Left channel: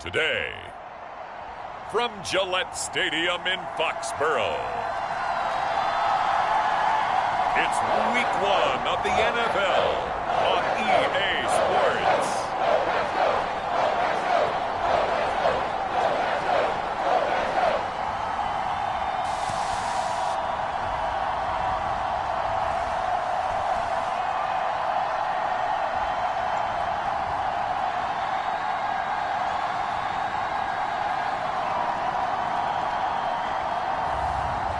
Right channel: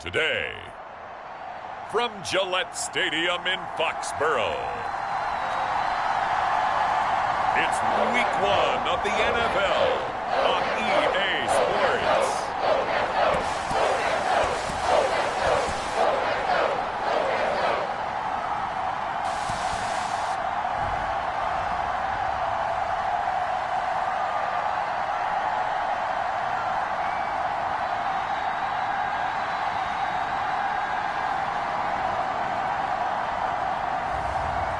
Today, from Gillette Stadium in Foxborough, it's Week 1 of the NFL on EA Sports.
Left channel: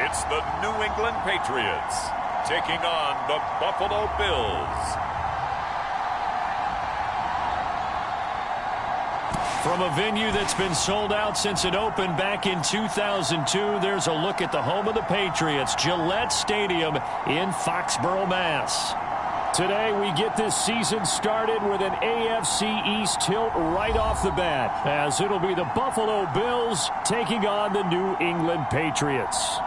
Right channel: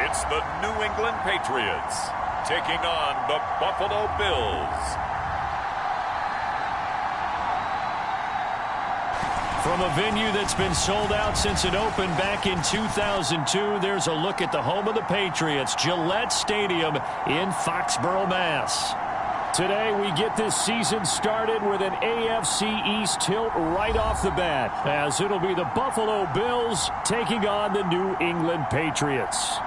It's the New England Patriots taking on the Buffalo Bills. From a venue that's been sold out since it opened back in 2002, there's a look at the home of the Patriots, Gillette Stadium in Foxborough, Mass. Today, we get this season started with an AFC East tilt right off the bat, as it'll be the Buffalo Bills taking on the New England Patriots.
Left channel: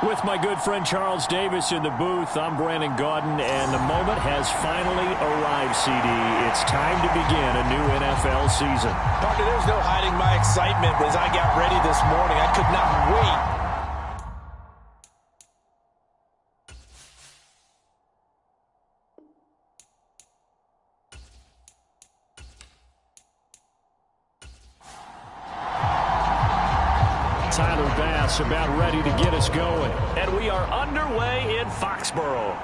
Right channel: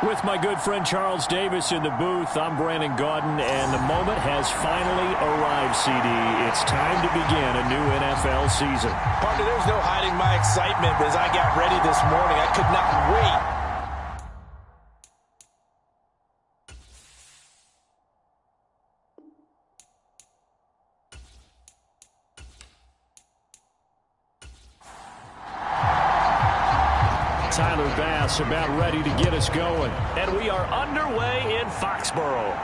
With my good friend Charles Davis in the booth, I'm Brandon Gaudin, and the moment has finally arrived, CD. It's time to begin a new NFL season. Partner, there's no hiding my excitement as I got ready this morning. I could not wait. Tyler Bass about ready to get us going. And we are underway in Foxborough.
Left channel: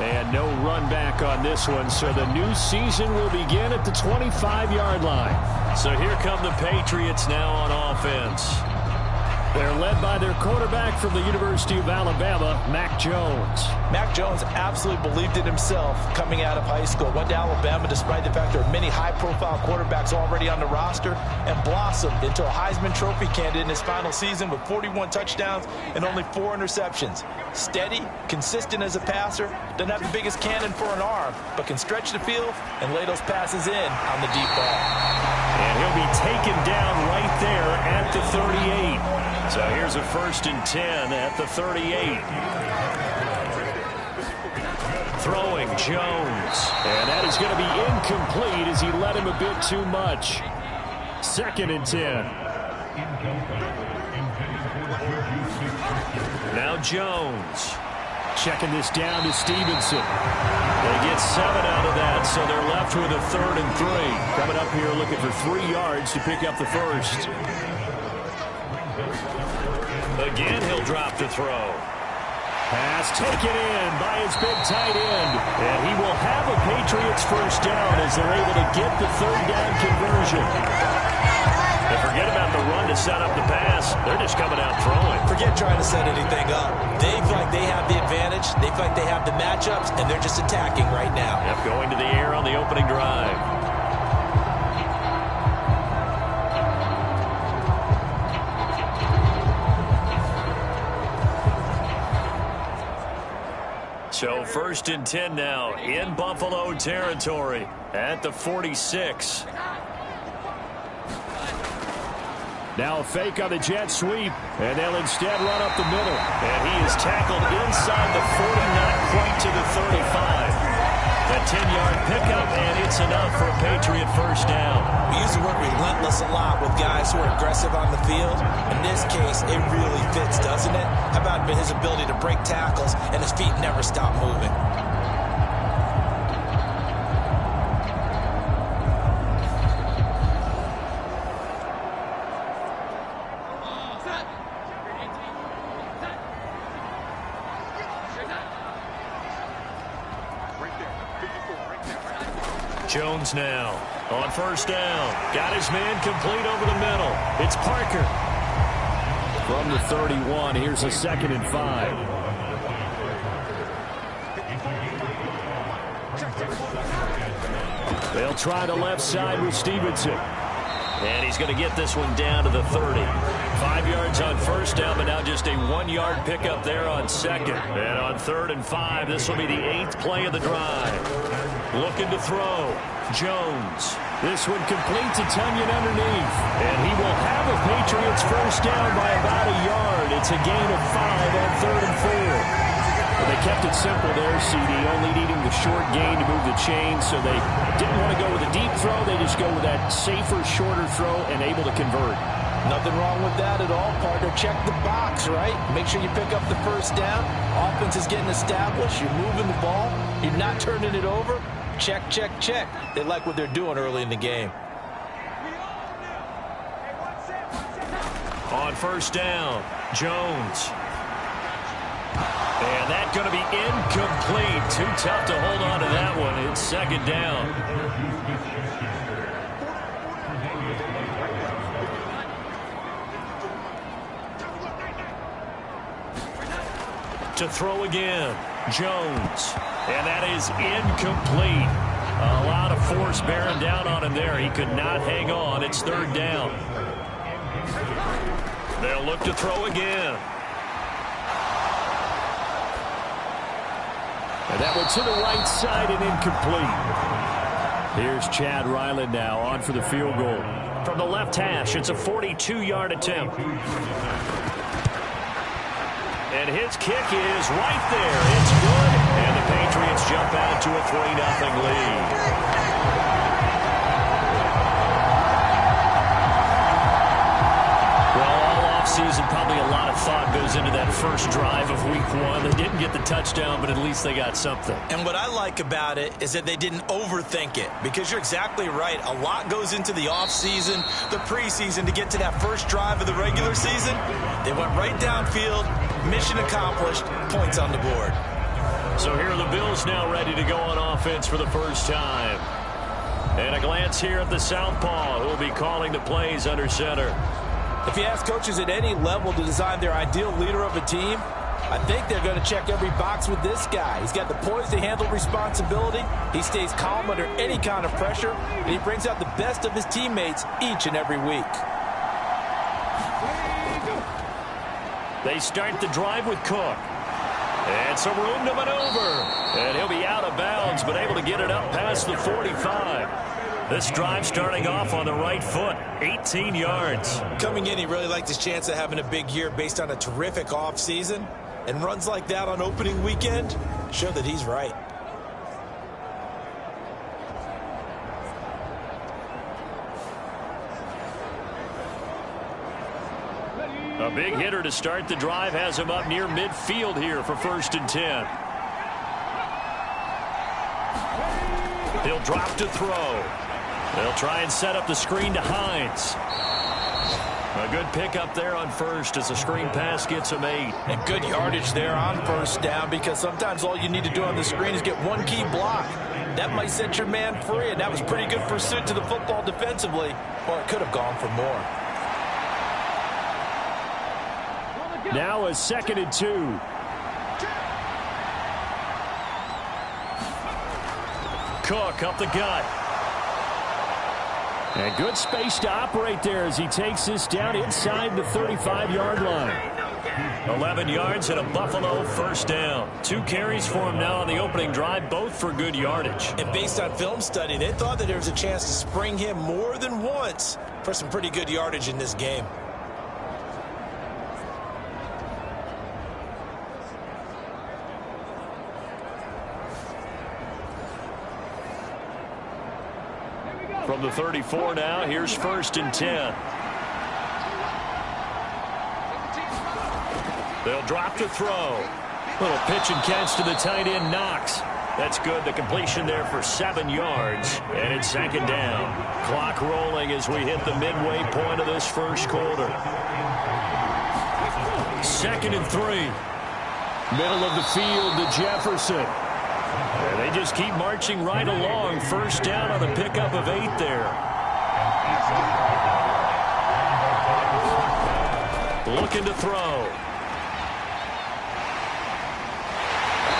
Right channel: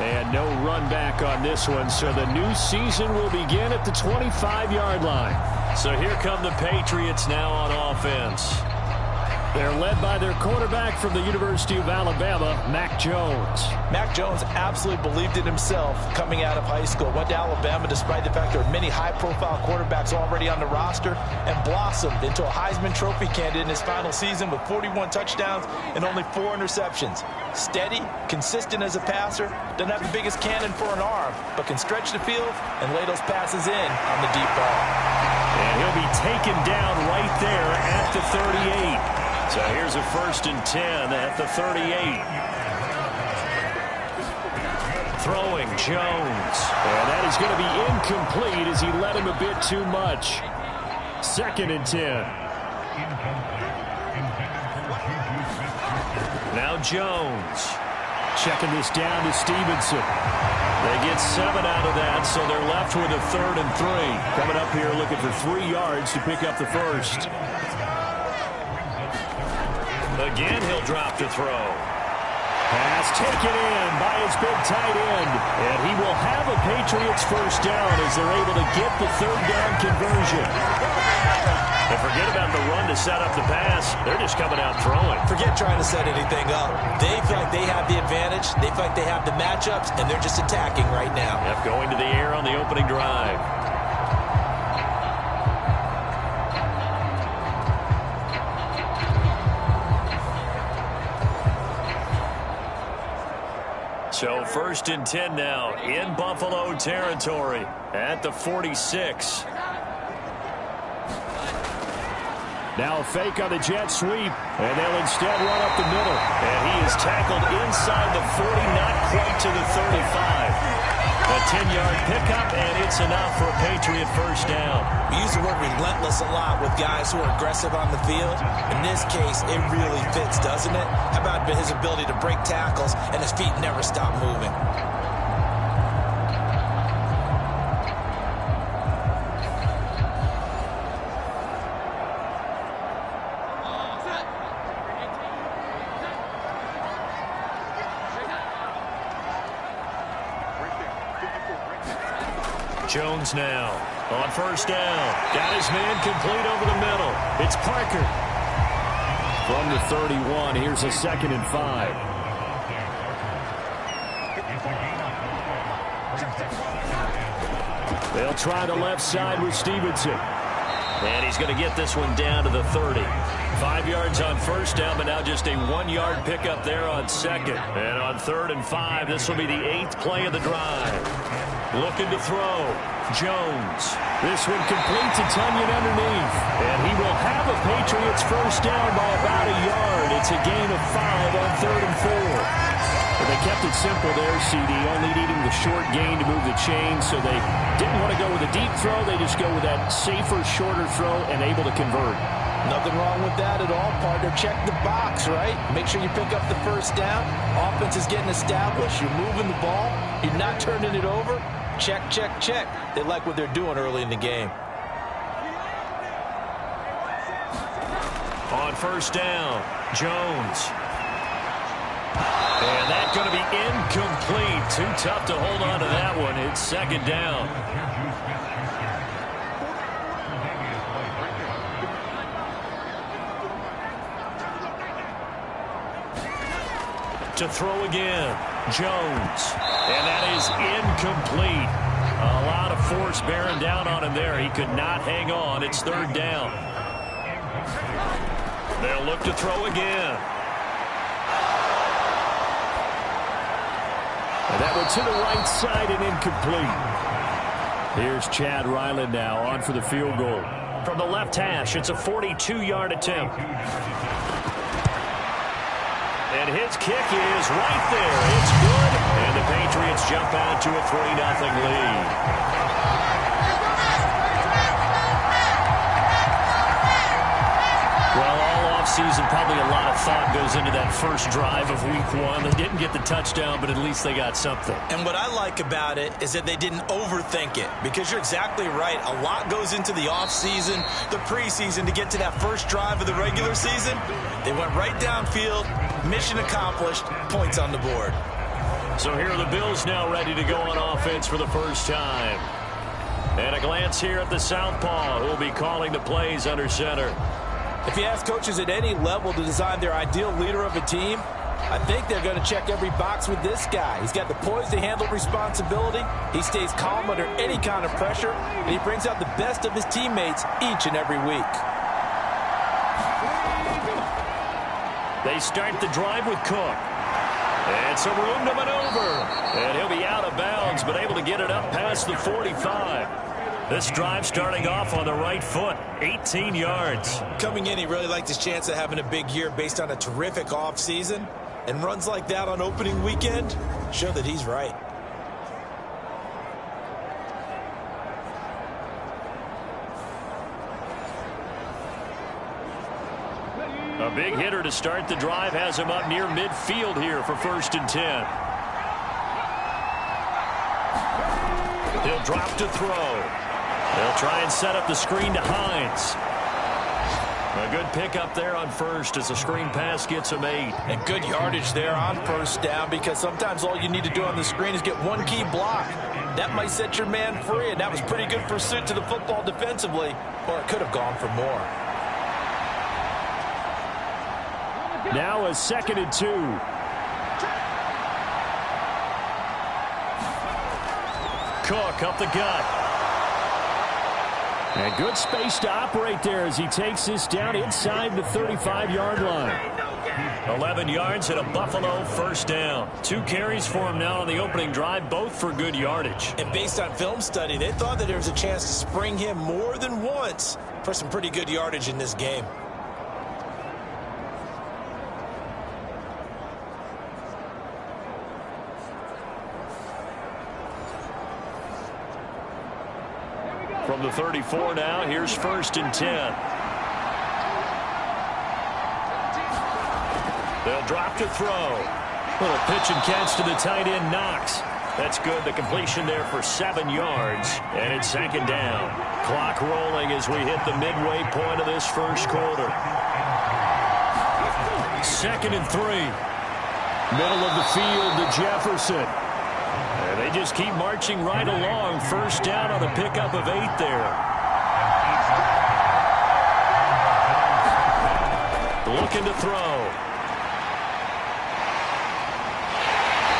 And no run back on this one, so the new season will begin at the 25-yard line. So here come the Patriots now on offense. They're led by their quarterback from the University of Alabama, Mac Jones. Mac Jones absolutely believed in himself coming out of high school. Went to Alabama despite the fact there are many high-profile quarterbacks already on the roster, and blossomed into a Heisman Trophy candidate in his final season with 41 touchdowns and only 4 interceptions. Steady, consistent as a passer, doesn't have the biggest cannon for an arm, but can stretch the field and lay those passes in on the deep ball. And he'll be taken down right there at the 38. So here's a 1st and 10 at the 38. Throwing Jones. And that is going to be incomplete as he led him a bit too much. 2nd and 10. Now Jones. Checking this down to Stevenson. They get 7 out of that, so they're left with a 3rd and 3. Coming up here looking for 3 yards to pick up the first. Again, he'll drop to throw. Pass taken in by his big tight end. And he will have a Patriots first down as they're able to get the 3rd down conversion. And forget about the run to set up the pass. They're just coming out throwing. Forget trying to set anything up. They feel like they have the advantage. They feel like they have the matchups, and they're just attacking right now. Yep, going to the air on the opening drive. So 1st and 10 now in Buffalo territory at the 46. Now a fake on the jet sweep, and they'll instead run up the middle. And he is tackled inside the 40, not quite to the 35. A 10-yard pickup, and it's enough for a Patriot first down. We use the word relentless a lot with guys who are aggressive on the field. In this case, it really fits, doesn't it? How about his ability to break tackles and his feet never stop moving? Jones now on first down. Got his man complete over the middle. It's Parker. From the 31, here's a 2nd and 5. They'll try the left side with Stevenson. And he's going to get this one down to the 30. 5 yards on first down, but now just a 1-yard pickup there on 2nd. And on 3rd and 5, this will be the 8th play of the drive. Looking to throw. Jones. This one complete to Tunyon underneath. And he will have a Patriots first down by about a yard. It's a gain of 5 on 3rd and 4. But they kept it simple there, CD, only needing the short gain to move the chain, so they didn't want to go with a deep throw. They just go with that safer, shorter throw and able to convert. Nothing wrong with that at all, partner. Check the box, right? Make sure you pick up the first down. Offense is getting established. You're moving the ball. You're not turning it over. Check, check, check. They like what they're doing early in the game. On first down, Jones. And that's going to be incomplete. Too tough to hold on to that one. It's 2nd down. To throw again, Jones. And that is incomplete. A lot of force bearing down on him there. He could not hang on. It's 3rd down. They'll look to throw again. And that went to the right side and incomplete. Here's Chad Ryland now on for the field goal. From the left hash, it's a 42-yard attempt. And his kick is right there. It's good. And the Patriots jump out to a 3-0 lead. Well, all offseason, probably a lot of thought goes into that first drive of week 1. They didn't get the touchdown, but at least they got something. And what I like about it is that they didn't overthink it, because you're exactly right. A lot goes into the offseason, the preseason, to get to that first drive of the regular season. They went right downfield, mission accomplished, points on the board. So here are the Bills now ready to go on offense for the first time. And a glance here at the southpaw, who will be calling the plays under center. If you ask coaches at any level to design their ideal leader of a team, I think they're going to check every box with this guy. He's got the poise to handle responsibility. He stays calm under any kind of pressure, and he brings out the best of his teammates each and every week. They start the drive with Cook. And some room to maneuver. And he'll be out of bounds, but able to get it up past the 45. This drive starting off on the right foot, 18 yards. Coming in, he really liked his chance of having a big year based on a terrific offseason. And runs like that on opening weekend show that he's right. A big hitter to start the drive has him up near midfield here for 1st and 10. He'll drop to throw. They'll try and set up the screen to Hines. A good pickup there on first as the screen pass gets him 8. And good yardage there on first down, because sometimes all you need to do on the screen is get one key block. That might set your man free, and that was pretty good pursuit to the football defensively, or it could have gone for more. Now a 2nd and 2. Cook up the gut. And good space to operate there as he takes this down inside the 35-yard line. 11 yards and a Buffalo first down. 2 carries for him now on the opening drive, both for good yardage. And based on film study, they thought that there was a chance to spring him more than once for some pretty good yardage in this game. From the 34 now, here's 1st and 10. They'll drop to throw. Little pitch and catch to the tight end, Knox. That's good. The completion there for 7 yards. And it's 2nd down. Clock rolling as we hit the midway point of this first quarter. 2nd and 3. Middle of the field to Jefferson. And they just keep marching right along. First down on a pickup of 8 there. Looking to throw.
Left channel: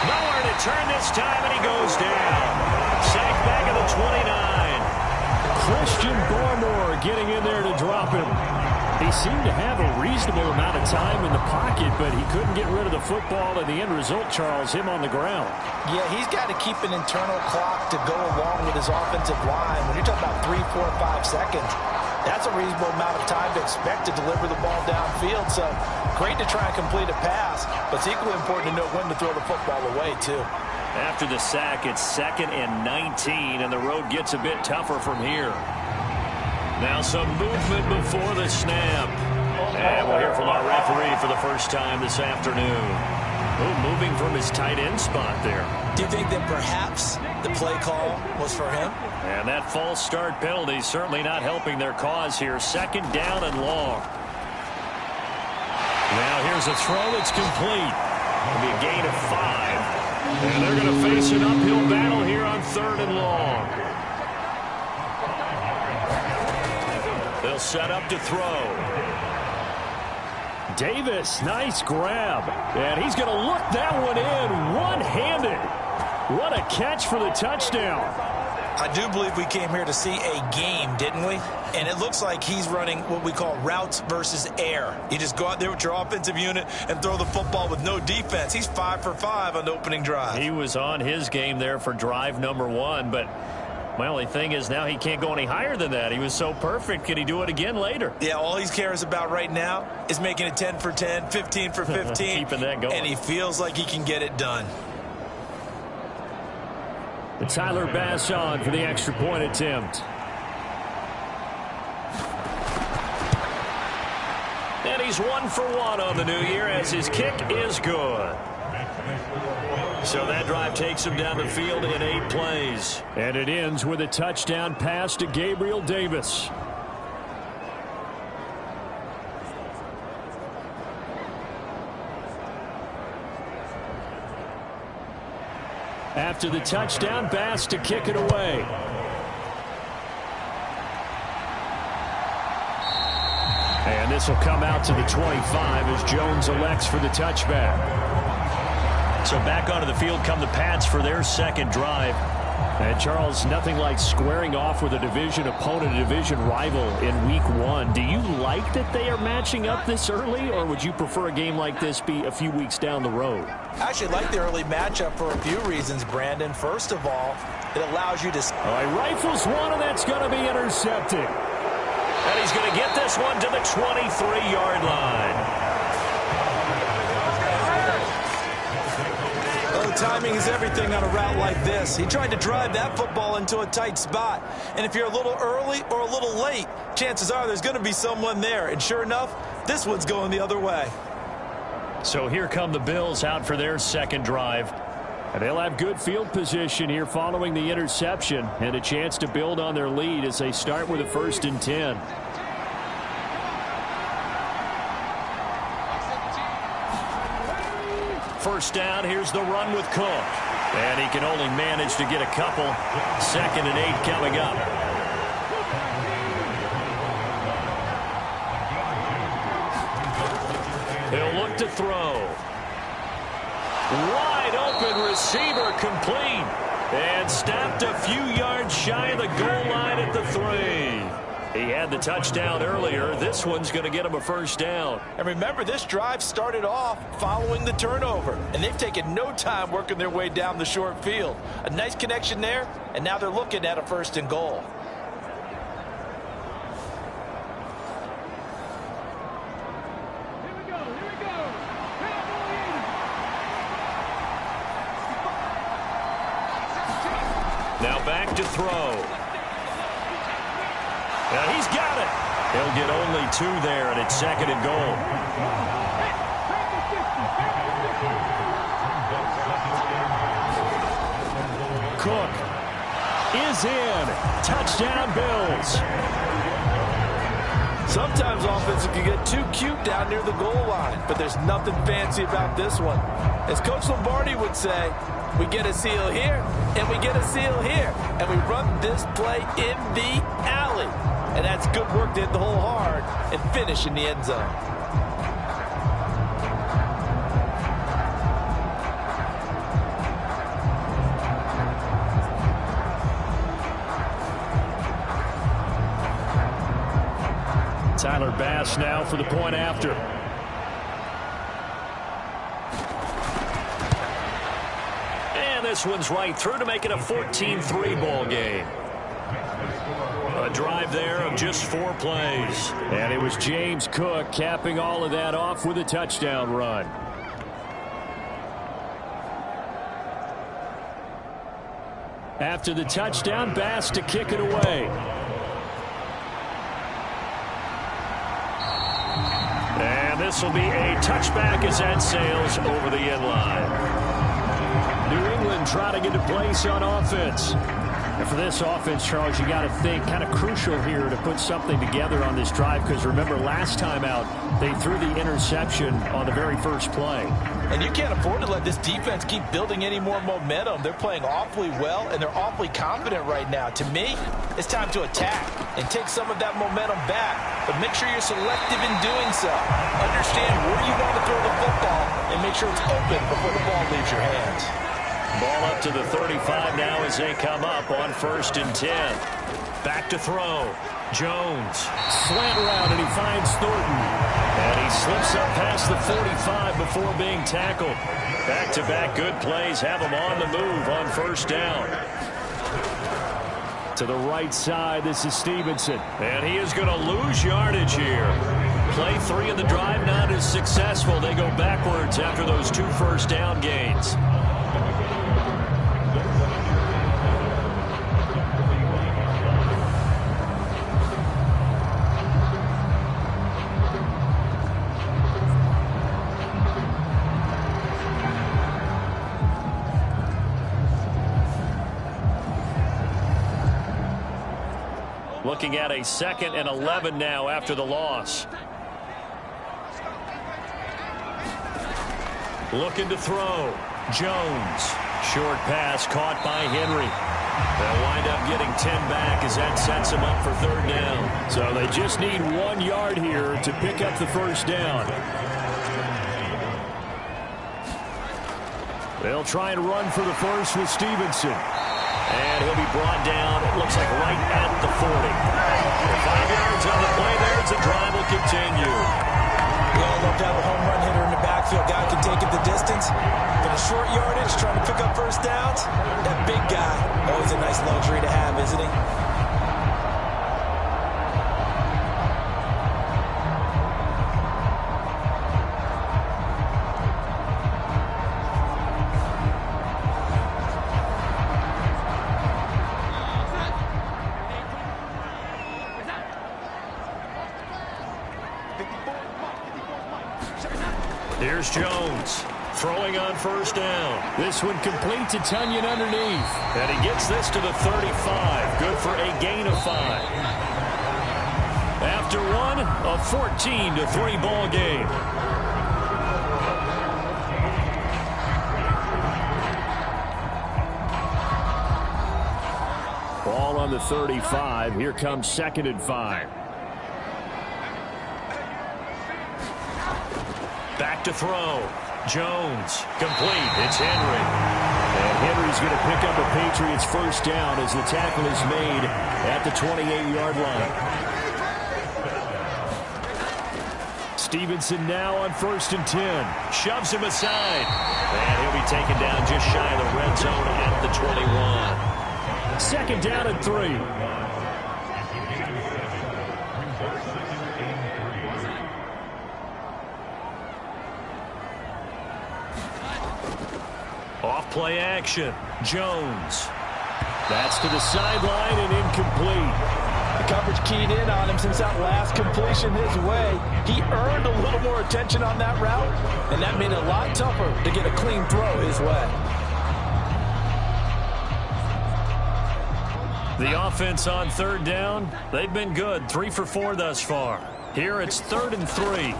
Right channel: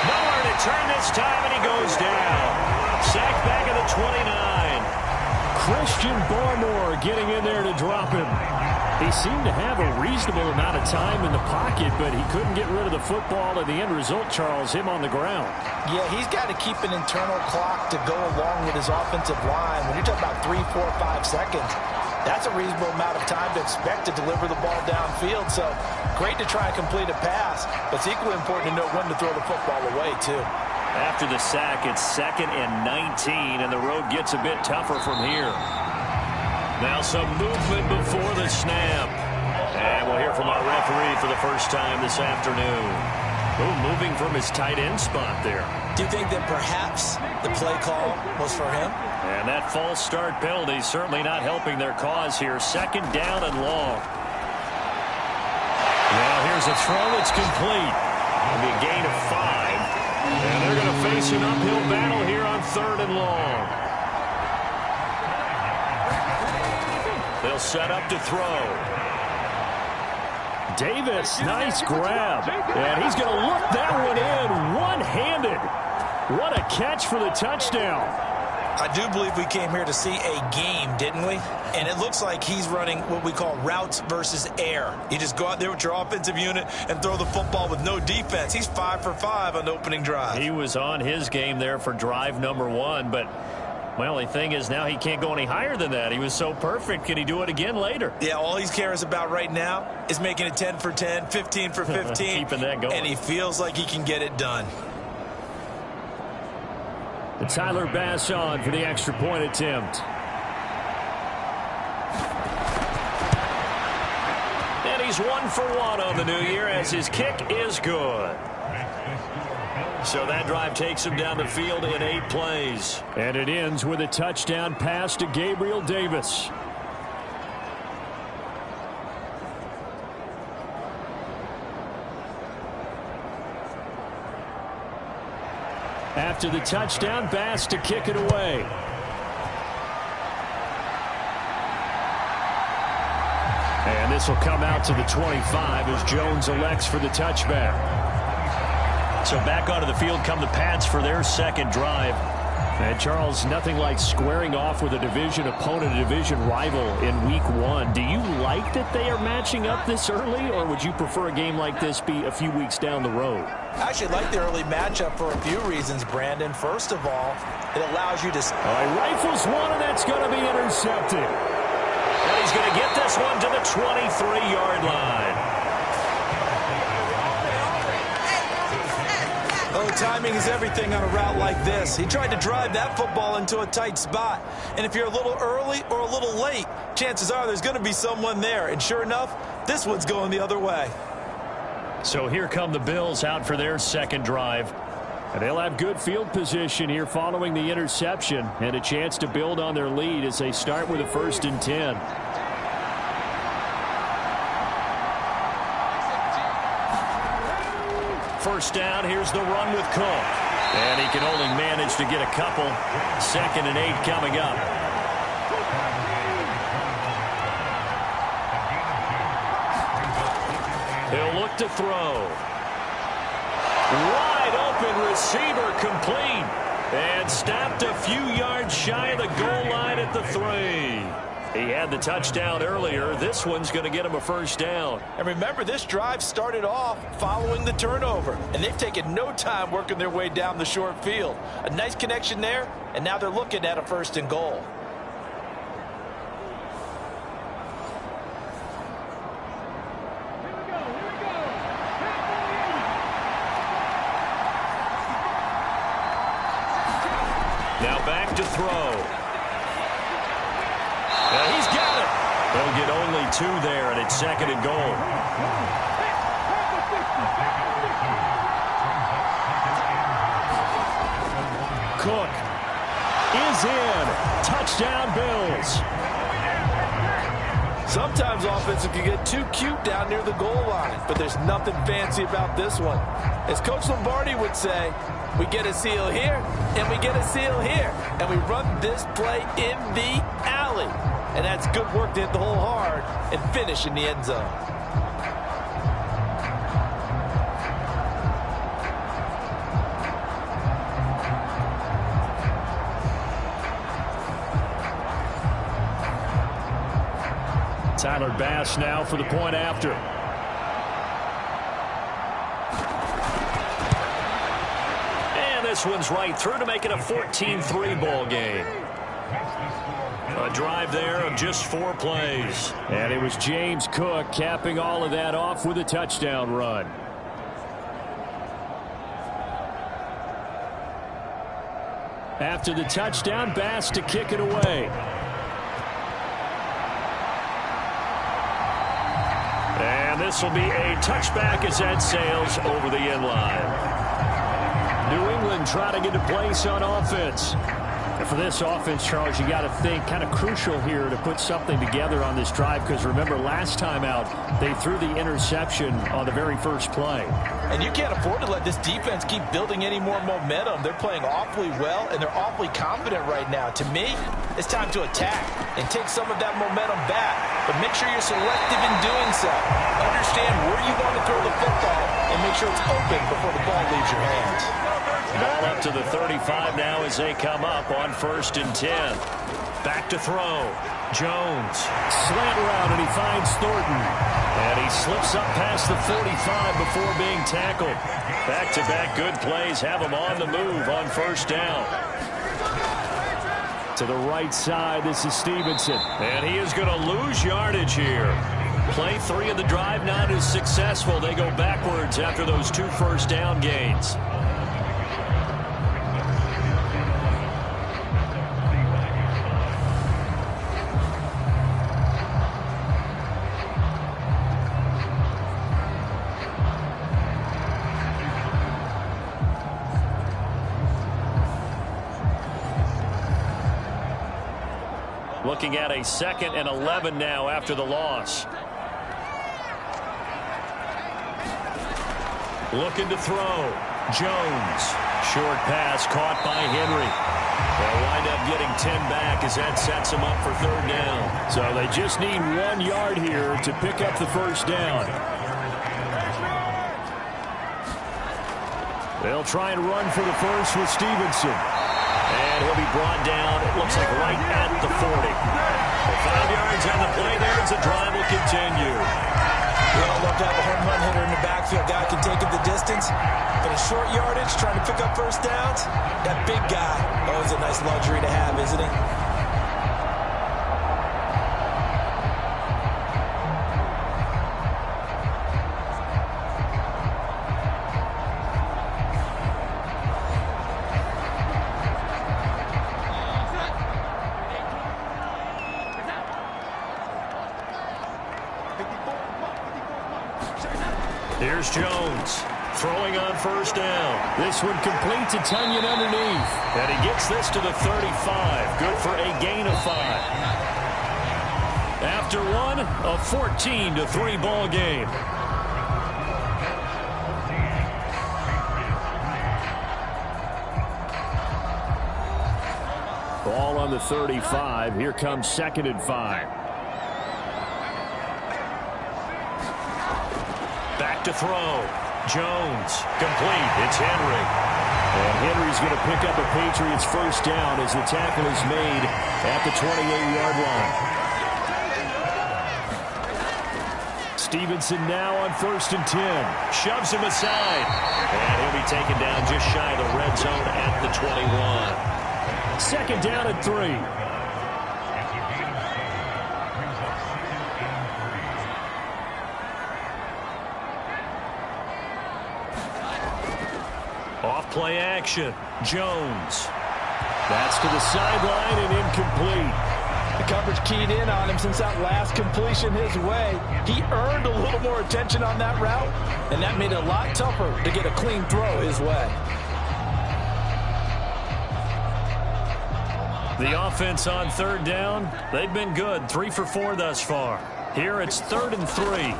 Nowhere to turn this time, and he goes down. Sacked back at the 29. Christian Barmore getting in there to drop him. He seemed to have a reasonable amount of time in the pocket, but he couldn't get rid of the football, and the end result, Charles, him on the ground. Yeah, he's got to keep an internal clock to go along with his offensive line. When you're talking about 3, 4, 5 seconds, that's a reasonable amount of time to expect to deliver the ball downfield. So great to try and complete a pass, but it's equally important to know when to throw the football away, too. After the sack, it's 2nd and 19, and the road gets a bit tougher from here. Now some movement before the snap. And we'll hear from our referee for the first time this afternoon. Moving from his tight end spot there. Do you think that perhaps the play call was for him? And that false start penalty certainly not helping their cause here. 2nd down and long. Now here's a throw that's complete. It'll be a gain of 5. And they're going to face an uphill battle here on 3rd and long. They'll set up to throw. Davis, nice grab. And he's going to look that one in one-handed. What a catch for the touchdown. I do believe we came here to see a game, didn't we? And it looks like he's running what we call routes versus air. You just go out there with your offensive unit and throw the football with no defense. He's 5 for 5 on the opening drive. He was on his game there for drive number 1, but my only thing is now he can't go any higher than that. He was so perfect. Can he do it again later? Yeah, all he cares about right now is making it 10 for 10, 15 for 15. Keeping that going. And he feels like he can get it done. And Tyler Bass on for the extra point attempt. And he's 1 for 1 on the new year as his kick is good. So that drive takes him down the field in 8 plays. And it ends with a touchdown pass to Gabriel Davis. After the touchdown, Bass to kick it away. And this will come out to the 25 as Jones elects for the touchback. So back onto the field come the Pats for their 2nd drive. And Charles, nothing like squaring off with a division opponent, a division rival in week 1. Do you like that they are matching up this early, or would you prefer a game like this be a few weeks down the road? I actually like the early matchup for a few reasons, Brandon. First of all, it allows you to... All right, rifles one, and that's going to be intercepted. And he's going to get this one to the 23-yard line. Oh, timing is everything on a route like this. He tried to drive that football into a tight spot. And if you're a little early or a little late, chances are there's going to be someone there. And sure enough, this one's going the other way. So here come the Bills out for their 2nd drive. And they'll have good field position here following the interception and a chance to build on their lead as they start with a 1st and 10. First down, here's the run with Cook. And he can only manage to get a couple. 2nd and 8 coming up. He'll look to throw. Wide open receiver complete. And stopped a few yards shy of the goal line at the 3. He had the touchdown earlier. This one's going to get him a 1st down. And remember, this drive started off following the turnover. And they've taken no time working their way down the short field. A nice connection there, and now they're looking at a 1st and goal. Now back to throw. He's got it. He'll get only 2 there, and it's 2nd and goal. Cook is in. Touchdown, Bills. Sometimes offenses can get too cute down near the goal line, but there's nothing fancy about this one. As Coach Lombardi would say, we get a seal here, and we get a seal here, and we run this play in the alley. And that's good work to hit the hole hard and finish in the end zone. Tyler Bass now for the point after. And this one's right through to make it a 14-3 ball game. A drive there of just 4 plays. And it was James Cook capping all of that off with a touchdown run. After the touchdown, Bass to kick it away. And this will be a touchback as that sails over the end line. New England trying to get a place on offense. And for this offense, Charles, you got to think kind of crucial here to put something together on this drive, because remember last time out they threw the interception on the very first play. And you can't afford to let this defense keep building any more momentum. They're playing awfully well, and they're awfully confident right now. To me, it's time to attack and take some of that momentum back. But make sure you're selective in doing so. Understand where you want to throw the football and make sure it's open before the ball leaves your hands. Ball up to the 35 now as they come up on 1st and 10. Back to throw. Jones. Slant route, and he finds Thornton. And he slips up past the 45 before being tackled. Back-to-back good plays have him on the move on 1st down. To the right side, this is Stevenson. And he is going to lose yardage here. Play 3 of the drive not as successful. They go backwards after those 2 first down gains. Looking at a 2nd and 11 now after the loss. Looking to throw. Jones. Short pass caught by Henry. They'll wind up getting 10 back as that sets them up for 3rd down. So they just need 1 yard here to pick up the 1st down. They'll try and run for the first with Stevenson. And he'll be brought down, it looks like right at the 40. And 5 yards on the play there as the drive will continue. We all love to have a home run hitter in the backfield. Guy can take it the distance. But in short yardage, trying to pick up 1st downs, that big guy, always a nice luxury to have, isn't he? Here's Jones throwing on 1st down. This one complete to Tunyon underneath. And he gets this to the 35. Good for a gain of 5. After one, a 14-3 ball game. Ball on the 35. Here comes 2nd and 5. Back to throw. Jones. Complete. It's Henry. And Henry's going to pick up a Patriots 1st down as the tackle is made at the 28-yard line. Stevenson now on 1st and 10. Shoves him aside. And he'll be taken down just shy of the red zone at the 21. 2nd down and 3. Off play action. Jones. That's to the sideline and incomplete. The coverage keyed in on him since that last completion his way. He earned a little more attention on that route, and that made it a lot tougher to get a clean throw his way. The offense on 3rd down, they've been good. 3 for 4 thus far. Here it's 3rd and 3.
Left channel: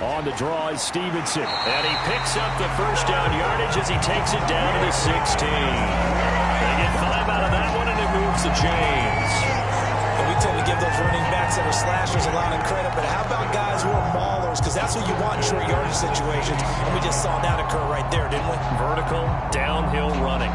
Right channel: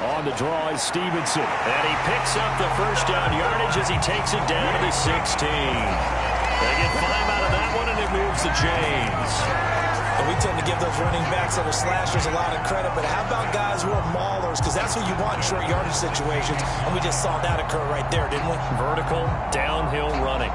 On the draw is Stevenson. And he picks up the 1st down yardage as he takes it down to the 16. They get 5 out of that one, and it moves to James. And we tend to give those running backs that are slashers a lot of credit, but how about guys who are maulers? Because that's what you want in short yardage situations, and we just saw that occur right there, didn't we? Vertical, downhill running.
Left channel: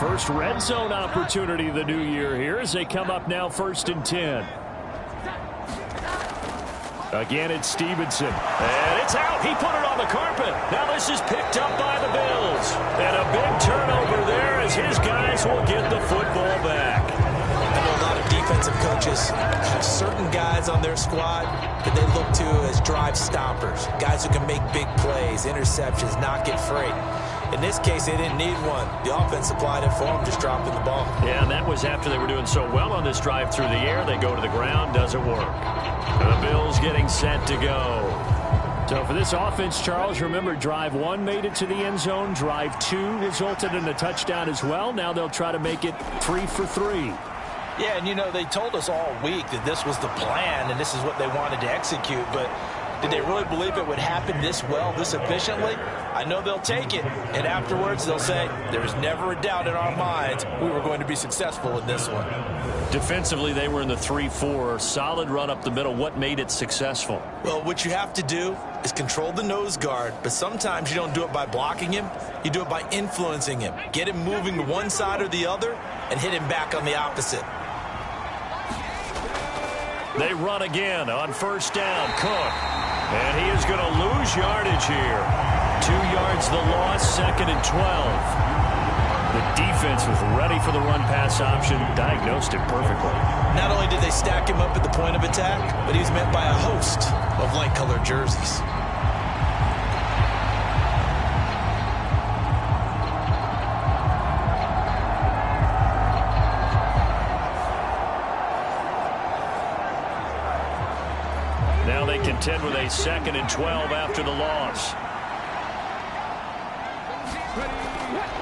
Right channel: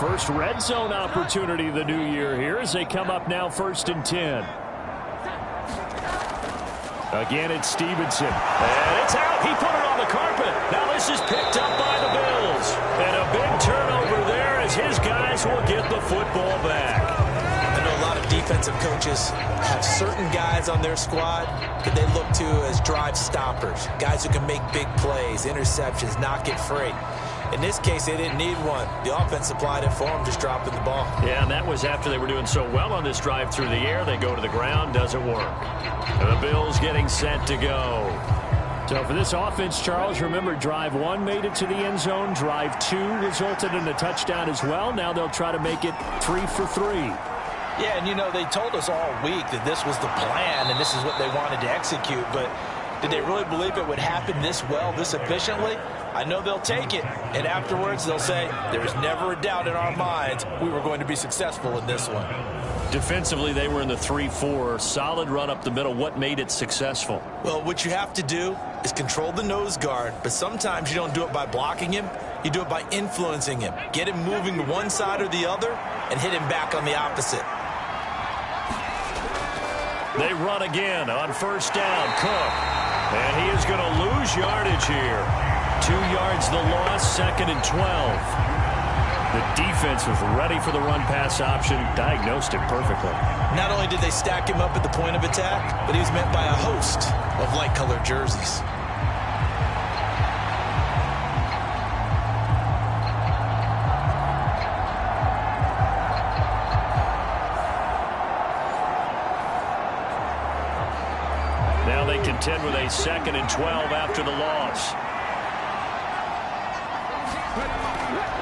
First red zone opportunity of the new year here as they come up now 1st and 10. Again, it's Stevenson. And it's out. He put it on the carpet. Now this is picked up by the Bills. And a big turnover there as his guys will get the football back. I know a lot of defensive coaches have certain guys on their squad that they look to as drive stoppers, guys who can make big plays, interceptions, knock it free. In this case, they didn't need one. The offense supplied it for them, just dropping the ball. Yeah, and that was after they were doing so well on this drive through the air. They go to the ground, doesn't work. And the Bills getting set to go. So for this offense, Charles, remember drive 1 made it to the end zone. Drive 2 resulted in a touchdown as well. Now they'll try to make it 3 for 3. Yeah, and you know, they told us all week that this was the plan and this is what they wanted to execute, but did they really believe it would happen this well, this efficiently? I know they'll take it, and afterwards they'll say, there was never a doubt in our minds we were going to be successful in this one. Defensively, they were in the 3-4. Solid run up the middle. What made it successful? Well, what you have to do is control the nose guard, but sometimes you don't do it by blocking him. You do it by influencing him. Get him moving to one side or the other and hit him back on the opposite. They run again on 1st down. Cook. And he is going to lose yardage here. 2 yards the loss, 2nd and 12. The defense was ready for the run-pass option, diagnosed it perfectly. Not only did they stack him up at the point of attack, but he was met by a host of light-colored jerseys. Now they contend with a 2nd and 12 after the loss.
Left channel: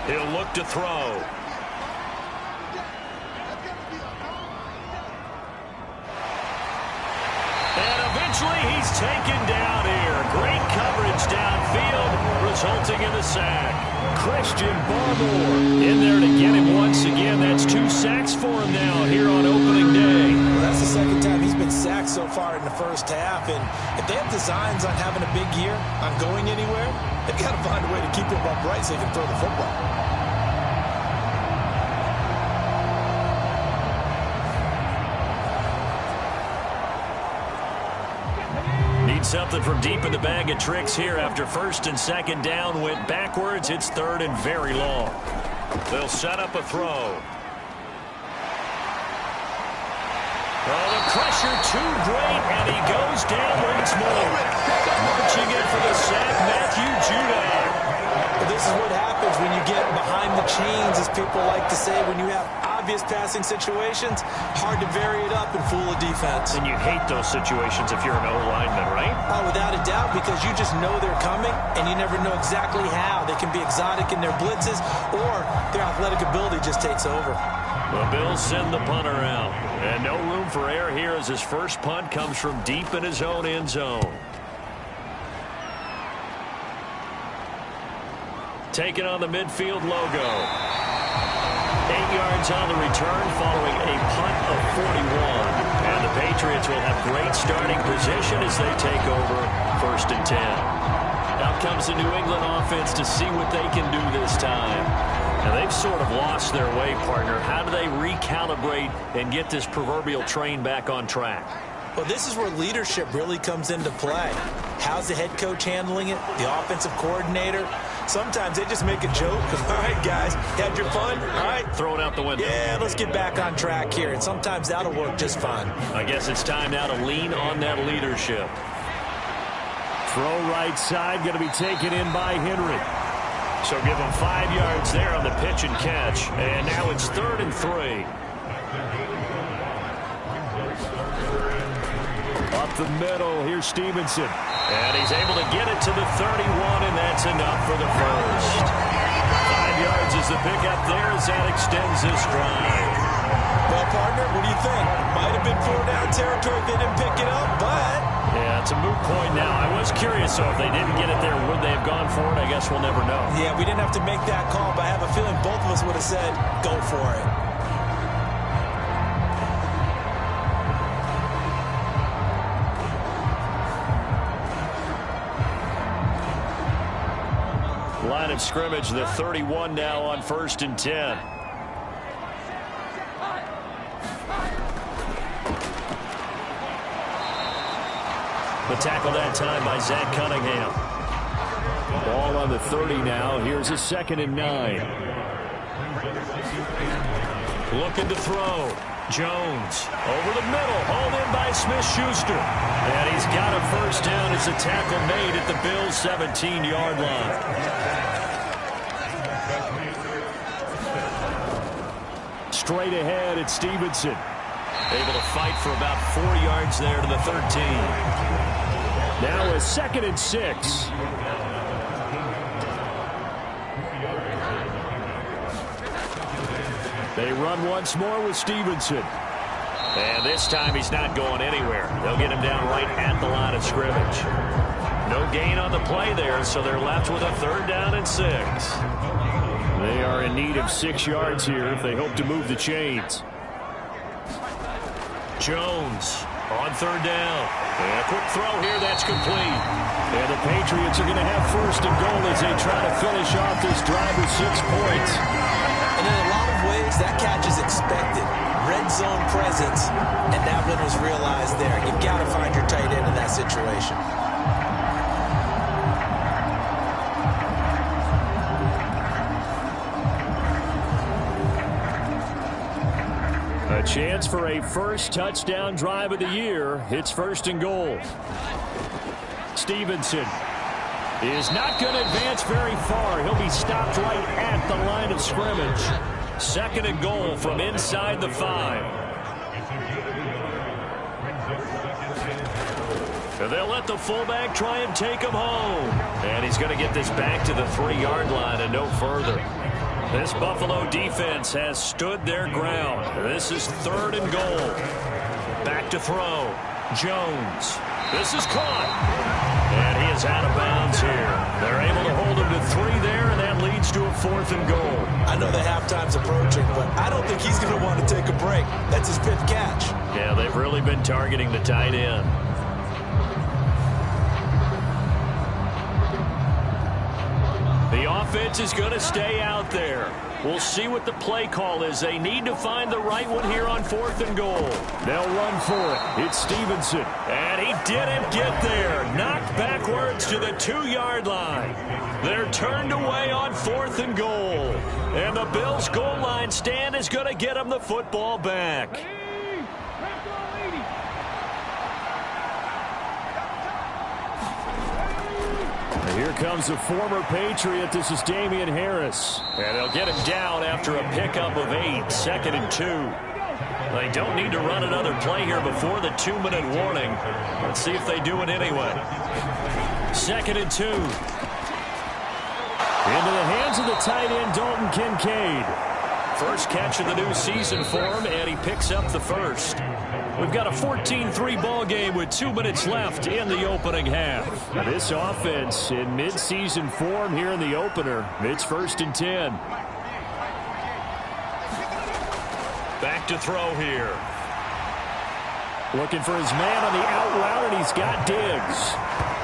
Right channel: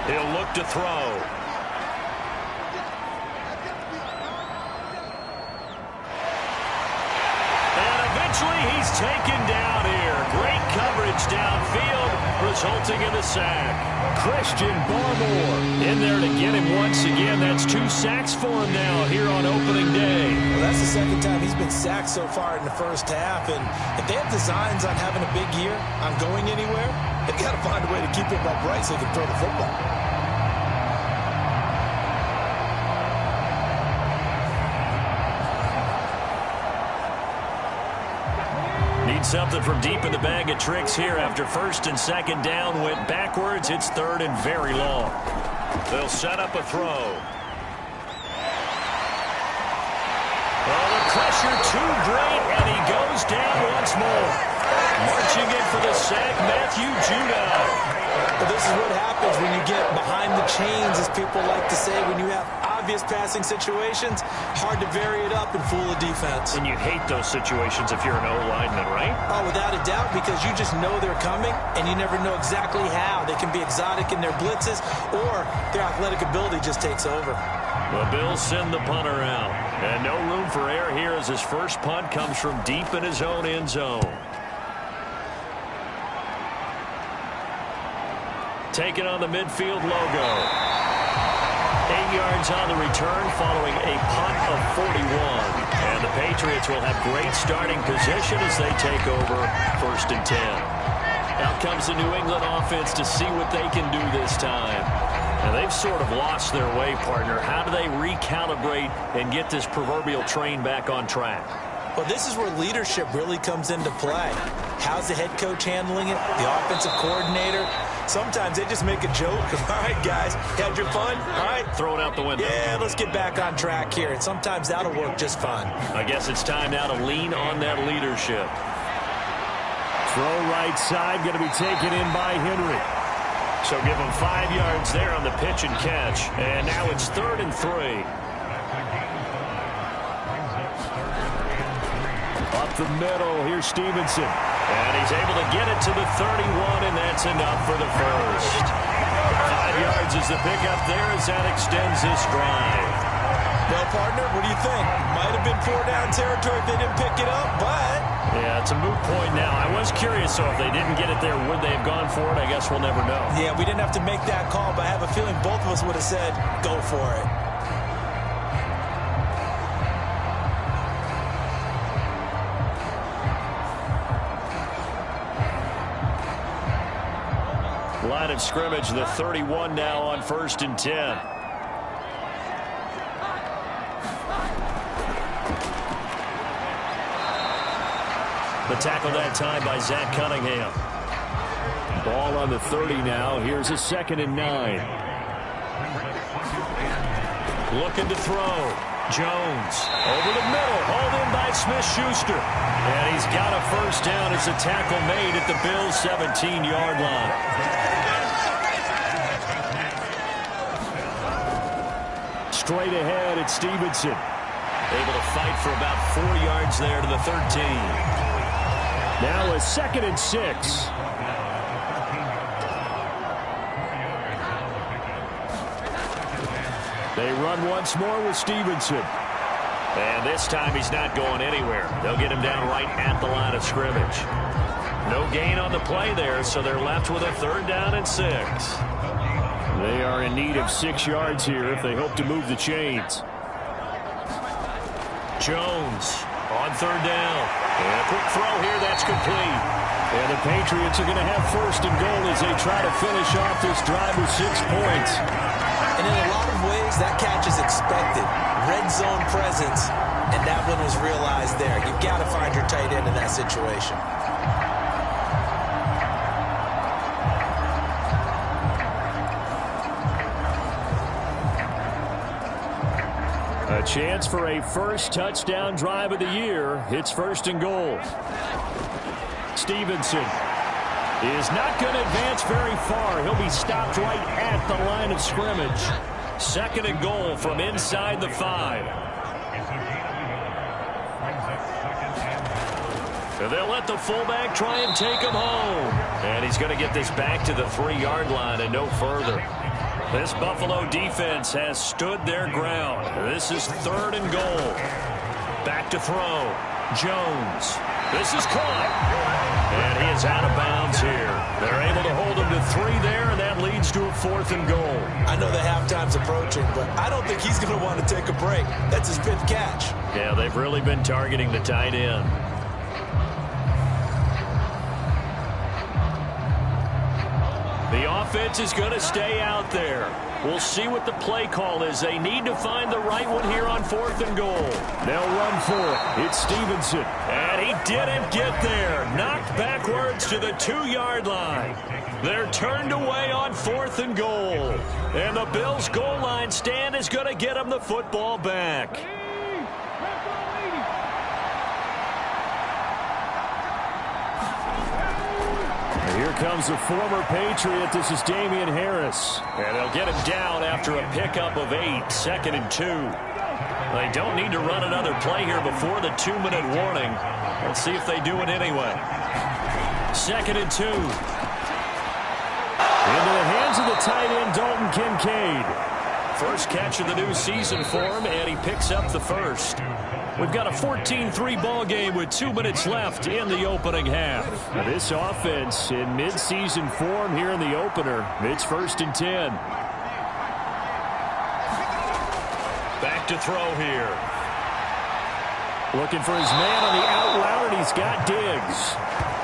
He'll look to throw. And eventually he's taken down here. Great coverage downfield, resulting in the sack. Christian Barmore in there to get him once again. That's 2 sacks for him now here on opening day. Well, that's the 2nd time he's been sacked so far in the first half. And if they have designs on having a big year, on going anywhere, they've got to find a way to keep him upright so he can throw the football. Need something from deep in the bag of tricks here after 1st and 2nd down went backwards. It's 3rd and very long. They'll set up a throw. Oh, the pressure too great, and he goes down once more. Marching in for the sack, Matthew Judon. Well, this is what happens when you get behind the chains, as people like to say, when you have obvious passing situations. Hard to vary it up and fool a defense. And you hate those situations if you're an O-lineman, right? Oh, without a doubt, because you just know they're coming, and you never know exactly how. They can be exotic in their blitzes, or their athletic ability just takes over. The Bills send the punter out. And no room for error here as his first punt comes from deep in his own end zone. Taking on the midfield logo. 8 yards on the return following a punt of 41. And the Patriots will have great starting position as they take over 1st and 10. Out comes the New England offense to see what they can do this time. And they've sort of lost their way, partner. How do they recalibrate and get this proverbial train back on track? Well, this is where leadership really comes into play. How's the head coach handling it? The offensive coordinator? Sometimes they just make a joke. All right, guys, had your fun? All right. Throw it out the window. Yeah, let's get back on track here. And sometimes that'll work just fine. I guess it's time now to lean on that leadership. Throw right side, going to be taken in by Henry. So give him 5 yards there on the pitch and catch. And now it's 3rd and 3. Up the middle, here's Stevenson. And he's able to get it to the 31, and that's enough for the first. 5 yards is the pickup there as that extends this drive. Well, partner, what do you think? Might have been 4-down territory if they didn't pick it up, but... Yeah, it's a moot point now. I was curious, so if they didn't get it there, would they have gone for it? I guess we'll never know. Yeah, we didn't have to make that call, but I have a feeling both of us would have said, go for it. Line of scrimmage, the 31 now on 1st and 10. The tackle that time by Zach Cunningham. Ball on the 30 now. Here's a 2nd and 9. Looking to throw. Jones over the middle. Hauled in by Smith-Schuster. And he's got a first down as a tackle made at the Bills' 17-yard line. Straight ahead at Stevenson. Able to fight for about 4 yards there to the 13. Now a 2nd and 6. They run once more with Stevenson. And this time he's not going anywhere. They'll get him down right at the line of scrimmage. No gain on the play there, so they're left with a 3rd down and 6. They are in need of 6 yards here if they hope to move the chains. Jones on 3rd down. And a quick throw here, that's complete. And the Patriots are going to have 1st and goal as they try to finish off this drive with 6 points. And in a lot of ways, that catch is expected. Red zone presence, and that one was realized there. You've got to find your tight end in that situation. A chance for a first touchdown drive of the year. It's 1st and goal. Stevenson is not going to advance very far. He'll be stopped right at the line of scrimmage. 2nd and goal from inside the 5. And they'll let the fullback try and take him home. And he's going to get this back to the 3-yard line and no further. This Buffalo defense has stood their ground. This is 3rd and goal. Back to throw. Jones. This is caught. And he is out of bounds here. They're able to hold him to 3 there, and that leads to a 4th and goal. I know the halftime's approaching, but I don't think he's going to want to take a break. That's his 5th catch. Yeah, they've really been targeting the tight end. The offense is going to stay out there. We'll see what the play call is. They need to find the right one here on 4th and goal. They'll run for it. It's Stevenson. And he didn't get there. Knocked backwards to the 2-yard line. They're turned away on 4th and goal. And the Bills' goal line stand is going to get them the football back. Here comes the former Patriot. This is Damian Harris. And they'll get him down after a pickup of 8. 2nd and 2. They don't need to run another play here before the 2-minute warning. Let's see if they do it anyway. 2nd and 2. Into the hands of the tight end, Dalton Kincaid. First catch of the new season for him, and he picks up the 1st. We've got a 14-3 ball game with 2 minutes left in the opening half. Now this offense in mid-season form here in the opener. It's 1st and 10. Back to throw here. Looking for his man on the out route, and he's got Diggs.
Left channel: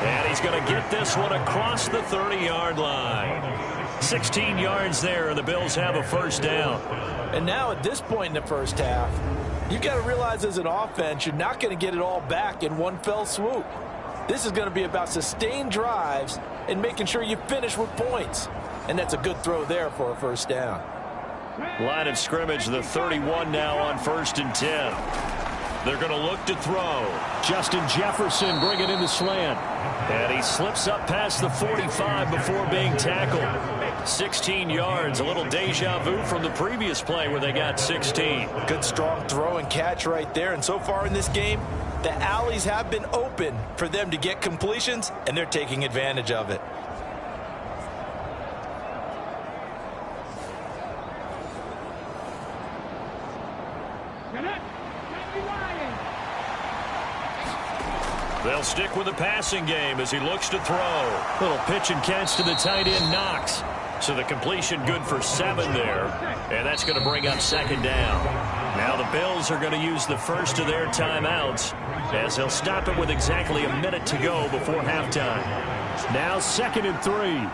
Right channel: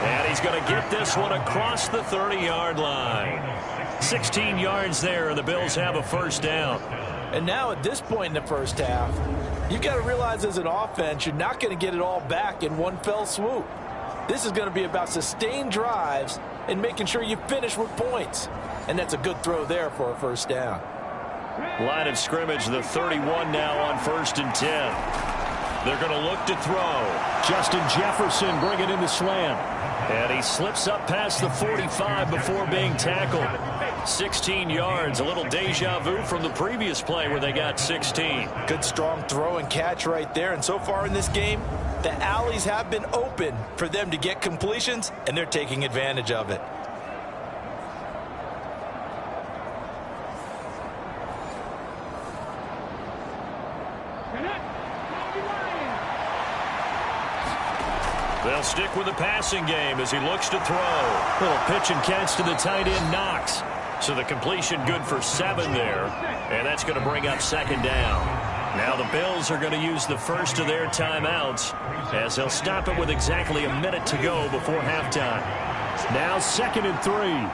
And he's going to get this one across the 30-yard line. 16 yards there, and the Bills have a 1st down. And now at this point in the first half, you've got to realize as an offense, you're not going to get it all back in one fell swoop. This is going to be about sustained drives and making sure you finish with points. And that's a good throw there for a 1st down. Line of scrimmage, the 31 now on 1st and 10. They're going to look to throw. Justin Jefferson bringing in the slant. And he slips up past the 45 before being tackled. 16 yards, a little deja vu from the previous play where they got 16. Good strong throw and catch right there. And so far in this game, the alleys have been open for them to get completions, and they're taking advantage of it. They'll stick with the passing game as he looks to throw. Little pitch and catch to the tight end, Knox. So the completion good for 7 there. And that's going to bring up 2nd down. Now the Bills are going to use the first of their timeouts as they'll stop it with exactly a minute to go before halftime. Now 2nd and 3.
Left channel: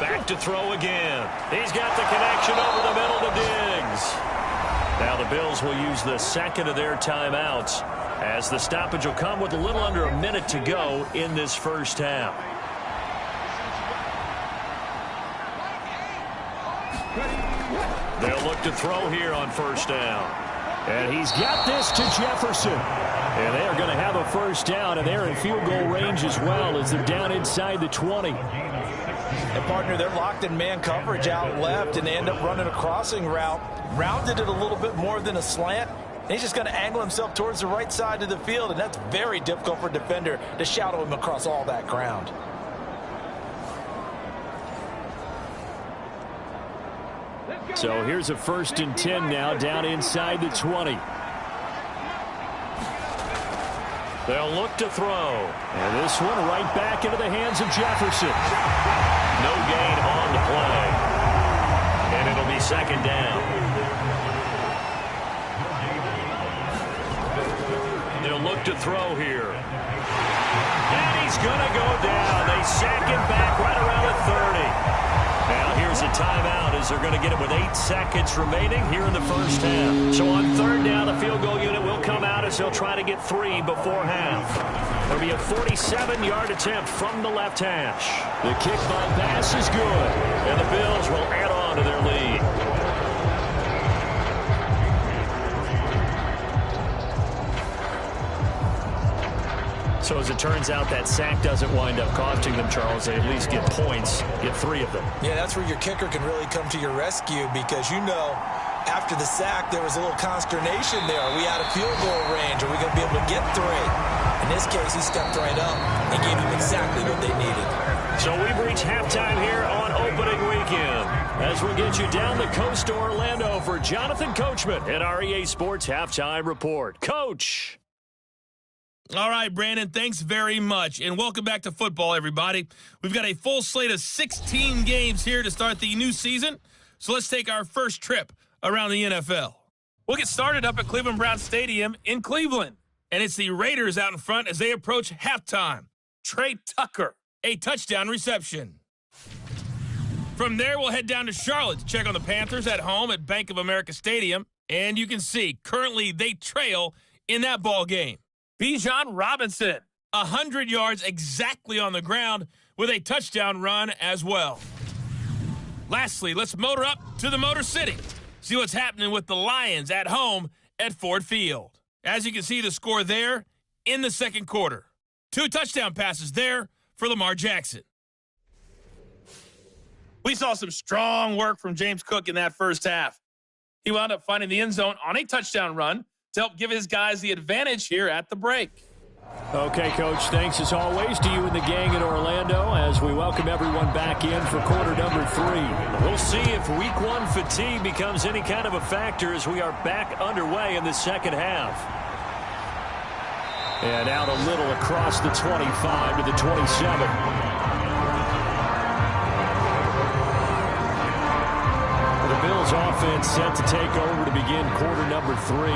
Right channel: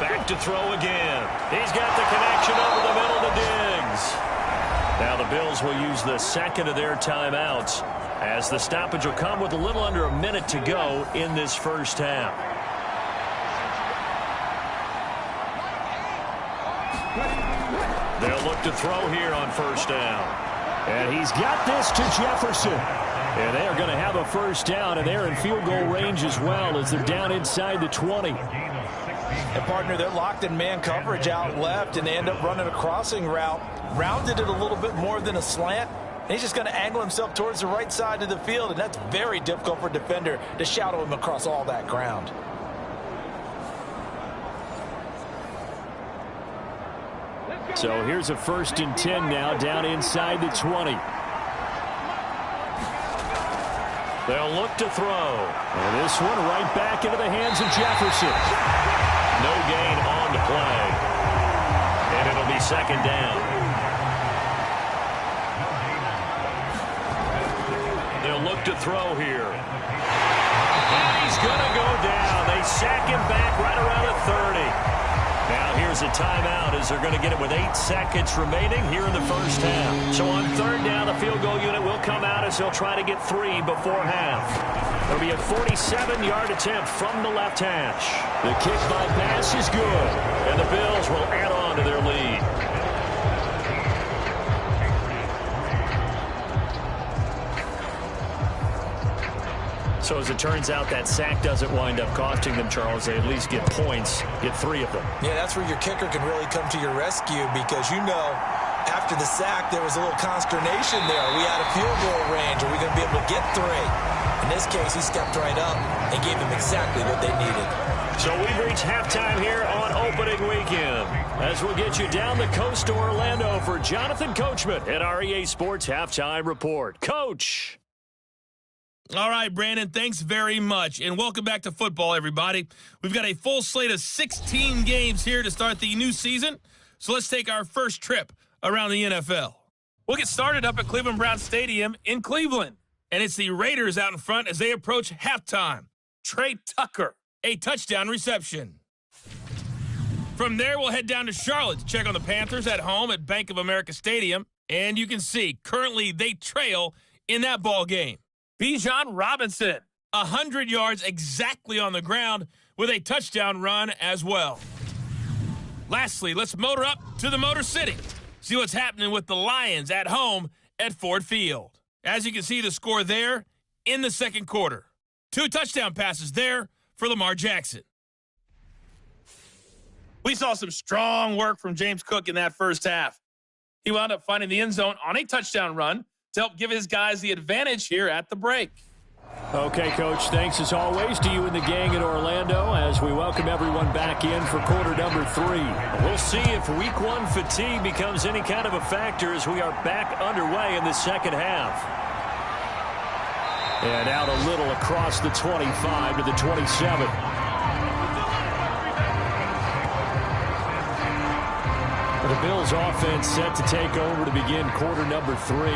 Back to throw again. He's got the connection over the middle to Diggs. Now the Bills will use the second of their timeouts as the stoppage will come with a little under a minute to go in this first half. They'll look to throw here on first down. And he's got this to Jefferson. And they are going to have a first down, and they're in field goal range as well as they're down inside the 20. And, partner, they're locked in man coverage out left, and they end up running a crossing route. Rounded it a little bit more than a slant. And he's just going to angle himself towards the right side of the field, and that's very difficult for a defender to shadow him across all that ground. So here's a 1st and 10 now down inside the 20. They'll look to throw. And this one right back into the hands of Jefferson. No gain on the play. And it'll be 2nd down. They'll look to throw here. And he's going to go down. They sack him back right around the 30. Now here's a timeout as they're going to get it with 8 seconds remaining here in the first half. So on 3rd down, the field goal unit will come out as they'll try to get 3 before half. There'll be a 47-yard attempt from the left hash. The kick by pass is good, and the Bills will add on to their lead. So as it turns out, that sack doesn't wind up costing them, Charles. They at least get points, get 3 of them. Yeah, that's where your kicker can really come to your rescue because, you know, after the sack, there was a little consternation there. Are we out of field goal range? Are we going to be able to get 3? In this case, he stepped right up and gave them exactly what they needed. So we've reached halftime here on opening weekend. As we'll get you down the coast to Orlando for Jonathan Coachman at our EA Sports Halftime Report. Coach! All right, Brandon, thanks very much. And welcome back to football, everybody. We've got a full slate of 16 games here to start the new season. So let's take our first trip around the NFL. We'll get started up at Cleveland Browns Stadium in Cleveland. And it's the Raiders out in front as they approach halftime. Trey Tucker, a touchdown reception. From there, we'll head down to Charlotte to check on the Panthers at home at Bank of America Stadium. And you can see, currently they trail in that ball game. Bijan Robinson, 100 yards exactly on the ground with a touchdown run as well. Lastly, let's motor up to the Motor City. See what's happening with the Lions at home at Ford Field. As you can see, the score there in the second quarter. 2 touchdown passes there for Lamar Jackson. We saw some strong work from James Cook in that first half. He wound up finding the end zone on a touchdown run to help give his guys the advantage here at the break. Okay, Coach, thanks as always to you and the gang in Orlando as we welcome everyone back in for quarter number 3. We'll see if week 1 fatigue becomes any kind of a factor as we are back underway in the second half. And out a little across the 25 to the 27. The Bills offense set to take over to begin quarter number 3.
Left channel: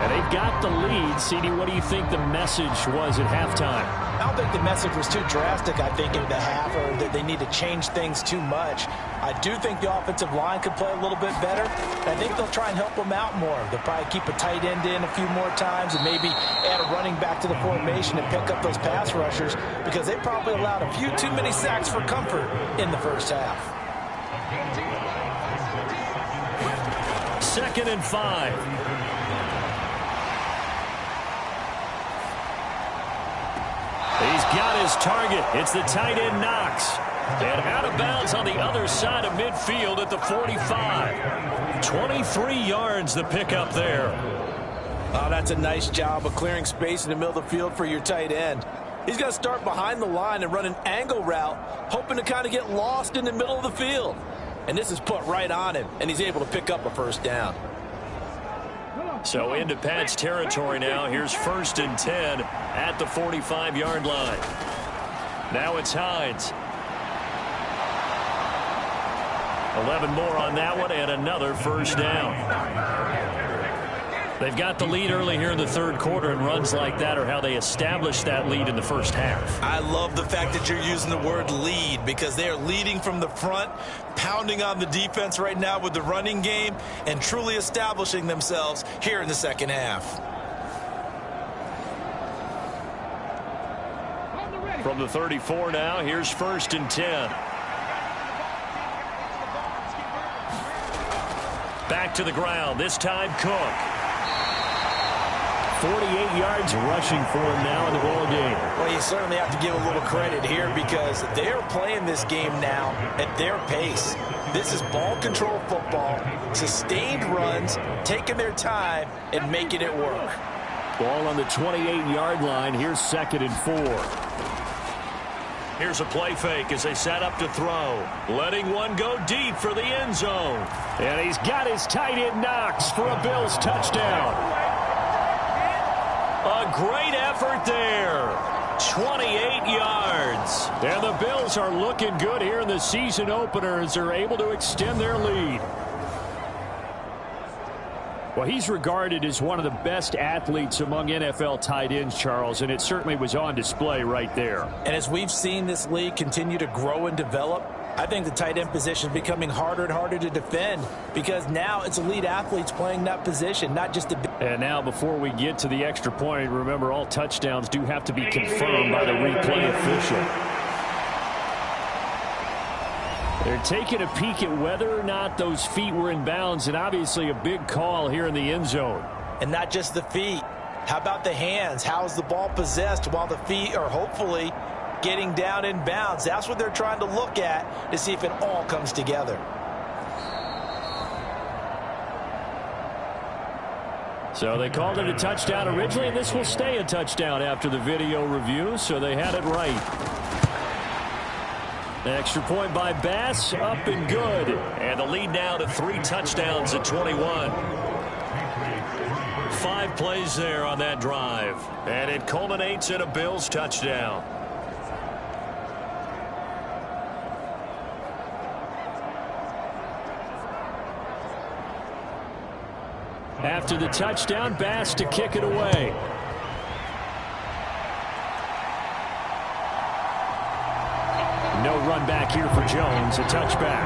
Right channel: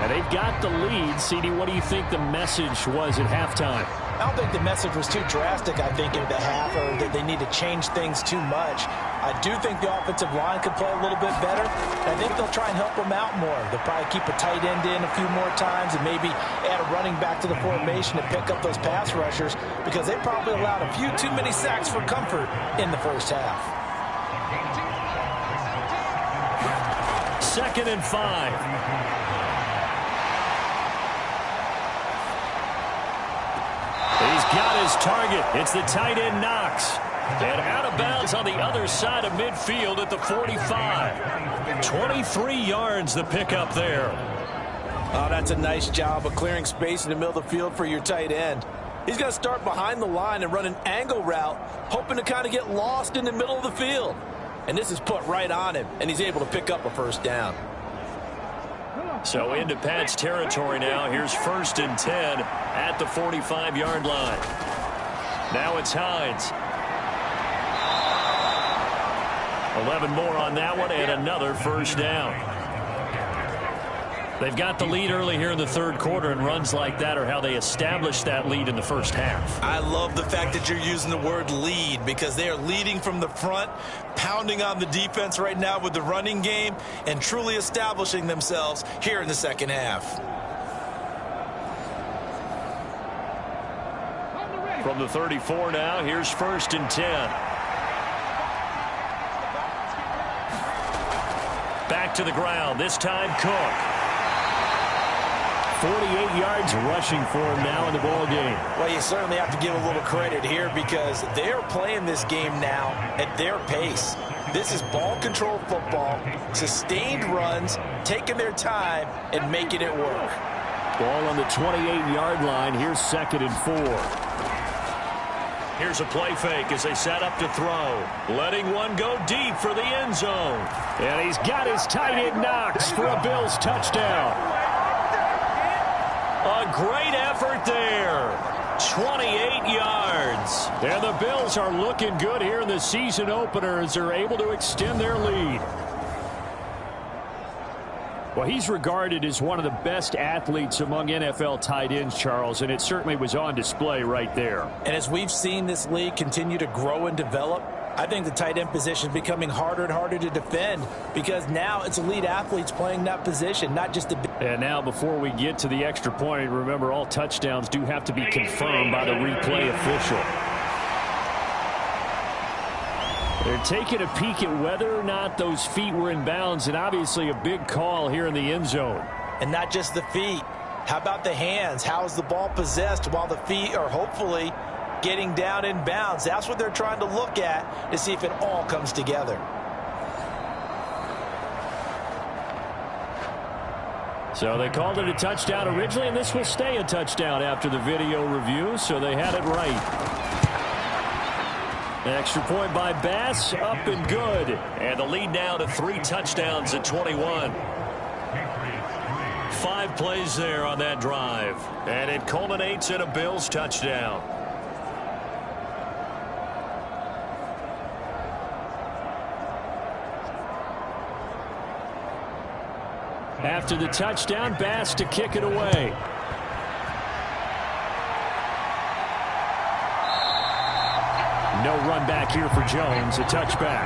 And they've got the lead. CD, what do you think the message was at halftime? I don't think the message was too drastic, I think, in the half, or that they need to change things too much. I do think the offensive line could play a little bit better. I think they'll try and help them out more. They'll probably keep a tight end in a few more times and maybe add a running back to the formation to pick up those pass rushers because they probably allowed a few too many sacks for comfort in the first half. 2nd and 5. He's got his target. It's the tight end Knox. And out of bounds on the other side of midfield at the 45. 23 yards the pickup there. Oh, that's a nice job of clearing space in the middle of the field for your tight end. He's going to start behind the line and run an angle route, hoping to kind of get lost in the middle of the field. And this is put right on him, and he's able to pick up a first down. So into Pat's territory now. Here's 1st and 10 at the 45-yard line. Now it's Hines. 11 more on that one and another first down. They've got the lead early here in the third quarter, and runs like that are how they established that lead in the first half. I love the fact that you're using the word lead, because they are leading from the front, pounding on the defense right now with the running game, and truly establishing themselves here in the second half. From the 34 now, here's 1st and 10. Back to the ground, this time Cook. 48 yards rushing for him now in the ball game. Well, you certainly have to give a little credit here, because they're playing this game now at their pace. This is ball control football, sustained runs, taking their time and making it work. Ball on the 28-yard line. Here's 2nd and 4. Here's a play fake as they set up to throw. Letting one go deep for the end zone. And he's got his tight end Knox for a Bills touchdown. A great effort there. 28 yards. And the Bills are looking good here in the season opener as they're able to extend their lead. Well, he's regarded as one of the best athletes among NFL tight ends, Charles, and it certainly was on display right there. And as we've seen this league continue to grow and develop, I think the tight end position is becoming harder and harder to defend, because now it's elite athletes playing that position, not just the... And now before we get to the extra point, remember all touchdowns do have to be confirmed by the replay official. They're taking a peek at whether or not those feet were in bounds, and obviously a big call here in the end zone. And not just the feet. How about the hands? How is the ball possessed while the feet are hopefully getting down in bounds? That's what they're trying to look at to see if it all comes together. So they called it a touchdown originally, and this will stay a touchdown after the video review, so they had it right. Extra point by Bass, up and good. And the lead now to 3 touchdowns at 21. 5 plays there on that drive. And it culminates in a Bills touchdown. After the touchdown, Bass to kick it away. No run back here for Jones, a touchback.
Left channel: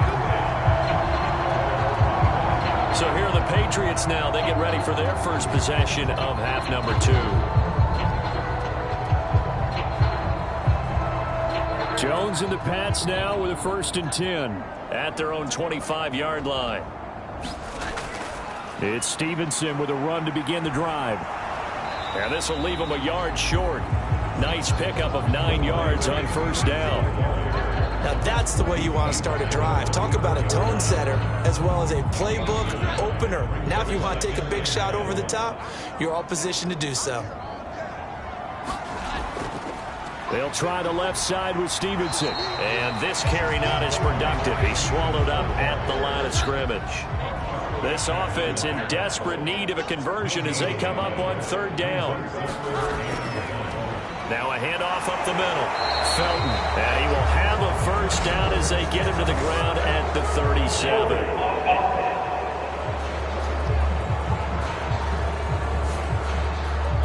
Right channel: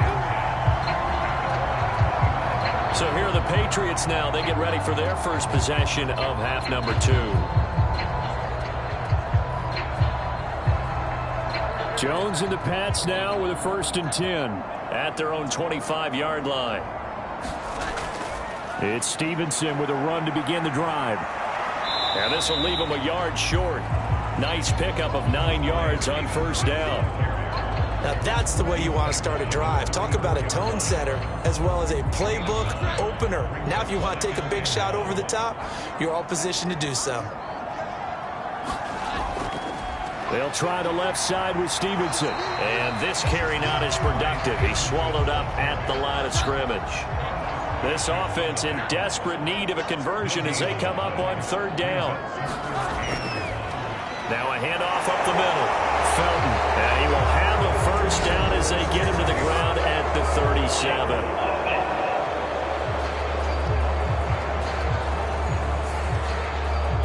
So here are the Patriots now. They get ready for their first possession of half number 2. Jones and the Pats now with a 1st and 10 at their own 25-yard line. It's Stevenson with a run to begin the drive. And this will leave him a yard short. Nice pickup of 9 yards on 1st down. Now that's the way you want to start a drive. Talk about a tone setter as well as a playbook opener. Now if you want to take a big shot over the top, you're all positioned to do so. They'll try the left side with Stevenson. And this carry not as productive. He's swallowed up at the line of scrimmage. This offense in desperate need of a conversion as they come up on 3rd down. Now a handoff up the middle. Felton. And he will have a 1st down as they get him to the ground at the 37.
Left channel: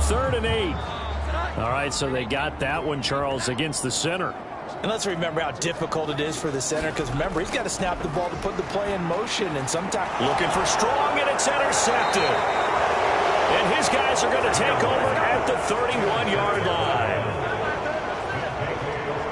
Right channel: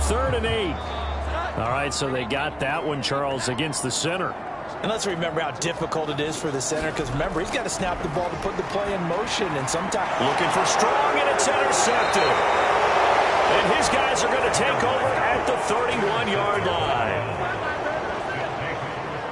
Third and 8. All right, so they got that one, Charles, against the center. And let's remember how difficult it is for the center, because remember, he's got to snap the ball to put the play in motion, and sometimes... Looking for Strong, and it's intercepted. And his guys are going to take over at the 31-yard line.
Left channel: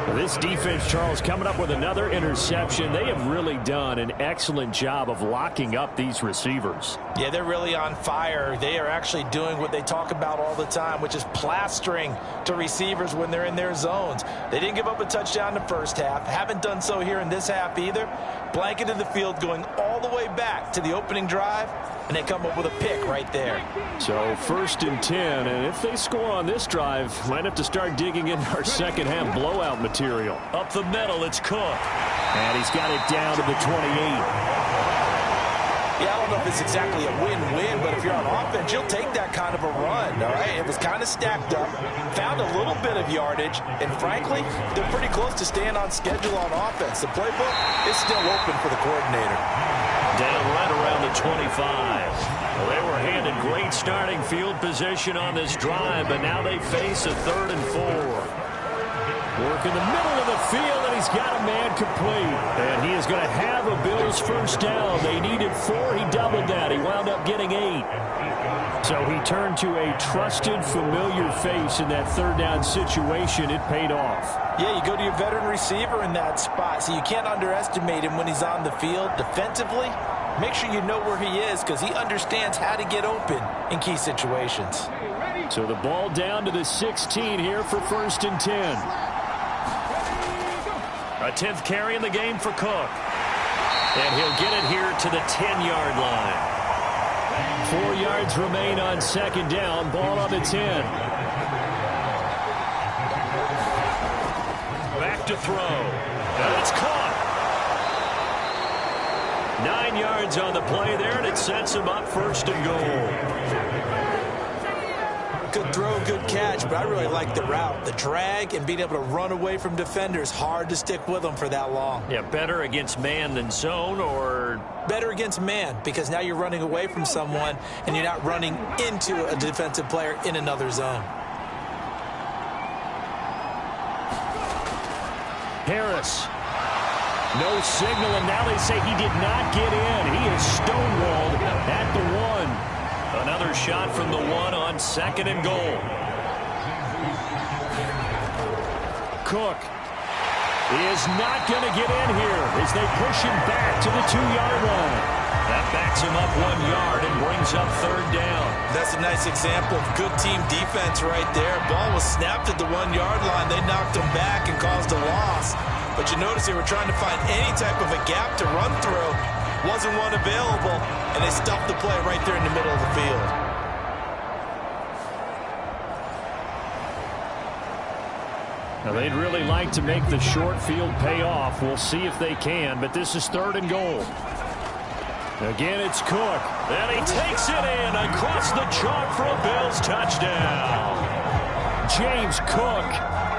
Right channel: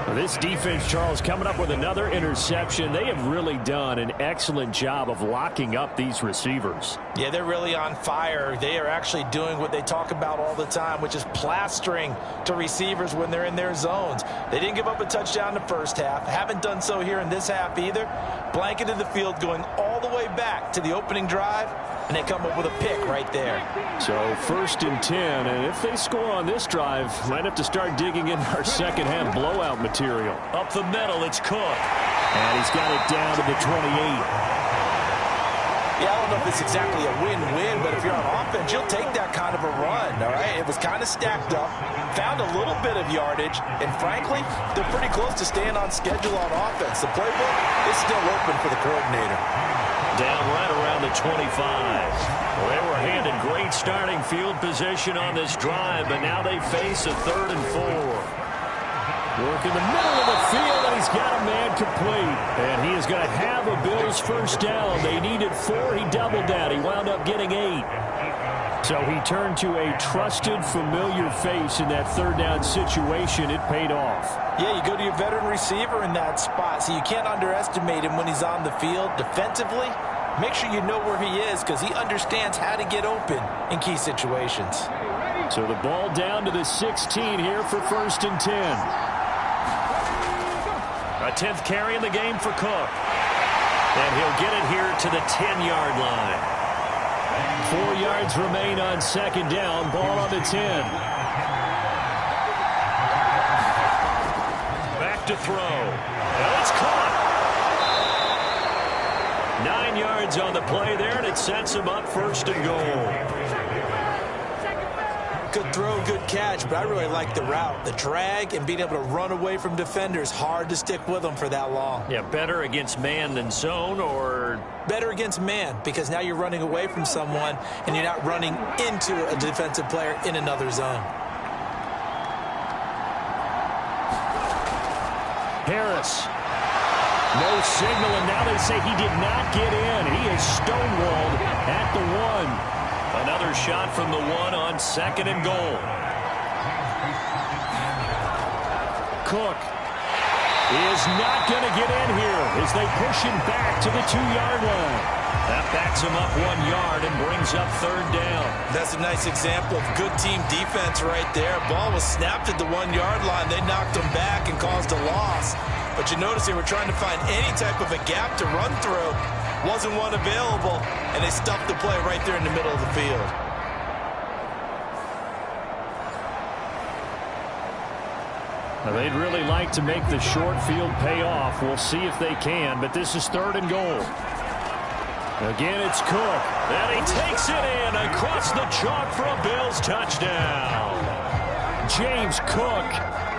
Well, this defense, Charles, coming up with another interception. They have really done an excellent job of locking up these receivers. Yeah, they're really on fire. They are actually doing what they talk about all the time, which is plastering to receivers when they're in their zones. They didn't give up a touchdown in the first half. Haven't done so here in this half either. Blanketed the field going all the way back to the opening drive, and they come up with a pick right there. So 1st and 10, and if they score on this drive, might have to start digging into our second half blowout material. Up the middle, it's Cook. And he's got it down to the 28. Yeah, I don't know if it's exactly a win-win, but if you're on offense, you'll take that kind of a run, all right? It was kind of stacked up, found a little bit of yardage, and frankly, they're pretty close to staying on schedule on offense. The playbook is still open for the coordinator. Down right around the 25. Well, they were handed great starting field position on this drive, but now they face a 3rd and 4. Work in the middle of the field, and he's got a man complete. And he is going to have a Bills first down. They needed 4. He doubled that. He wound up getting 8. So he turned to a trusted, familiar face in that 3rd down situation. It paid off. Yeah, you go to your veteran receiver in that spot, so you can't underestimate him when he's on the field. Defensively, make sure you know where he is because he understands how to get open in key situations. So the ball down to the 16 here for 1st and 10. A 10th carry in the game for Cook. And he'll get it here to the 10-yard line. 4 yards remain on 2nd down. Ball on the 10. Back to throw. And it's caught. 9 yards on the play there, and it sets him up 1st and goal. Good throw, good catch, but I really like the route. The drag and being able to run away from defenders, hard to stick with them for that long. Yeah, better against man than zone, or? Better against man, because now you're running away from someone and you're not running into a defensive player in another zone. Harris. No signal, and now they say he did not get in. He is stonewalled at the 1. Another shot from the 1 on 2nd and goal. Cook is not going to get in here as they push him back to the 2-yard line. That backs him up 1 yard and brings up 3rd down. That's a nice example of good team defense right there. Ball was snapped at the 1-yard line. They knocked him back and caused a loss. But you notice they were trying to find any type of a gap to run through. Wasn't one available, and they stuffed the play right there in the middle of the field. Now, they'd really like to make the short field pay off. We'll see if they can, but this is 3rd and goal. Again, it's Cook. And he takes it in across the chalk for a Bills touchdown. James Cook,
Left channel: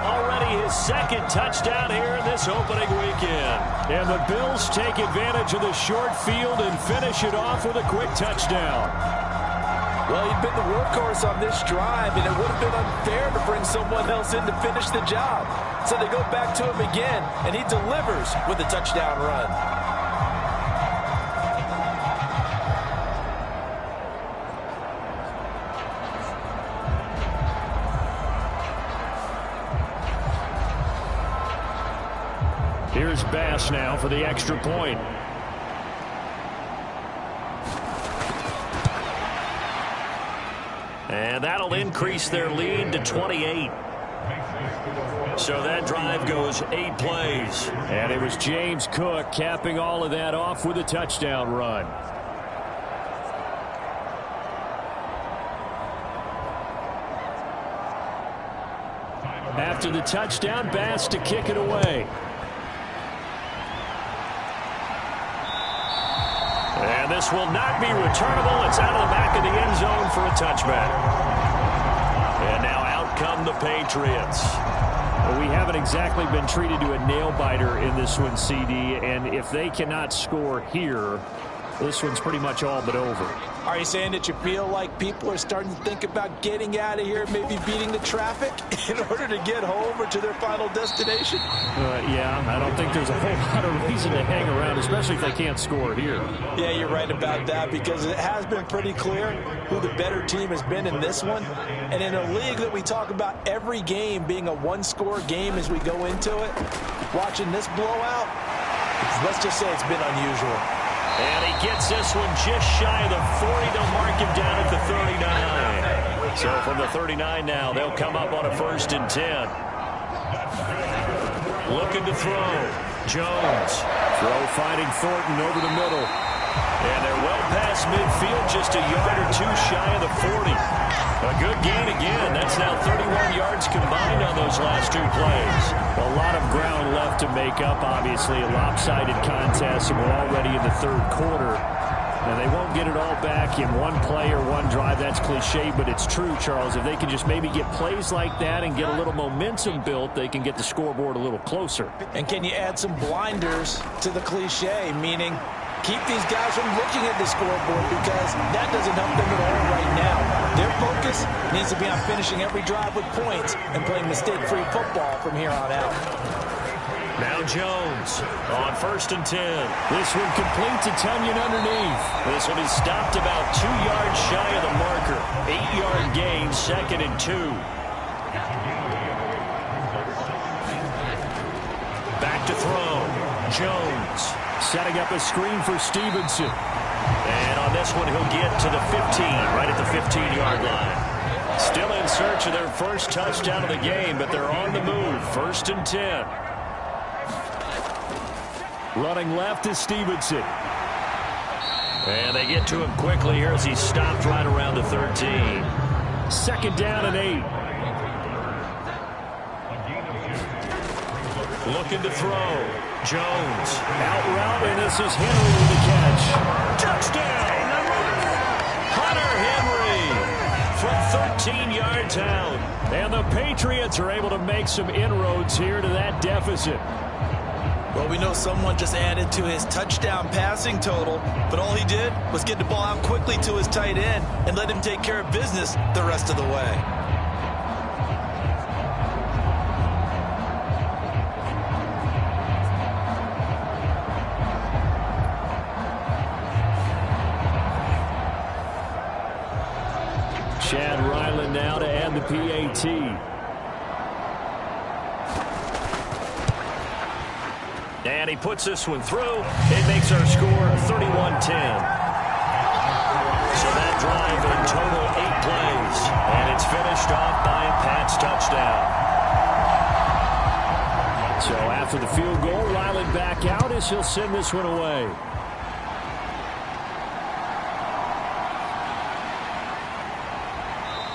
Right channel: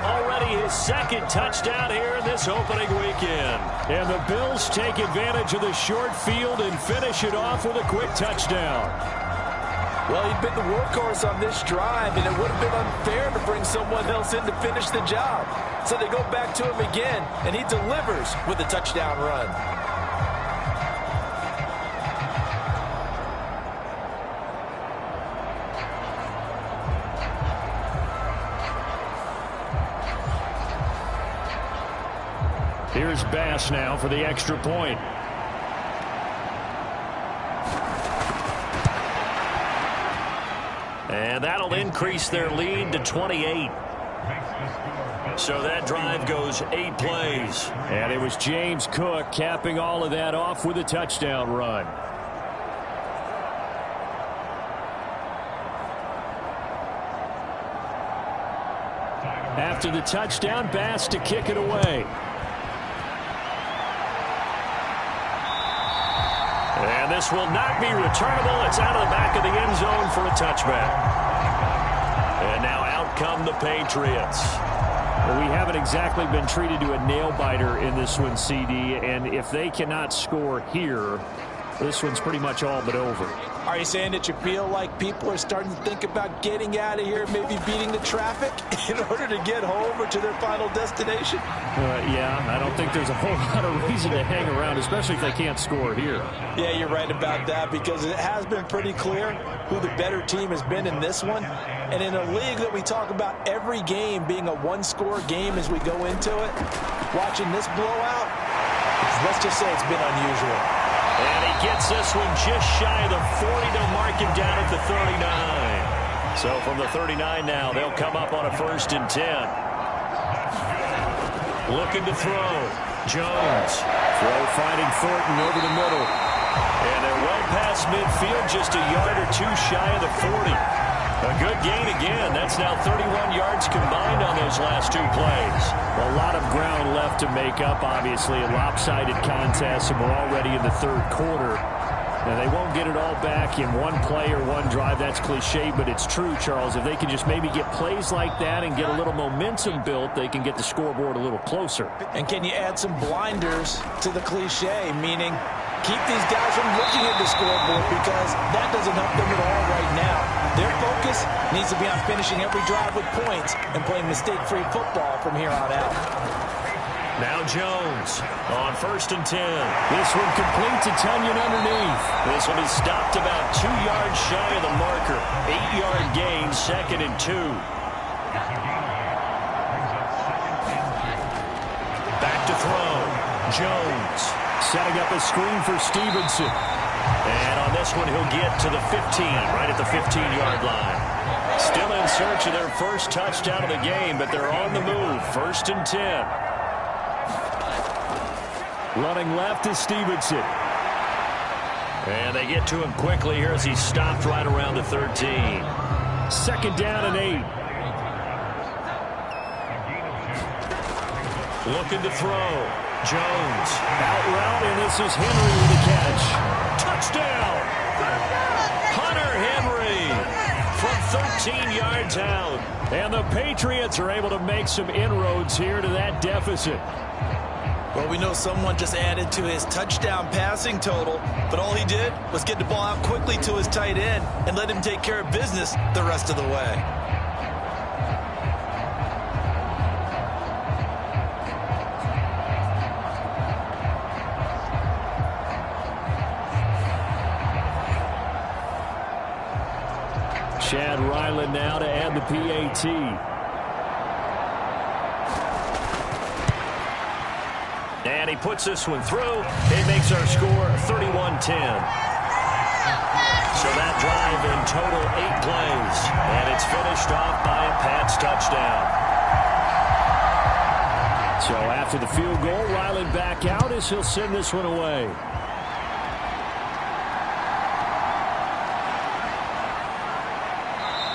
already his 2nd touchdown here in this opening weekend. And the Bills take advantage of the short field and finish it off with a quick touchdown. Well, he'd been the workhorse on this drive, and it would have been unfair to bring someone else in to finish the job. So they go back to him again, and he delivers with a touchdown run. Here's Bass now for the extra point. And that'll increase their lead to 28. So that drive goes 8 plays. And it was James Cook capping all of that off with a touchdown run. After the touchdown, Bass to kick it away. And this will not be returnable. It's out of the back of the end zone for a touchback. And now out come the Patriots. Well, we haven't exactly been treated to a nail-biter in this one, CD. And if they cannot score here, this one's pretty much all but over. Are you saying that you feel like people are starting to think about getting out of here, maybe beating the traffic in order to get home or to their final destination? Yeah, I don't think there's a whole lot of reason to hang around, especially if they can't score here. Yeah, you're right about that, because it has been pretty clear who the better team has been in this one. And in a league that we talk about every game being a one-score game as we go into it, watching this blowout, let's just say it's been unusual. And he gets this one just shy of the 40 to mark him down at the 39. So from the 39 now, they'll come up on a 1st and 10. Looking to throw. Jones. Throw finding Thornton over the middle. And they're well past midfield, just a yard or 2 shy of the 40. A good gain again. That's now 31 yards combined on those last 2 plays. A lot of ground left to make up, obviously. A lopsided contest, and we're already in the 3rd quarter. And they won't get it all back in one play or one drive. That's cliche, but it's true, Charles. If they can just maybe get plays like that and get a little momentum built, they can get the scoreboard a little closer. And can you add some blinders to the cliche, meaning keep these guys from looking at the scoreboard, because that doesn't help them at all right now. Their focus needs to be on finishing every drive with points and playing mistake-free football from here on out. Now Jones on 1st and 10. This one complete to Tunyon underneath. This will be stopped about 2 yards shy of the marker. 8-yard gain, 2nd and 2. Back to throw. Jones setting up a screen for Stevenson. And on this one, he'll get to the 15, right at the 15-yard line. Still in search of their first touchdown of the game, but they're on the move. 1st and 10. Running left is Stevenson. And they get to him quickly here as he's stopped right around the 13. 2nd down and 8. Looking to throw. Jones out route, and this is Henry with the catch. Touchdown! Hunter Henry from 13 yards out. And the Patriots are able to make some inroads here to that deficit. Well, we know someone just added to his touchdown passing total, but all he did was get the ball out quickly to his tight end and let him take care of business the rest of the way. Chad Ryland now to add the PAT. And he puts this one through. It makes our score 31-10. So that drive in total 8 plays. And it's finished off by a Pats touchdown. So after the field goal, Ryland back out as he'll send this one away.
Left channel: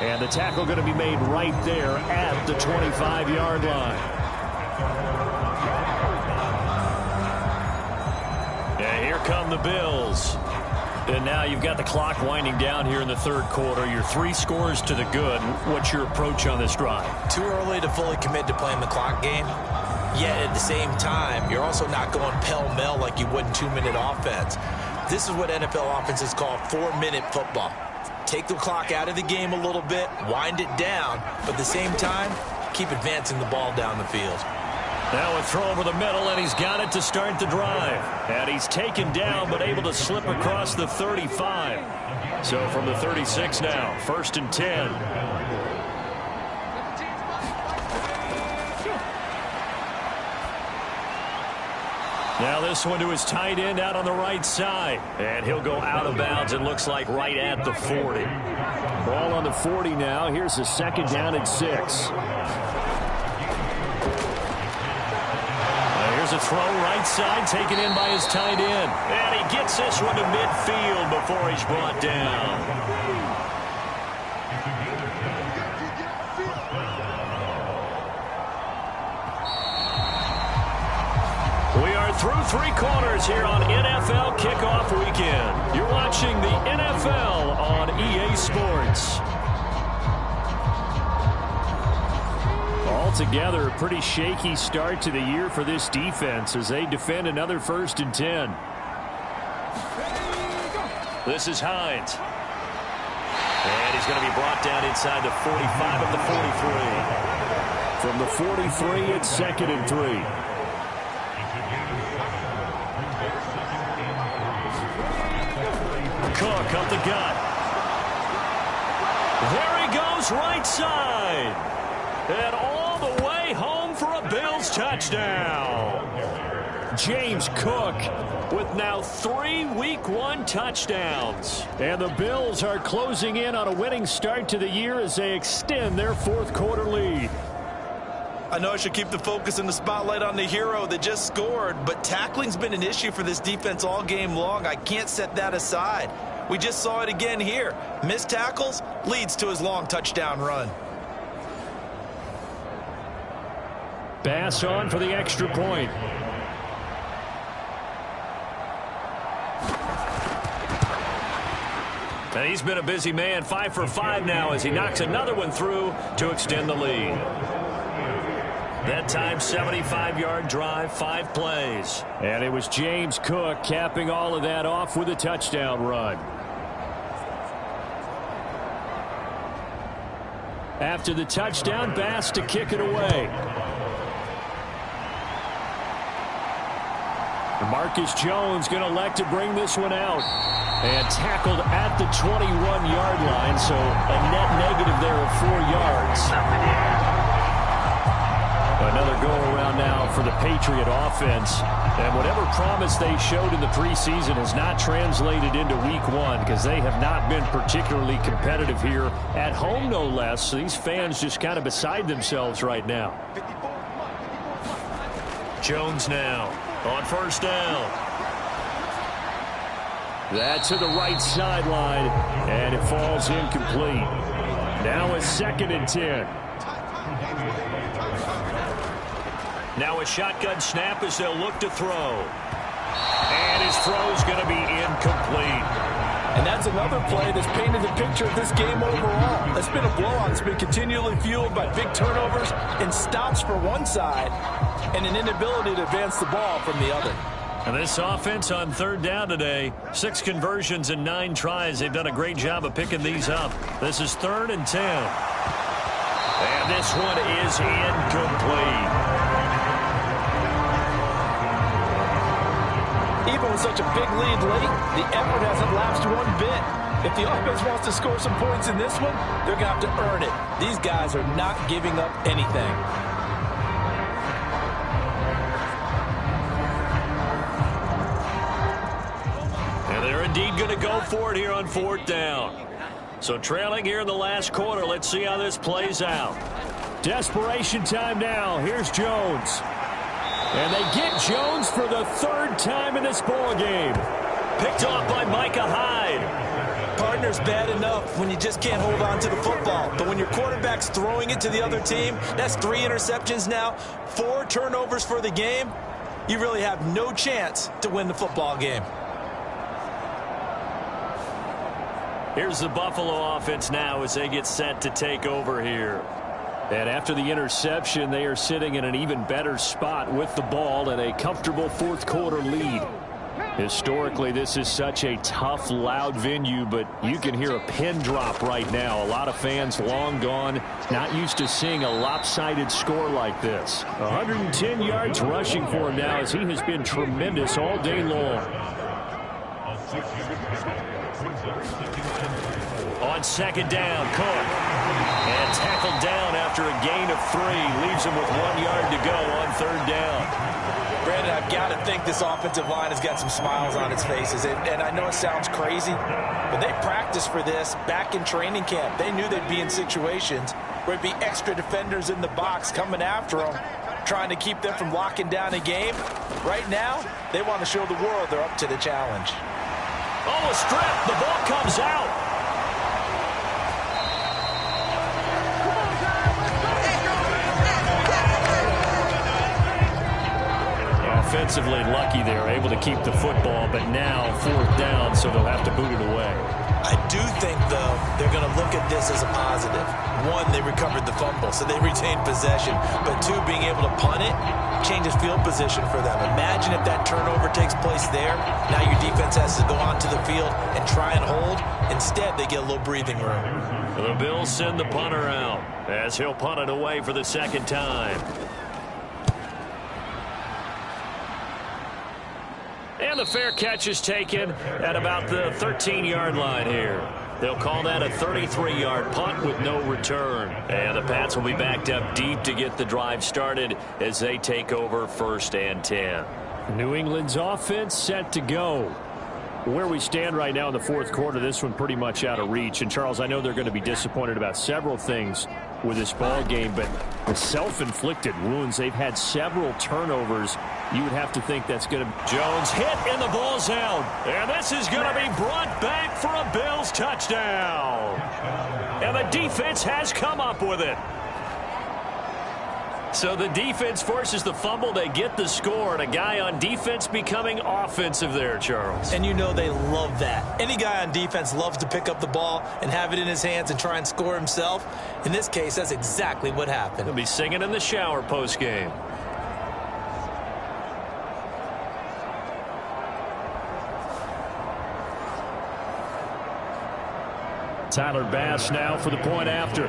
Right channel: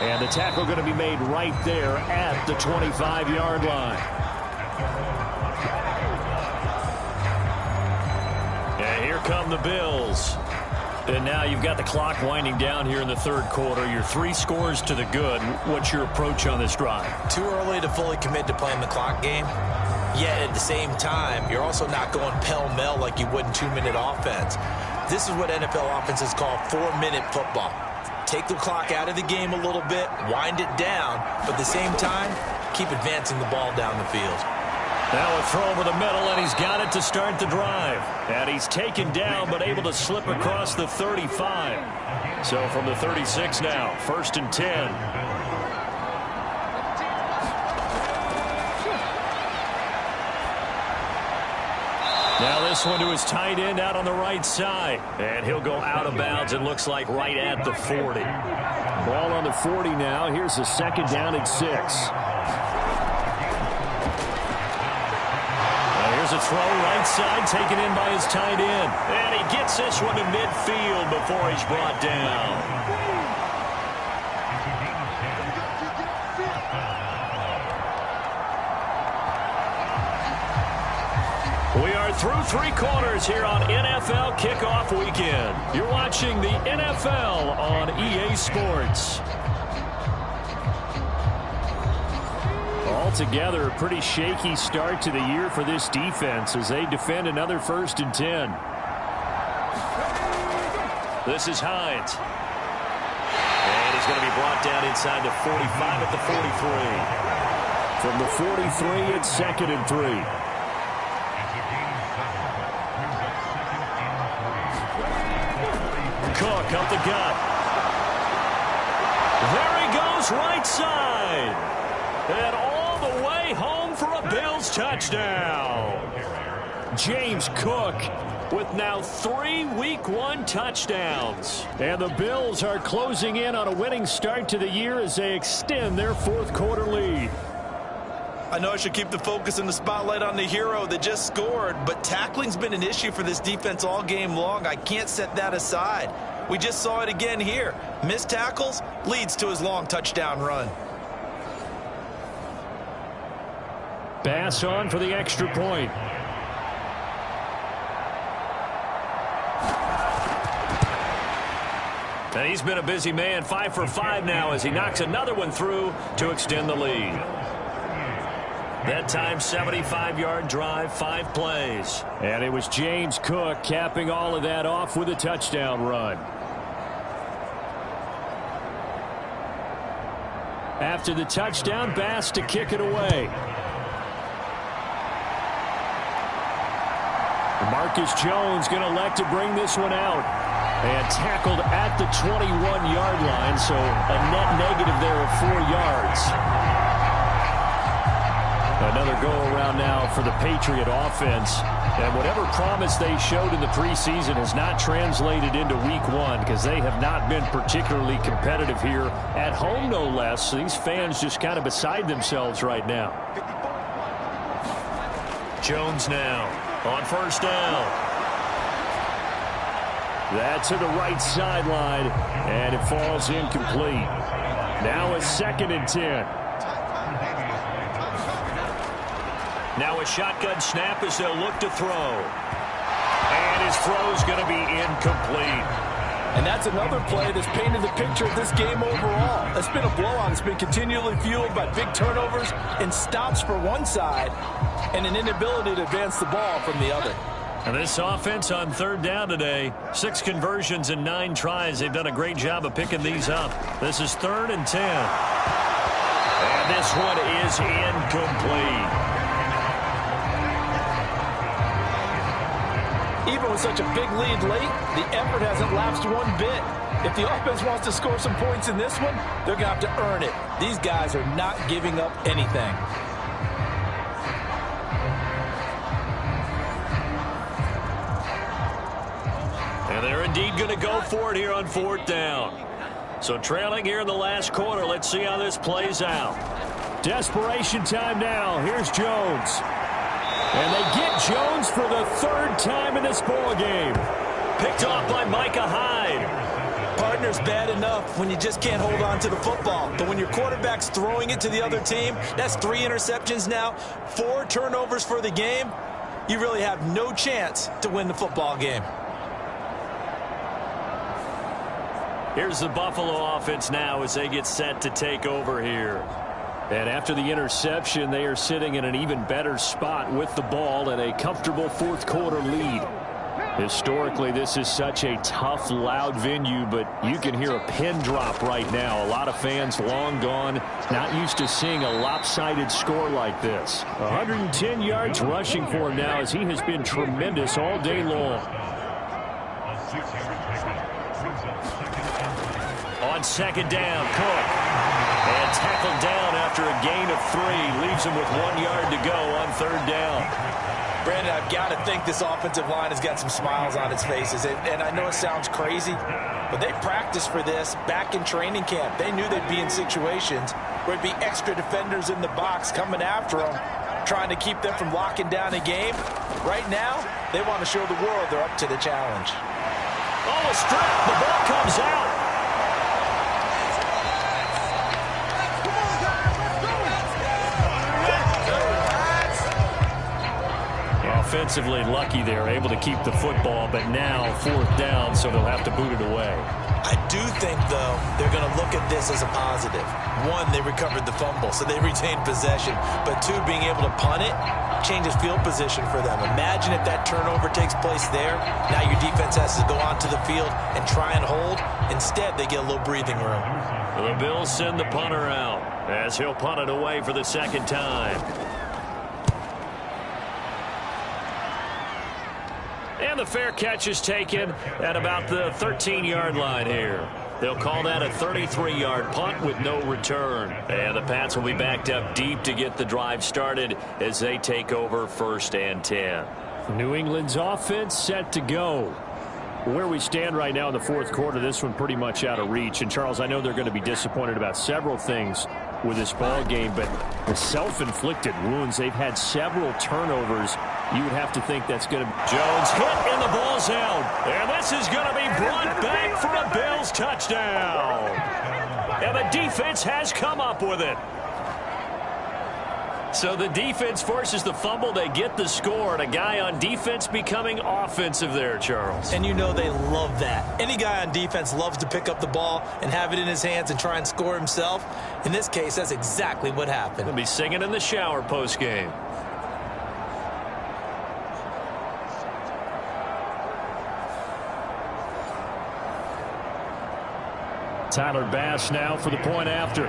And the tackle going to be made right there at the 25-yard line. And here come the Bills. And now you've got the clock winding down here in the 3rd quarter. You're 3 scores to the good. What's your approach on this drive? Too early to fully commit to playing the clock game. Yet at the same time, you're also not going pell-mell like you would in 2-minute offense. This is what NFL offenses call 4-minute football. Take the clock out of the game a little bit, wind it down, but at the same time, keep advancing the ball down the field. Now a throw over the middle, and he's got it to start the drive. And he's taken down, but able to slip across the 35. So from the 36 now, 1st and 10. Now this one to his tight end out on the right side. And he'll go out of bounds, it looks like right at the 40. Ball on the 40 now. Here's the 2nd down and 6. Here's a throw right side taken in by his tight end. And he gets this one to midfield before he's brought down. We are through 3 quarters here on NFL Kickoff Weekend. You're watching the NFL on EA Sports. Altogether, a pretty shaky start to the year for this defense as they defend another 1st and 10. This is Hines. And he's going to be brought down inside the 45 at the 43. From the 43, it's 2nd and 3. Cook up the gut. There he goes right side. And all the way home for a Bills touchdown. James Cook with now 3 Week 1 touchdowns. And the Bills are closing in on a winning start to the year as they extend their 4th quarter lead. I know I should keep the focus and the spotlight on the hero that just scored, but tackling's been an issue for this defense all game long. I can't set that aside. We just saw it again here. Missed tackles leads to his long touchdown run. Bass on for the extra point. And he's been a busy man, 5 for 5 now as he knocks another one through to extend the lead. That time, 75-yard drive, 5 plays. And it was James Cook capping all of that off with a touchdown run. After the touchdown, Bass to kick it away. Marcus Jones going to elect to bring this one out. And tackled at the 21-yard line, so a net negative there of 4 yards. Another go-around now for the Patriot offense. And whatever promise they showed in the preseason has not translated into week 1 because they have not been particularly competitive here at home, no less. So these fans just kind of beside themselves right now. Jones now on first down. That's to the right sideline, and it falls incomplete. Now a 2nd and 10. Now a shotgun snap as they'll look to throw. And his throw's going to be incomplete. And that's another play that's painted the picture of this game overall. It's been a blowout. It's been continually fueled by big turnovers and stops for one side and an inability to advance the ball from the other. And this offense on 3rd down today, 6 conversions and 9 tries. They've done a great job of picking these up. This is 3rd and 10. And this one is incomplete. Even with such a big lead late, the effort hasn't lapsed one bit. If the offense wants to score some points in this one, they're going to have to earn it. These guys are not giving up anything. And they're indeed going to go for it here on 4th down. So trailing here in the last quarter, let's see how this plays out. Desperation time now. Here's Jones. And they get Jones for the 3rd time in this ball game. Picked off by Micah Hyde. Partner's bad enough when you just can't hold on to the football. But when your quarterback's throwing it to the other team, that's 3 interceptions now, 4 turnovers for the game. You really have no chance to win the football game. Here's the Buffalo offense now as they get set to take over here. And after the interception, they are sitting in an even better spot with the ball and a comfortable 4th quarter lead. Historically, this is such a tough, loud venue, but you can hear a pin drop right now. A lot of fans long gone, not used to seeing a lopsided score like this. 110 yards rushing for him now as he has been tremendous all day long. On 2nd down, Cook. And tackled down after a gain of 3. Leaves him with 1 yard to go on 3rd down. Brandon, I've got to think this offensive line has got some smiles on its faces. And I know it sounds crazy, but they practiced for this back in training camp. They knew they'd be in situations where it'd be extra defenders in the box coming after them, trying to keep them from locking down a game. Right now, they want to show the world they're up to the challenge. Oh, a strip. The ball comes out. Offensively lucky they're able to keep the football, but now 4th down, so they'll have to boot it away. I do think, though, they're going to look at this as a positive. 1, they recovered the fumble, so they retained possession. But 2, being able to punt it changes field position for them. Imagine if that turnover takes place there. Now your defense has to go onto the field and try and hold. Instead, they get a little breathing room. The Bills send the punter out as he'll punt it away for the 2nd time. And the fair catch is taken at about the 13-yard line here. They'll call that a 33-yard punt with no return. And the Pats will be backed up deep to get the drive started as they take over 1st and 10. New England's offense set to go. Where we stand right now in the 4th quarter, this one pretty much out of reach. And, Charles, I know they're going to be disappointed about several things with this ball game, but the self-inflicted wounds, they've had several turnovers. You would have to think that's going to be. Jones hit and the ball's out. And this is going to be brought back for a Bills touchdown. And the defense has come up with it. So the defense forces the fumble. They get the score, and a guy on defense becoming offensive there, Charles. And you know they love that. Any guy on defense loves to pick up the ball and have it in his hands and try and score himself. In this case, that's exactly what happened. He'll be singing in the shower post-game. Tyler Bass now for the point after.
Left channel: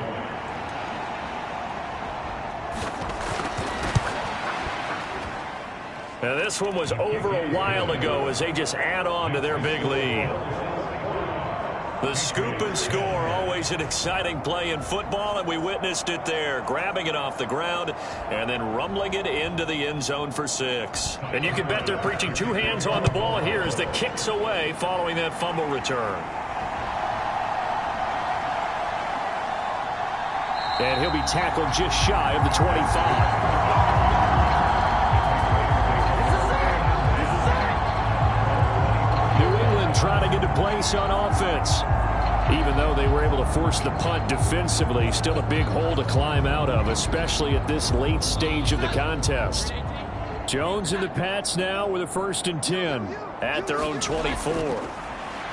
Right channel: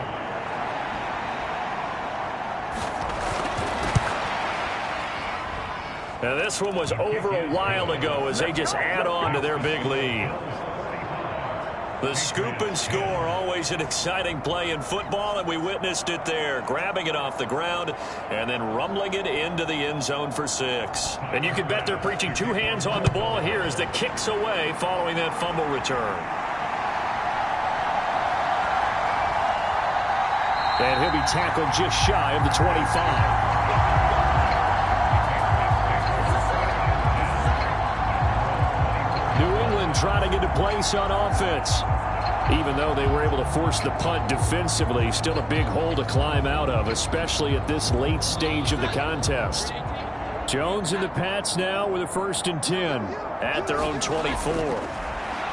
Now this one was over a while ago as they just add on to their big lead. The scoop and score, always an exciting play in football, and we witnessed it there, grabbing it off the ground and then rumbling it into the end zone for 6. And you can bet they're preaching 2 hands on the ball here as the kick's away following that fumble return. And he'll be tackled just shy of the 25. Trying to get to place on offense. Even though they were able to force the punt defensively, still a big hole to climb out of, especially at this late stage of the contest. Jones and the Pats now with a 1st and 10 at their own 24.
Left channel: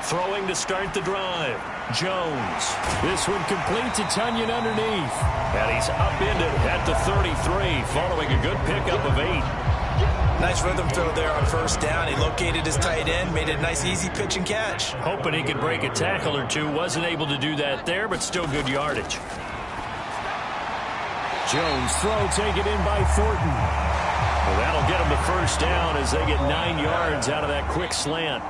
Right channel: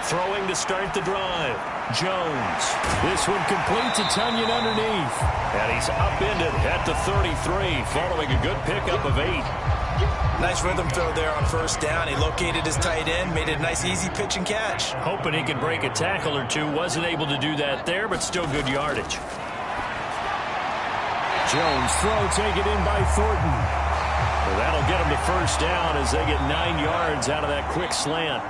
Throwing to start the drive. Jones. This one complete to Tunyon underneath. And he's upended at the 33 following a good pickup of 8. Nice rhythm throw there on 1st down. He located his tight end, made it a nice easy pitch and catch. Hoping he could break a tackle or two. Wasn't able to do that there, but still good yardage. Jones throw taken in by Thornton. Well, that'll get him the 1st down as they get 9 yards out of that quick slant.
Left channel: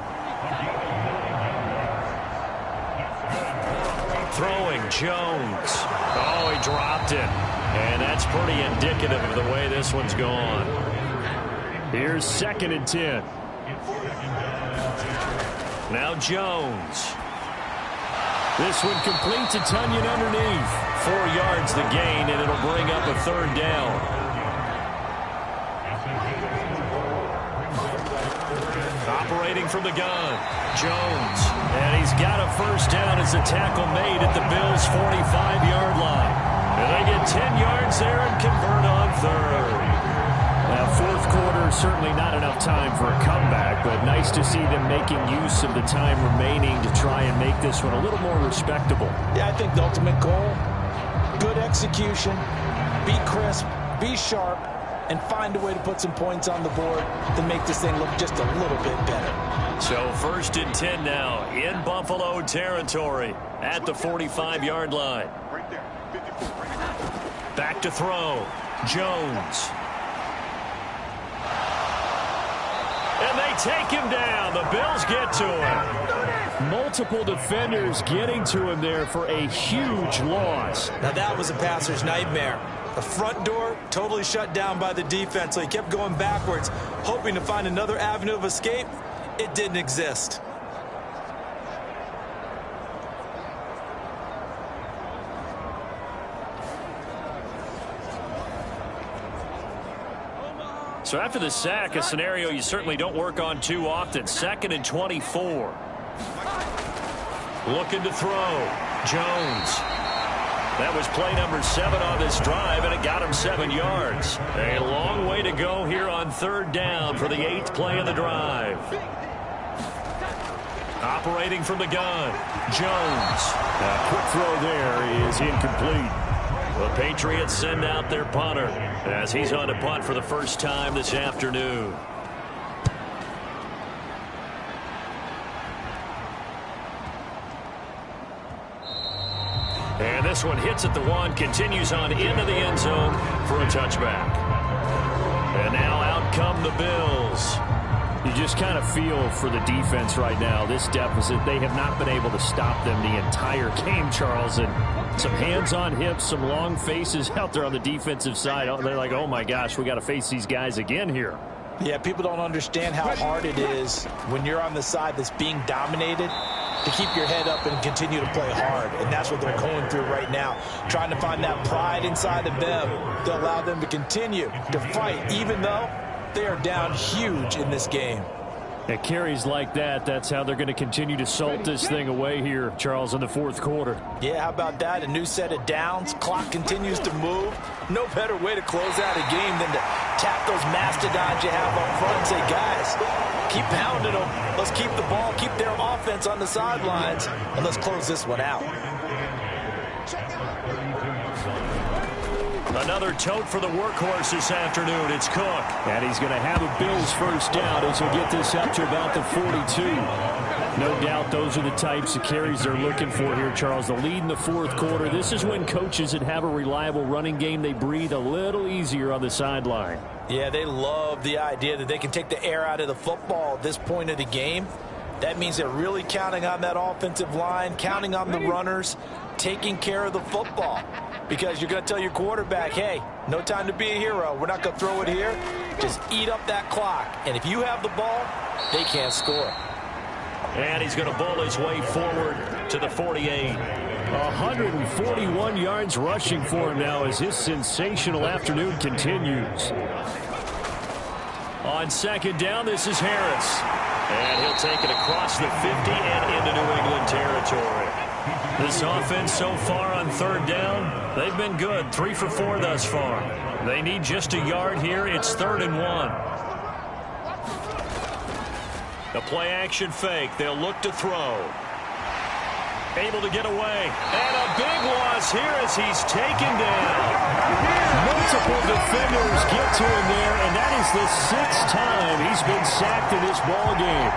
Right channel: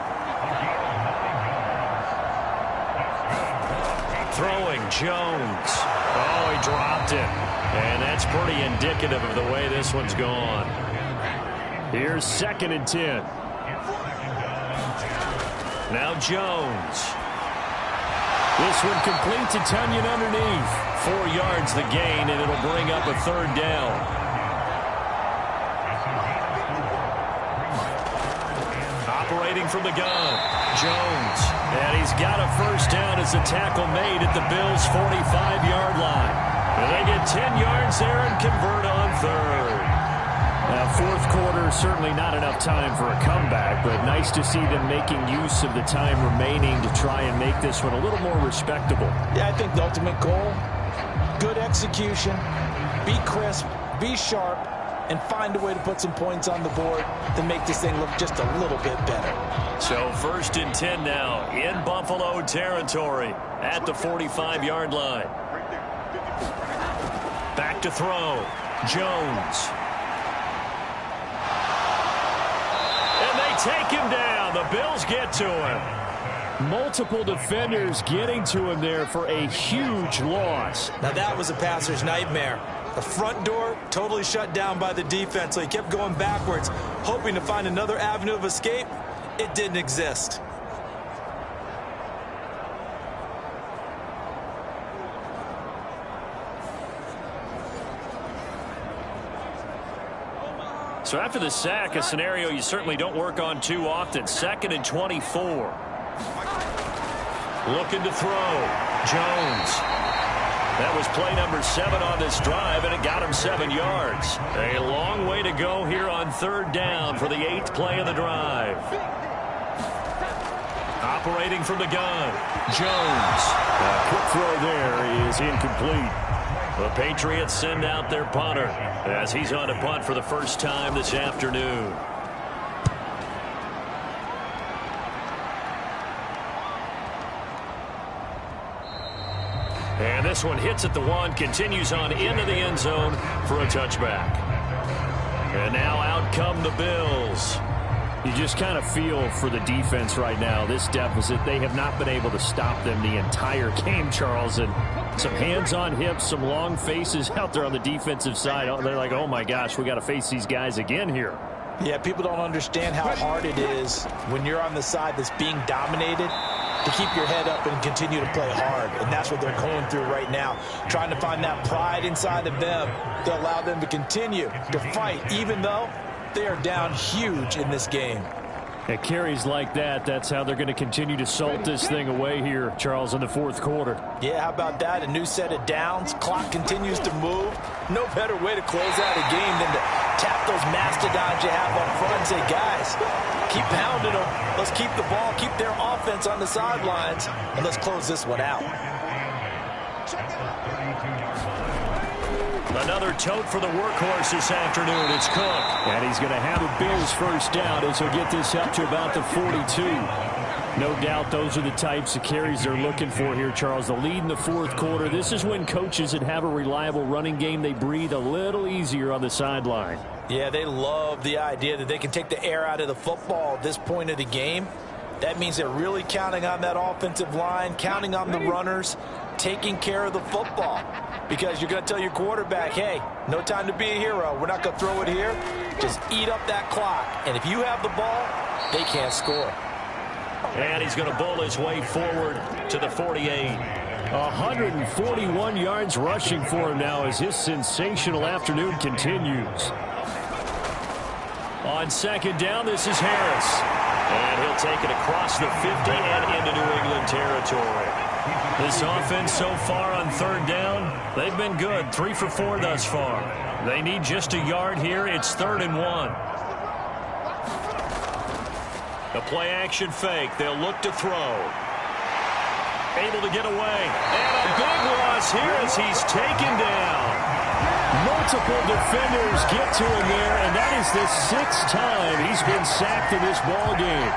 Throwing Jones. Oh, he dropped it. And that's pretty indicative of the way this one's gone. Here's 2nd and 10. Now Jones. This one complete to Tunyon underneath. 4 yards the gain, and it'll bring up a 3rd down. Operating from the gun. Jones. And he's got a 1st down as the tackle made at the Bills' 45-yard line. And they get 10 yards there and convert on 3rd. Now, 4th quarter, certainly not enough time for a comeback, but nice to see them making use of the time remaining to try and make this one a little more respectable. Yeah, I think the ultimate goal, good execution, be crisp, be sharp, and find a way to put some points on the board to make this thing look just a little bit better. So 1st and 10 now in Buffalo territory at the 45-yard line. Back to throw. Jones. And they take him down. The Bills get to him. Multiple defenders getting to him there for a huge loss. Now that was a passer's nightmare. The front door totally shut down by the defense, so he kept going backwards, hoping to find another avenue of escape. It didn't exist. So after the sack, a scenario you certainly don't work on too often. 2nd and 24. Looking to throw. Jones. That was play number 7 on this drive, and it got him 7 yards. A long way to go here on 3rd down for the 8th play of the drive. Operating from the gun. Jones. A quick throw there is incomplete. The Patriots send out their punter as he's on to punt for the first time this afternoon. And this one hits at the 1, continues on into the end zone for a touchback. And now out come the Bills. You just kind of feel for the defense right now, this deficit. They have not been able to stop them the entire game, Charles. And some hands on hips, some long faces out there on the defensive side. They're like, oh, my gosh, we got to face these guys again here. Yeah, people don't understand how hard it is when you're on the side that's being dominated to keep your head up and continue to play hard. And that's what they're going through right now, trying to find that pride inside of them to allow them to continue to fight, even though they are down huge in this game. At carries like that, that's how they're going to continue to salt this thing away here, Charles, in the fourth quarter. Yeah, how about that? A new set of downs. Clock continues to move. No better way to close out a game than to tap those mastodons you have up front and say, guys, keep pounding them. Let's keep the ball, keep their offense on the sidelines, and let's close this one out. Another tote for the workhorse this afternoon. It's Cook. And he's going to have a Bills first down as he'll get this up to about the 42. No doubt those are the types of carries they're looking for here, Charles. The lead in the fourth quarter. This is when coaches that have a reliable running game, they breathe a little easier on the sideline. Yeah, they love the idea that they can take the air out of the football at this point of the game. That means they're really counting on that offensive line, counting on the runners, taking care of the football. Because you're going to tell your quarterback, hey, no time to be a hero. We're not going to throw it here. Just eat up that clock. And if you have the ball, they can't score. And he's going to bowl his way forward to the 48. 141 yards rushing for him now as his sensational afternoon continues. On second down, this is Harris. And he'll take it across the 50 and into New England territory. This offense so far on third down, they've been good. 3 for 4 thus far. They need just a yard here. It's 3rd and 1. A play-action fake. They'll look to throw. Able to get away. And a big loss here as he's taken down. Multiple defenders get to him there, and that is the 6th time he's been sacked in this ball game.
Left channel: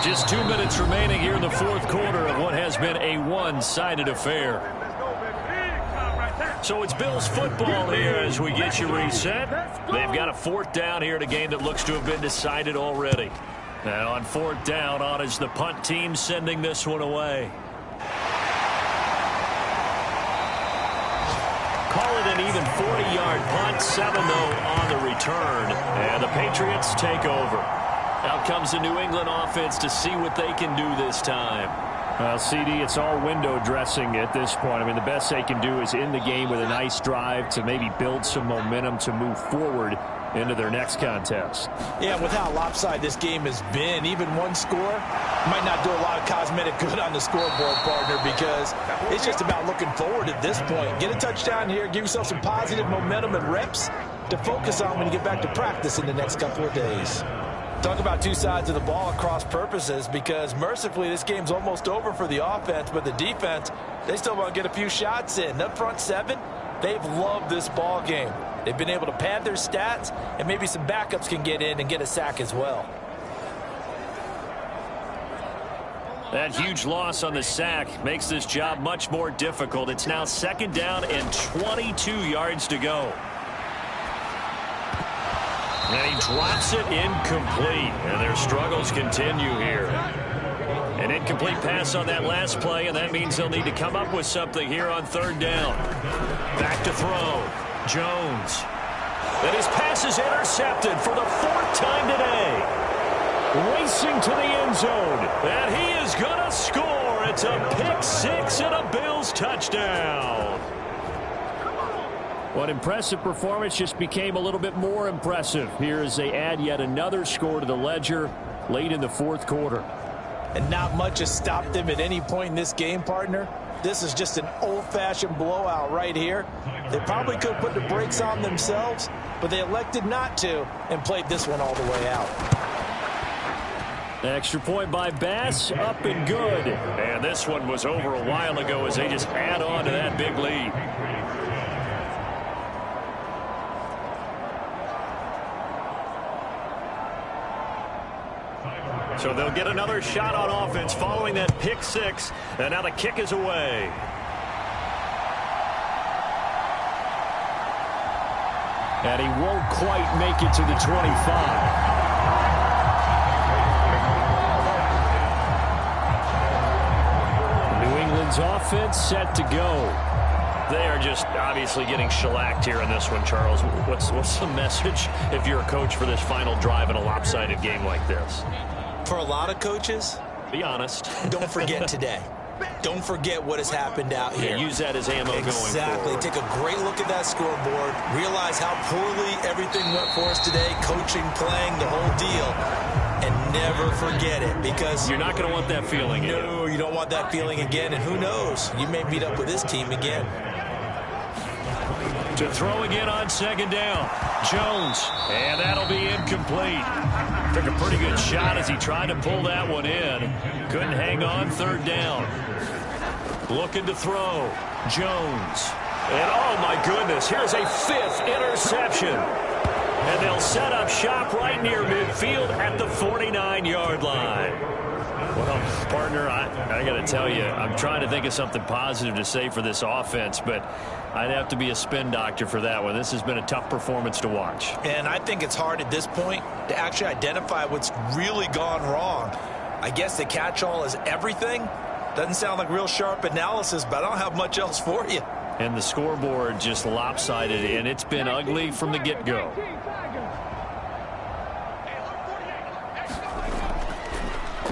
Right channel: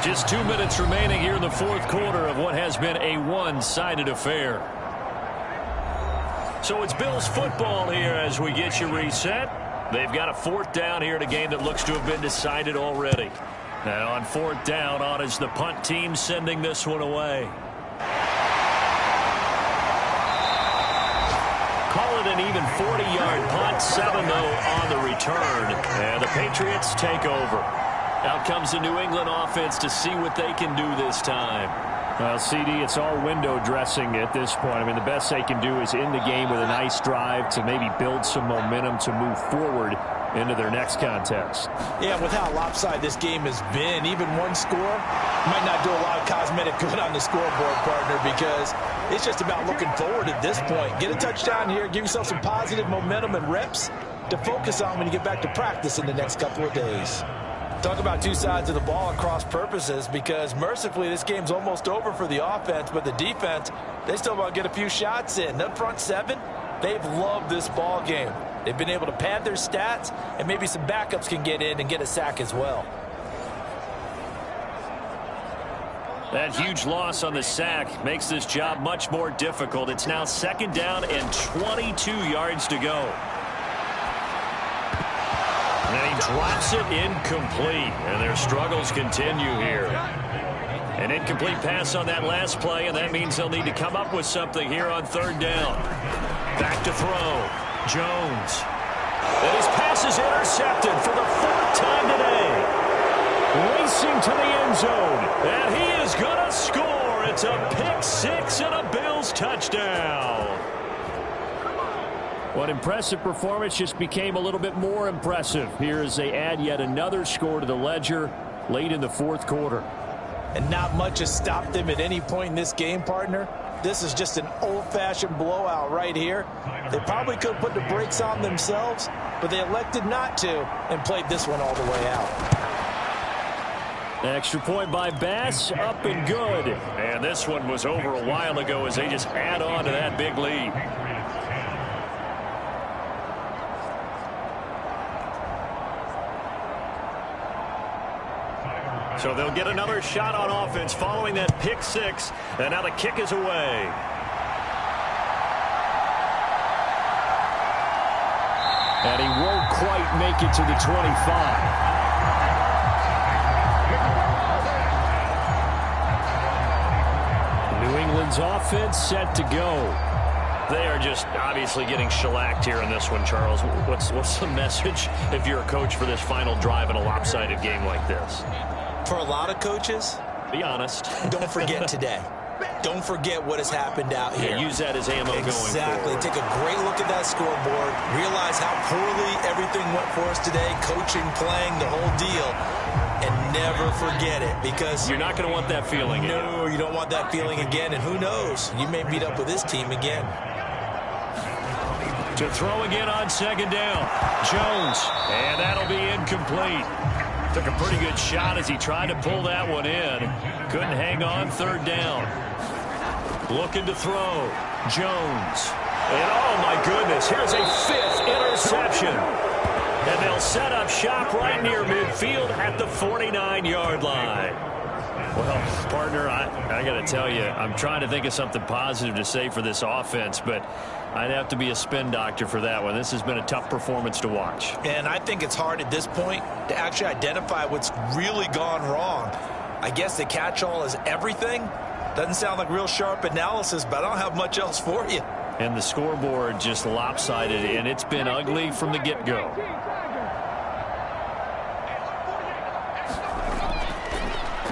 Just 2 minutes remaining here in the fourth quarter of what has been a one-sided affair. So it's Bills football here as we get you reset. They've got a 4th down here in a game that looks to have been decided already. Now on 4th down, on is the punt team sending this one away. Call it an even 40-yard punt, 7 though on the return. And the Patriots take over. Out comes the New England offense to see what they can do this time. Well, CD, it's all window dressing at this point. I mean, the best they can do is end the game with a nice drive to maybe build some momentum to move forward into their next contest. Yeah, with how lopsided this game has been, even one score might not do a lot of cosmetic good on the scoreboard, partner, because it's just about looking forward at this point. Get a touchdown here, give yourself some positive momentum and reps to focus on when you get back to practice in the next couple of days. Talk about two sides of the ball at cross purposes, because mercifully this game's almost over for the offense, but the defense, they still want to get a few shots in. That front 7, they've loved this ball game. They've been able to pad their stats, and maybe some backups can get in and get a sack as well. That huge loss on the sack makes this job much more difficult. It's now 2nd down and 22 yards to go. And he drops it incomplete, and their struggles continue here. An incomplete pass on that last play, and that means they'll need to come up with something here on 3rd down. Back to throw. Jones. And his pass is intercepted for the 4th time today. Racing to the end zone, and he is going to score. It's a pick 6 and a Bills touchdown. What impressive performance just became a little bit more impressive here as they add yet another score to the ledger late in the 4th quarter. And not much has stopped them at any point in this game, partner. This is just an old-fashioned blowout right here. They probably could have put the brakes on themselves, but they elected not to and played this one all the way out. Extra point by Bass, up and good. And this one was over a while ago as they just add on to that big lead. So they'll get another shot on offense following that pick 6. And now the kick is away. And he won't quite make it to the 25. New England's offense set to go. They are just obviously getting shellacked here in this one, Charles. What's the message if you're a coach for this final drive in a lopsided game like this? For a lot of coaches, be honest. Don't forget today. Don't forget what has happened out here. Yeah, use that as ammo going forward. Exactly. Take a great look at that scoreboard. Realize how poorly everything went for us today. Coaching, playing, the whole deal. And never forget it, because you're not going to want that feeling again. No, you don't want that feeling again. And who knows? You may meet up with this team again. To throw again on second down. Jones. And that'll be incomplete. Took a pretty good shot as he tried to pull that one in. Couldn't hang on third down. Looking to throw. Jones. And oh my goodness, here's a 5th interception. And they'll set up shop right near midfield at the 49-yard line. Well, partner, I got to tell you, I'm trying to think of something positive to say for this offense, but I'd have to be a spin doctor for that one. This has been a tough performance to watch. And I think it's hard at this point to actually identify what's really gone wrong. I guess the catch-all is everything. Doesn't sound like real sharp analysis, but I don't have much else for you. And the scoreboard just lopsided, and it's been ugly from the get-go.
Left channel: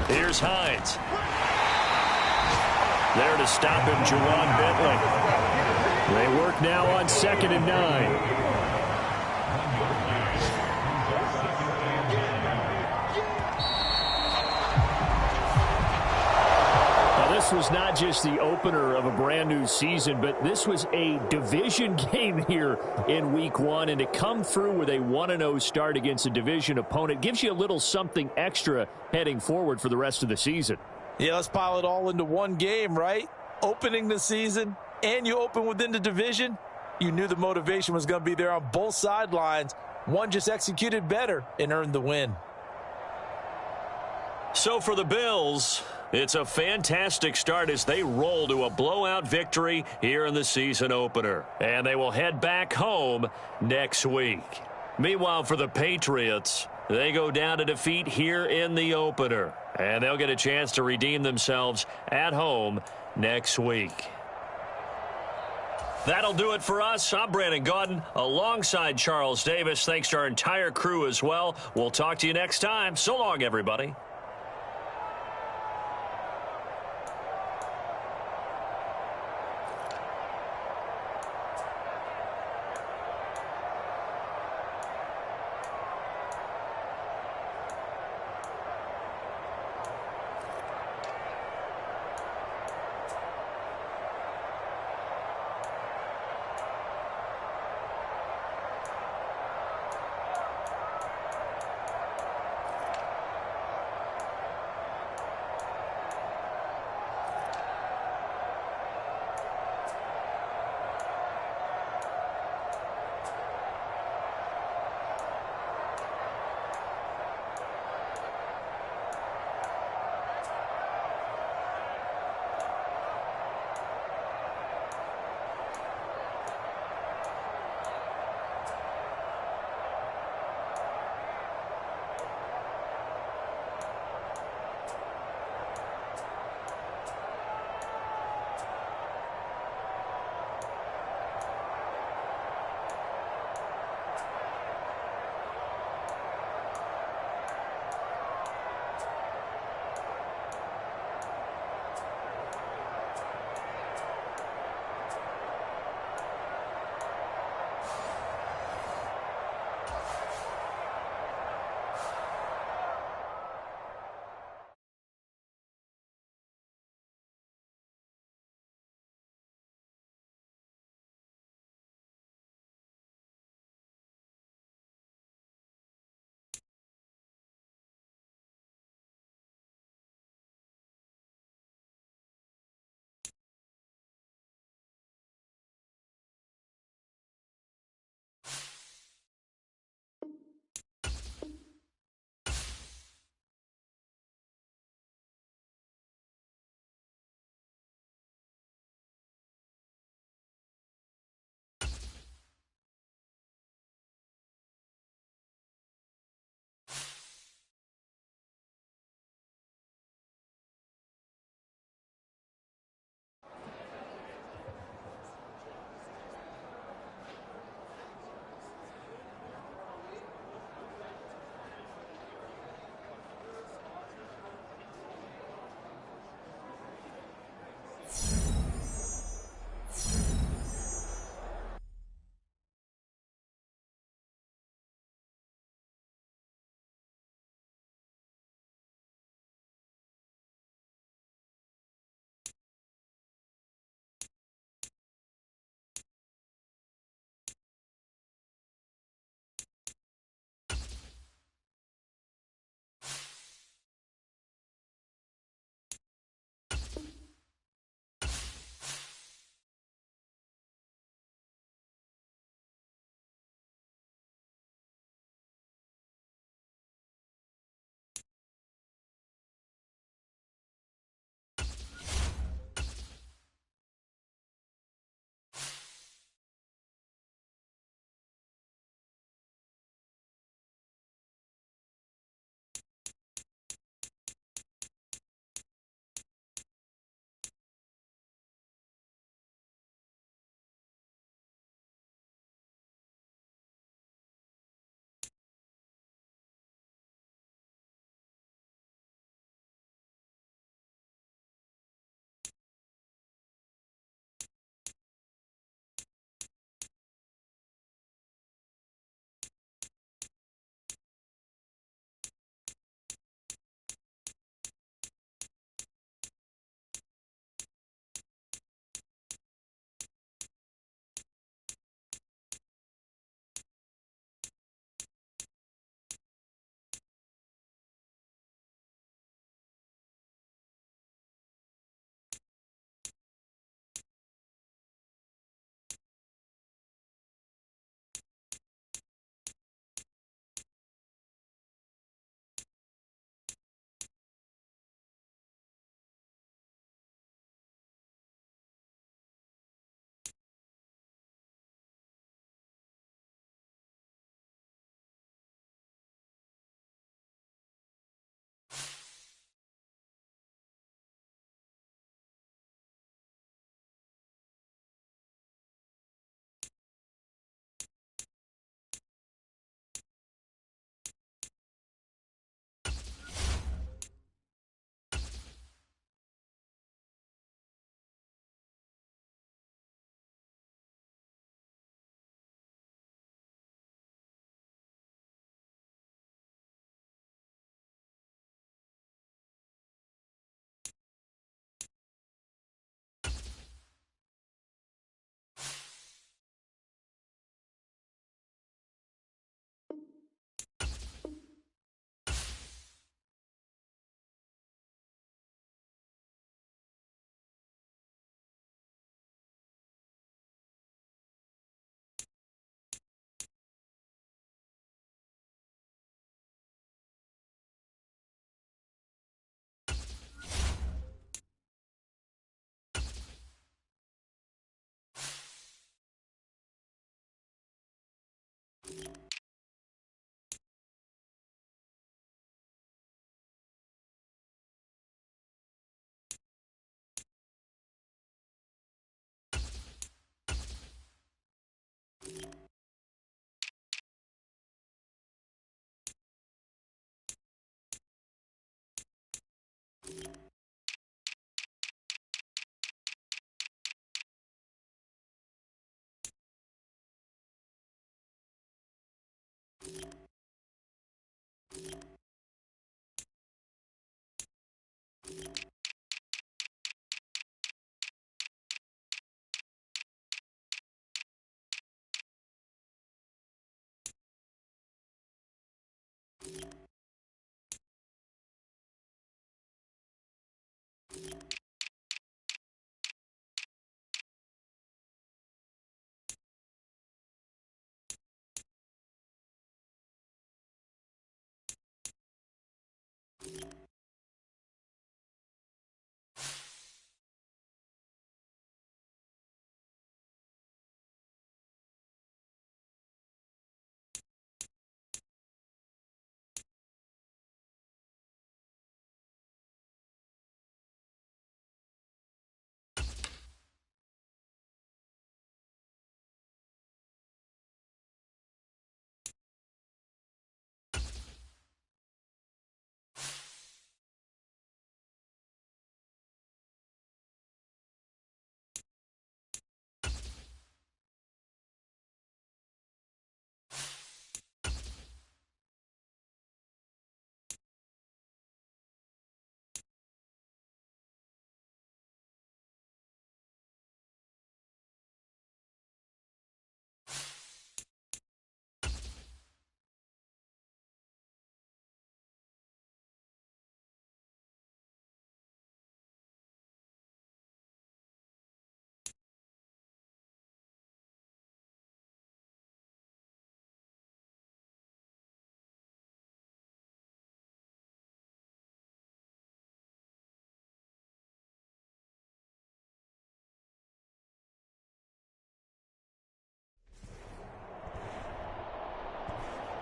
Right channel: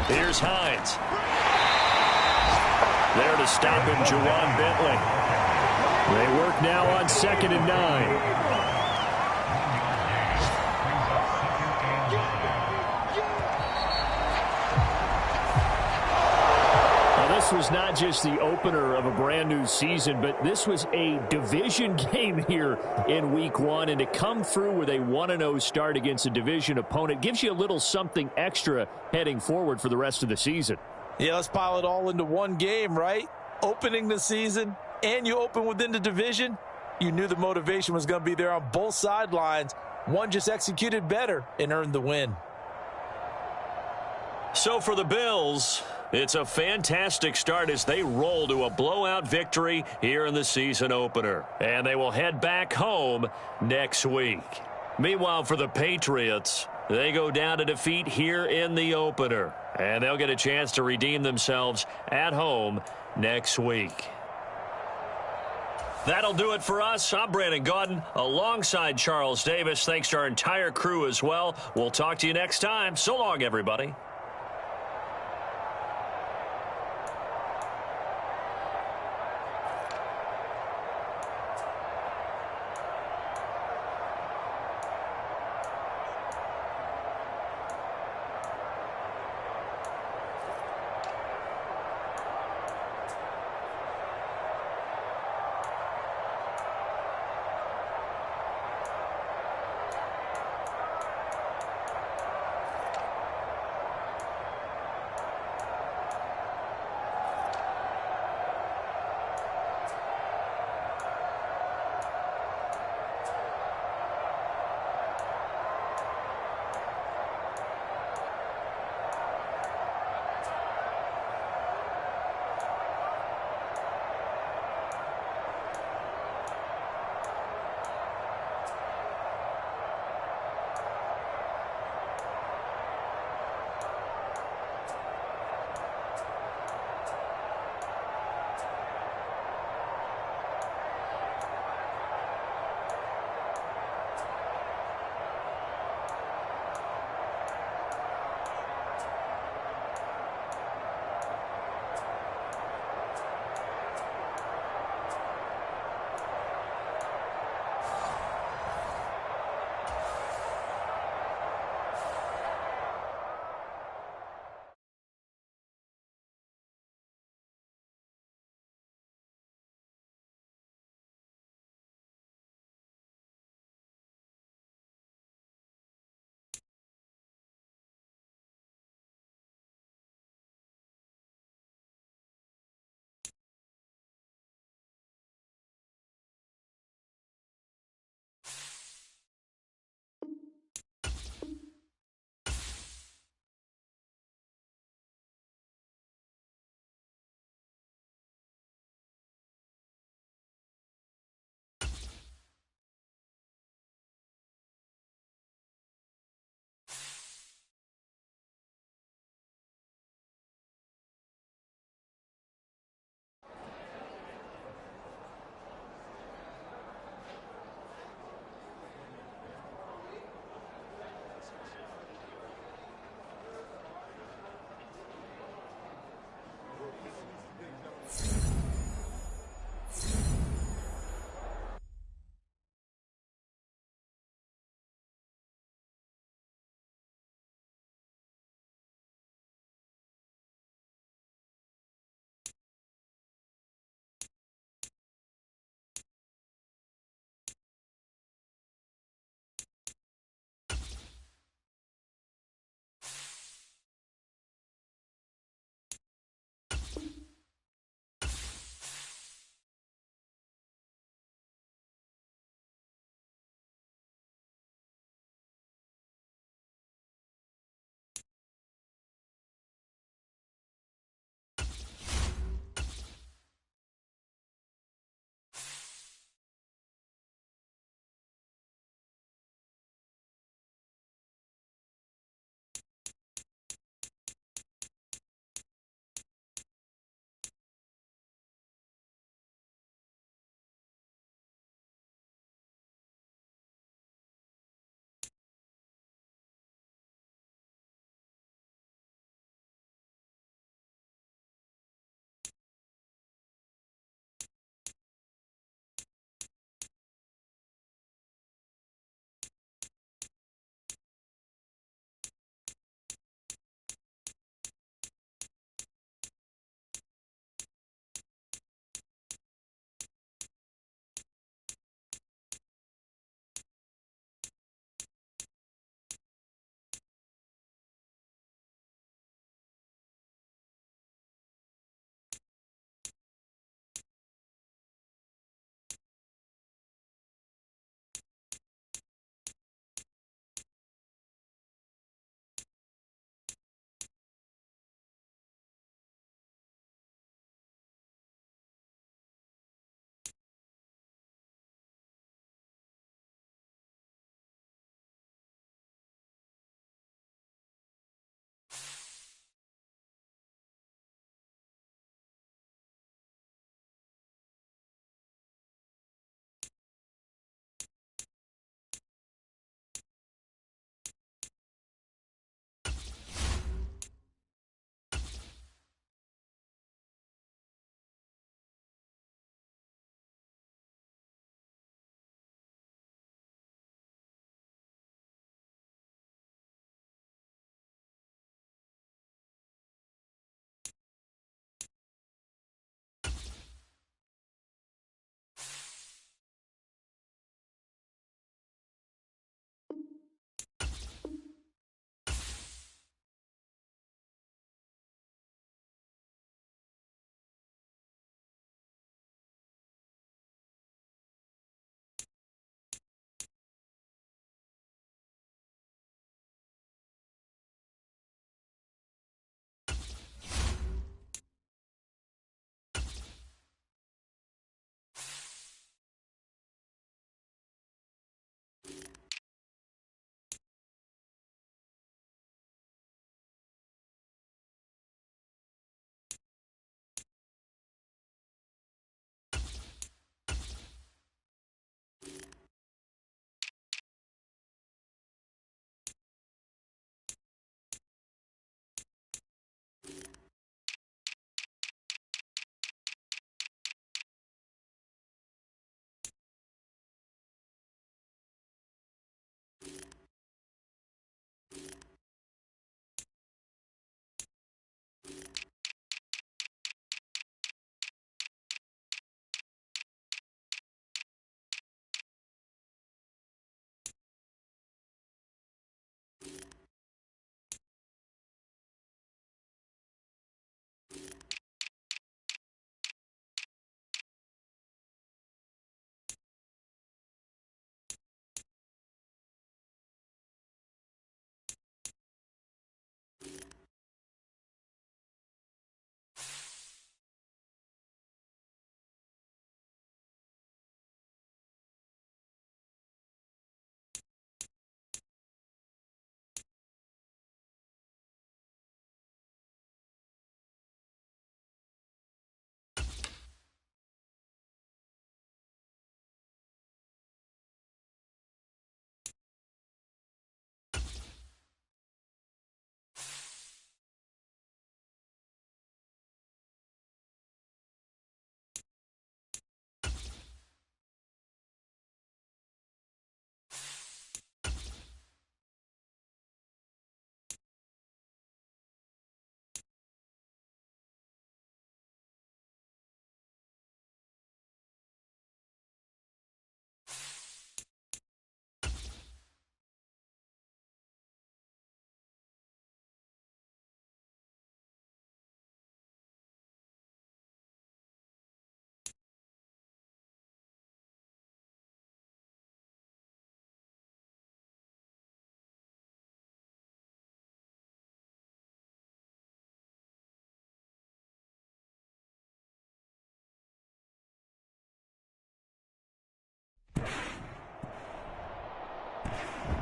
Here's Hines. There to stop him, Juwan Bentley. They work now on 2nd and 9. This was not just the opener of a brand new season, but this was a division game here in week 1. And to come through with a 1-0 start against a division opponent gives you a little something extra heading forward for the rest of the season. Yeah, let's pile it all into one game, right? Opening the season, and you open within the division. You knew the motivation was going to be there on both sidelines. One just executed better and earned the win. So for the Bills, it's a fantastic start as they roll to a blowout victory here in the season opener. And they will head back home next week. Meanwhile, for the Patriots, they go down to defeat here in the opener. And they'll get a chance to redeem themselves at home next week. That'll do it for us. I'm Brandon Gaudin alongside Charles Davis. Thanks to our entire crew as well. We'll talk to you next time. So long, everybody.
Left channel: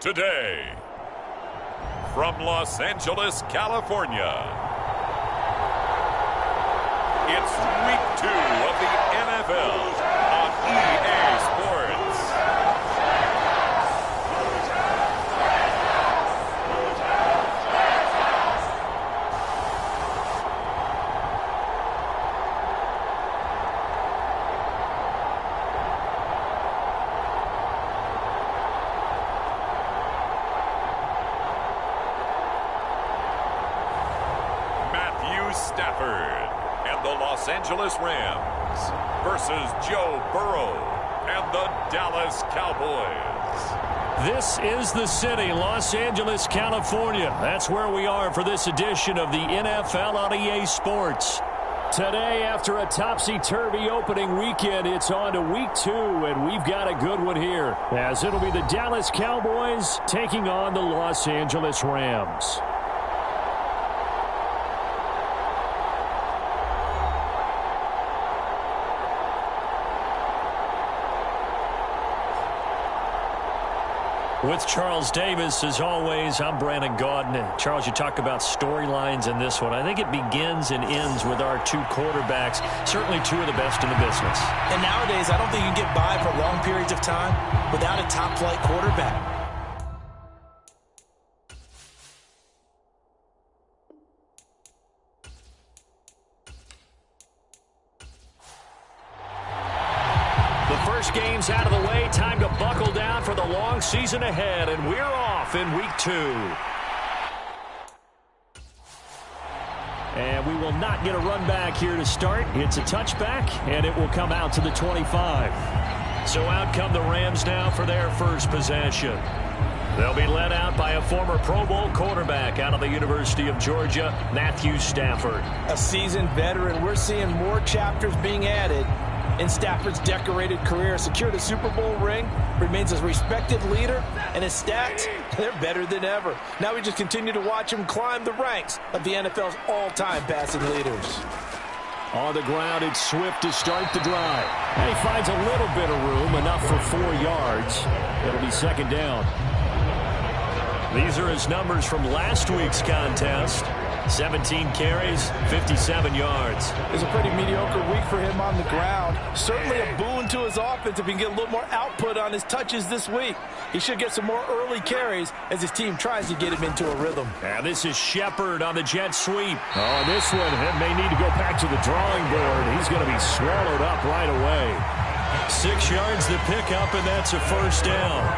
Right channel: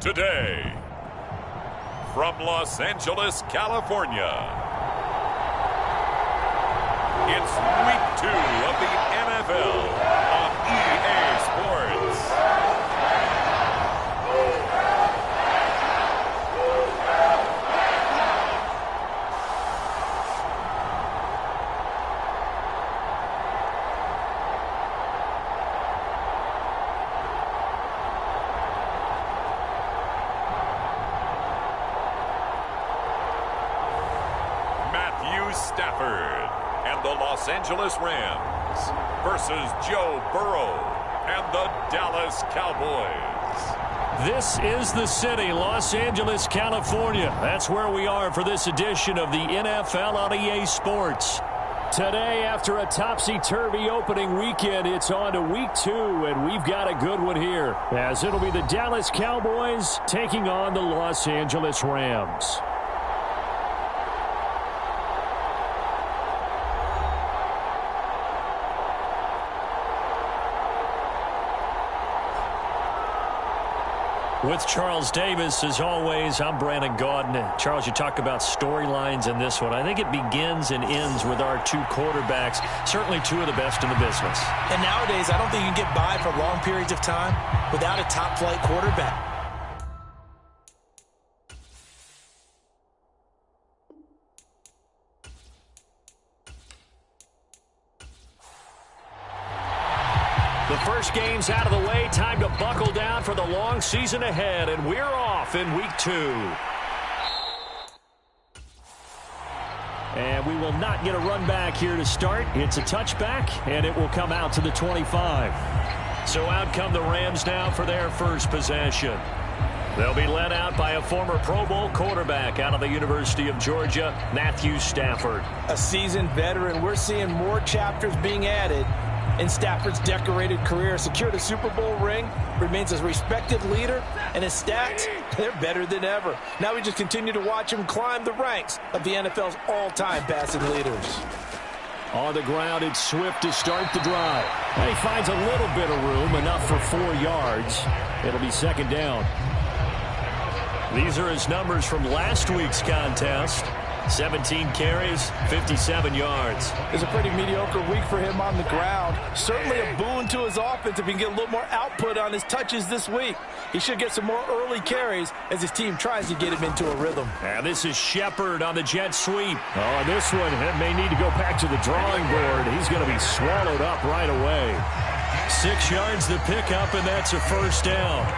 today. From Los Angeles, California, it's Week 2 of the NFL on EA Sports. Stafford and the Los Angeles Rams versus Joe Burrow and the Dallas Cowboys. This is the city, Los Angeles, California. That's where we are for this edition of the NFL on EA Sports. Today, after a topsy-turvy opening weekend, it's on to Week 2, and we've got a good one here, as it'll be the Dallas Cowboys taking on the Los Angeles Rams. With Charles Davis, as always, I'm Brandon Gaudin. Charles, you talk about storylines in this one. I think it begins and ends with our two quarterbacks, certainly two of the best in the business. And nowadays, I don't think you can get by for long periods of time without a top-flight quarterback. The first game's out of the way. Time to buckle down for the long season ahead, and we're off in Week 2. And we will not get a run back here to start. It's a touchback, and it will come out to the 25. So out come the Rams now for their first possession. They'll be led out by a former Pro Bowl quarterback out of the University of Georgia, Matthew Stafford. A seasoned veteran. We're seeing more chapters being added in Stafford's decorated career. Secured a Super Bowl ring, remains a respected leader, and his stats, they're better than ever. Now we just continue to watch him climb the ranks of the NFL's all-time passing leaders. On the ground, it's Swift to start the drive. And he finds a little bit of room, enough for 4 yards. It'll be second down. These are his numbers from last week's contest. 17 carries, 57 yards. It's a pretty mediocre week for him on the ground. Certainly a boon to his offense if he can get a little more output on his touches this week. He should get some more early carries as his team tries to get him into a rhythm. And this is Shepard on the jet sweep. Oh, and this one may need to go back to the drawing board. He's going to be swallowed up right away. 6 yards to pick up, and that's a first down.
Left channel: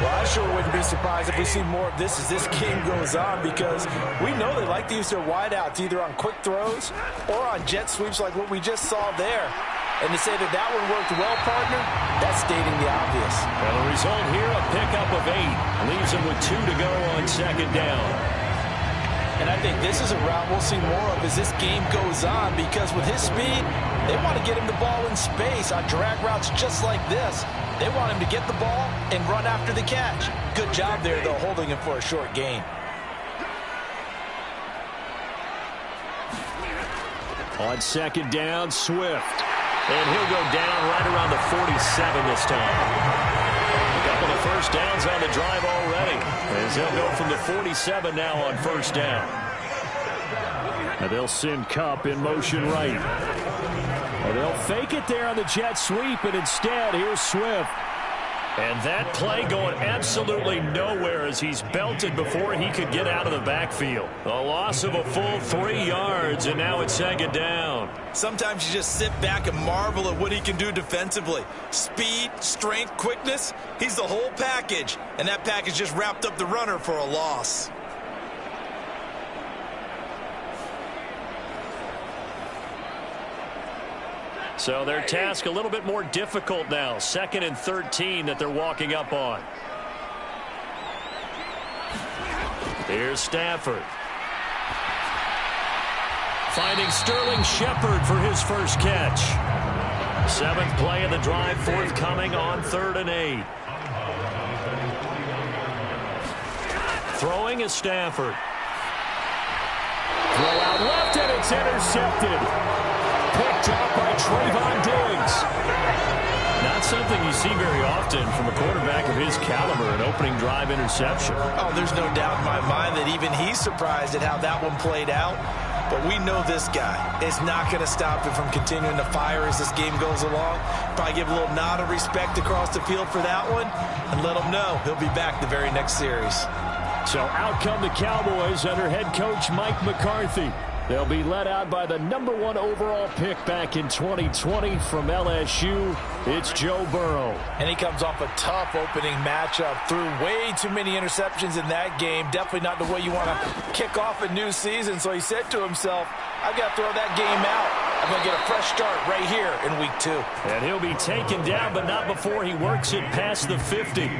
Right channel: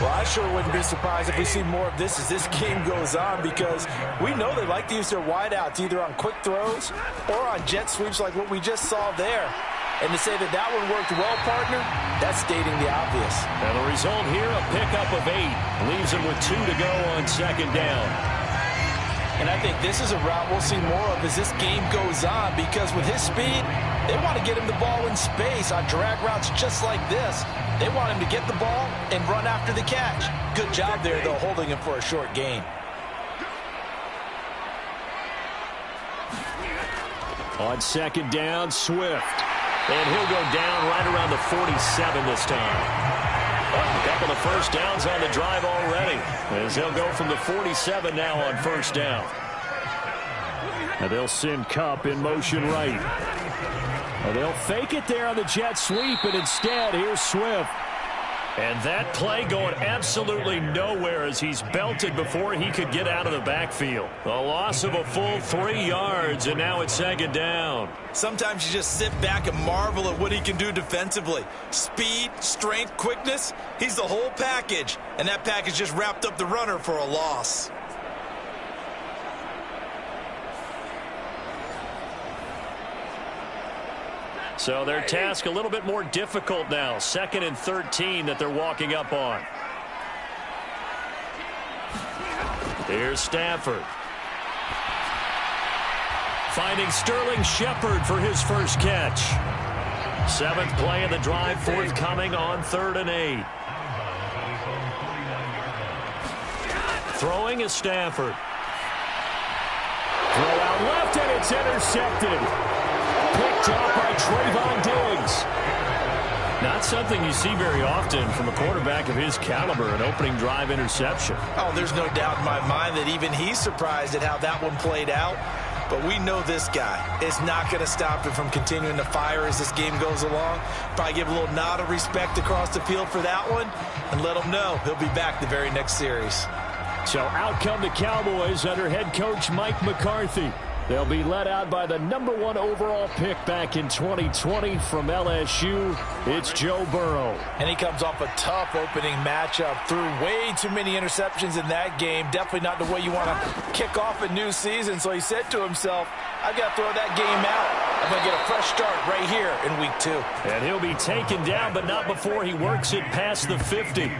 Well, I sure wouldn't be surprised if we see more of this as this game goes on, because we know they like to use their wideouts either on quick throws or on jet sweeps like what we just saw there. And to say that that one worked well, partner, that's stating the obvious. And the result here, a pickup of 8. Leaves him with 2 to go on second down. And I think this is a route we'll see more of as this game goes on, because with his speed, they want to get him the ball in space on drag routes just like this. They want him to get the ball and run after the catch. Good job there, though, holding him for a short gain. On second down, Swift. And he'll go down right around the 47 this time. A couple of first downs on the drive already, as they'll go from the 47 now on first down. And they'll send Kupp in motion right. And they'll fake it there on the jet sweep, and instead, here's Swift. And that play going absolutely nowhere as he's belted before he could get out of the backfield. A loss of a full 3 yards, and now it's second down. Sometimes you just sit back and marvel at what he can do defensively. Speed, strength, quickness, he's the whole package. And that package just wrapped up the runner for a loss. So their task a little bit more difficult now. 2nd and 13 that they're walking up on. Here's Stafford. Finding Sterling Shepard for his first catch. 7th play of the drive, forthcoming on 3rd and 8. Throwing is Stafford. Throw out left, and it's intercepted. Picked up by Trayvon Diggs. Not something you see very often from a quarterback of his caliber, an opening drive interception. Oh, there's no doubt in my mind that even he's surprised at how that one played out. But we know this guy is not going to stop him from continuing to fire as this game goes along. Probably give a little nod of respect across the field for that one and let him know he'll be back the very next series. So out come the Cowboys under head coach Mike McCarthy. They'll be led out by the #1 overall pick back in 2020 from LSU. It's Joe Burrow. And he comes off a tough opening matchup. Threw way too many interceptions in that game. Definitely not the way you want to kick off a new season. So he said to himself, I've got to throw that game out. I'm going to get a fresh start right here in week 2. And he'll be taken down, but not before he works it past the 50.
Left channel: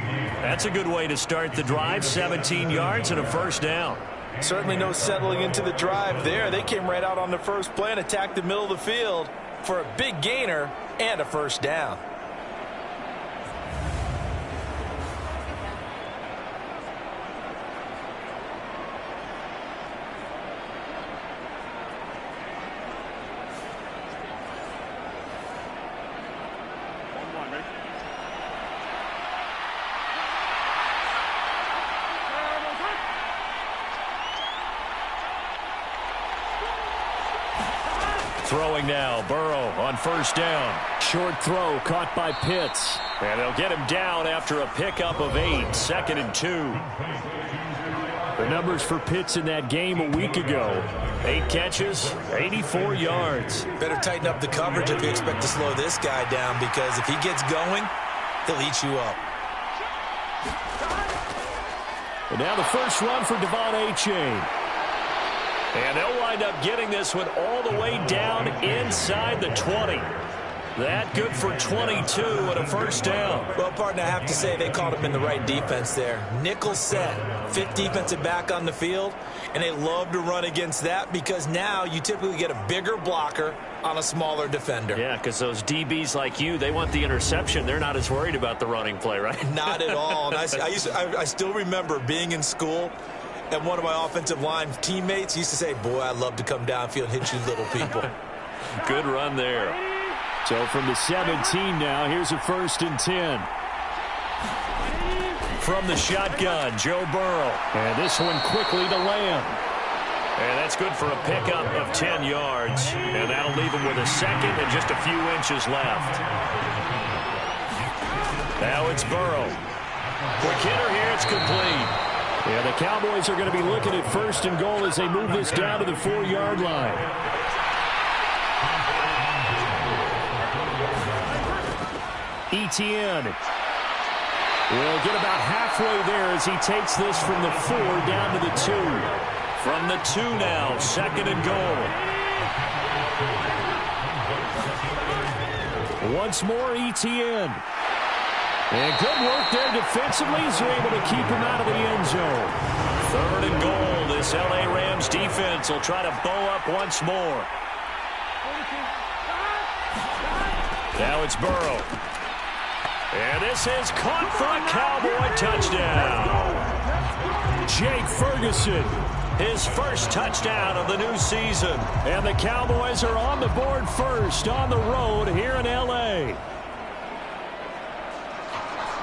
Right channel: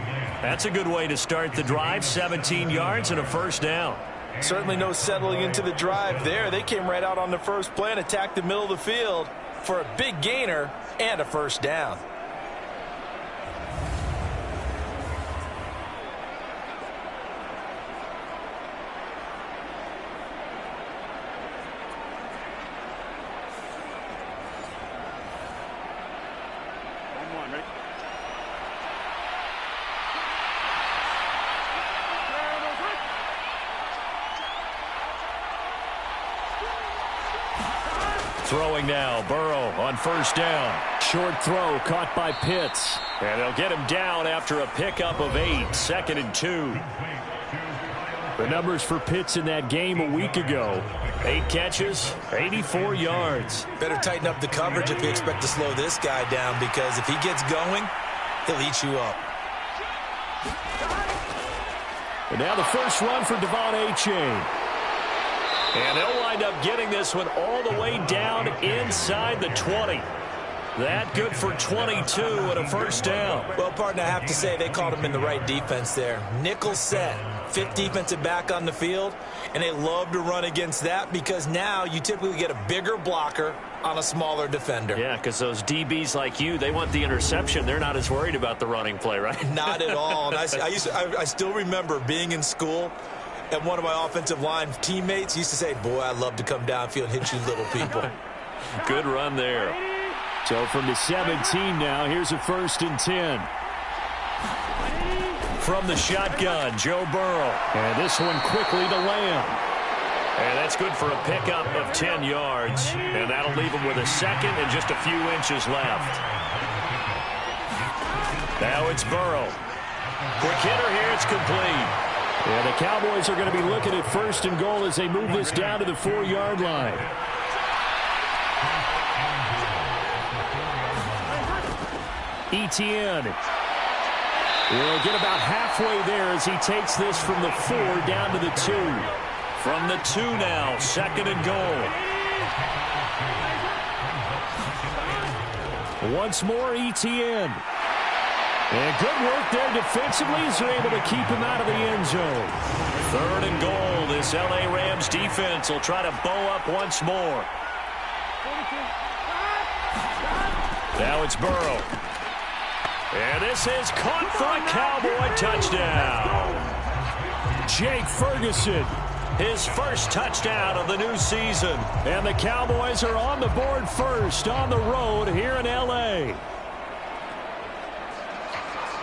That's a good way to start the drive. 17 yards and a first down. Certainly no settling into the drive there. They came right out on the first play and attacked the middle of the field for a big gainer and a first down. Throwing now, Burrow on first down. Short throw caught by Pitts. And they'll get him down after a pickup of 8, 2nd and 2. The numbers for Pitts in that game a week ago. 8 catches, 84 yards. Better tighten up the coverage if you expect to slow this guy down, because if he gets going, he'll eat you up. And now the first run for Devon Achane. And they'll wind up getting this one all the way down inside the 20. That good for 22 and a first down. Well, partner, I have to say they caught him in the right defense there. Nickel set, 5th defensive back on the field, and they love to run against that because now you typically get a bigger blocker on a smaller defender. Yeah, because those DBs like you, they want the interception. They're not as worried about the running play, right? Not at all. And I still remember being in school, and one of my offensive line teammates used to say, boy, I'd love to come downfield and hit you little people. Good run there. So from the 17 now, here's a 1st and 10. From the shotgun, Joe Burrow. And this one quickly to Lamb. And that's good for a pickup of 10 yards. And that'll leave him with a 2nd and just a few inches left. Now it's Burrow. Quick hitter here, it's complete. Yeah, the Cowboys are going to be looking at 1st and goal as they move this down to the 4-yard line. Etienne will get about halfway there as he takes this from the 4 down to the 2. From the 2 now, 2nd and goal. Once more, Etienne. And good work there defensively as they're able to keep him out of the end zone. 3rd and goal. This L.A. Rams defense will try to bow up once more. Now it's Burrow. And this is caught for a Cowboy touchdown. Jake Ferguson, his first touchdown of the new season. And the Cowboys are on the board first on the road here in L.A.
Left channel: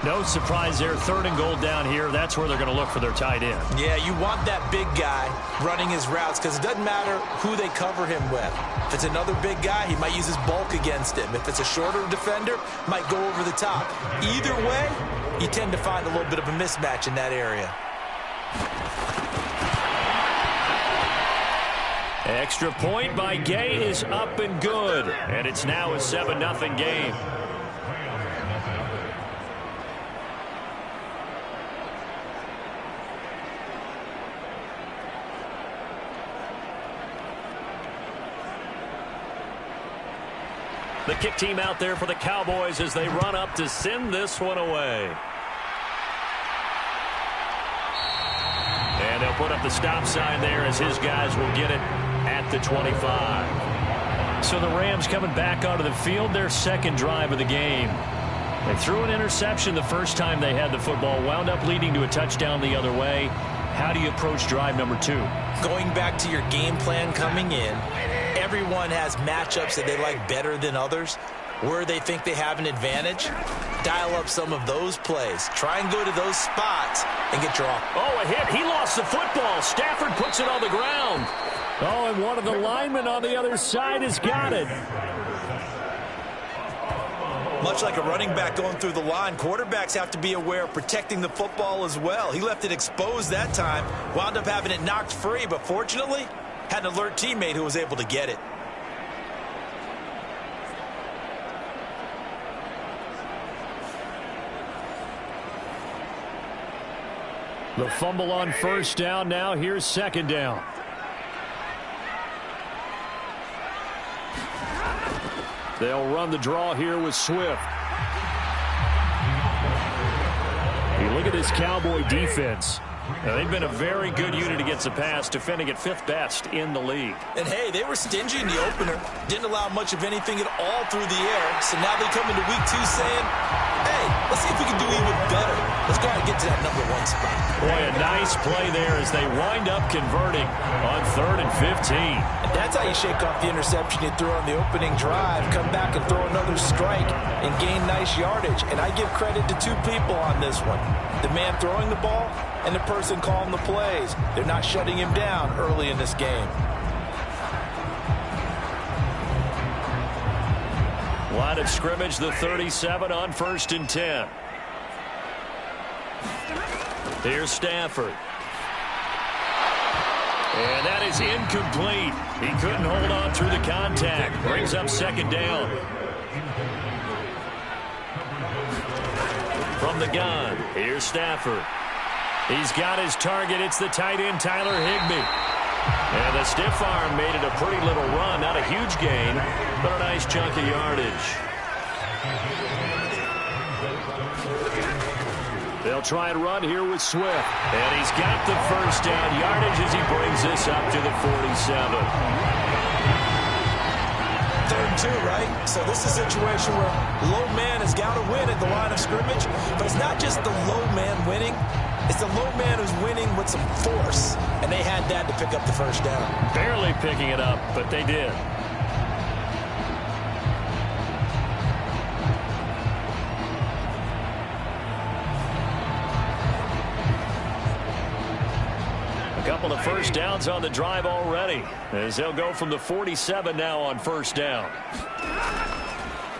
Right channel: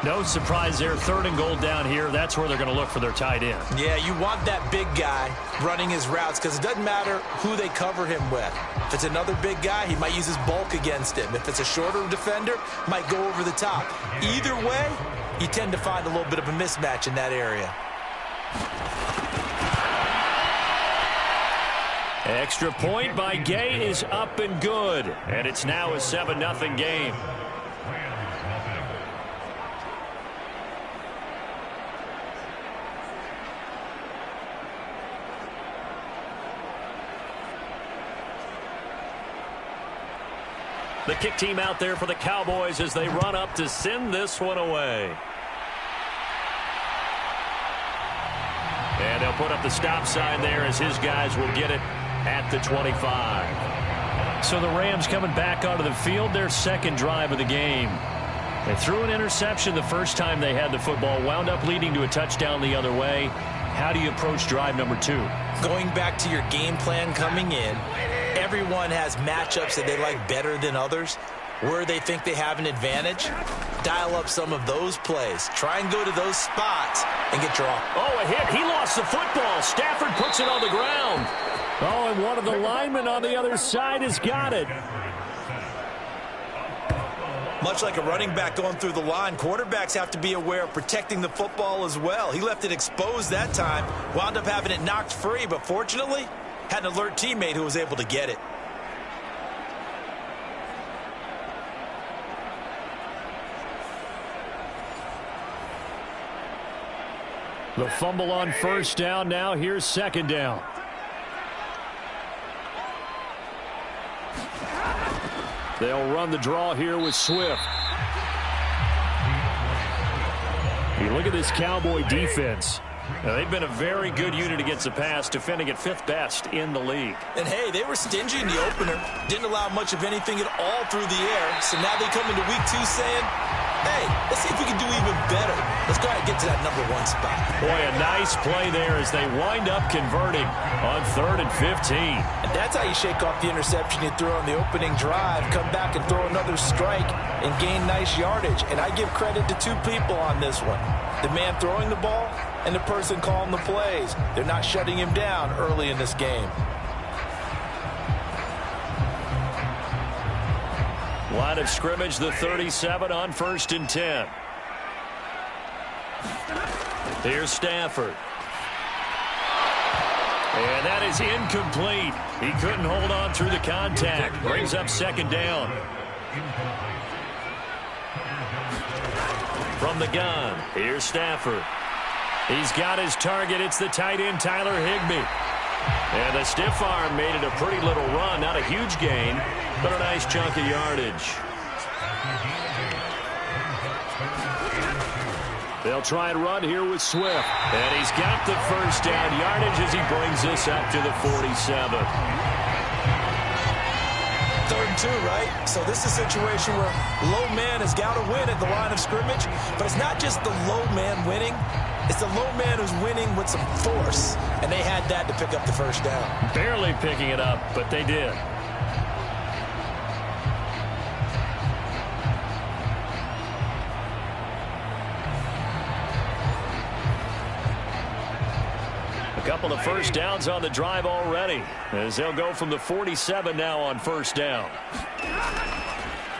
No surprise there, 3rd and goal down here. That's where they're going to look for their tight end. Yeah, you want that big guy running his routes because it doesn't matter who they cover him with. If it's another big guy, he might use his bulk against him. If it's a shorter defender, might go over the top. Either way, you tend to find a little bit of a mismatch in that area. Extra point by Gay is up and good. And it's now a 7-0 game. The kick team out there for the Cowboys as they run up to send this one away. And they'll put up the stop sign there as his guys will get it at the 25. So the Rams coming back onto the field, their 2nd drive of the game. They threw an interception the first time they had the football, wound up leading to a touchdown the other way. How do you approach drive number 2? Going back to your game plan coming in, everyone has matchups that they like better than others. where they think they have an advantage, dial up some of those plays. Try and go to those spots and get your off. Oh, a hit. He lost the football. Stafford puts it on the ground. Oh, and one of the linemen on the other side has got it. Much like a running back going through the line, quarterbacks have to be aware of protecting the football as well. He left it exposed that time, wound up having it knocked free, but fortunately, had an alert teammate who was able to get it. The fumble on first down. Now here's second down. They'll run the draw here with Swift. You look at this Cowboy defense. Now, they've been a very good unit against the pass, defending at 5th best in the league. And, hey, they were stingy in the opener. Didn't allow much of anything at all through the air. So now they come into week 2 saying, hey, let's see if we can do even better. Let's go ahead and get to that number 1 spot. Boy, a nice play there as they wind up converting on 3rd and 15. And that's how you shake off the interception you threw on the opening drive, come back and throw another strike and gain nice yardage. And I give credit to 2 people on this one. The man throwing the ball and the person calling the plays. They're not shutting him down early in this game. Line of scrimmage, the 37 on 1st and 10. Here's Stafford. And that is incomplete. He couldn't hold on through the contact. Brings up second down. From the gun, here's Stafford. He's got his target. It's the tight end, Tyler Higbee. And the stiff arm made it a pretty little run. Not a huge gain, but a nice chunk of yardage. They'll try and run here with Swift. And he's got the first down yardage as he brings this up to the 47. 3rd and 2, right? So this is a situation where low man has got to win at the line of scrimmage. But it's not just the low man winning. It's the low man who's winning with some force. And they had that to pick up the first down. Barely picking it up, but they did. A couple of first downs on the drive already, as they'll go from the 47 now on first down.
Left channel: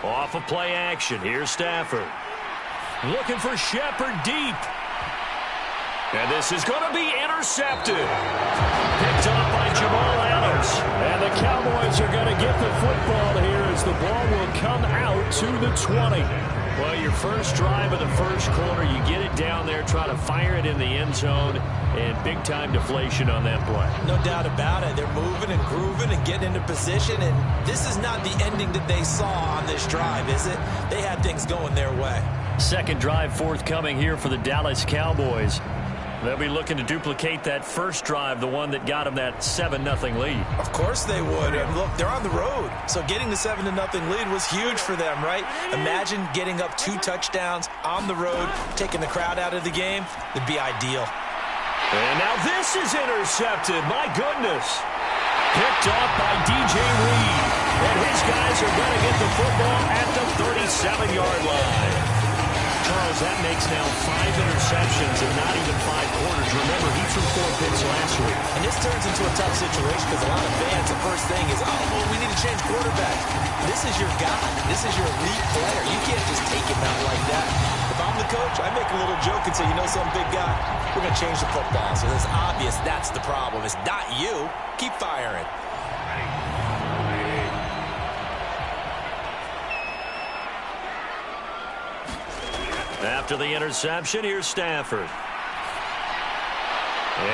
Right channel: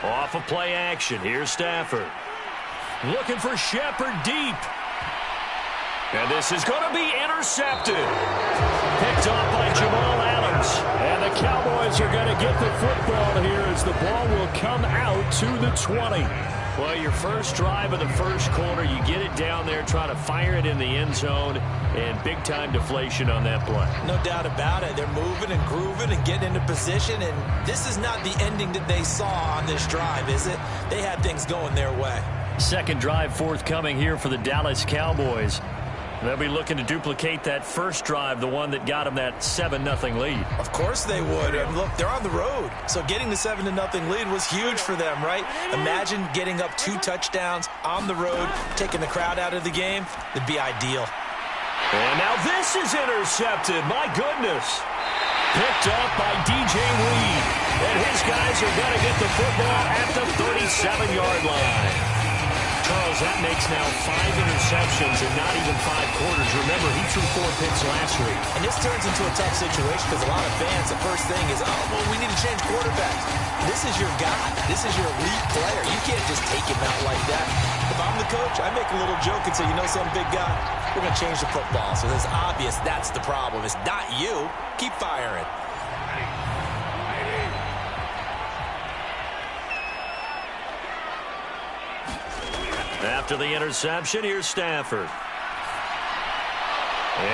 Off of play action, here's Stafford. Looking for Shepard deep. And this is going to be intercepted. Picked off by Jamal Adams. And the Cowboys are going to get the football here as the ball will come out to the 20. Well, your first drive of the first quarter, you get it down there, try to fire it in the end zone, and big-time deflation on that play. No doubt about it. They're moving and grooving and getting into position, and this is not the ending that they saw on this drive, is it? They had things going their way. Second drive forthcoming here for the Dallas Cowboys. They'll be looking to duplicate that first drive, the one that got them that 7-0 lead. Of course they would. And look, they're on the road. So getting the 7-0 lead was huge for them, right? Imagine getting up 2 touchdowns on the road, taking the crowd out of the game. It'd be ideal. And now this is intercepted. My goodness. Picked off by DJ Reed. And his guys are going to get the football at the 37-yard line. Charles, that makes now 5 interceptions in not even 5 quarters. Remember, he threw 4 picks last week. And this turns into a tough situation because a lot of fans, the first thing is, oh, well, we need to change quarterbacks. This is your guy. This is your elite player. You can't just take him out like that. If I'm the coach, I make a little joke and say, you know, some big guy, we're going to change the football. So it's obvious that's the problem. It's not you. Keep firing. After the interception, here's Stafford.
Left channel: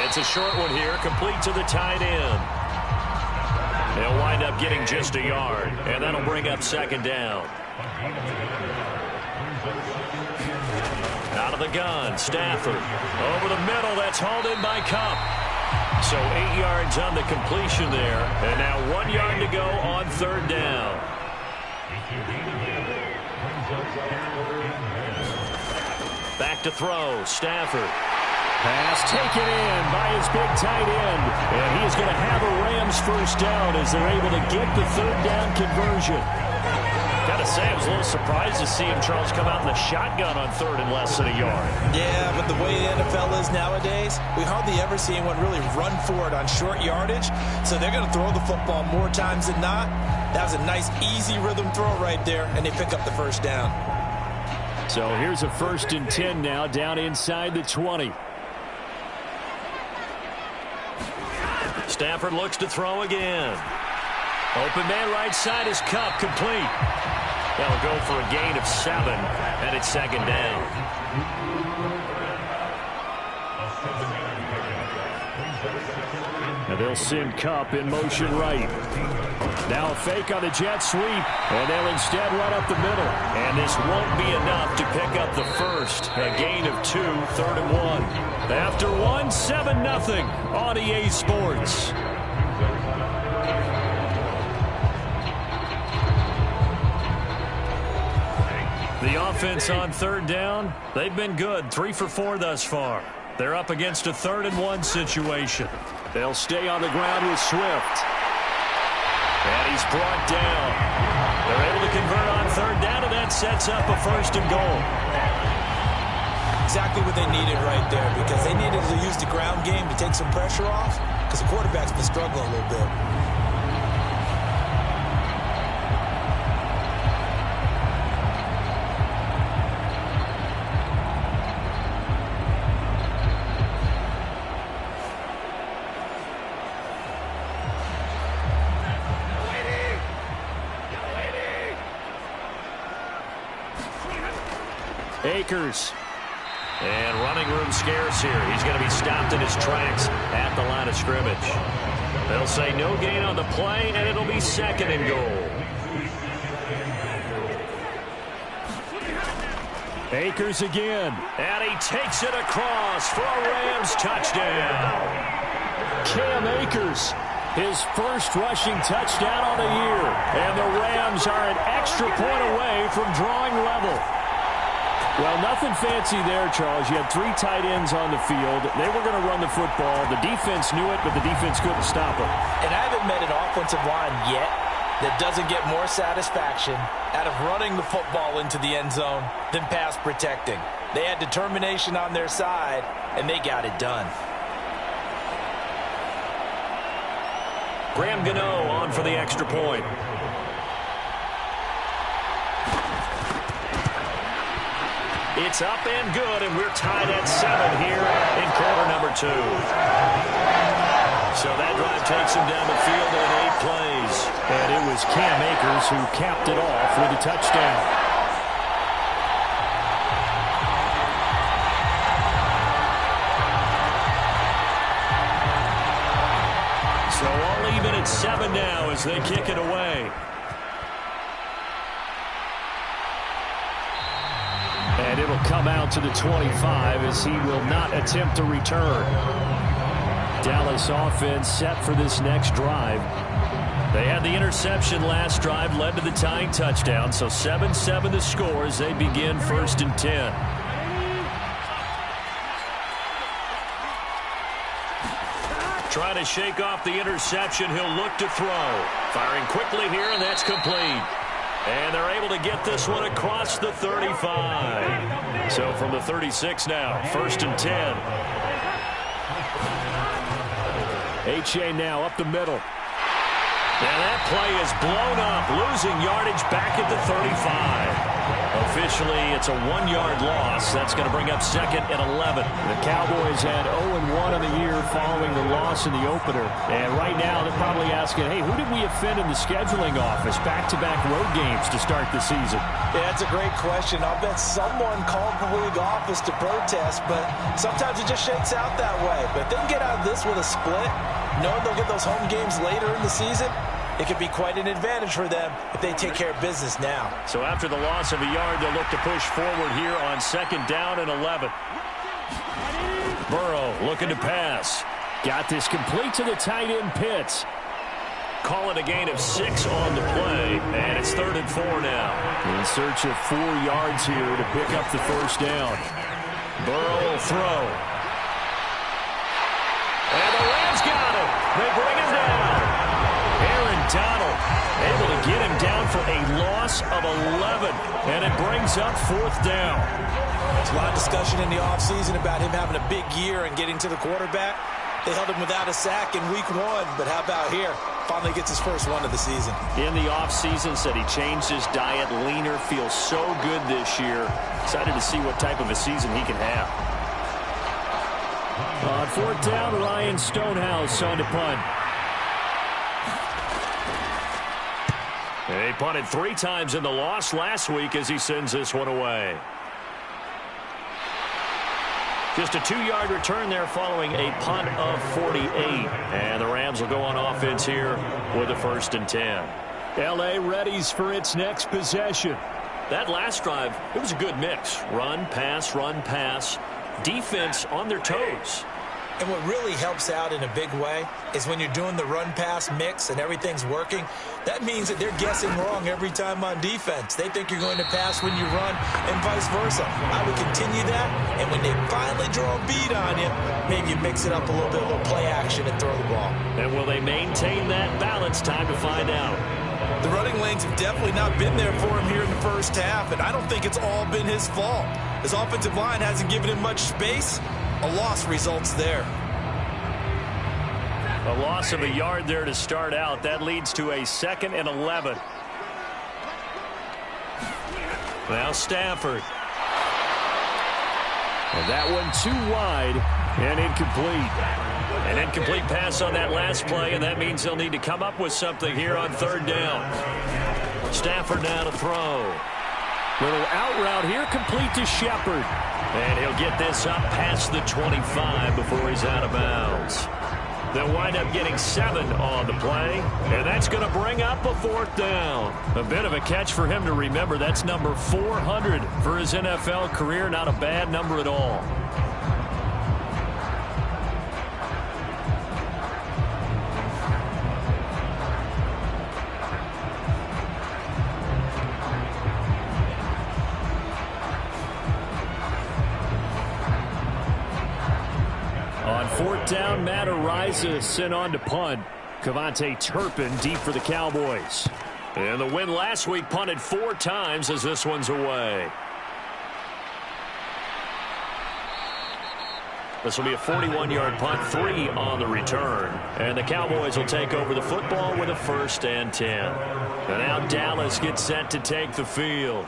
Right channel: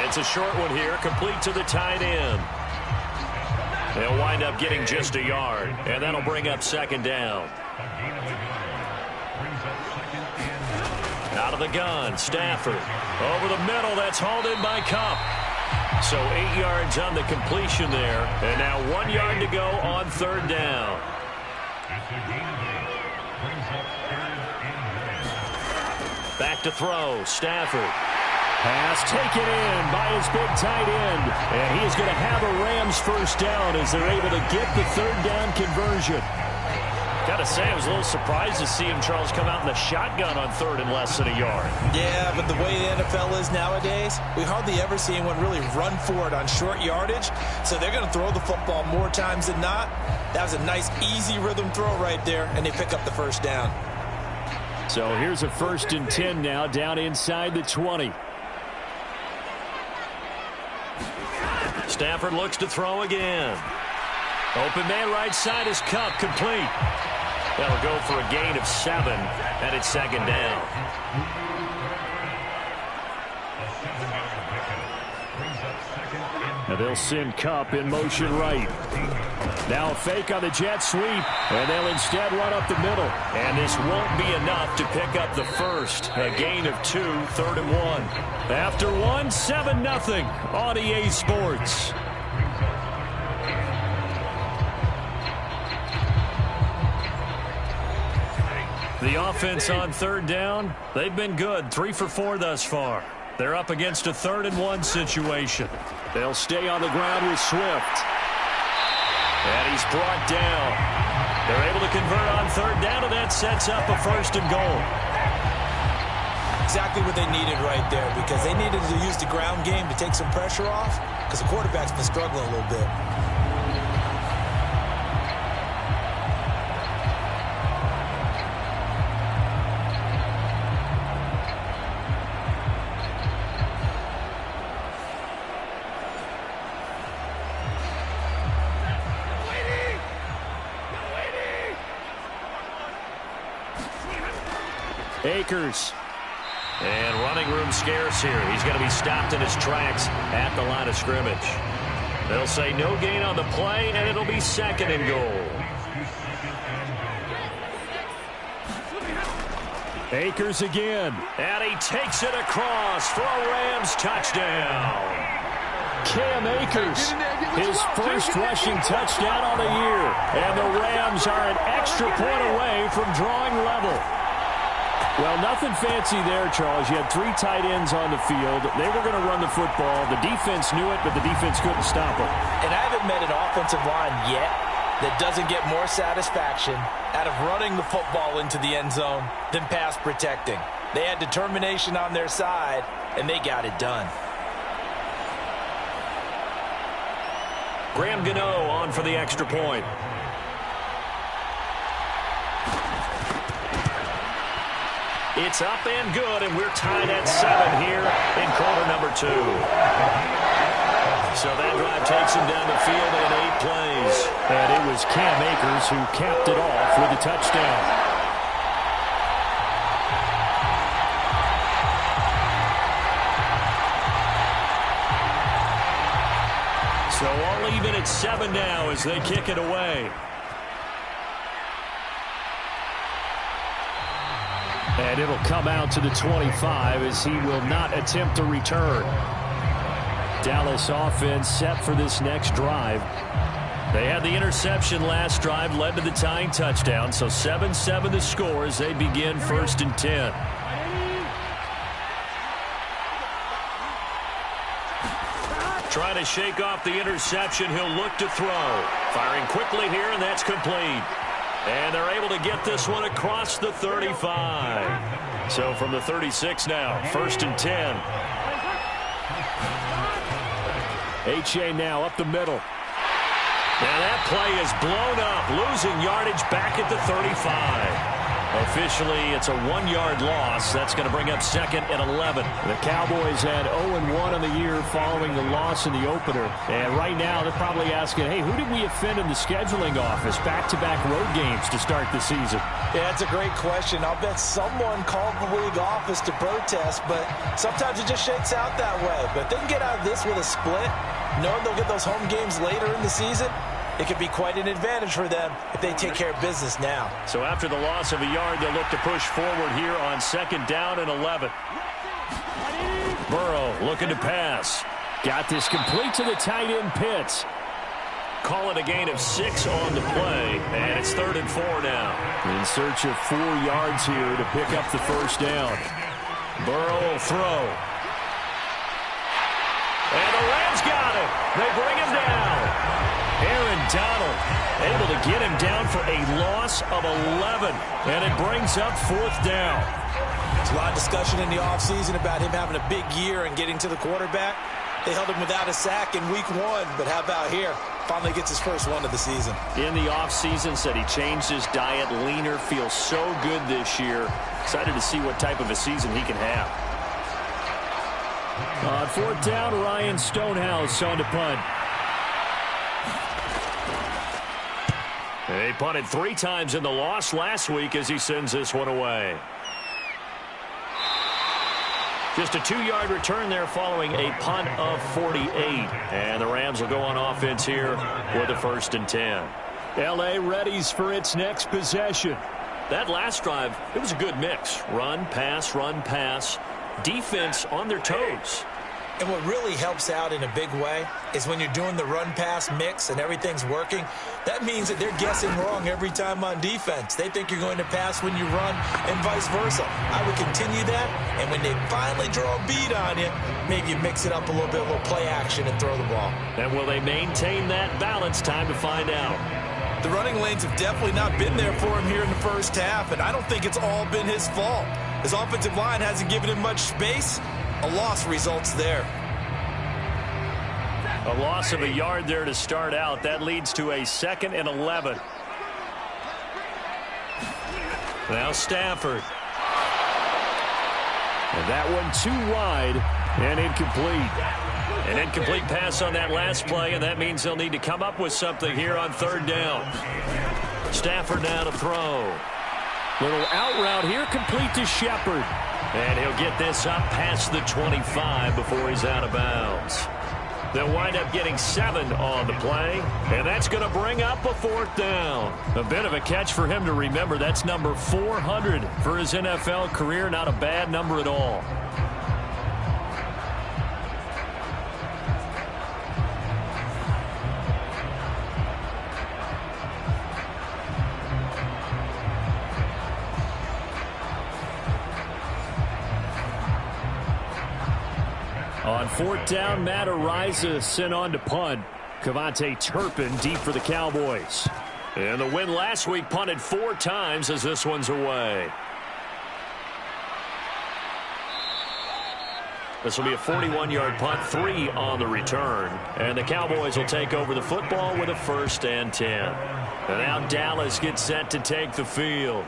It's a short one here, complete to the tight end. They'll wind up getting just a yard, and that'll bring up second down. Out of the gun, Stafford. Over the middle, that's hauled in by Kupp. So 8 yards on the completion there, and now 1 yard to go on third down. Back to throw, Stafford. Pass taken in by his big tight end. And he is going to have a Rams first down as they're able to get the third down conversion. Got to say, I was a little surprised to see him, Charles, come out in the shotgun on third and less than a yard. Yeah, but the way the NFL is nowadays, we hardly ever see anyone really run for it on short yardage. So they're going to throw the football more times than not. That was a nice, easy rhythm throw right there, and they pick up the first down. So here's a 1st and 10 now, down inside the 20. Stafford looks to throw again. Open man right side is Kupp, complete. That'll go for a gain of 7, and it's 2nd down. And they'll send Kupp in motion right. Now a fake on the jet sweep, and they'll instead run up the middle. And this won't be enough to pick up the first. A gain of 2, 3rd and 1. After 1, 7-0 on EA Sports. The offense on 3rd down, they've been good. 3 for 4 thus far. They're up against a 3rd and 1 situation. They'll stay on the ground with Swift. And he's brought down. They're able to convert on 3rd down, and that sets up a 1st and goal. Exactly what they needed right there, because they needed to use the ground game to take some pressure off, because the quarterback's been struggling a little bit. Akers. And running room scarce here. He's going to be stopped in his tracks at the line of scrimmage. They'll say no gain on the play, and it'll be 2nd and goal. Akers again. And he takes it across for a Rams touchdown. Cam Akers, his first rushing touchdown on the year. And the Rams are an extra point away from drawing level. Well, nothing fancy there, Charles. You had 3 tight ends on the field. They were going to run the football. The defense knew it, but the defense couldn't stop them. And I haven't met an offensive line yet that doesn't get more satisfaction out of running the football into the end zone than pass protecting. They had determination on their side, and they got it done. Graham Gano on for the extra point. It's up and good, and we're tied at 7 here in quarter number 2. So that drive takes him down the field in 8 plays. And it was Cam Akers who capped it off with a touchdown. So all even at 7 now as they kick it away. And it'll come out to the 25 as he will not attempt a return. Dallas offense set for this next drive. They had the interception last drive, led to the tying touchdown. So 7-7 the score as they begin 1st and 10. Trying to shake off the interception. He'll look to throw. Firing quickly here, and that's complete. And they're able to get this one across the 35. So from the 36 now, 1st and 10. H.A. now up the middle. And that play is blown up, losing yardage back at the 35. Officially, it's a 1-yard loss. That's going to bring up 2nd and 11. The Cowboys had 0-1 on the year following the loss in the opener. And right now, they're probably asking, hey, who did we offend in the scheduling office? Back-to-back road games to start the season. Yeah, that's a great question. I'll bet someone called the league office to protest, but sometimes it just shakes out that way. But if they can get out of this with a split, knowing they'll get those home games later in the season, it could be quite an advantage for them if they take care of business now. So after the loss of a yard, they'll look to push forward here on 2nd down and 11. Burrow looking to pass. Got this complete to the tight end Pitts. Call it a gain of 6 on the play, and it's 3rd and 4 now. In search of 4 yards here to pick up the 1st down. Burrow will throw. And the Rams got it. They bring him down. Aaron Donald. Able to get him down for a loss of 11, and it brings up 4th down. There's a lot of discussion in the offseason about him having a big year and getting to the quarterback. They held him without a sack in week 1, but how about here? Finally gets his first one of the season. In the offseason, said he changed his diet, leaner, feels so good this year. Excited to see what type of a season he can have. On 4th down, Ryan Stonehouse on to punt. He punted 3 times in the loss last week as he sends this one away. Just a 2-yard return there following a punt of 48. And the Rams will go on offense here with a 1st and 10. L.A. readies for its next possession. That last drive, it was a good mix. Run, pass, defense on their toes. And what really helps out in a big way is when you're doing the run-pass mix and everything's working, that means that they're guessing wrong every time on defense. They think you're going to pass when you run and vice versa. I would continue that, and when they finally draw a beat on you, maybe you mix it up a little bit, a little play action and throw the ball. And will they maintain that balance? Time to find out. The running lanes have definitely not been there for him here in the first half, and I don't think it's all been his fault. His offensive line hasn't given him much space. A loss results there. A loss of a yard there to start out. That leads to a 2nd and 11. Now Stafford. And that one too wide and incomplete. An incomplete pass on that last play, and that means they'll need to come up with something here on 3rd down. Stafford now to throw. Little out route here, complete to Shepard. And he'll get this up past the 25 before he's out of bounds. They'll wind up getting 7 on the play, and that's going to bring up a 4th down. A bit of a catch for him to remember. That's number 400 for his NFL career. Not a bad number at all. On 4th down, Matt Araiza sent on to punt. Kevontae Turpin deep for the Cowboys. And the win last week punted 4 times as this one's away. This will be a 41-yard punt, 3 on the return. And the Cowboys will take over the football with a 1st and 10. And now Dallas gets set to take the field.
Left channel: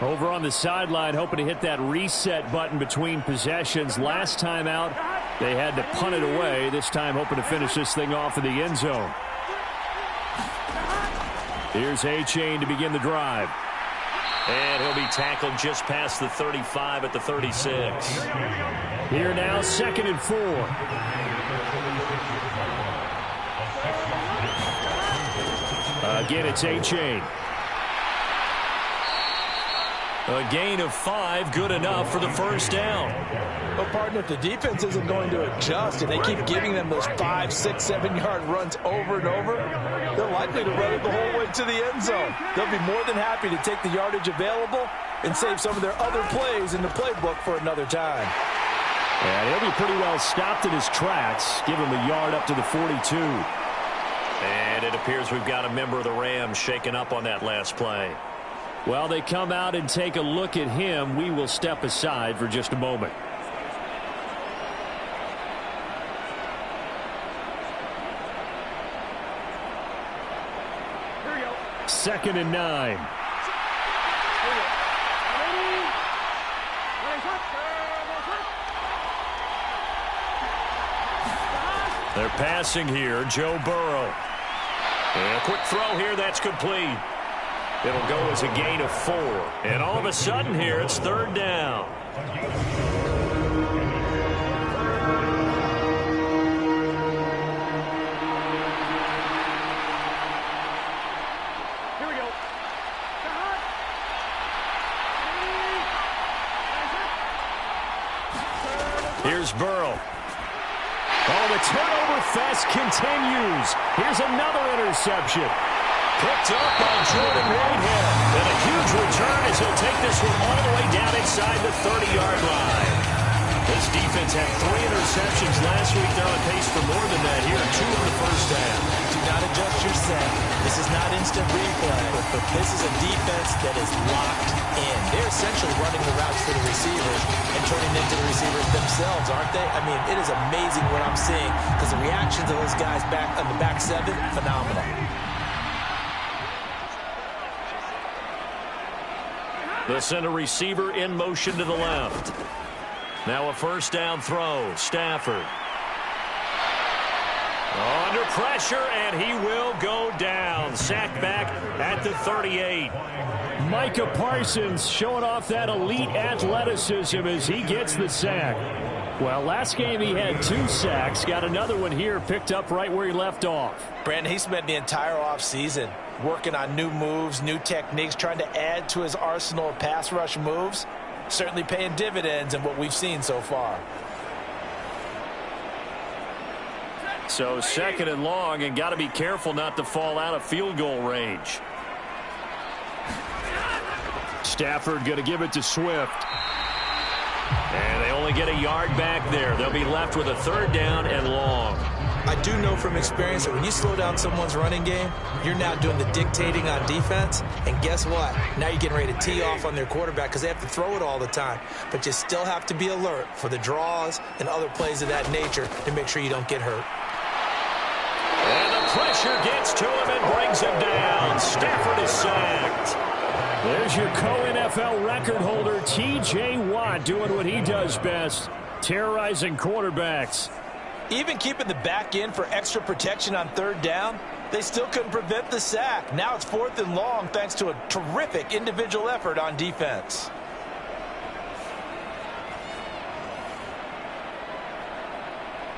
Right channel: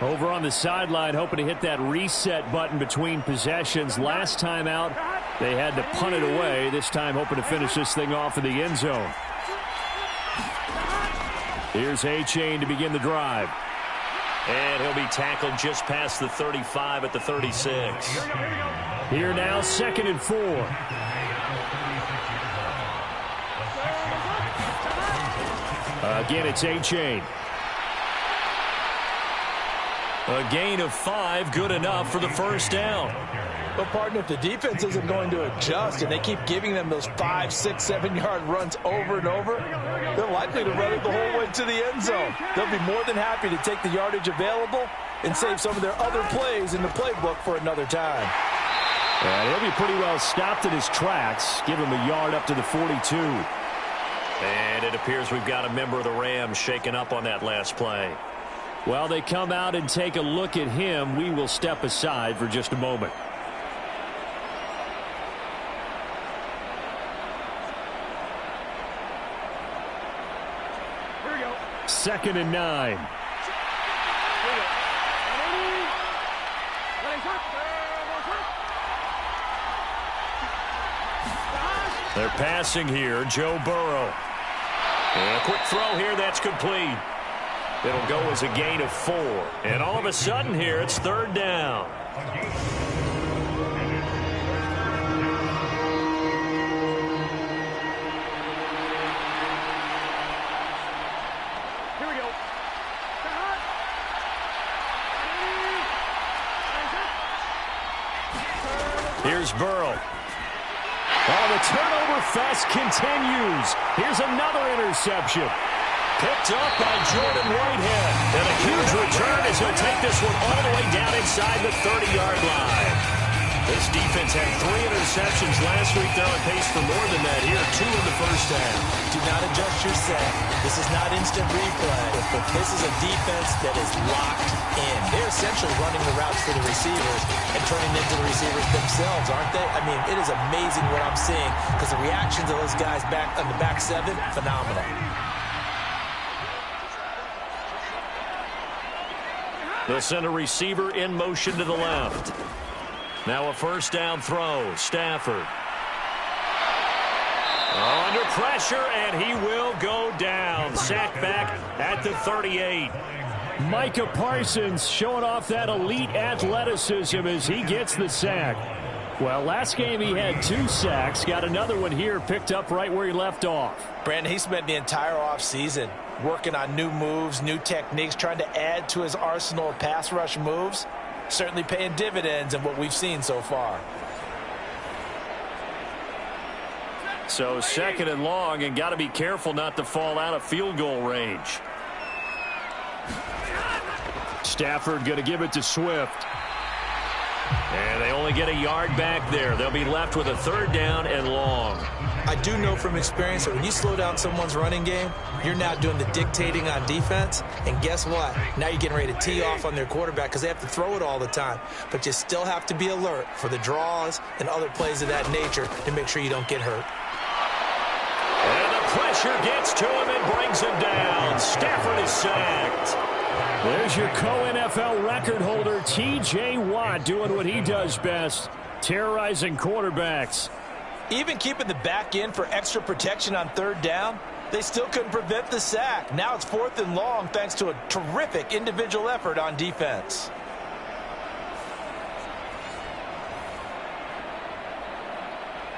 Over on the sideline, hoping to hit that reset button between possessions. Last time out, they had to punt it away. This time hoping to finish this thing off in the end zone. Here's A-Chain to begin the drive. And he'll be tackled just past the 35 at the 36. Here now, 2nd and 4. Again, it's A-Chain. A gain of 5, good enough for the 1st down. Well, partner, if the defense isn't going to adjust and they keep giving them those 5, 6, 7-yard runs over and over, they're likely to run it the whole way to the end zone. They'll be more than happy to take the yardage available and save some of their other plays in the playbook for another time. And he'll be pretty well stopped in his tracks. Give him a yard up to the 42. And it appears we've got a member of the Rams shaken up on that last play. Well, they come out and take a look at him. We will step aside for just a moment. Here we go. 2nd and 9. Here we go. 180. They're passing here. Joe Burrow. And a quick throw here. That's complete. It'll go as a gain of 4. And all of a sudden here, it's 3rd down. Here we go. Here's Burrow. Oh, the turnover fest continues. Here's another interception. Picked up by Jordan Whitehead. And a huge return as he'll take this one all the way down inside the 30-yard line. This This defense had 3 interceptions last week. They're on pace for more than that here. 2 in the first half. Do not adjust your set. This is not instant replay. This is a defense that is locked in. They're essentially running the routes for the receivers and turning into the receivers themselves, aren't they? I mean, it is amazing what I'm seeing because the reactions of those guys back on the back 7, phenomenal. They'll send a receiver in motion to the left. Now a first down throw. Stafford. Under pressure, and he will go down. Sacked back at the 38. Micah Parsons showing off that elite athleticism as he gets the sack. Well, last game he had 2 sacks. Got another one here, picked up right where he left off. Brandon, he spent the entire offseason working on new moves, new techniques, trying to add to his arsenal of pass rush moves. Certainly paying dividends in what we've seen so far. So 2nd and long, and got to be careful not to fall out of field goal range. Stafford going to give it to Swift. And they only get a yard back there. They'll be left with a 3rd down and long. I do know from experience that when you slow down someone's running game, you're now doing the dictating on defense. And guess what? Now you're getting ready to tee off on their quarterback because they have to throw it all the time. But you still have to be alert for the draws and other plays of that nature to make sure you don't get hurt. And the pressure gets to him and brings him down. Stafford is sacked. There's your co-NFL record holder, T.J. Watt, doing what he does best, terrorizing quarterbacks. Even keeping the back end for extra protection on 3rd down, they still couldn't prevent the sack. Now it's 4th and long thanks to a terrific individual effort on defense.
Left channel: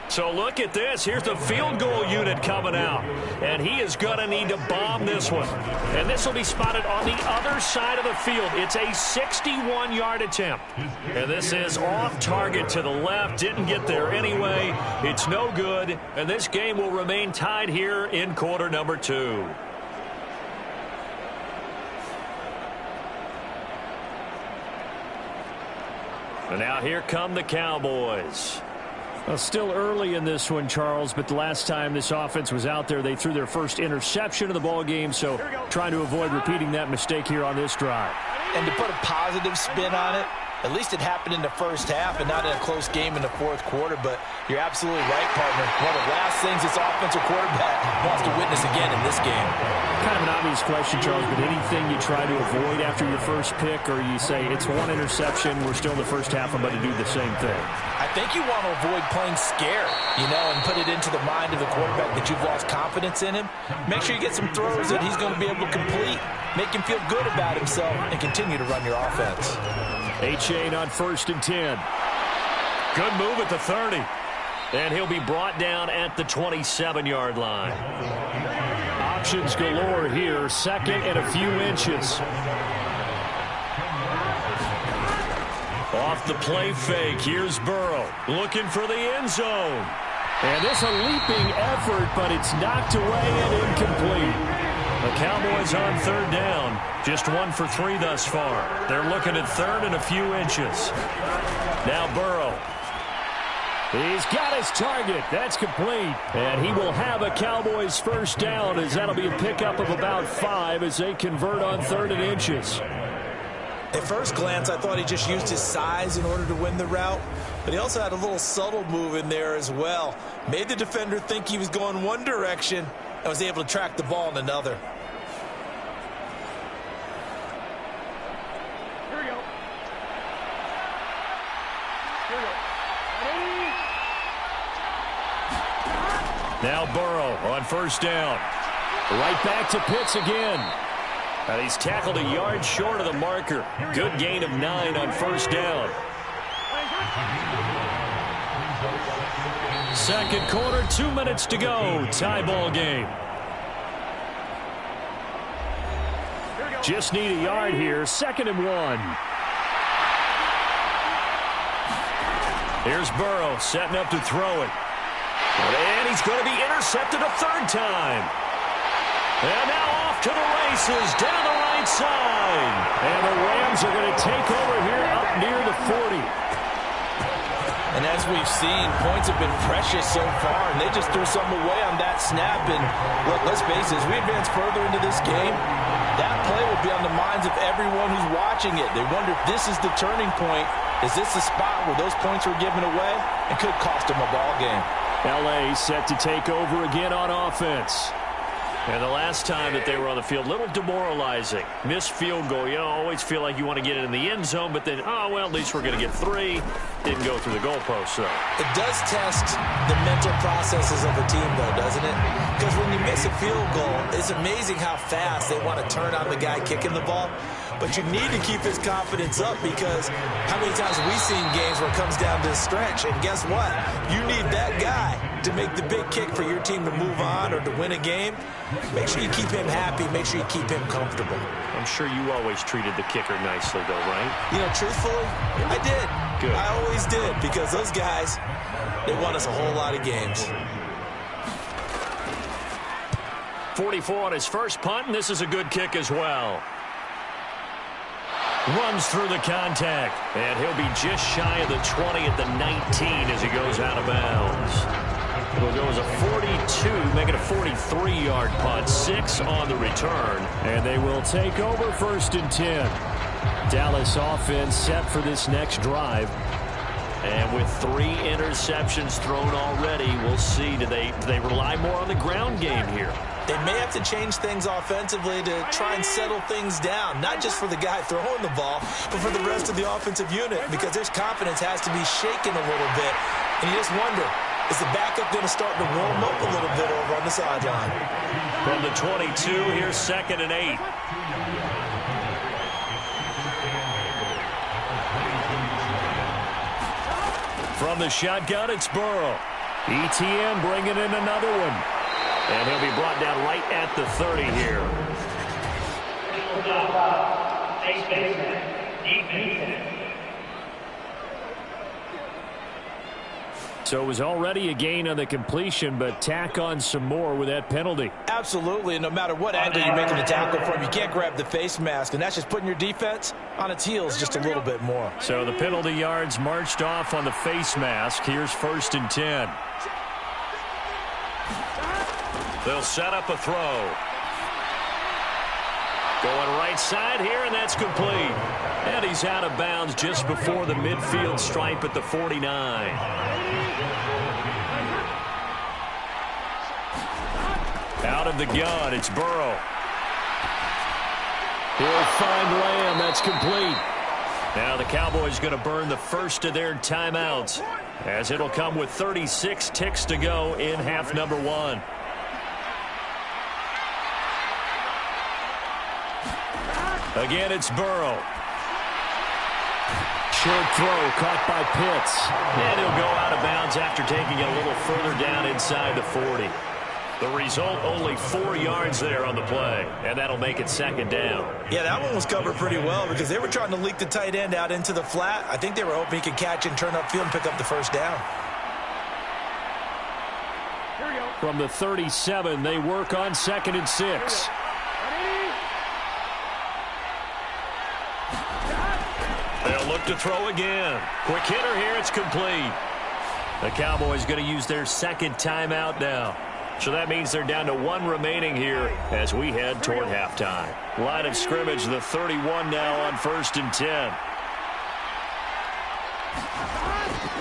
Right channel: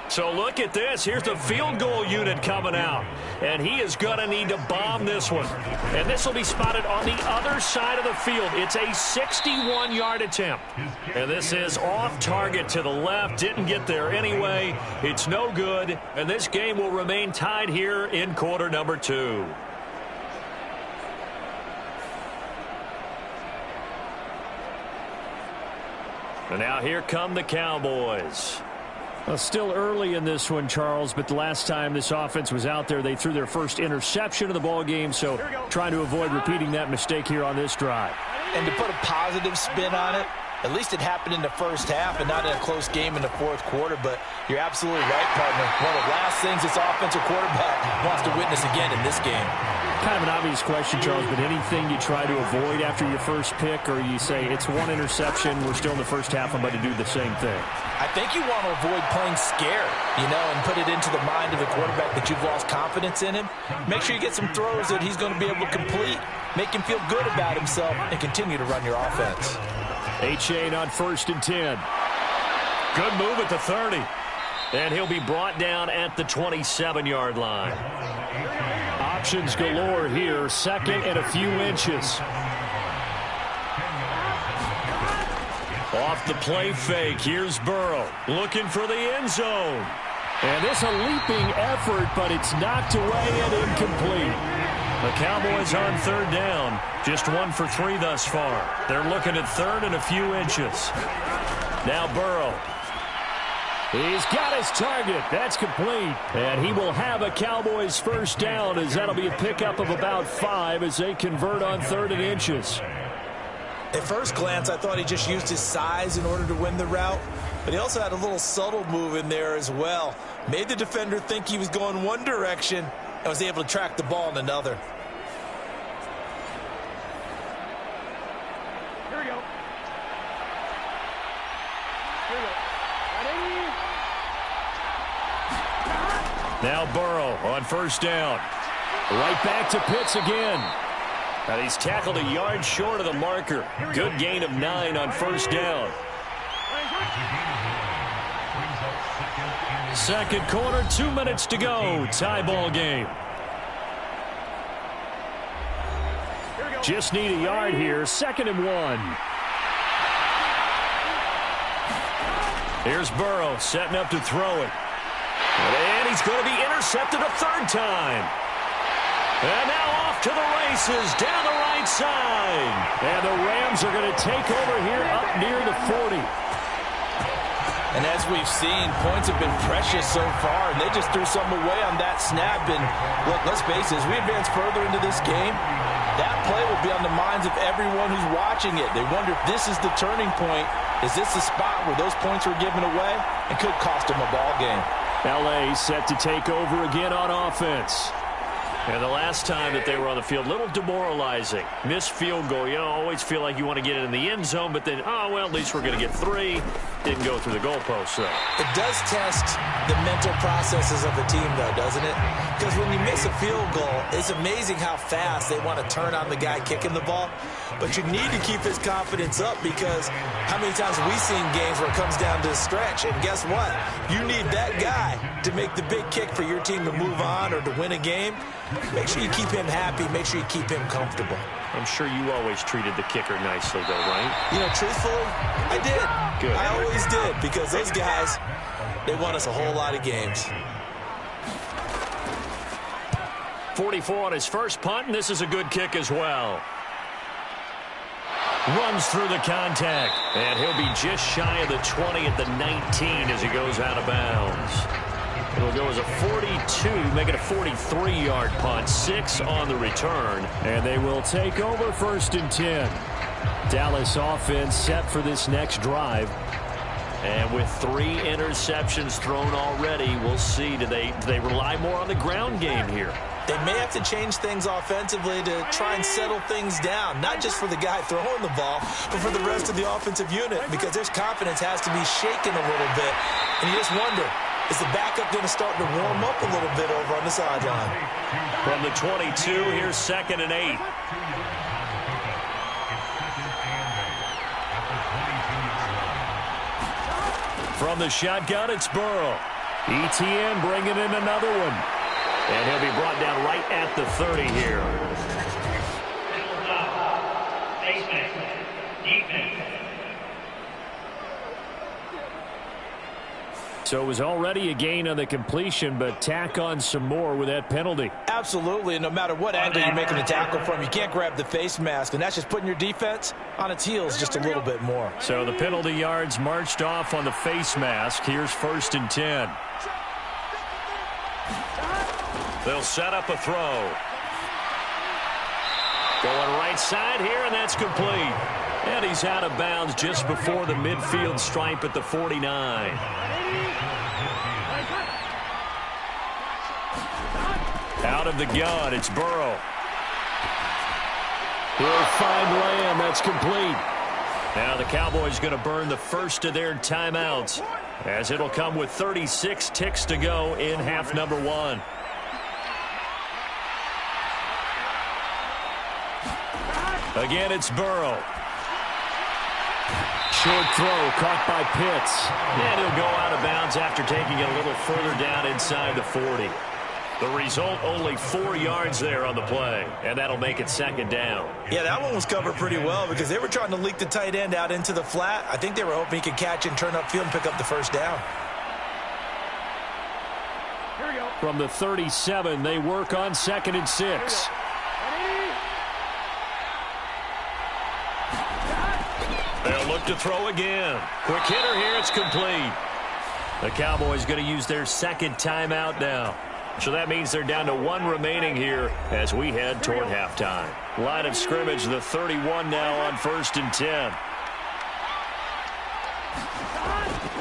So look at this. Here's the field goal unit coming out. And he is going to need to bomb this one. And this will be spotted on the other side of the field. It's a 61-yard attempt. And this is off target to the left. Didn't get there anyway. It's no good. And this game will remain tied here in quarter number 2. And now here come the Cowboys. Well, still early in this one, Charles, but the last time this offense was out there, they threw their first interception of the ball game, so trying to avoid repeating that mistake here on this drive. And to put a positive spin on it, at least it happened in the first half and not in a close game in the 4th quarter, but you're absolutely right, partner. One of the last things this offensive quarterback wants to witness again in this game. Kind of an obvious question, Charles, but anything you try to avoid after your first pick, or you say it's 1 interception, we're still in the first half, I'm about to do the same thing? I think you want to avoid playing scared, and put it into the mind of the quarterback that you've lost confidence in him. Make sure you get some throws that he's going to be able to complete, make him feel good about himself, and continue to run your offense. A-Chain on 1st and 10. Good move at the 30. And he'll be brought down at the 27-yard line. Options galore here. 2nd and a few inches. Off the play fake. Here's Burrow looking for the end zone. And this a leaping effort, but it's knocked away and incomplete. The Cowboys on 3rd down. Just 1 for 3 thus far. They're looking at 3rd and a few inches. Now Burrow. He's got his target. That's complete. And he will have a Cowboys first down, as that'll be a pickup of about 5 as they convert on 3rd and inches. At first glance, I thought he just used his size in order to win the route, but he also had a little subtle move in there as well. Made the defender think he was going one direction and was able to track the ball in another. Here we go. Here we go. Ready? Now Burrow on 1st down. Right back to Pitts again. And he's tackled a yard short of the marker. Good gain of 9 on 1st down. 2nd quarter, 2 minutes to go. Tie ball game. Just need a yard here. 2nd and 1. Here's Burrow setting up to throw it. And he's going to be intercepted a 3rd time. And now off to the races down the right side. And the Rams are going to take over here up near the 40. And as we've seen, points have been precious so far, and they just threw something away on that snap. And look, let's face it, as we advance further into this game, that play will be on the minds of everyone who's watching it. They wonder if this is the turning point. Is this the spot where those points were given away and could cost them a ball game? L.A. set to take over again on offense. And the last time that they were on the field, little demoralizing. Missed field goal. You always feel like you want to get it in the end zone, but then, oh, well, at least we're going to get 3. Didn't go through the goalpost, though. It does test the mental processes of a team, though, doesn't it? Because when you miss a field goal, it's amazing how fast they want to turn on the guy kicking the ball. But you need to keep his confidence up, because how many times have we seen games where it comes down to a stretch, and guess what? You need that guy to make the big kick for your team to move on or to win a game. Make sure you keep him happy. Make sure you keep him comfortable. I'm sure you always treated the kicker nicely, though, right? You know, truthfully, I did. Good. I always did, because those guys, they won us a whole lot of games. 44 on his first punt, and this is a good kick as well. Runs through the contact, and he'll be just shy of the 20 at the 19 as he goes out of bounds. It'll go as a 42, make it a 43-yard punt, 6 on the return. And they will take over 1st and 10. Dallas offense set for this next drive. And with 3 interceptions thrown already, we'll see. Do they rely more on the ground game here? They may have to change things offensively to try and settle things down, not just for the guy throwing the ball, but for the rest of the offensive unit, because their confidence has to be shaken a little bit. And you just wonder, is the backup going to start to warm up a little bit over on the sideline? From the 22, here's 2nd and 8. From the shotgun, it's Burrow. ETN bringing in another one. And he'll be brought down right at the 30 here. So it was already a gain on the completion, but tack on some more with that penalty. Absolutely, and no matter what angle you're making the tackle from, you can't grab the face mask, and that's just putting your defense on its heels just a little bit more. So the penalty yards marched off on the face mask. Here's 1st and 10. They'll set up a throw. Going right side here, and that's complete. And he's out of bounds just before the midfield stripe at the 49. Out of the gun, it's Burrow. He'll find Lamb. That's complete. Now the Cowboys going to burn the first of their timeouts, as it'll come with 36 ticks to go in half number 1. Again, it's Burrow. Short throw caught by Pitts. And he'll go out of bounds after taking it a little further down inside the 40. The result, only 4 yards there on the play, and that'll make it 2nd down. Yeah, that one was covered pretty well because they were trying to leak the tight end out into the flat. I think they were hoping he could catch and turn upfield and pick up the 1st down. From the 37, they work on 2nd and 6. They'll look to throw again. Quick hitter here, it's complete. The Cowboys going to use their 2nd timeout now. So that means they're down to 1 remaining here as we head toward halftime. Line of scrimmage, the 31 now on 1st and 10.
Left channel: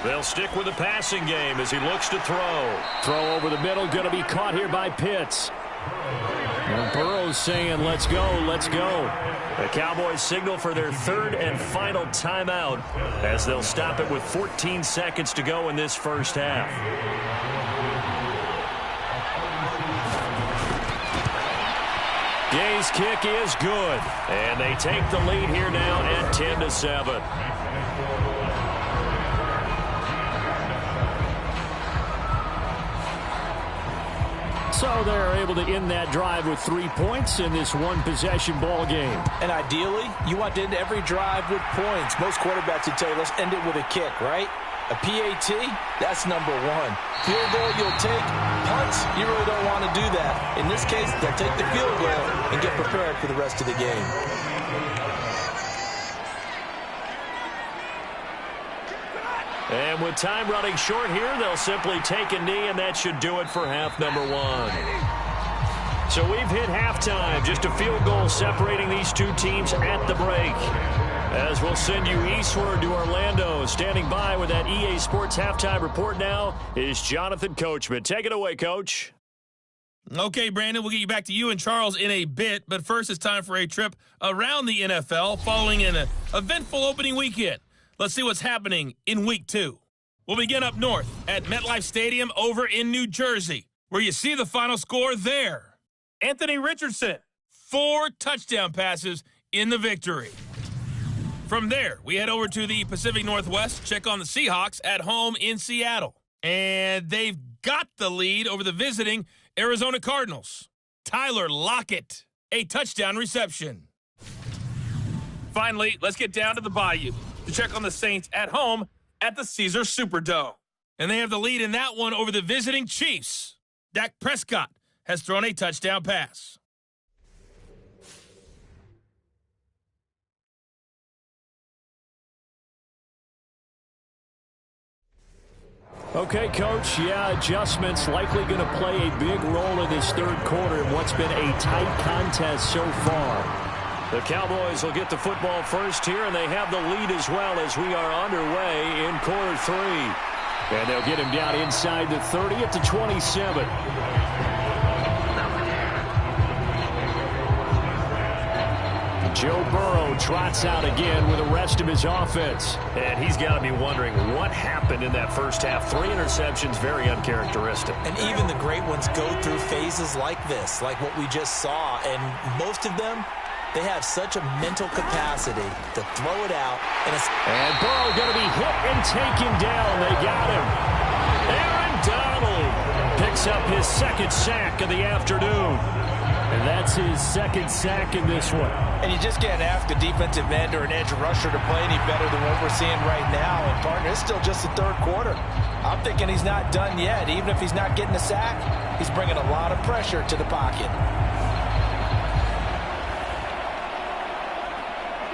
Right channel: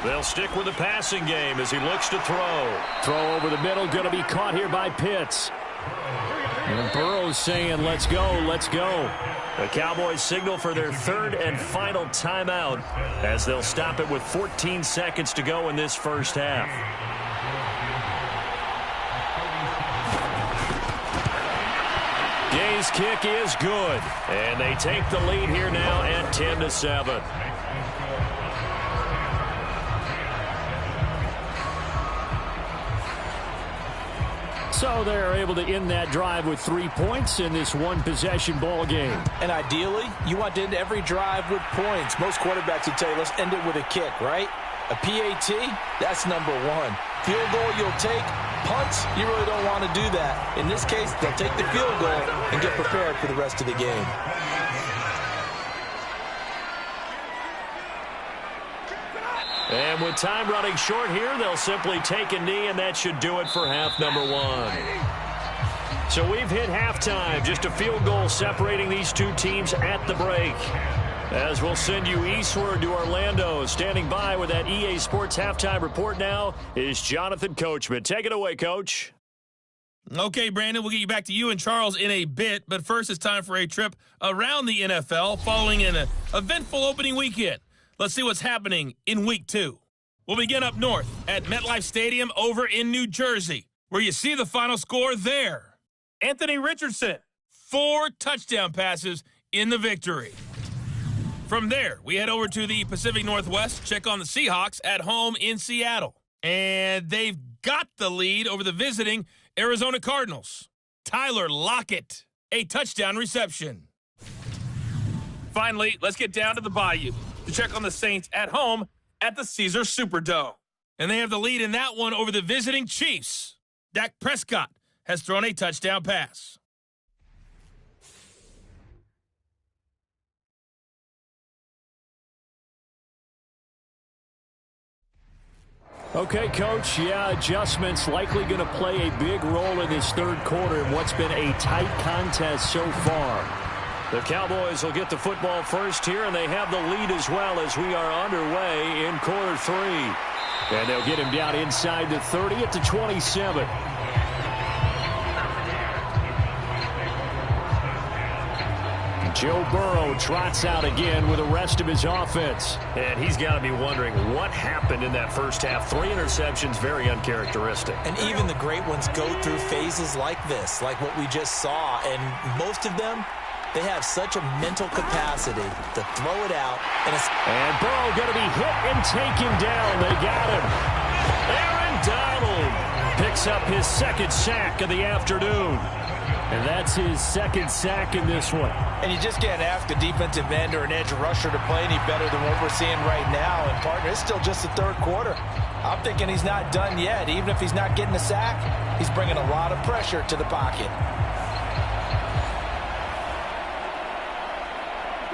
They'll stick with the passing game as he looks to throw. Throw over the middle, going to be caught here by Pitts. And Burrow's saying, let's go, let's go. The Cowboys signal for their 3rd and final timeout as they'll stop it with 14 seconds to go in this first half. Gay's kick is good. And they take the lead here now at 10-7. So they're able to end that drive with 3 points in this one-possession ball game. And ideally, you want to end every drive with points. Most quarterbacks would tell you, let's end it with a kick, right? A PAT, that's number 1. Field goal you'll take. Punts, you really don't want to do that. In this case, they'll take the field goal and get prepared for the rest of the game. And with time running short here, they'll simply take a knee, and that should do it for half number one. So we've hit halftime, just a field goal separating these two teams at the break. As we'll send you eastward to Orlando. Standing by with that EA Sports halftime report now is Jonathan Coachman. Take it away, Coach. Okay, Brandon, we'll get you back to you and Charles in a bit. But first, it's time for a trip around the NFL following an eventful opening weekend. Let's see what's happening in Week 2. We'll begin up north at MetLife Stadium over in New Jersey, where you see the final score there. Anthony Richardson, 4 touchdown passes in the victory. From there, we head over to the Pacific Northwest, check on the Seahawks at home in Seattle. And they've got the lead over the visiting Arizona Cardinals. Tyler Lockett, a touchdown reception. Finally, let's get down to the Bayou to check on the Saints at home at the Caesars Superdome. And they have the lead in that one over the visiting Chiefs. Dak Prescott has thrown a touchdown pass. Okay, Coach, adjustments likely going to play a big role in this third quarter in what's been a tight contest so far. The Cowboys will get the football first here, and they have the lead as well as we are underway in quarter 3. And they'll get him down inside the 30 at the 27. Joe Burrow trots out again with the rest of his offense. And he's got to be wondering what happened in that first half. 3 interceptions, very uncharacteristic. And even the great ones go through phases like this, like what we just saw. And most of them, they have such a mental capacity to throw it out. And Burrow going to be hit and taken down. They got him. Aaron Donald picks up his second sack of the afternoon. And that's his second sack in this one. And you just can't ask a defensive end or an edge rusher to play any better than what we're seeing right now. And, partner, it's still just the third quarter. I'm thinking he's not done yet. Even if he's not getting a sack, he's bringing a lot of pressure to the pocket.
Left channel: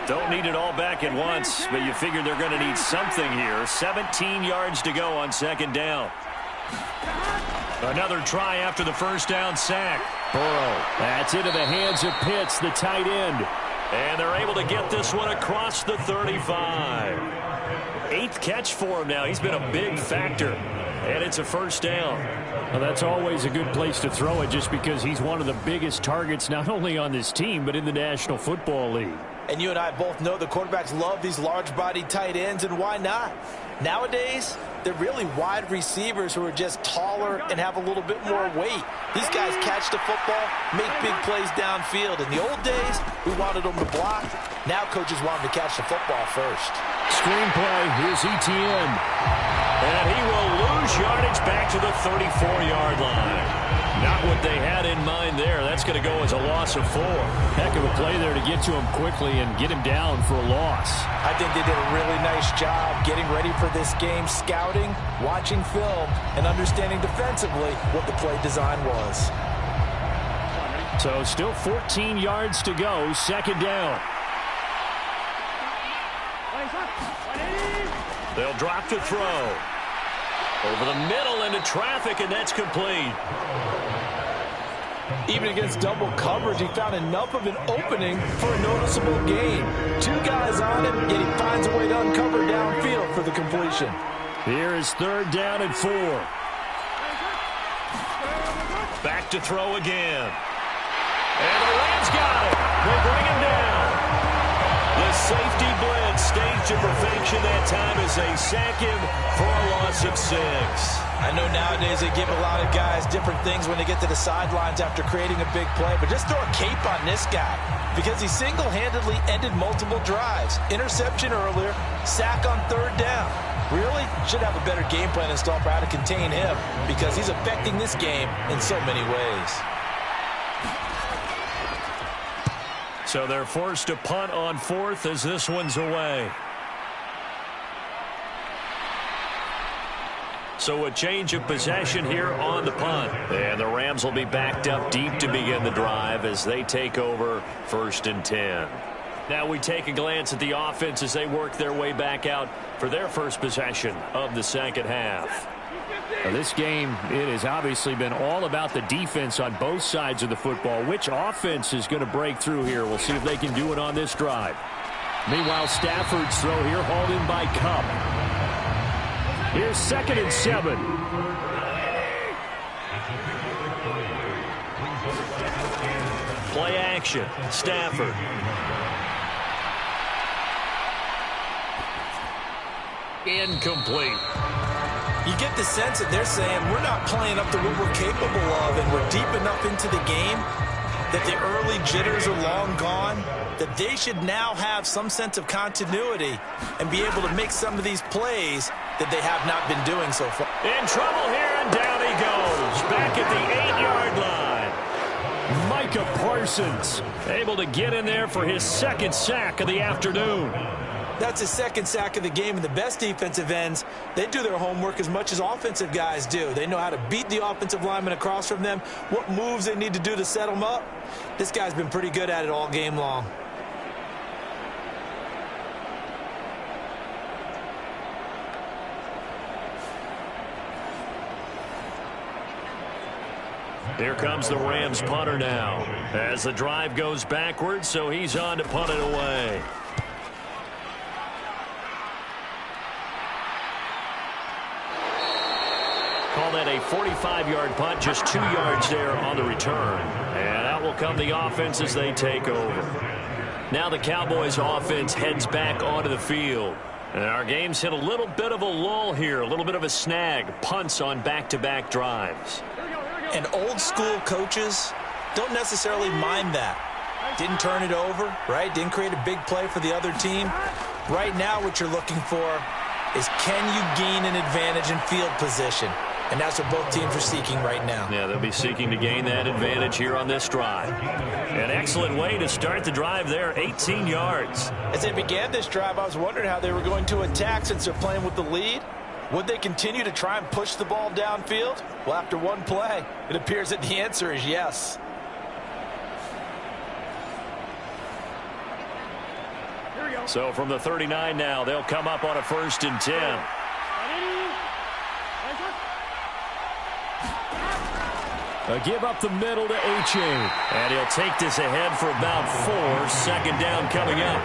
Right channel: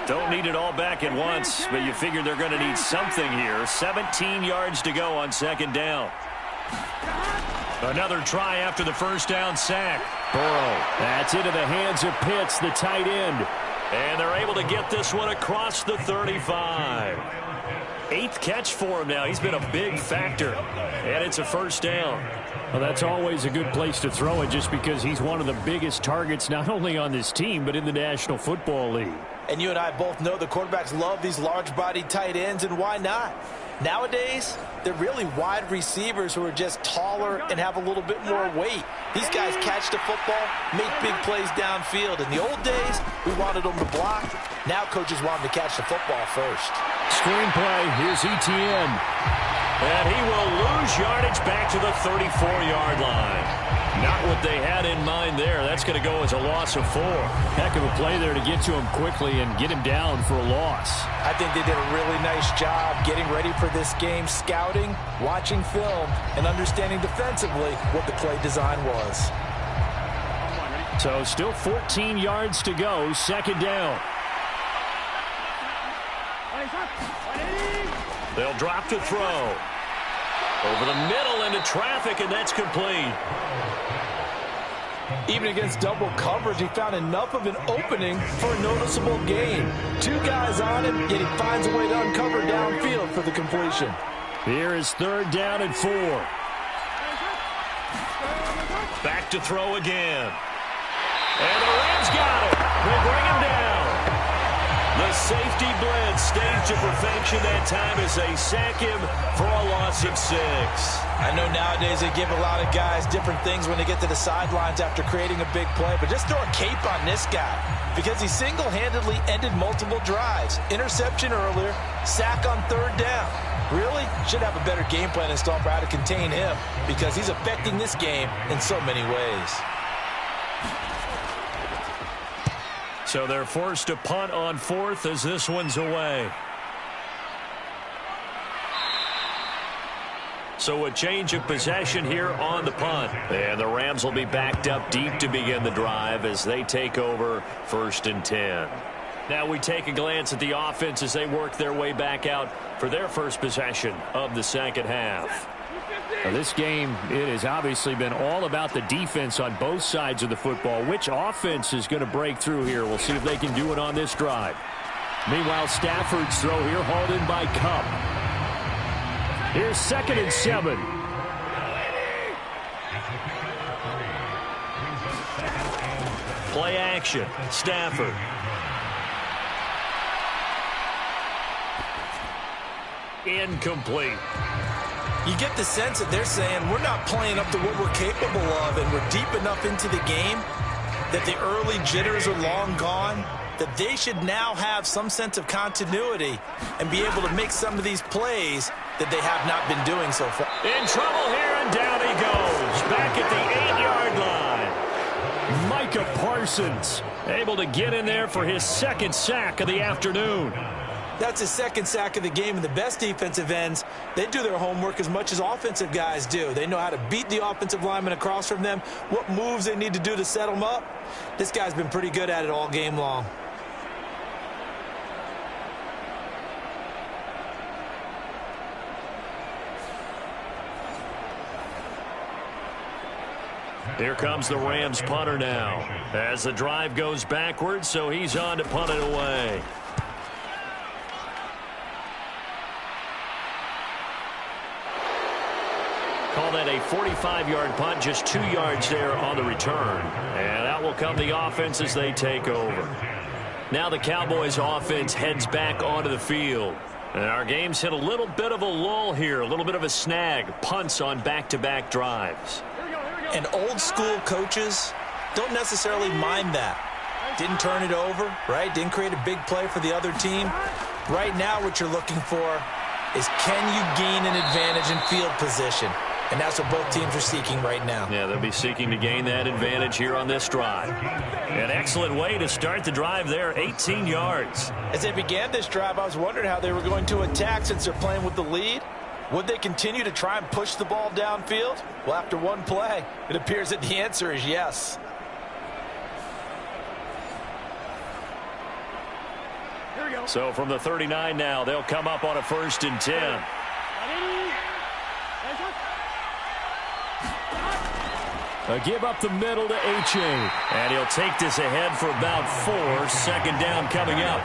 Don't need it all back at once, but you figure they're going to need something here. 17 yards to go on second down. Another try after the first down sack. Burrow, that's into the hands of Pitts, the tight end. And they're able to get this one across the 35. 8th catch for him now. He's been a big factor. And it's a first down. Well, that's always a good place to throw it just because he's one of the biggest targets not only on this team but in the National Football League. And you and I both know the quarterbacks love these large-bodied tight ends, and why not? Nowadays, they're really wide receivers who are just taller and have a little bit more weight. These guys catch the football, make big plays downfield. In the old days, we wanted them to block. Now coaches want them to catch the football first. Screenplay, here's Etienne. And he will lose yardage back to the 34-yard line. Not what they had in mind there. That's going to go as a loss of 4. Heck of a play there to get to him quickly and get him down for a loss. I think they did a really nice job getting ready for this game, scouting, watching film, and understanding defensively what the play design was. So still 14 yards to go, second down. They'll drop to throw. Over the middle into traffic, and that's complete. Even against double coverage, he found enough of an opening for a noticeable gain. 2 guys on him, yet he finds a way to uncover downfield for the completion. Here is third down and 4. Back to throw again. And the Rams got it. They bring him down. The safety blitz staged to perfection that time as they sack him for a loss of 6. I know nowadays they give a lot of guys different things when they get to the sidelines after creating a big play, but just throw a cape on this guy because he single-handedly ended multiple drives. Interception earlier, sack on third down. Really should have a better game plan installed for how to contain him because he's affecting this game in so many ways. So they're forced to punt on 4th as this one's away. So a change of possession here on the punt. And the Rams will be backed up deep to begin the drive as they take over 1st and 10. Now we take a glance at the offense as they work their way back out for their first possession of the second half. Now this game, it has obviously been all about the defense on both sides of the football. Which offense is going to break through here? We'll see if they can do it on this drive. Meanwhile, Stafford's throw here hauled in by Cup. Here's 2nd and 7. Play action. Stafford. Incomplete. You get the sense that they're saying we're not playing up to what we're capable of, and we're deep enough into the game that the early jitters are long gone, that they should now have some sense of continuity and be able to make some of these plays that they have not been doing so far. In trouble here, and down he goes. Back at the 8-yard line. Micah Parsons able to get in there for his 2nd sack of the afternoon. That's his 2nd sack of the game, and the best defensive ends, they do their homework as much as offensive guys do. They know how to beat the offensive lineman across from them, what moves they need to do to set them up. This guy's been pretty good at it all game long. Here comes the Rams punter now as the drive goes backwards, so he's on to punt it away. Call that a 45-yard punt, just 2 yards there on the return. And out will come the offense as they take over. Now the Cowboys offense heads back onto the field. And our game's hit a little bit of a lull here, a little bit of a snag. Punts on back-to-back drives. And old school coaches don't necessarily mind that. Didn't turn it over, right? Didn't create a big play for the other team. Right now what you're looking for is, can you gain an advantage in field position? And that's what both teams are seeking right now. Yeah, they'll be seeking to gain that advantage here on this drive. An excellent way to start the drive there, 18 yards. As they began this drive, I was wondering how they were going to attack since they're playing with the lead. Would they continue to try and push the ball downfield? Well, after one play, it appears that the answer is yes. Here we go. So from the 39 now, they'll come up on a 1st and 10. A give up the middle to H.A. And he'll take this ahead for about 4. 2nd down coming up.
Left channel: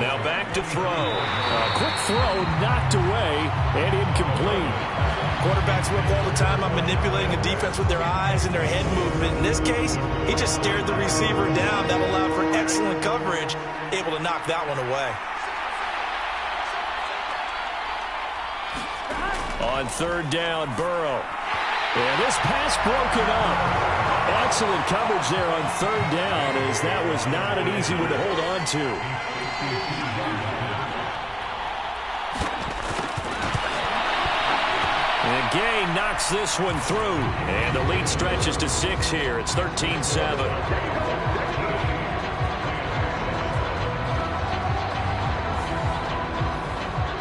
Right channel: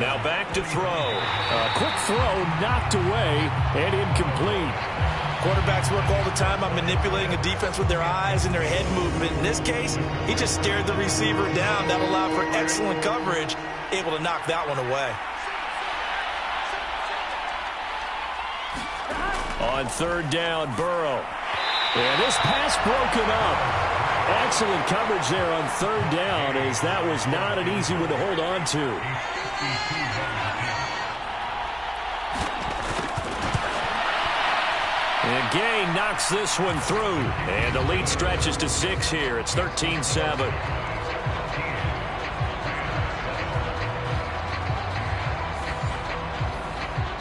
Now back to throw. A quick throw knocked away and incomplete. Quarterbacks work all the time on manipulating a defense with their eyes and their head movement. In this case, he just stared the receiver down. That allowed for excellent coverage, able to knock that one away. On 3rd down, Burrow. And this pass broken up. Excellent coverage there on 3rd down, as that was not an easy one to hold on to. And Gay knocks this one through. And the lead stretches to 6 here. It's 13-7.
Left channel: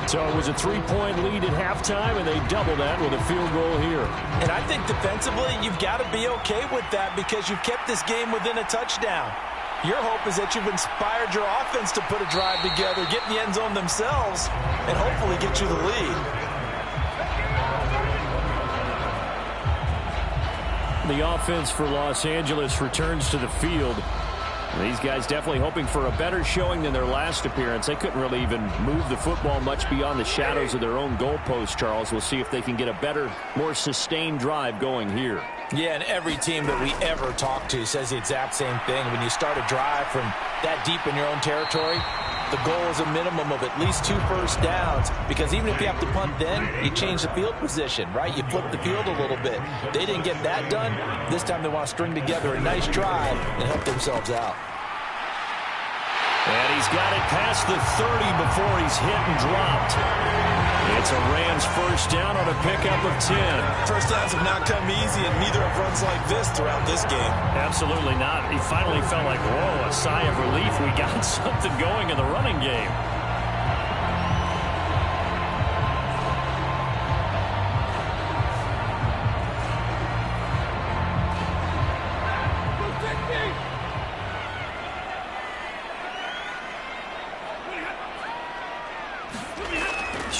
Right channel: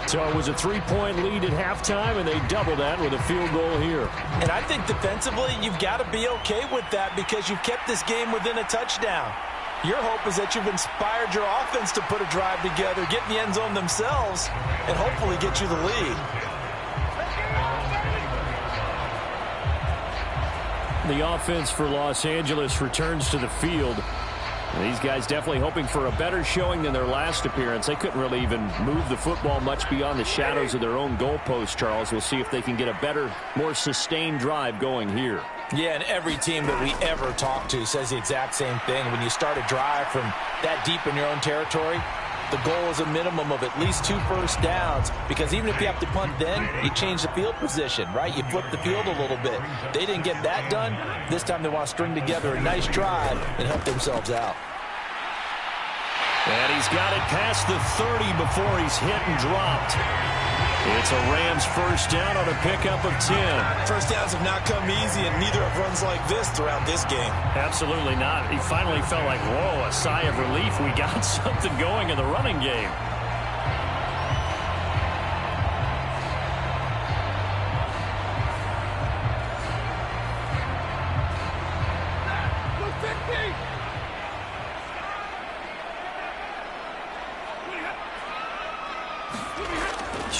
So it was a 3-point lead at halftime, and they doubled that with a field goal here. And I think defensively, you've got to be okay with that because you've kept this game within a touchdown. Your hope is that you've inspired your offense to put a drive together, get in the end zone themselves, and hopefully get you the lead. The offense for Los Angeles returns to the field. These guys definitely hoping for a better showing than their last appearance. They couldn't really even move the football much beyond the shadows of their own goalpost, Charles. We'll see if they can get a better, more sustained drive going here. Yeah, and every team that we ever talk to says the exact same thing. When you start a drive from that deep in your own territory, the goal is a minimum of at least 2 first downs, because even if you have to punt then, you change the field position, right? You flip the field a little bit. They didn't get that done. This time they want to string together a nice drive and help themselves out. And he's got it past the 30 before he's hit and dropped. It's a Rams first down on a pickup of 10. First downs have not come easy, and neither have runs like this throughout this game. Absolutely not. He finally felt like, whoa, a sigh of relief. We got something going in the running game.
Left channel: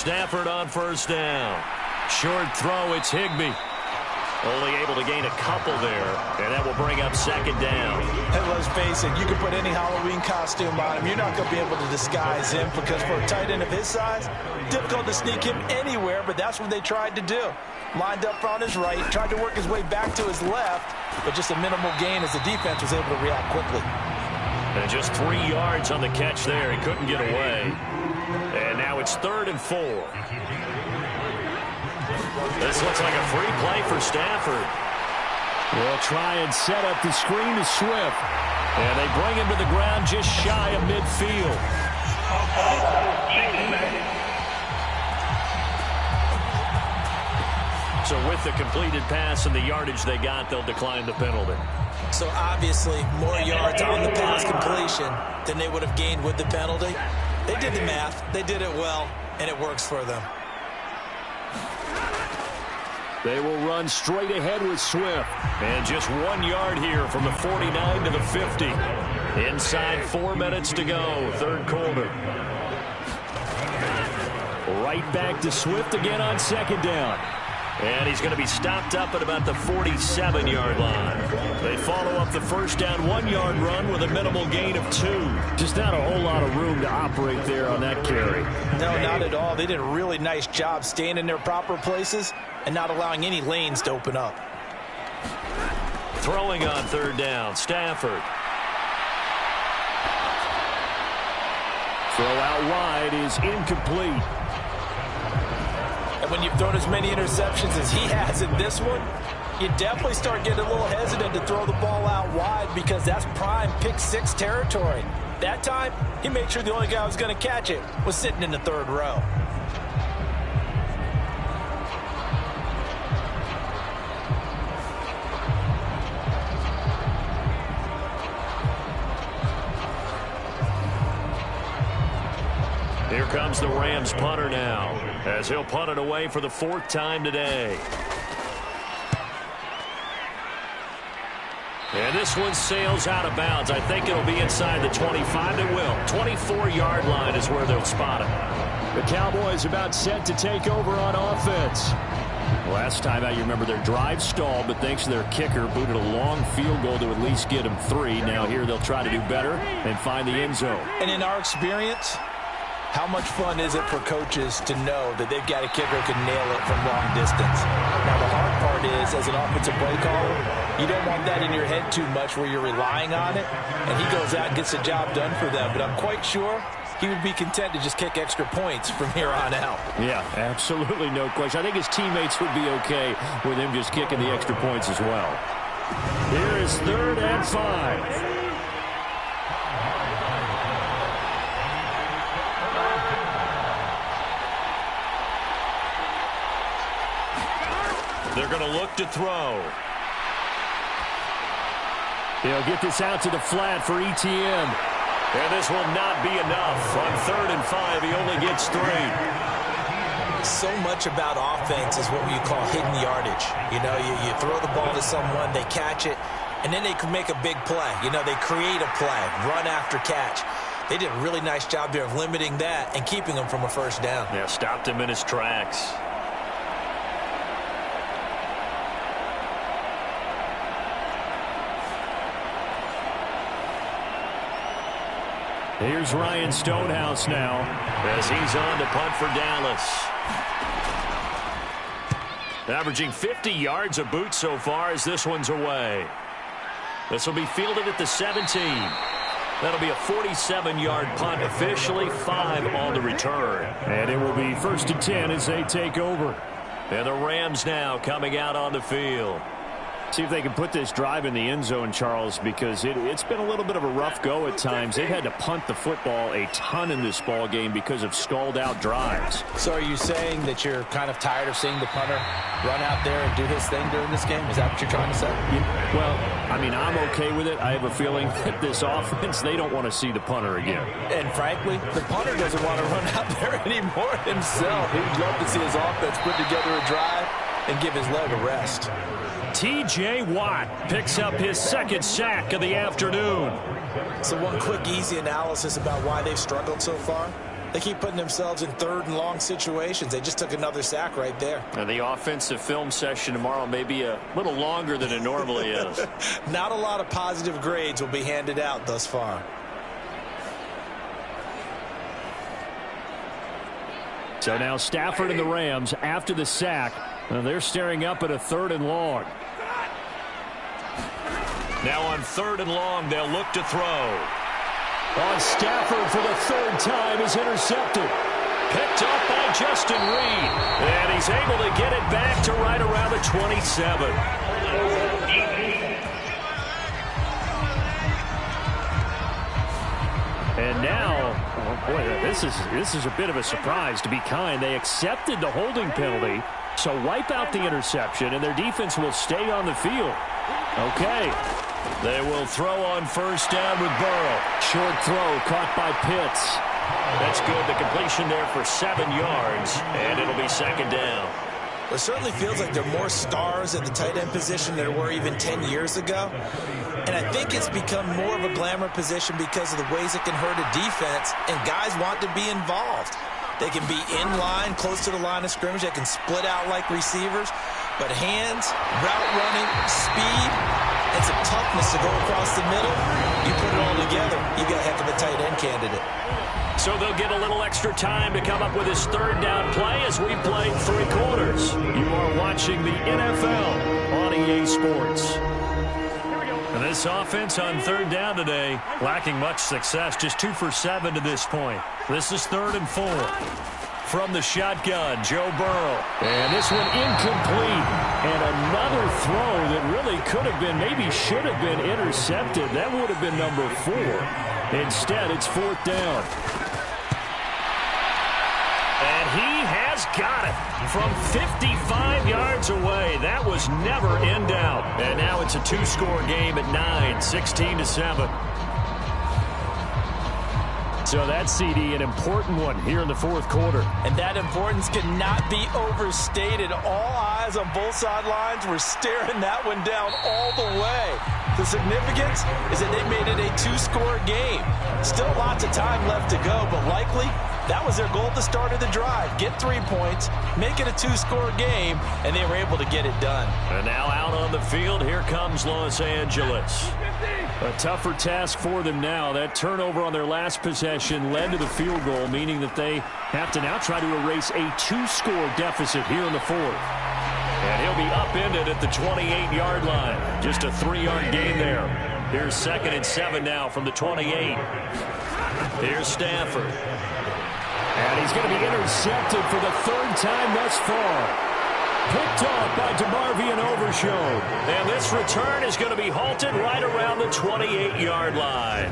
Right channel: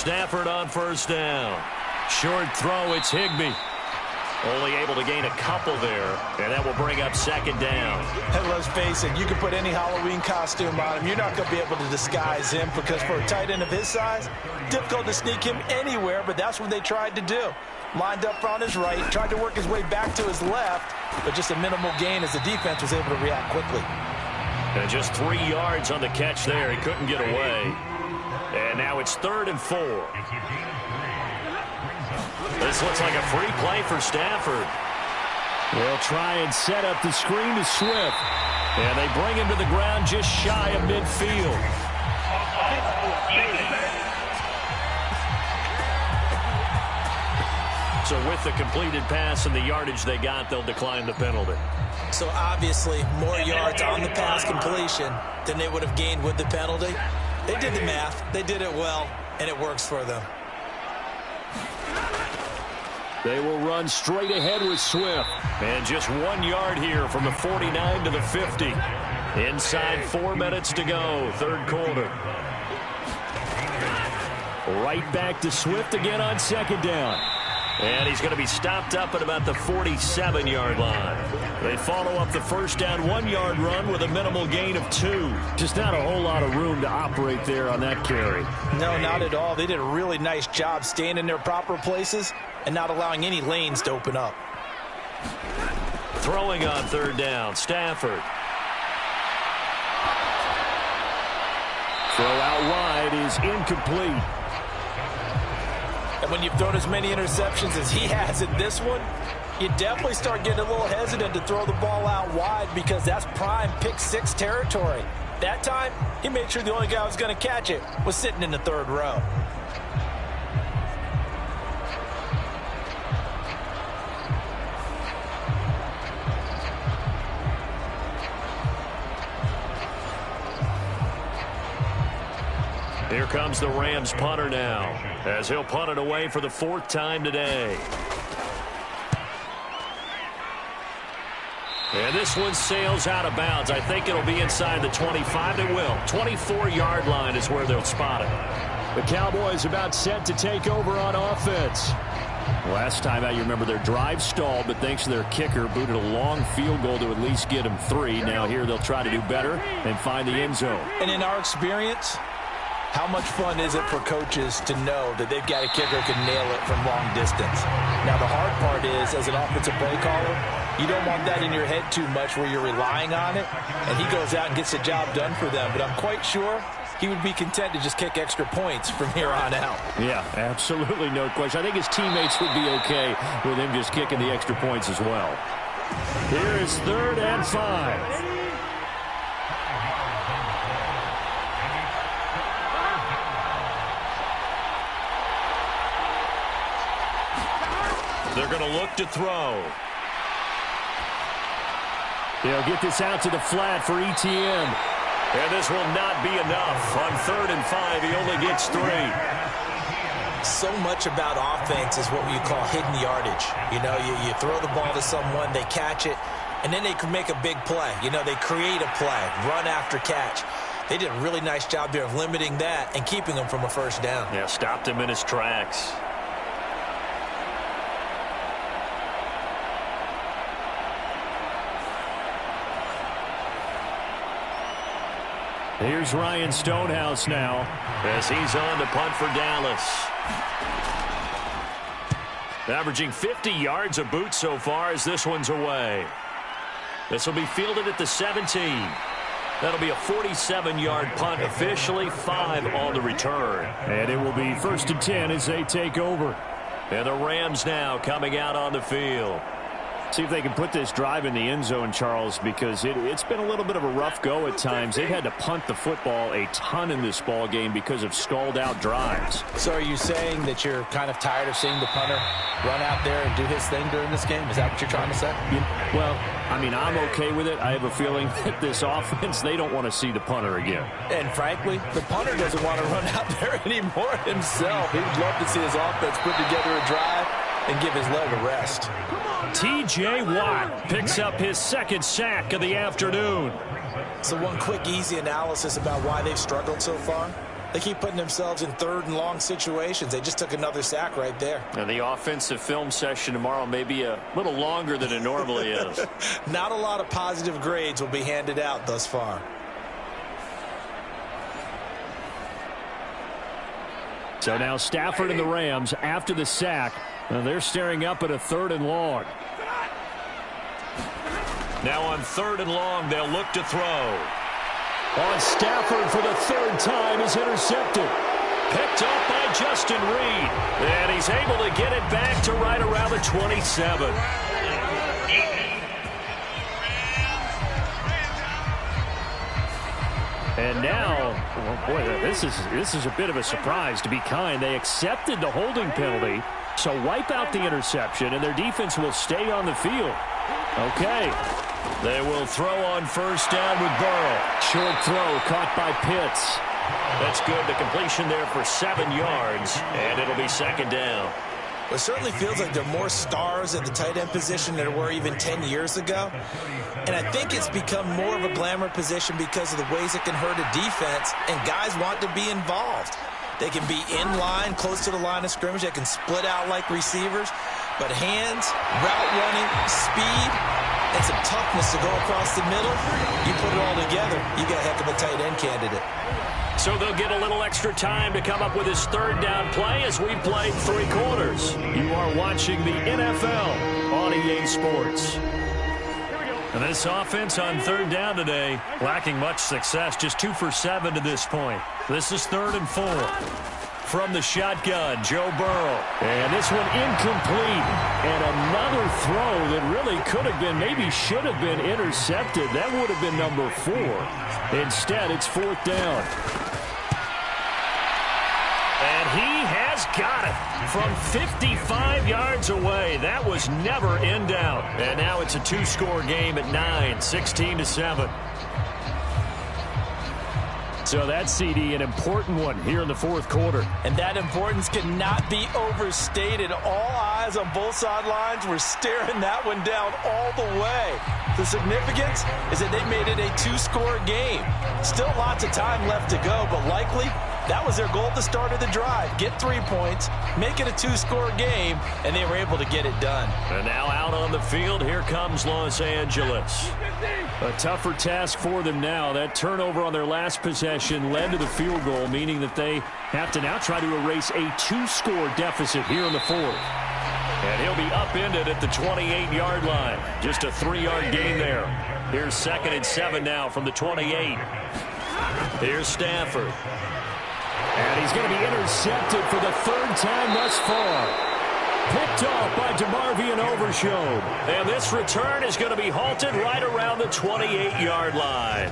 Stafford on first down. Short throw, it's Higbee. Only able to gain a couple there, and that will bring up second down. And let's face it, you can put any Halloween costume on him. You're not going to be able to disguise him because for a tight end of his size, difficult to sneak him anywhere, but that's what they tried to do. Lined up on his right, tried to work his way back to his left, but just a minimal gain as the defense was able to react quickly. And just 3 yards on the catch there. He couldn't get away. And now it's 3rd and 4. This looks like a free play for Stafford. They'll try and set up the screen to Swift. And they bring him to the ground just shy of midfield. So with the completed pass and the yardage they got, they'll decline the penalty. So obviously more yards on the pass completion than they would have gained with the penalty. They did the math. They did it well, and it works for them. They will run straight ahead with Swift. And just 1 yard here from the 49 to the 50. Inside 4 minutes to go, third quarter. Right back to Swift again on second down. And he's going to be stopped up at about the 47-yard line. They follow up the first down 1-yard run with a minimal gain of 2. Just not a whole lot of room to operate there on that carry. No, not at all. They did a really nice job staying in their proper places and not allowing any lanes to open up. Throwing on third down, Stafford. Throw out wide is incomplete. And when you've thrown as many interceptions as he has in this one, you definitely start getting a little hesitant to throw the ball out wide because that's prime pick 6 territory. That time, he made sure the only guy who was going to catch it was sitting in the third row. Here comes the Rams punter now, as he'll punt it away for the 4th time today. And this one sails out of bounds. I think it'll be inside the 25. It will. 24-yard line is where they'll spot it. The Cowboys about set to take over on offense. Last time out, you remember their drive stalled, but thanks to their kicker, booted a long field goal to at least get them 3. Now here they'll try to do better and find the end zone. And in our experience, how much fun is it for coaches to know that they've got a kicker who can nail it from long distance? Now, the hard part is, as an offensive play caller, you don't want that in your head too much where you're relying on it, and he goes out and gets the job done for them. But I'm quite sure he would be content to just kick extra points from here on out. Yeah, absolutely no question. I think his teammates would be okay with him just kicking the extra points as well. Here is 3rd and 5. They're going to look to throw. They'll get this out to the flat for ETN. And this will not be enough. On 3rd and 5, he only gets 3. So much about offense is what you call hidden yardage. You know, you throw the ball to someone, they catch it, and then they can make a big play. You know, they create a play, run after catch. They did a really nice job there of limiting that and keeping him from a first down. Yeah, stopped him in his tracks. Here's Ryan Stonehouse now, as he's on to punt for Dallas. Averaging 50 yards a boot so far as this one's away. This will be fielded at the 17. That'll be a 47-yard punt, officially 5 on the return. And it will be 1st and 10 as they take over. And the Rams now coming out on the field. See if they can put this drive in the end zone, Charles, because it's been a little bit of a rough go at times. They've had to punt the football a ton in this ball game because of stalled-out drives. So are you saying that you're kind of tired of seeing the punter run out there and do his thing during this game? Is that what you're trying to say? Well, I mean, I'm okay with it. I have a feeling that this offense, they don't want to see the punter again. And frankly, the punter doesn't want to run out there anymore himself. He would love to see his offense put together a drive and give his leg a rest. T.J. Watt picks up his 2nd sack of the afternoon. So one quick, easy analysis about why they've struggled so far. They keep putting themselves in third and long situations. They just took another sack right there. And the offensive film session tomorrow may be a little longer than it normally is. Not a lot of positive grades will be handed out thus far. So now Stafford and the Rams, after the sack, they're staring up at a 3rd and long. Now on 3rd and long, they'll look to throw. On Stafford for the 3rd time is intercepted. Picked up by Justin Reed. And he's able to get it back to right around the 27. And now, oh boy, this is a bit of a surprise, to be kind. They accepted the holding penalty, so wipe out the interception, and their defense will stay on the field. Okay. They will throw on 1st down with Burrow. Short throw caught by Pitts. That's good. The completion there for 7 yards, and it'll be 2nd down. It certainly feels like there are more stars at the tight end position than there were even 10 years ago. And I think it's become more of a glamour position because of the ways it can hurt a defense, and guys want to be involved. They can be in line, close to the line of scrimmage. They can split out like receivers. But hands, route running, speed, and some toughness to go across the middle, you put it all together, you got a heck of a tight end candidate. So they'll get a little extra time to come up with his 3rd down play as we played 3 quarters. You are watching the NFL on EA Sports. And this offense on 3rd down today, lacking much success, just 2 for 7 to this point. This is 3rd and 4. From the shotgun, Joe Burrow. And this one incomplete. And another throw that really could have been, maybe should have been intercepted. That would have been number 4. Instead, it's 4th down. And he has got it from 55 yards away. That was never in doubt. And now it's a 2-score game at 9, 16-7. So that CD, an important one here in the 4th quarter. And that importance cannot be overstated. All eyes on both sidelines were staring that one down all the way. The significance is that they made it a 2-score game. Still lots of time left to go, but likely that was their goal at the start of the drive. Get 3 points, make it a 2-score game, and they were able to get it done. And now out on the field, here comes Los Angeles. A tougher task for them now. That turnover on their last possession led to the field goal, meaning that they have to now try to erase a 2-score deficit here in the 4th. And he'll be upended at the 28-yard line. Just a 3-yard gain there. Here's 2nd and 7 now from the 28. Here's Stafford. And he's going to be intercepted for the 3rd time thus far. Picked off by DeMarvion Overshown. And this return is going to be halted right around the 28-yard line.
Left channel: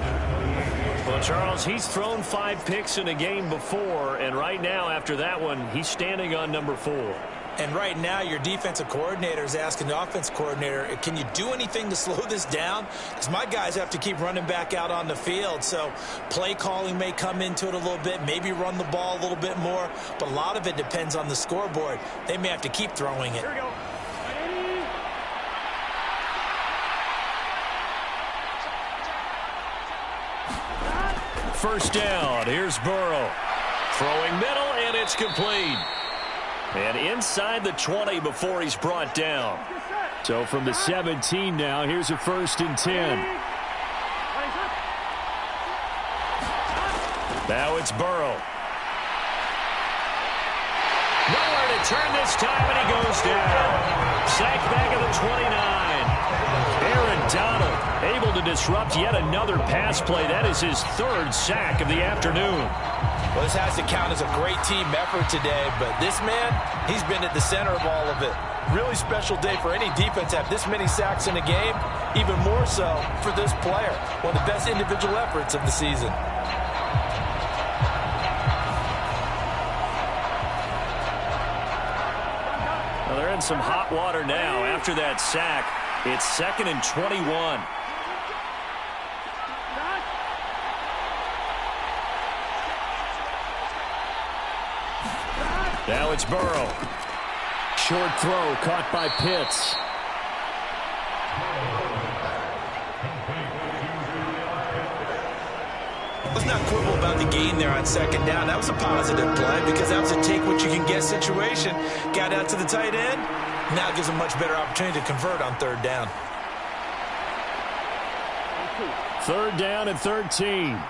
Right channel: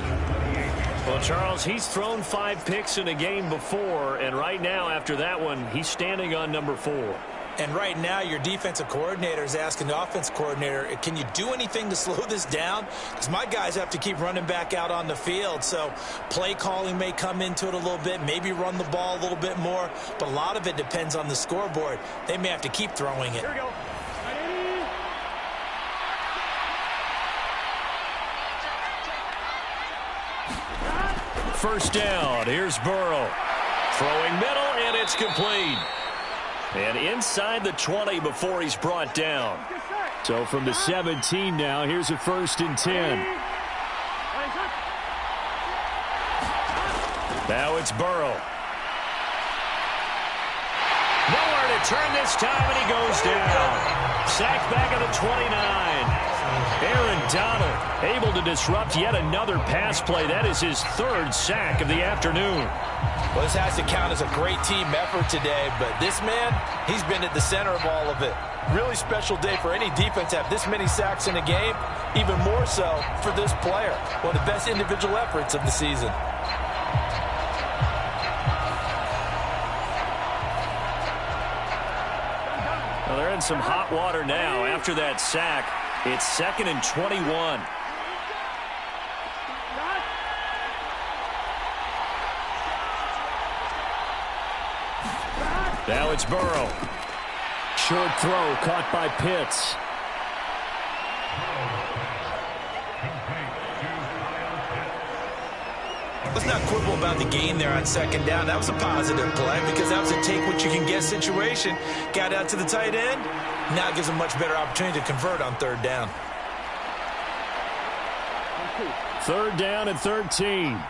Well, Charles, he's thrown 5 picks in a game before, and right now, after that one, he's standing on number 4. And right now, your defensive coordinator is asking the offense coordinator, can you do anything to slow this down? Because my guys have to keep running back out on the field. So play calling may come into it a little bit, maybe run the ball a little bit more. But a lot of it depends on the scoreboard. They may have to keep throwing it. Here we go. First down. Here's Burrow. Throwing middle, and it's complete. And inside the 20 before he's brought down. So from the 17 now, here's a 1st and 10. Now it's Burrow. Nowhere to turn this time, and he goes down. Sacked back at the 29. Aaron Donald able to disrupt yet another pass play. That is his 3rd sack of the afternoon. Well, this has to count as a great team effort today, but this man, he's been at the center of all of it. Really special day for any defense to have this many sacks in a game, even more so for this player. One of the best individual efforts of the season. Well, they're in some hot water now after that sack. It's 2nd and 21. Now it's Burrow. Short throw caught by Pitts. Let's not quibble about the gain there on second down. That was a positive play because that was a take-what-you-can-get situation. Got out to the tight end. Now it gives a much better opportunity to convert on third down. 3rd down and 13.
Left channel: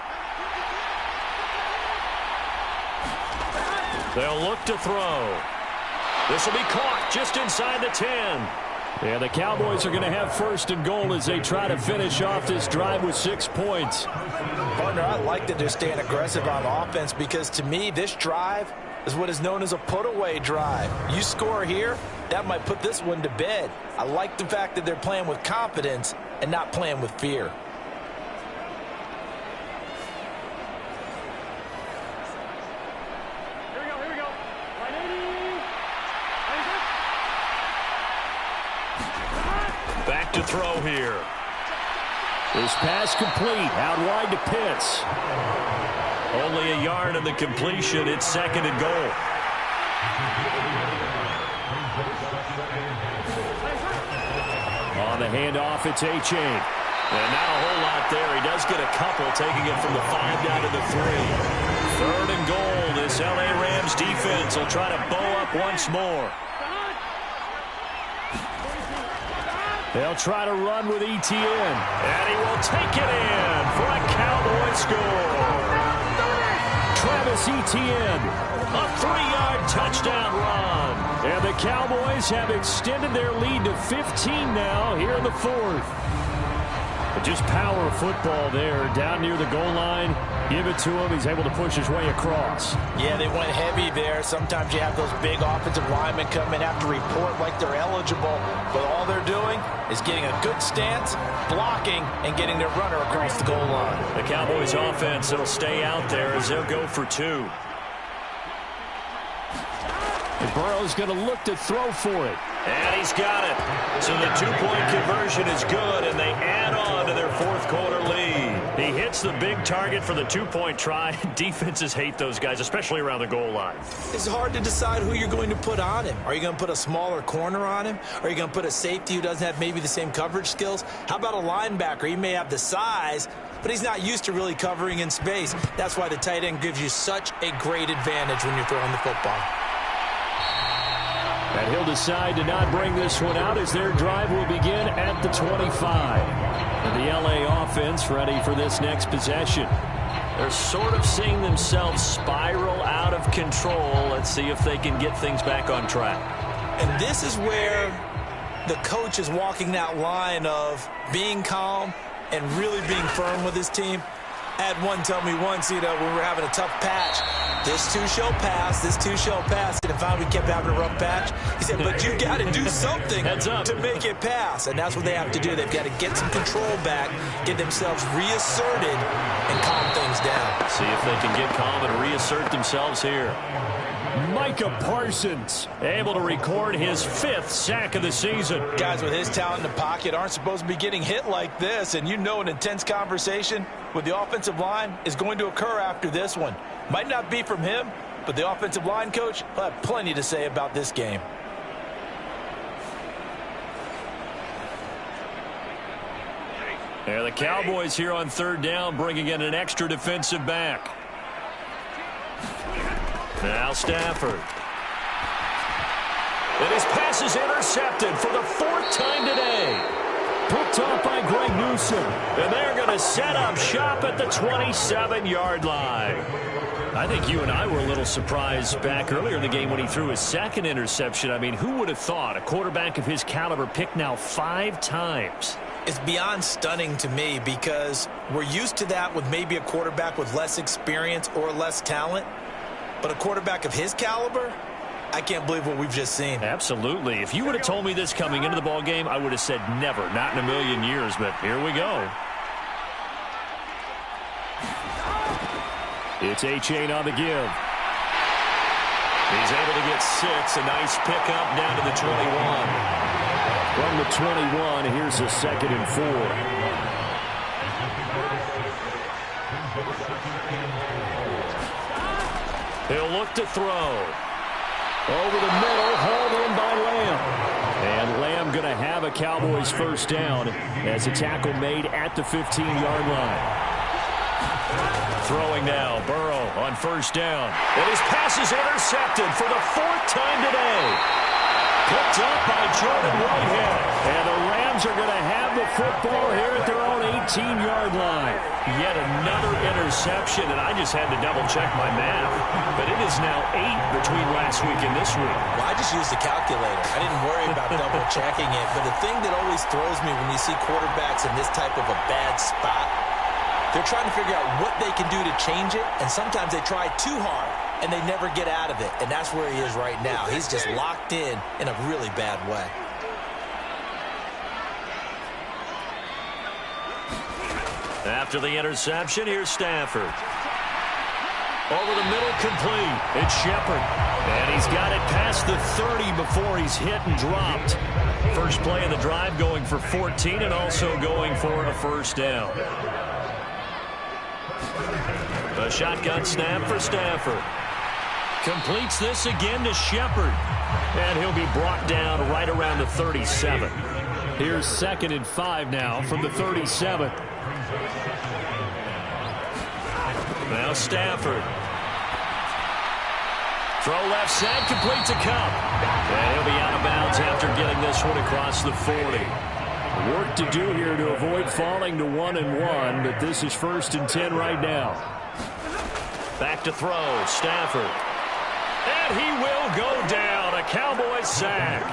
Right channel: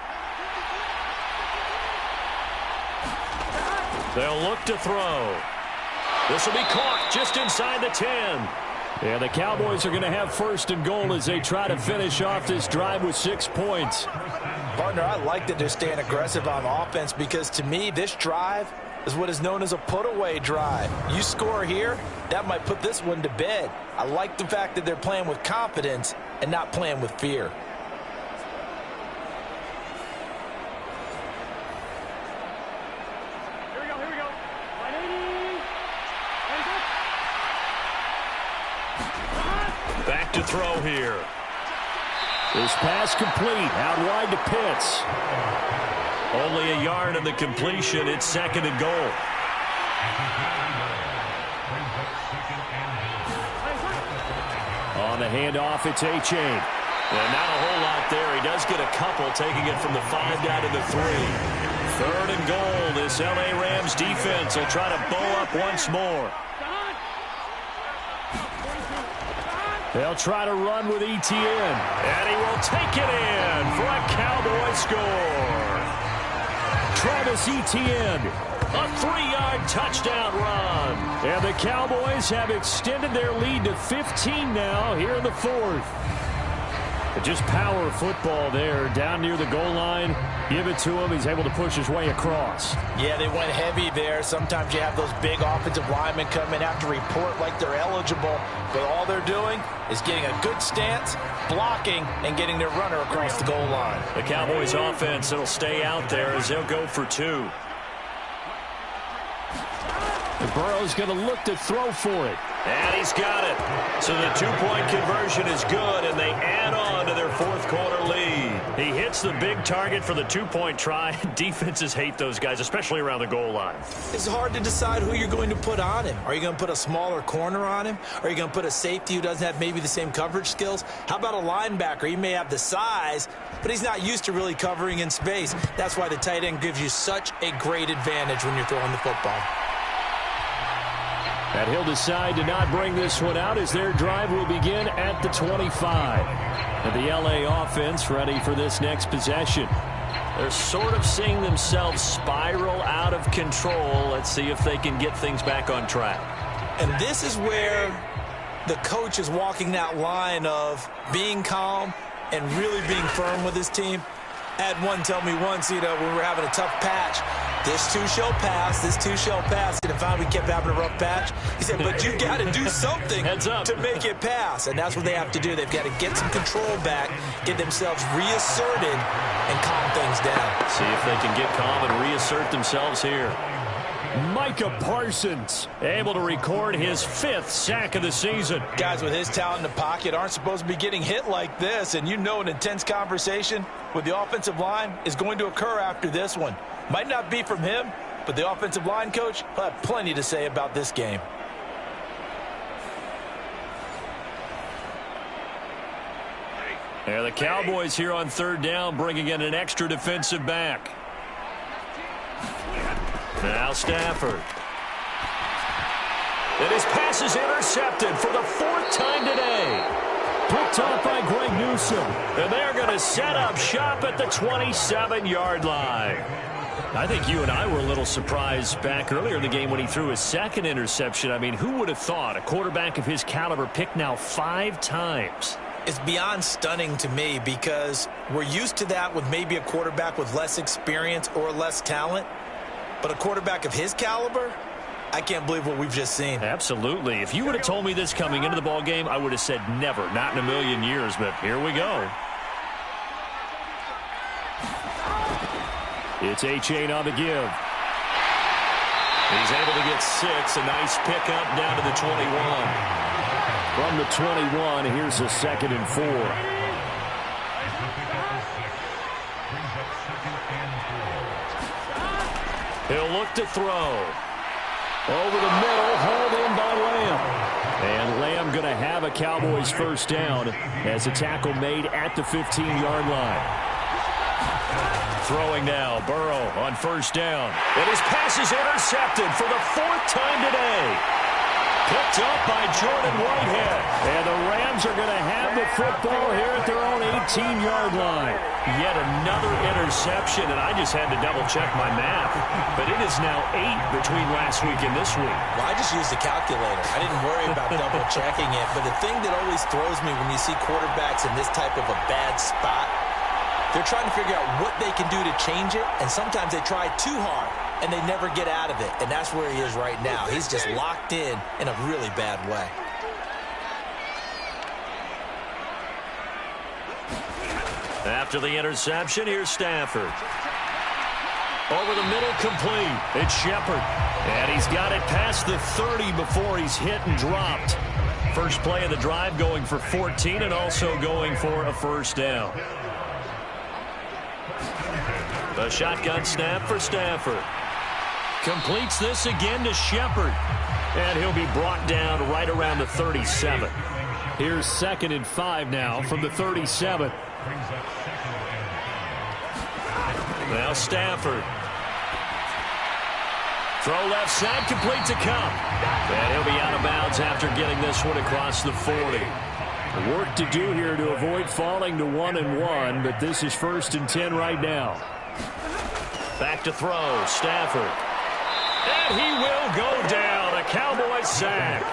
They'll look to throw. This will be caught just inside the 10. Yeah, the Cowboys are going to have 1st and goal as they try to finish off this drive with 6 points. Partner, I like that they're staying aggressive on offense because to me, this drive is what is known as a put-away drive. You score here, that might put this one to bed. I like the fact that they're playing with confidence and not playing with fear. Here we go. Line 80. Back to throw here. This pass complete, out wide to Pitts. Only a yard in the completion. It's 2nd and goal. On the handoff, it's A-Chain. And not a whole lot there. He does get a couple, taking it from the 5 down to the 3. 3rd and goal. This L.A. Rams defense will try to bow up once more. They'll try to run with Etienne. And he will take it in for a Cowboy score. Travis Etienne, a 3-yard touchdown run. And the Cowboys have extended their lead to 15 now here in the 4th. But just power football there down near the goal line. Give it to him. He's able to push his way across. Yeah, they went heavy there. Sometimes you have those big offensive linemen come in, have to report like they're eligible. But all they're doing is getting a good stance, blocking, and getting their runner across the goal line. The Cowboys offense will stay out there as they'll go for 2. And Burrow's going to look to throw for it. And he's got it. So the 2-point conversion is good, and they add on to their 4th quarter lead. He hits the big target for the 2-point try. Defenses hate those guys, especially around the goal line. It's hard to decide who you're going to put on him. Are you going to put a smaller corner on him? Are you going to put a safety who doesn't have maybe the same coverage skills? How about a linebacker? He may have the size, but he's not used to really covering in space. That's why the tight end gives you such a great advantage when you're throwing the football. And he'll decide to not bring this one out as their drive will begin at the 25. And the L.A. offense ready for this next possession. They're sort of seeing themselves spiral out of control. Let's see if they can get things back on track. And this is where the coach is walking that line of being calm and really being firm with his team. I had one tell me once, when we were having a tough patch, this too shall pass, this too shall pass. And finally we kept having a rough patch. He said, but you got to do something to make it pass. And that's what they have to do. They've got to get some control back, get themselves reasserted, and calm things down. See if they can get calm and reassert themselves here. Micah Parsons able to record his 5th sack of the season. Guys with his talent in the pocket aren't supposed to be getting hit like this. And an intense conversation with the offensive line is going to occur after this one. Might not be from him, but the offensive line coach will have plenty to say about this game. Yeah, the Cowboys here on 3rd down bringing in an extra defensive back. Now Stafford. And his pass is intercepted for the 4th time today. Picked off by Greg Newsome. And they're going to set up shop at the 27-yard line. I think you and I were a little surprised back earlier in the game when he threw his 2nd interception. I mean, who would have thought a quarterback of his caliber picked now 5 times? It's beyond stunning to me because we're used to that with maybe a quarterback with less experience or less talent. But a quarterback of his caliber, I can't believe what we've just seen. Absolutely. If you would have told me this coming into the ball game, I would have said never, not in a million years. But here we go. It's A-Chain on the give. He's able to get 6. A nice pickup down to the 21. From the 21, here's a 2nd and 4. He'll look to throw. Over the middle, hauled in by Lamb. And Lamb going to have a Cowboys 1st down as a tackle made at the 15-yard line. Throwing now, Burrow on first down. And his pass is intercepted for the 4th time today. Picked up by Jordan Whitehead. And the Rams are going to have the football here at their own 18-yard line. Yet another interception, and I just had to double-check my math. But it is now 8 between last week and this week. Well, I just used the calculator. I didn't worry about double-checking it. But the thing that always throws me when you see quarterbacks in this type of a bad spot, they're trying to figure out what they can do to change it, and sometimes they try too hard, and they never get out of it, and that's where he is right now. He's just locked in a really bad way. After the interception, here's Stafford. Over the middle, complete. It's Shepard. And he's got it past the 30 before he's hit and dropped. First play of the drive going for 14 and also going for a first down. A shotgun snap for Stafford. Completes this again to Shepard. And he'll be brought down right around the 37. Here's 2nd and 5 now from the 37. Now Stafford. Throw left side, complete to Cup. And he'll be out of bounds after getting this one across the 40. Work to do here to avoid falling to 1-1, but this is 1st and 10 right now. Back to throw, Stafford. And he will go down, a Cowboys sack.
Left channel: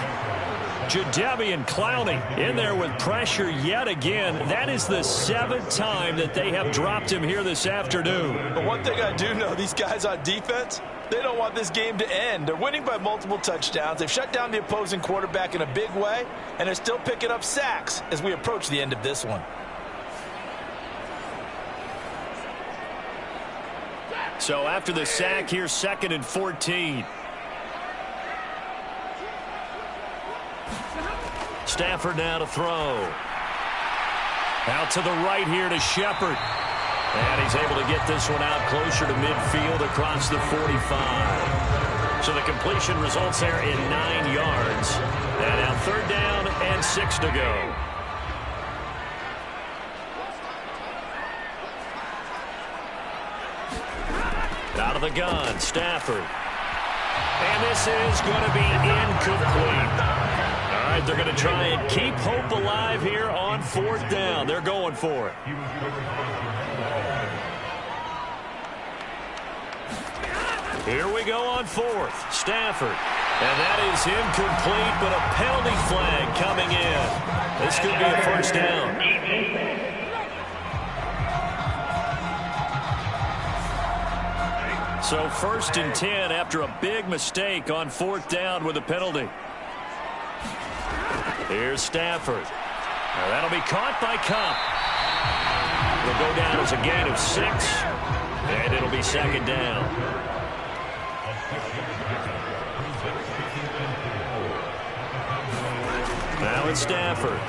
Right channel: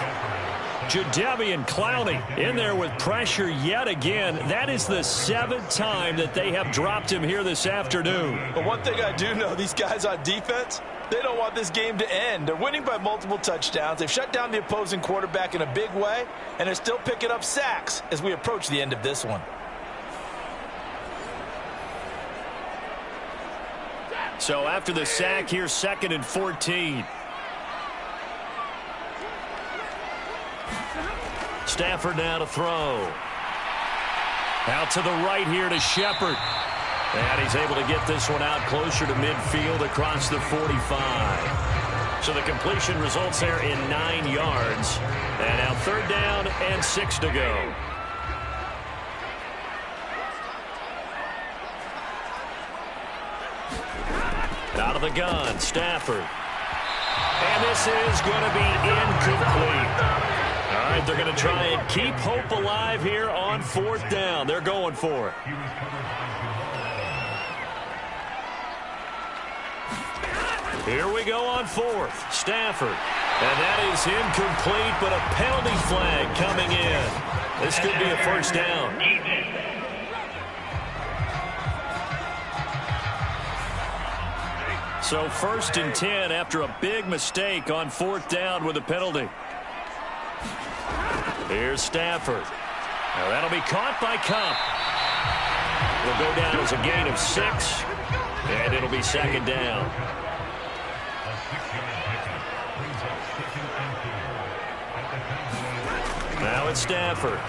Jadeveon Clowney in there with pressure yet again. That is the 7th time that they have dropped him here this afternoon. But one thing I do know, these guys on defense, they don't want this game to end. They're winning by multiple touchdowns. They've shut down the opposing quarterback in a big way, and they're still picking up sacks as we approach the end of this one. So after the sack, here's 2nd and 14. Stafford now to throw. Out to the right here to Shepard. And he's able to get this one out closer to midfield across the 45. So the completion results there in 9 yards. And now 3rd down and 6 to go. Out of the gun, Stafford. And this is going to be incomplete. All right, they're going to try and keep hope alive here on 4th down. They're going for it. Here we go on 4th. Stafford. And that is incomplete, but a penalty flag coming in. This could be a first down. So 1st and 10 after a big mistake on 4th down with a penalty. Here's Stafford. Now that'll be caught by Cup. It'll go down as a gain of 6, and it'll be 2nd down. Now it's Stafford.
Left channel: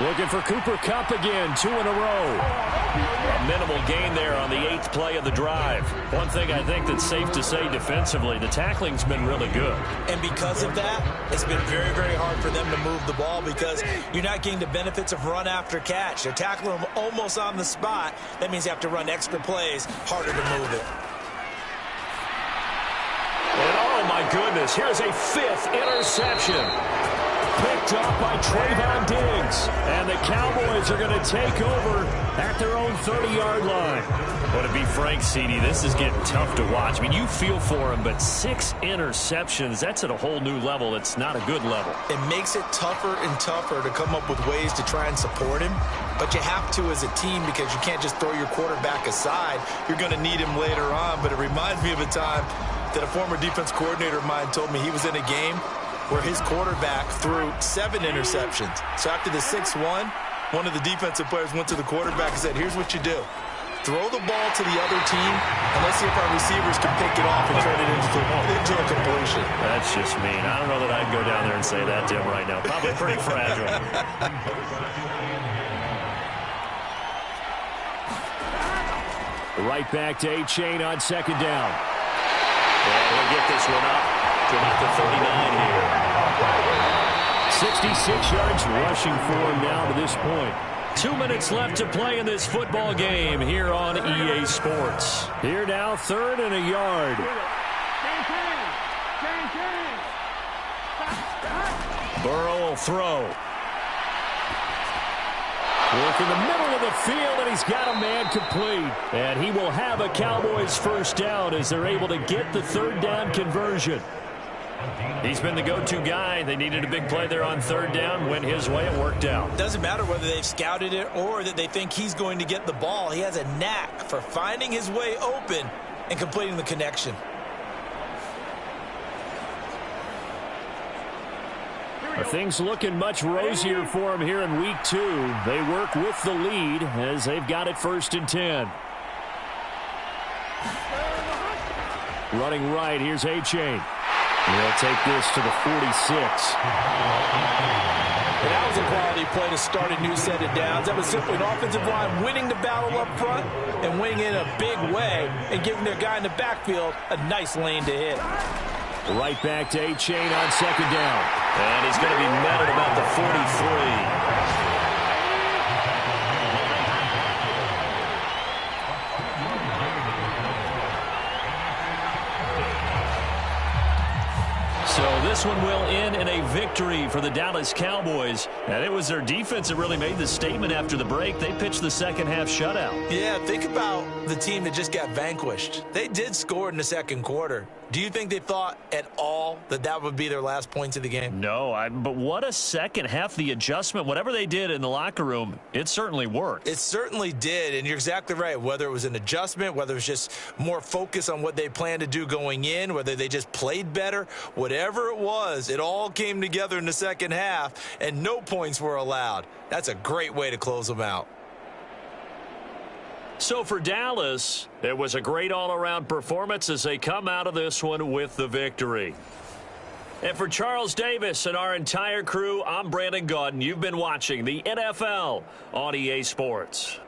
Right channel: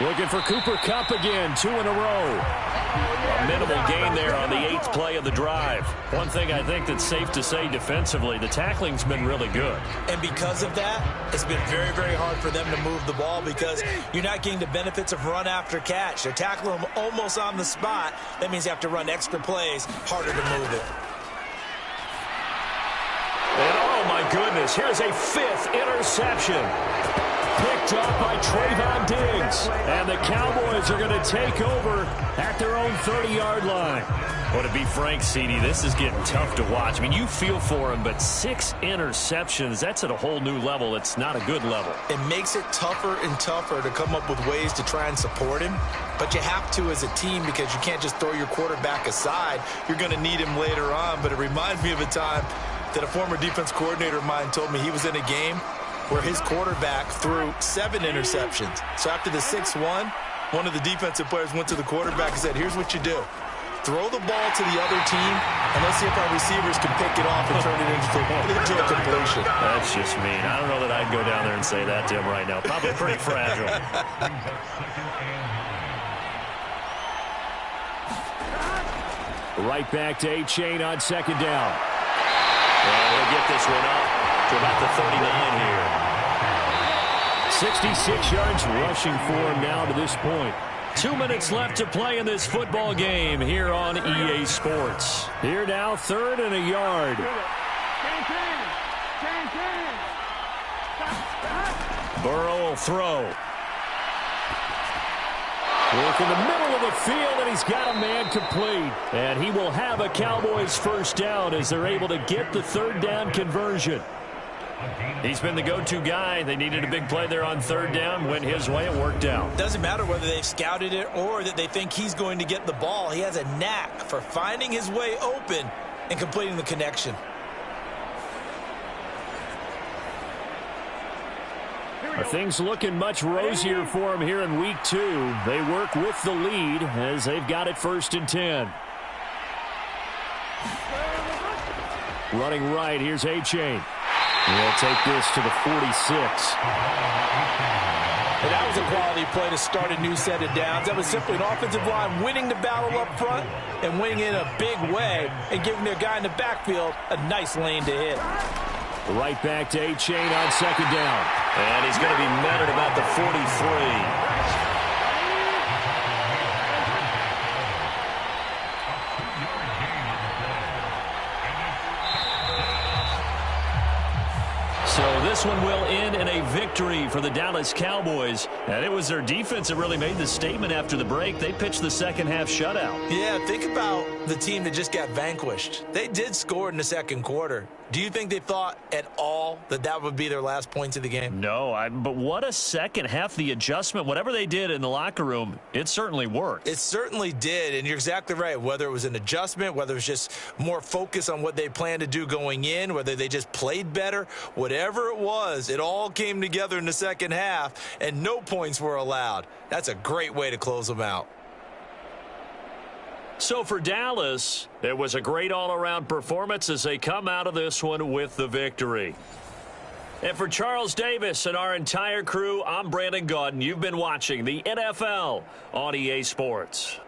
Looking for Cooper Kupp again, 2 in a row. A minimal gain there on the 8th play of the drive. One thing I think that's safe to say defensively, the tackling's been really good. And because of that, it's been very, very hard for them to move the ball because you're not getting the benefits of run after catch. They're tackling them almost on the spot. That means you have to run extra plays, harder to move it. And oh my goodness, here's a 5th interception. Picked up by Trayvon Diggs. And the Cowboys are going to take over at their own 30-yard line. Well, to be frank, CD, this is getting tough to watch. I mean, you feel for him, but 6 interceptions, that's at a whole new level. It's not a good level. It makes it tougher and tougher to come up with ways to try and support him. But you have to as a team because you can't just throw your quarterback aside. You're going to need him later on. But it reminds me of a time that a former defense coordinator of mine told me he was in a game where his quarterback threw 7 interceptions. So after the 6th one of the defensive players went to the quarterback and said, here's what you do. Throw the ball to the other team, and let's see if our receivers can pick it off and turn it into a completion. That's just mean. I don't know that I'd go down there and say that to him right now. Probably pretty fragile. Right back to A-Chain on 2nd down. And he'll get this one up to about the 39 here. 66 yards rushing for him now to this point. 2 minutes left to play in this football game here on EA Sports. Here now, 3rd and a yard. Burrow will throw. Work in the middle of the field, and he's got a man complete. And he will have a Cowboys first down as they're able to get the 3rd down conversion. He's been the go-to guy. They needed a big play there on 3rd down. Went his way. It worked out. Doesn't matter whether they've scouted it or that they think he's going to get the ball. He has a knack for finding his way open and completing the connection. Are things looking much rosier for him here in week 2? They work with the lead as they've got it 1st and 10. Running right, here's A-Chain. He'll take this to the 46. And that was a quality play to start a new set of downs. That was simply an offensive line winning the battle up front and winning in a big way and giving their guy in the backfield a nice lane to hit. Right back to A-Chain on 2nd down. And he's going to be met at about the 43. So this one will end in a victory for the Dallas Cowboys. And it was their defense that really made the statement after the break. They pitched the second half shutout. Yeah, think about the team that just got vanquished. They did score in the 2nd quarter. Do you think they thought at all that that would be their last points of the game? No, but what a second half. The adjustment, whatever they did in the locker room, it certainly worked. It certainly did, and you're exactly right. Whether it was an adjustment, whether it was just more focus on what they planned to do going in, whether they just played better, whatever it was, it all came together in the second half, and no points were allowed. That's a great way to close them out. So for Dallas, it was a great all-around performance as they come out of this one with the victory. And for Charles Davis and our entire crew, I'm Brandon Gaudin. You've been watching the NFL on EA Sports.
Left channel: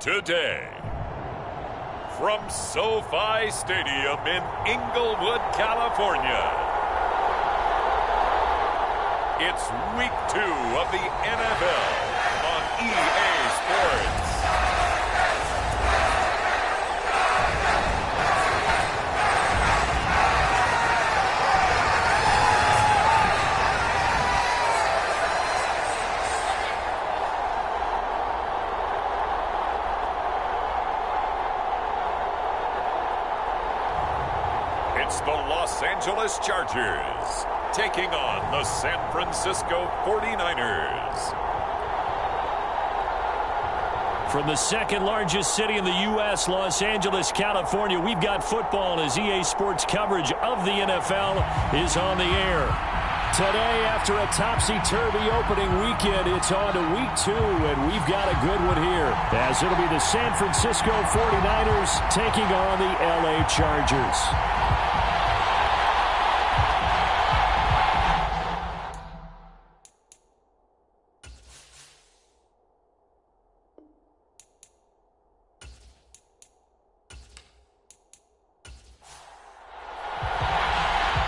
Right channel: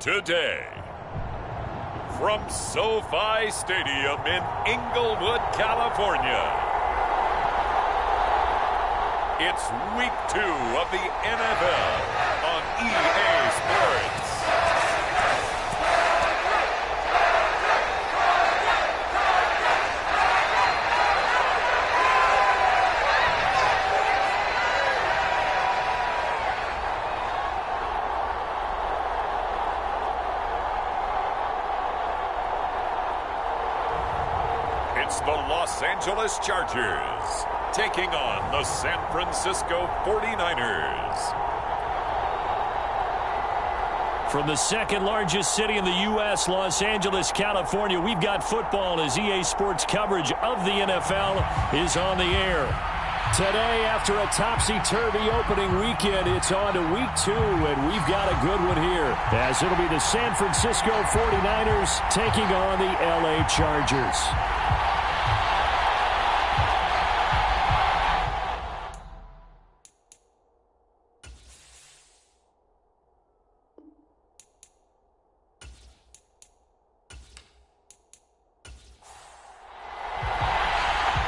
today. From SoFi Stadium in Inglewood, California, it's Week 2 of the NFL on EA Sports. It's the Los Angeles Chargers taking on the San Francisco 49ers. From the second largest city in the U.S., Los Angeles, California, we've got football as EA Sports coverage of the NFL is on the air. Today, after a topsy-turvy opening weekend, it's on to Week 2, and we've got a good one here, as it'll be the San Francisco 49ers taking on the L.A. Chargers.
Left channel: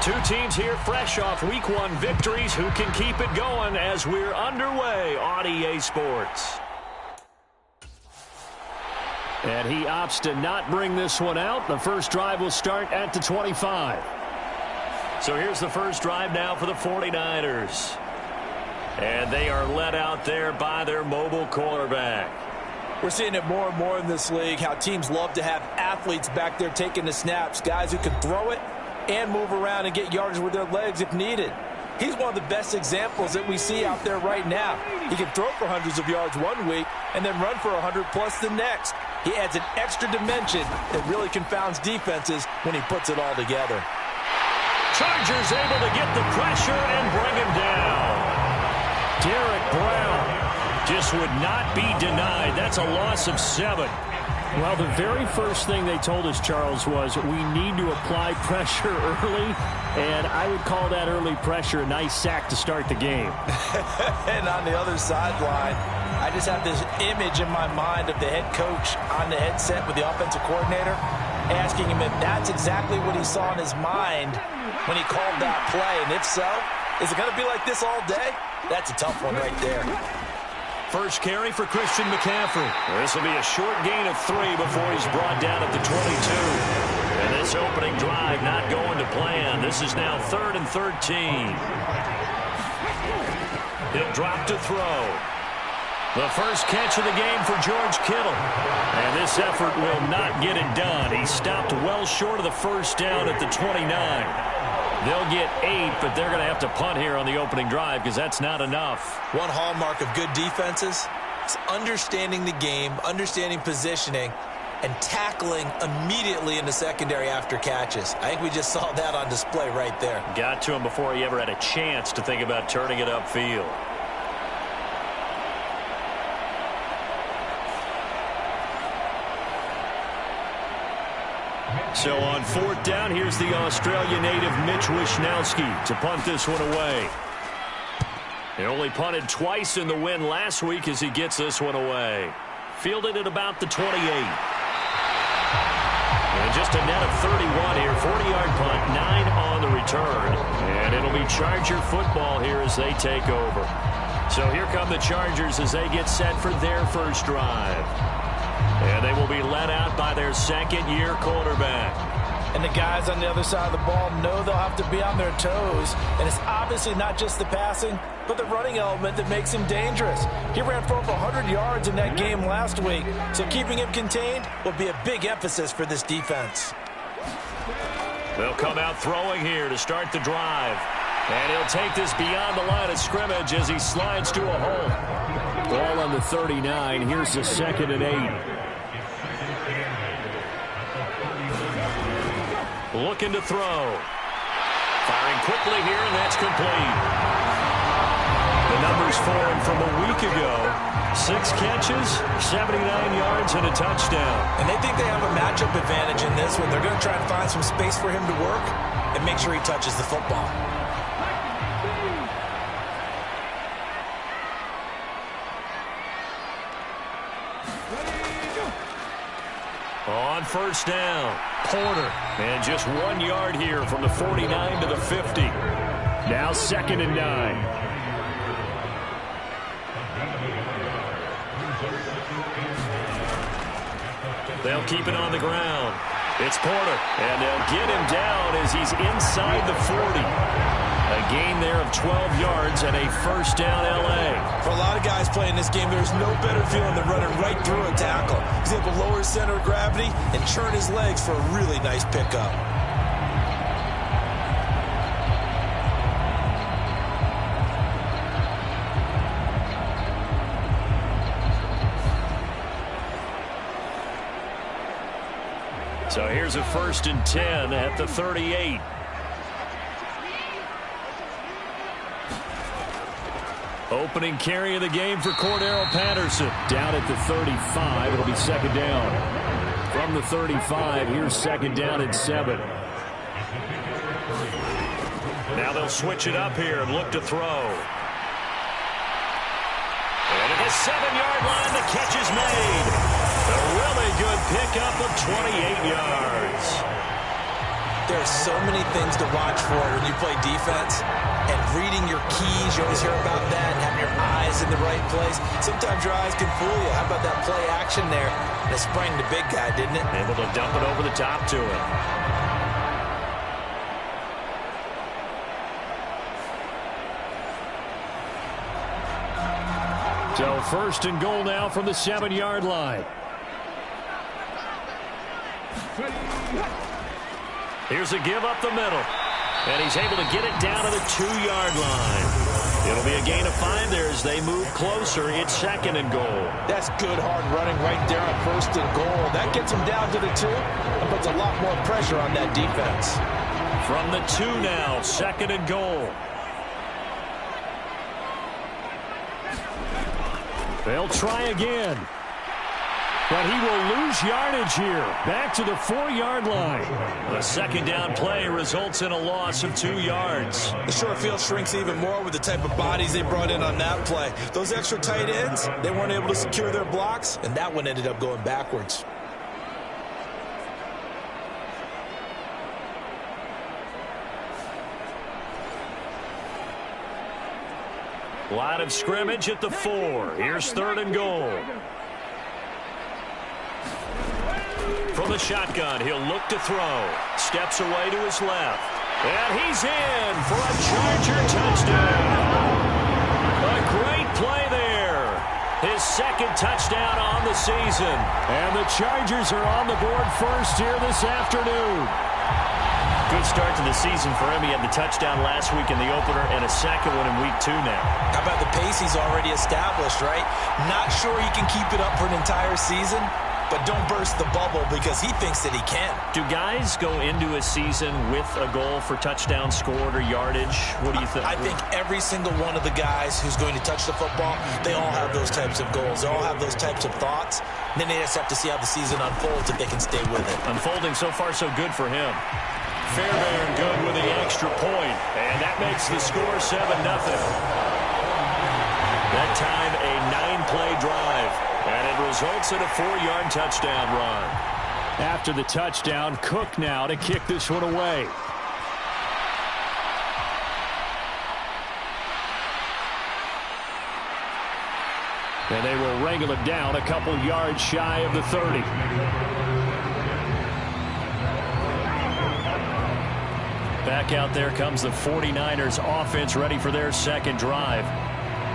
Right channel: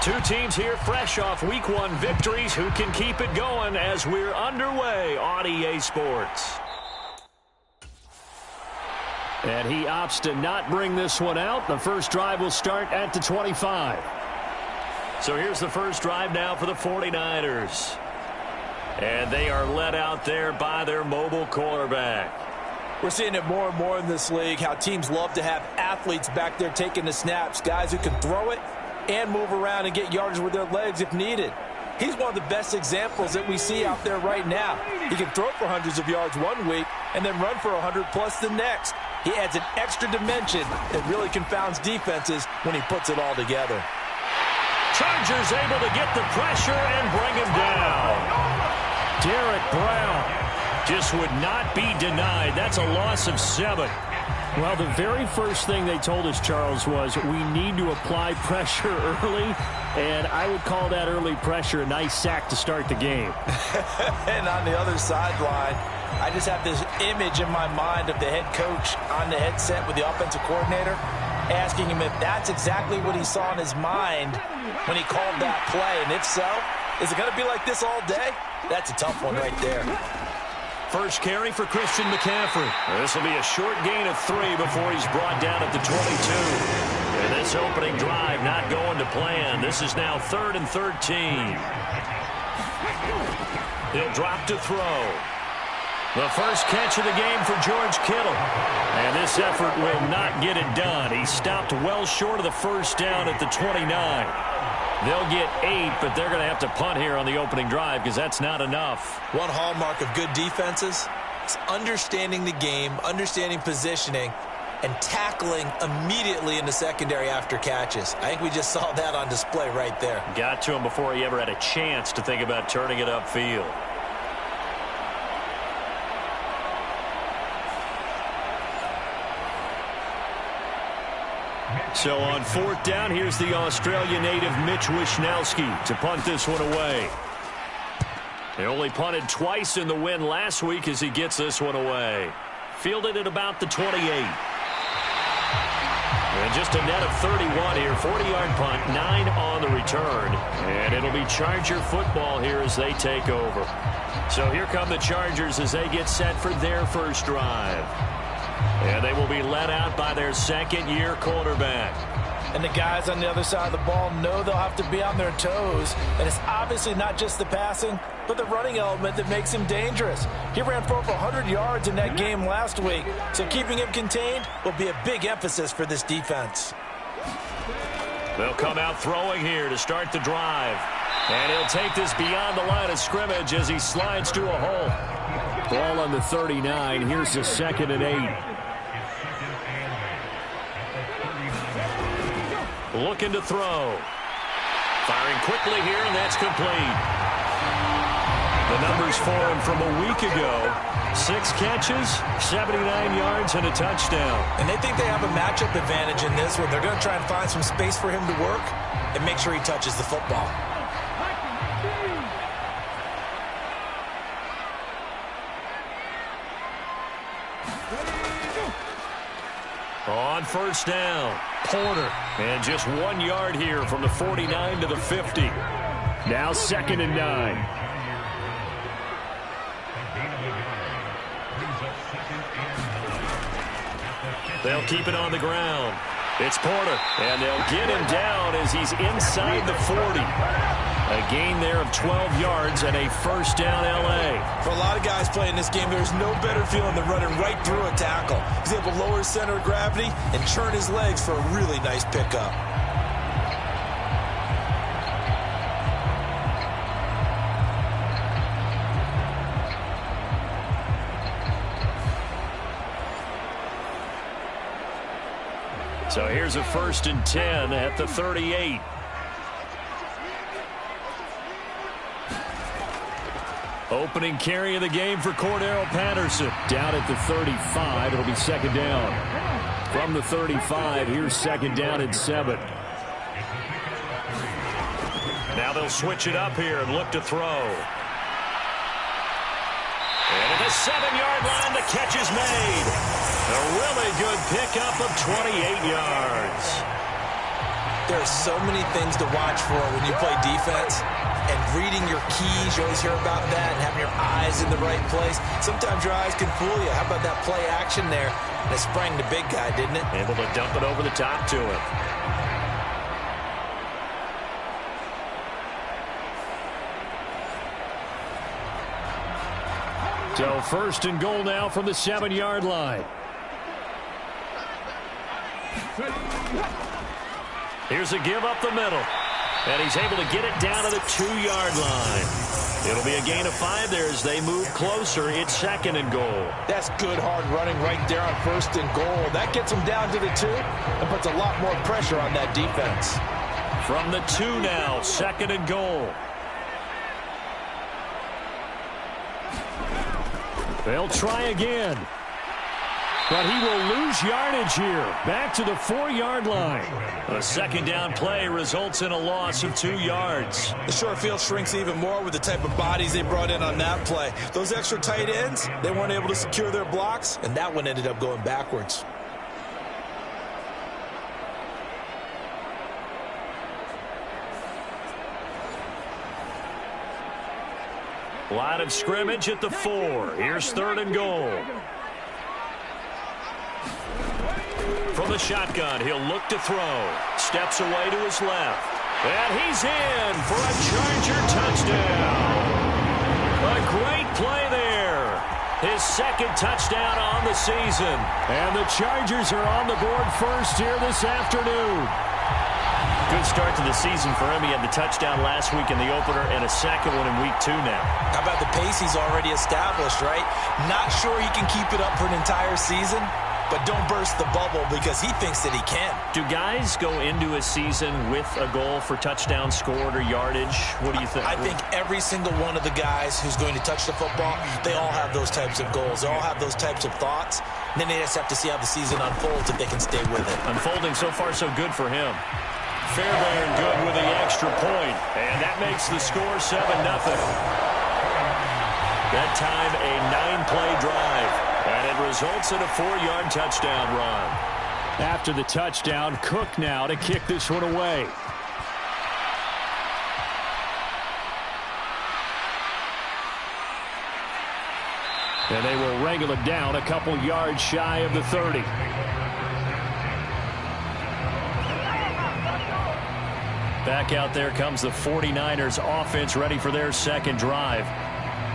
Two teams here fresh off Week 1 victories. Who can keep it going as we're underway on EA Sports? And he opts to not bring this one out. The first drive will start at the 25. So here's the first drive now for the 49ers. And they are led out there by their mobile quarterback. We're seeing it more and more in this league, how teams love to have athletes back there taking the snaps, guys who can throw it and move around and get yardage with their legs if needed. He's one of the best examples that we see out there right now. He can throw for hundreds of yards one week and then run for 100+ the next. He adds an extra dimension that really confounds defenses when he puts it all together. Chargers able to get the pressure and bring him down. Derek Brown just would not be denied. That's a loss of 7. Well, the very first thing they told us, Charles, was we need to apply pressure early, and I would call that early pressure a nice sack to start the game. And on the other sideline, I just have this image in my mind of the head coach on the headset with the offensive coordinator asking him if that's exactly what he saw in his mind when he called that play. And if so, is it going to be like this all day? That's a tough one right there. First carry for Christian McCaffrey. This will be a short gain of 3 before he's brought down at the 22. And this opening drive not going to plan. This is now 3rd and 13. He'll drop to throw. The first catch of the game for George Kittle. And this effort will not get it done. He stopped well short of the first down at the 29. They'll get 8, but they're going to have to punt here on the opening drive because that's not enough. One hallmark of good defenses is understanding the game, understanding positioning, and tackling immediately in the secondary after catches. I think we just saw that on display right there. Got to him before he ever had a chance to think about turning it upfield. So on 4th down, here's the Australia native Mitch Wishnowsky to punt this one away. He only punted twice in the win last week as he gets this one away. Fielded at about the 28. And just a net of 31 here. 40-yard punt, 9 on the return. And it'll be Charger football here as they take over. So here come the Chargers as they get set for their first drive. And they will be led out by their second-year quarterback. And the guys on the other side of the ball know they'll have to be on their toes. And it's obviously not just the passing, but the running element that makes him dangerous. He ran for over 100 yards in that game last week, so keeping him contained will be a big emphasis for this defense. They'll come out throwing here to start the drive. And he'll take this beyond the line of scrimmage as he slides to a hole. Ball on the 39. Here's the 2nd and 8. Looking to throw. Firing quickly here, and that's complete. The numbers for him from a week ago. 6 catches, 79 yards, and a touchdown. And they think they have a matchup advantage in this one. They're going to try and find some space for him to work and make sure he touches the football. On first down, Porter. And just 1 yard here from the 49 to the 50. Now 2nd and 9. They'll keep it on the ground. It's Porter, and they'll get him down as he's inside the 40. A gain there of 12 yards and a first down L.A. For a lot of guys playing this game, there's no better feeling than running right through a tackle. He's able to lower his center of gravity and churn his legs for a really nice pickup. So here's a 1st and 10 at the 38. Opening carry of the game for Cordero Patterson. Down at the 35, it'll be 2nd down. From the 35, here's 2nd down and 7. Now they'll switch it up here and look to throw. And at the 7-yard line, the catch is made. A really good pickup of 28 yards. There are so many things to watch for when you play defense. And reading your keys, you always hear about that, and having your eyes in the right place. Sometimes your eyes can fool you. How about that play action there? And it sprang the big guy, didn't it? Able to dump it over the top to him. So 1st and goal now from the 7-yard line. Here's a give up the middle. And he's able to get it down to the 2-yard line. It'll be a gain of 5 there as they move closer. It's 2nd and goal. That's good hard running right there on 1st and goal. That gets him down to the 2 and puts a lot more pressure on that defense. From the 2 now, 2nd and goal. They'll try again. But he will lose yardage here. Back to the 4-yard line. The 2nd down play results in a loss of 2 yards. The short field shrinks even more with the type of bodies they brought in on that play. Those extra tight ends, they weren't able to secure their blocks, and that one ended up going backwards. Line of scrimmage at the 4. Here's 3rd and goal. From the shotgun, he'll look to throw. Steps away to his left. And he's in for a Charger touchdown. A great play there. His 2nd touchdown on the season. And the Chargers are on the board first here this afternoon. Good start to the season for him. He had the touchdown last week in the opener and a 2nd one in week 2 now. How about the pace he's already established, right? Not sure he can keep it up for an entire season, but don't burst the bubble because he thinks that he can. Do guys go into a season with a goal for touchdown scored or yardage? What do you think? I think every single one of the guys who's going to touch the football, they all have those types of goals. They all have those types of thoughts. And then they just have to see how the season unfolds if they can stay with it. Unfolding so far so good for him. Fairbairn good with the extra point. And that makes the score 7-0. That time a 9-play drive. And it results in a 4-yard touchdown run. After the touchdown, Cook now to kick this one away. And they will wrangle it down a couple yards shy of the 30. Back out there comes the 49ers offense ready for their 2nd drive.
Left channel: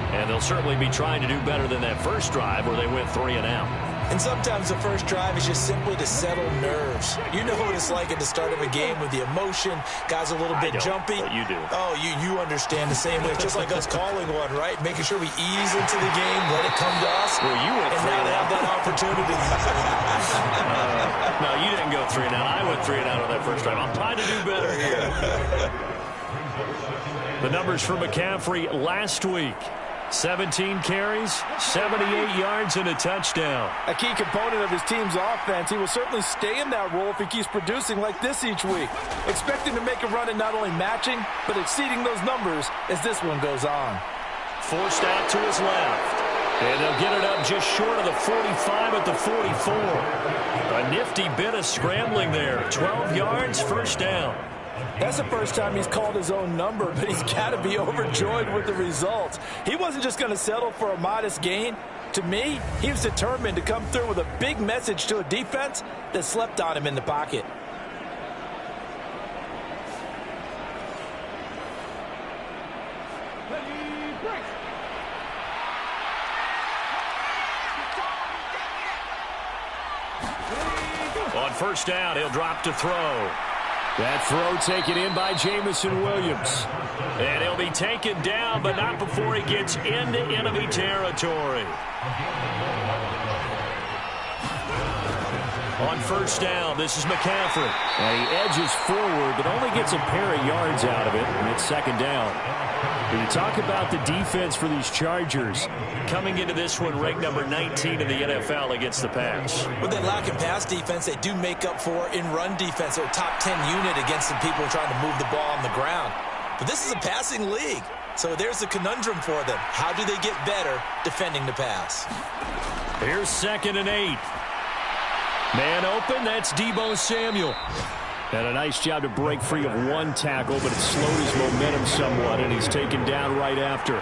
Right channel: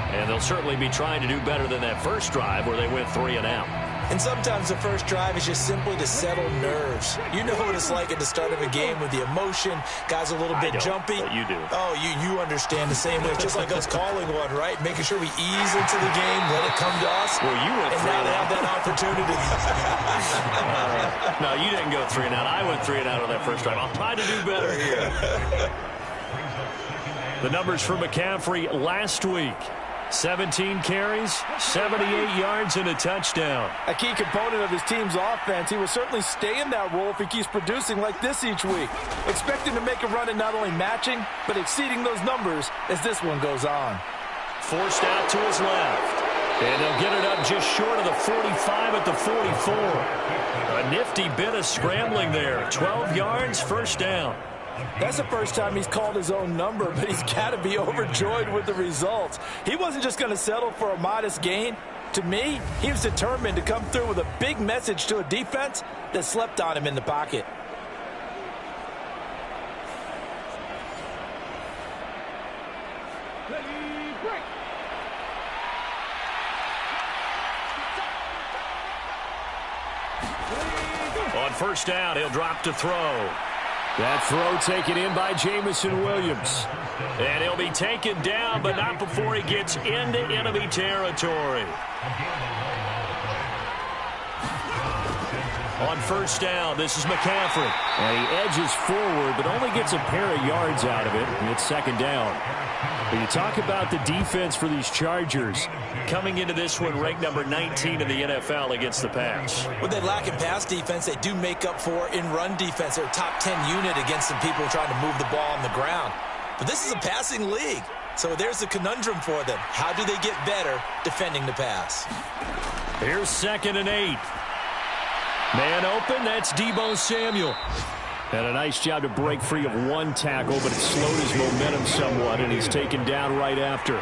And they'll certainly be trying to do better than that first drive where they went 3 and out. And sometimes the first drive is just simply to settle nerves. You know what it's like at the start of a game with the emotion. Guys are a little bit jumpy. But you do. Oh, you understand the same way. It's just like us calling one, right? Making sure we ease into the game, let it come to us. Well, you went 3 and now and they out. have that opportunity. No, you didn't go 3 and out. I went 3 and out on that first drive. I'll try to do better here. The numbers for McCaffrey last week. 17 carries, 78 yards, and a touchdown. A key component of his team's offense. He will certainly stay in that role if he keeps producing like this each week. Expect him to make a run at not only matching, but exceeding those numbers as this one goes on. Forced out to his left. And they'll get it up just short of the 45 at the 44. A nifty bit of scrambling there. 12 yards, first down. That's the first time he's called his own number, but he's got to be overjoyed with the results. He wasn't just going to settle for a modest gain. To me, he was determined to come through with a big message to a defense that slept on him in the pocket. On first down, he'll drop to throw. That throw taken in by Jamison Williams. And he'll be taken down, but not before he gets into enemy territory. On first down, this is McCaffrey. And he edges forward, but only gets a pair of yards out of it, and it's second down. But you talk about the defense for these Chargers. Coming into this one, ranked number 19 in the NFL against the pass. With that lack in pass defense, they do make up for in run defense. They're a top 10 unit against some people trying to move the ball on the ground. But this is a passing league, so there's a conundrum for them. How do they get better defending the pass? Here's 2nd and 8. Man open, that's Deebo Samuel. And a nice job to break free of one tackle, but it slowed his momentum somewhat, and he's taken down right after.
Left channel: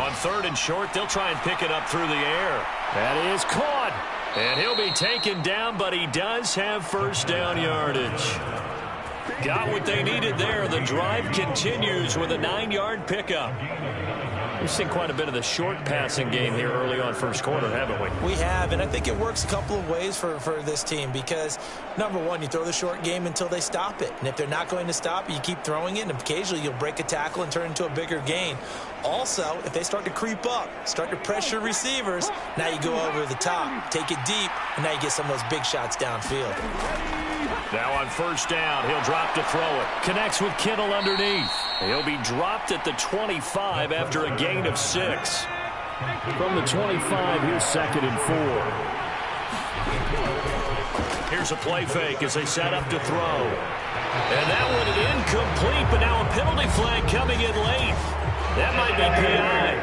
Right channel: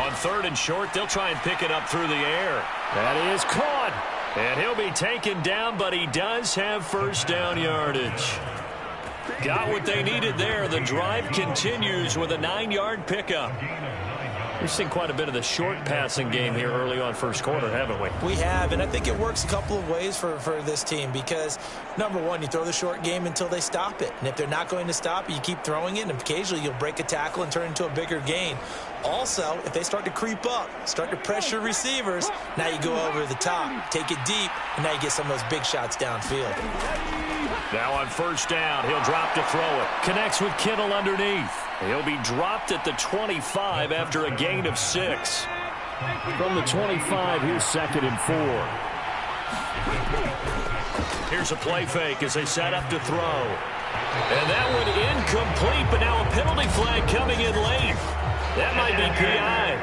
On 3rd and short, they'll try and pick it up through the air. That is caught. And he'll be taken down, but he does have first down yardage. Got what they needed there. The drive continues with a 9-yard pickup. We've seen quite a bit of the short passing game here early on first quarter, haven't we? We have, and I think it works a couple of ways for this team because, number one, you throw the short game until they stop it. And if they're not going to stop it, you keep throwing it, and occasionally you'll break a tackle and turn it into a bigger gain. Also, if they start to creep up, start to pressure receivers, now you go over the top, take it deep, and now you get some of those big shots downfield. Now on first down, he'll drop to throw it. Connects with Kittle underneath. He'll be dropped at the 25 after a gain of 6. From the 25, here's 2nd and 4. Here's a play fake as they set up to throw. And that one incomplete, but now a penalty flag coming in late. That might be PI.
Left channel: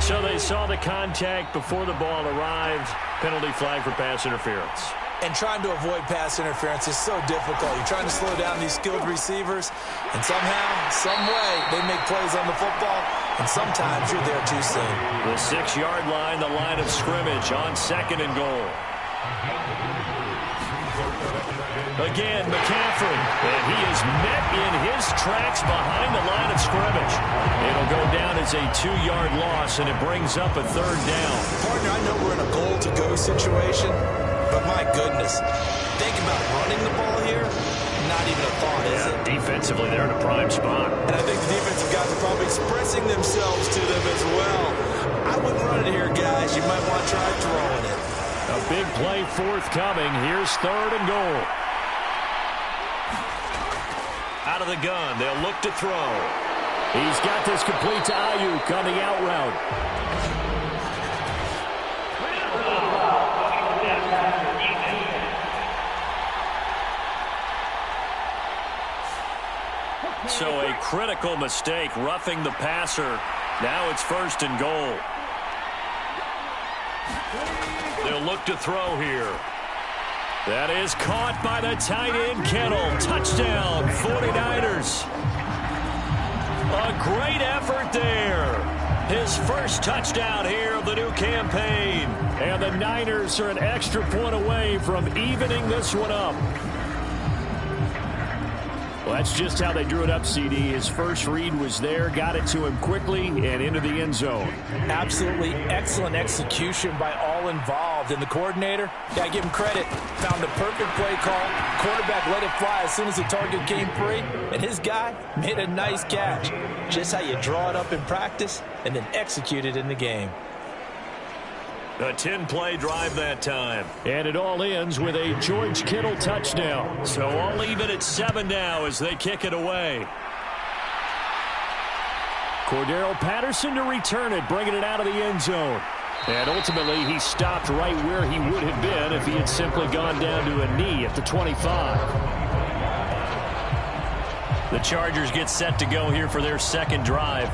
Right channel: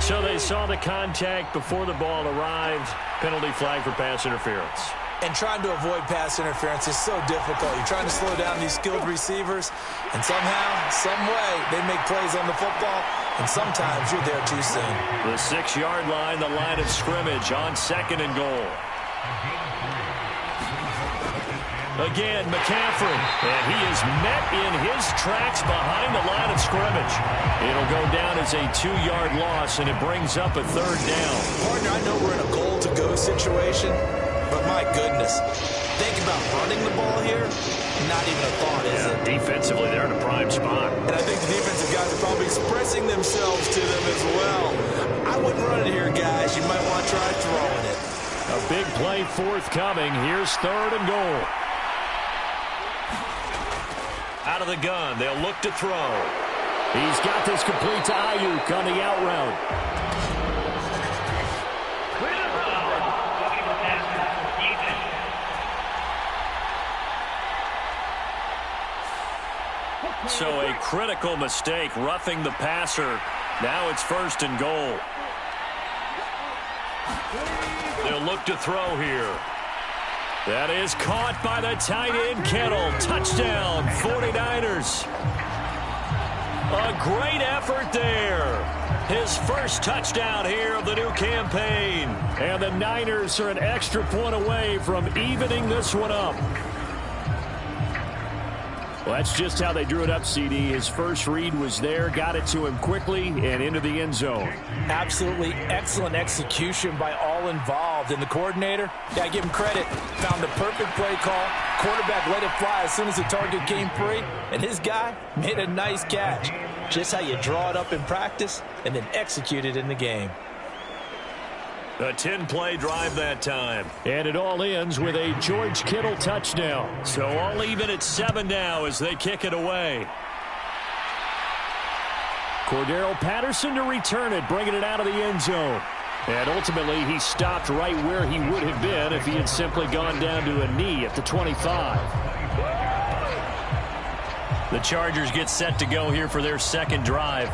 So they saw the contact before the ball arrived. Penalty flag for pass interference. And trying to avoid pass interference is so difficult. You're trying to slow down these skilled receivers, and somehow, some way, they make plays on the football, and sometimes you're there too soon. The 6-yard line, the line of scrimmage on 2nd and goal. Again, McCaffrey, and he is met in his tracks behind the line of scrimmage. It'll go down as a 2-yard loss, and it brings up a 3rd down. Partner, I know we're in a goal-to-go situation, but my goodness, think about running the ball here. Not even a thought, is it? Defensively, they're in a prime spot. And I think the defensive guys are probably expressing themselves to them as well. I wouldn't run it here, guys. You might want to try throwing it. A big play forthcoming. Here's 3rd and goal. Out of the gun, they'll look to throw. He's got this complete to Ayuk on the out route. So a critical mistake, roughing the passer. Now it's 1st and goal. They'll look to throw here. That is caught by the tight end, Kittle. Touchdown, 49ers. A great effort there. His first touchdown here of the new campaign. And the Niners are an extra point away from evening this one up. Well, that's just how they drew it up, CD. His first read was there, got it to him quickly, and into the end zone. Absolutely excellent execution by all involved. And the coordinator, got to give him credit, found the perfect play call. Quarterback let it fly as soon as the target came free, and his guy made a nice catch. Just how you draw it up in practice and then execute it in the game. A 10-play drive that time. And it all ends with a George Kittle touchdown. So all even at 7 now as they kick it away. Cordero Patterson to return it, bringing it out of the end zone. And ultimately, he stopped right where he would have been if he had simply gone down to a knee at the 25. The Chargers get set to go here for their second drive.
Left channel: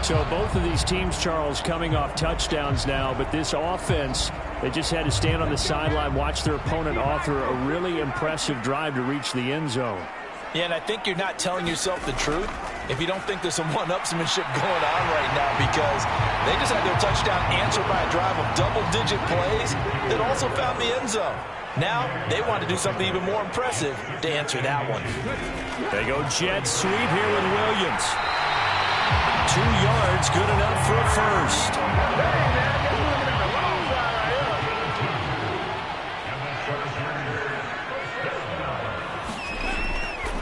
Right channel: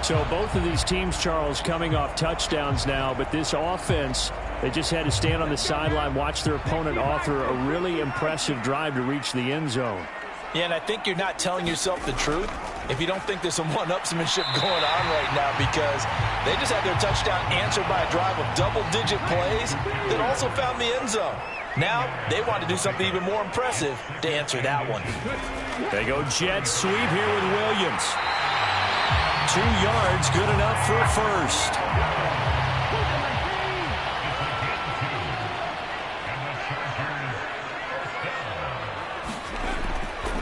So both of these teams, Charles, coming off touchdowns now, but this offense, they just had to stand on the sideline, watch their opponent author a really impressive drive to reach the end zone. Yeah, and I think you're not telling yourself the truth if you don't think there's some one-upsmanship going on right now, because they just had their touchdown answered by a drive of double-digit plays that also found the end zone. Now they want to do something even more impressive to answer that one. They go jet sweep here with Williams. 2 yards, good enough for a first.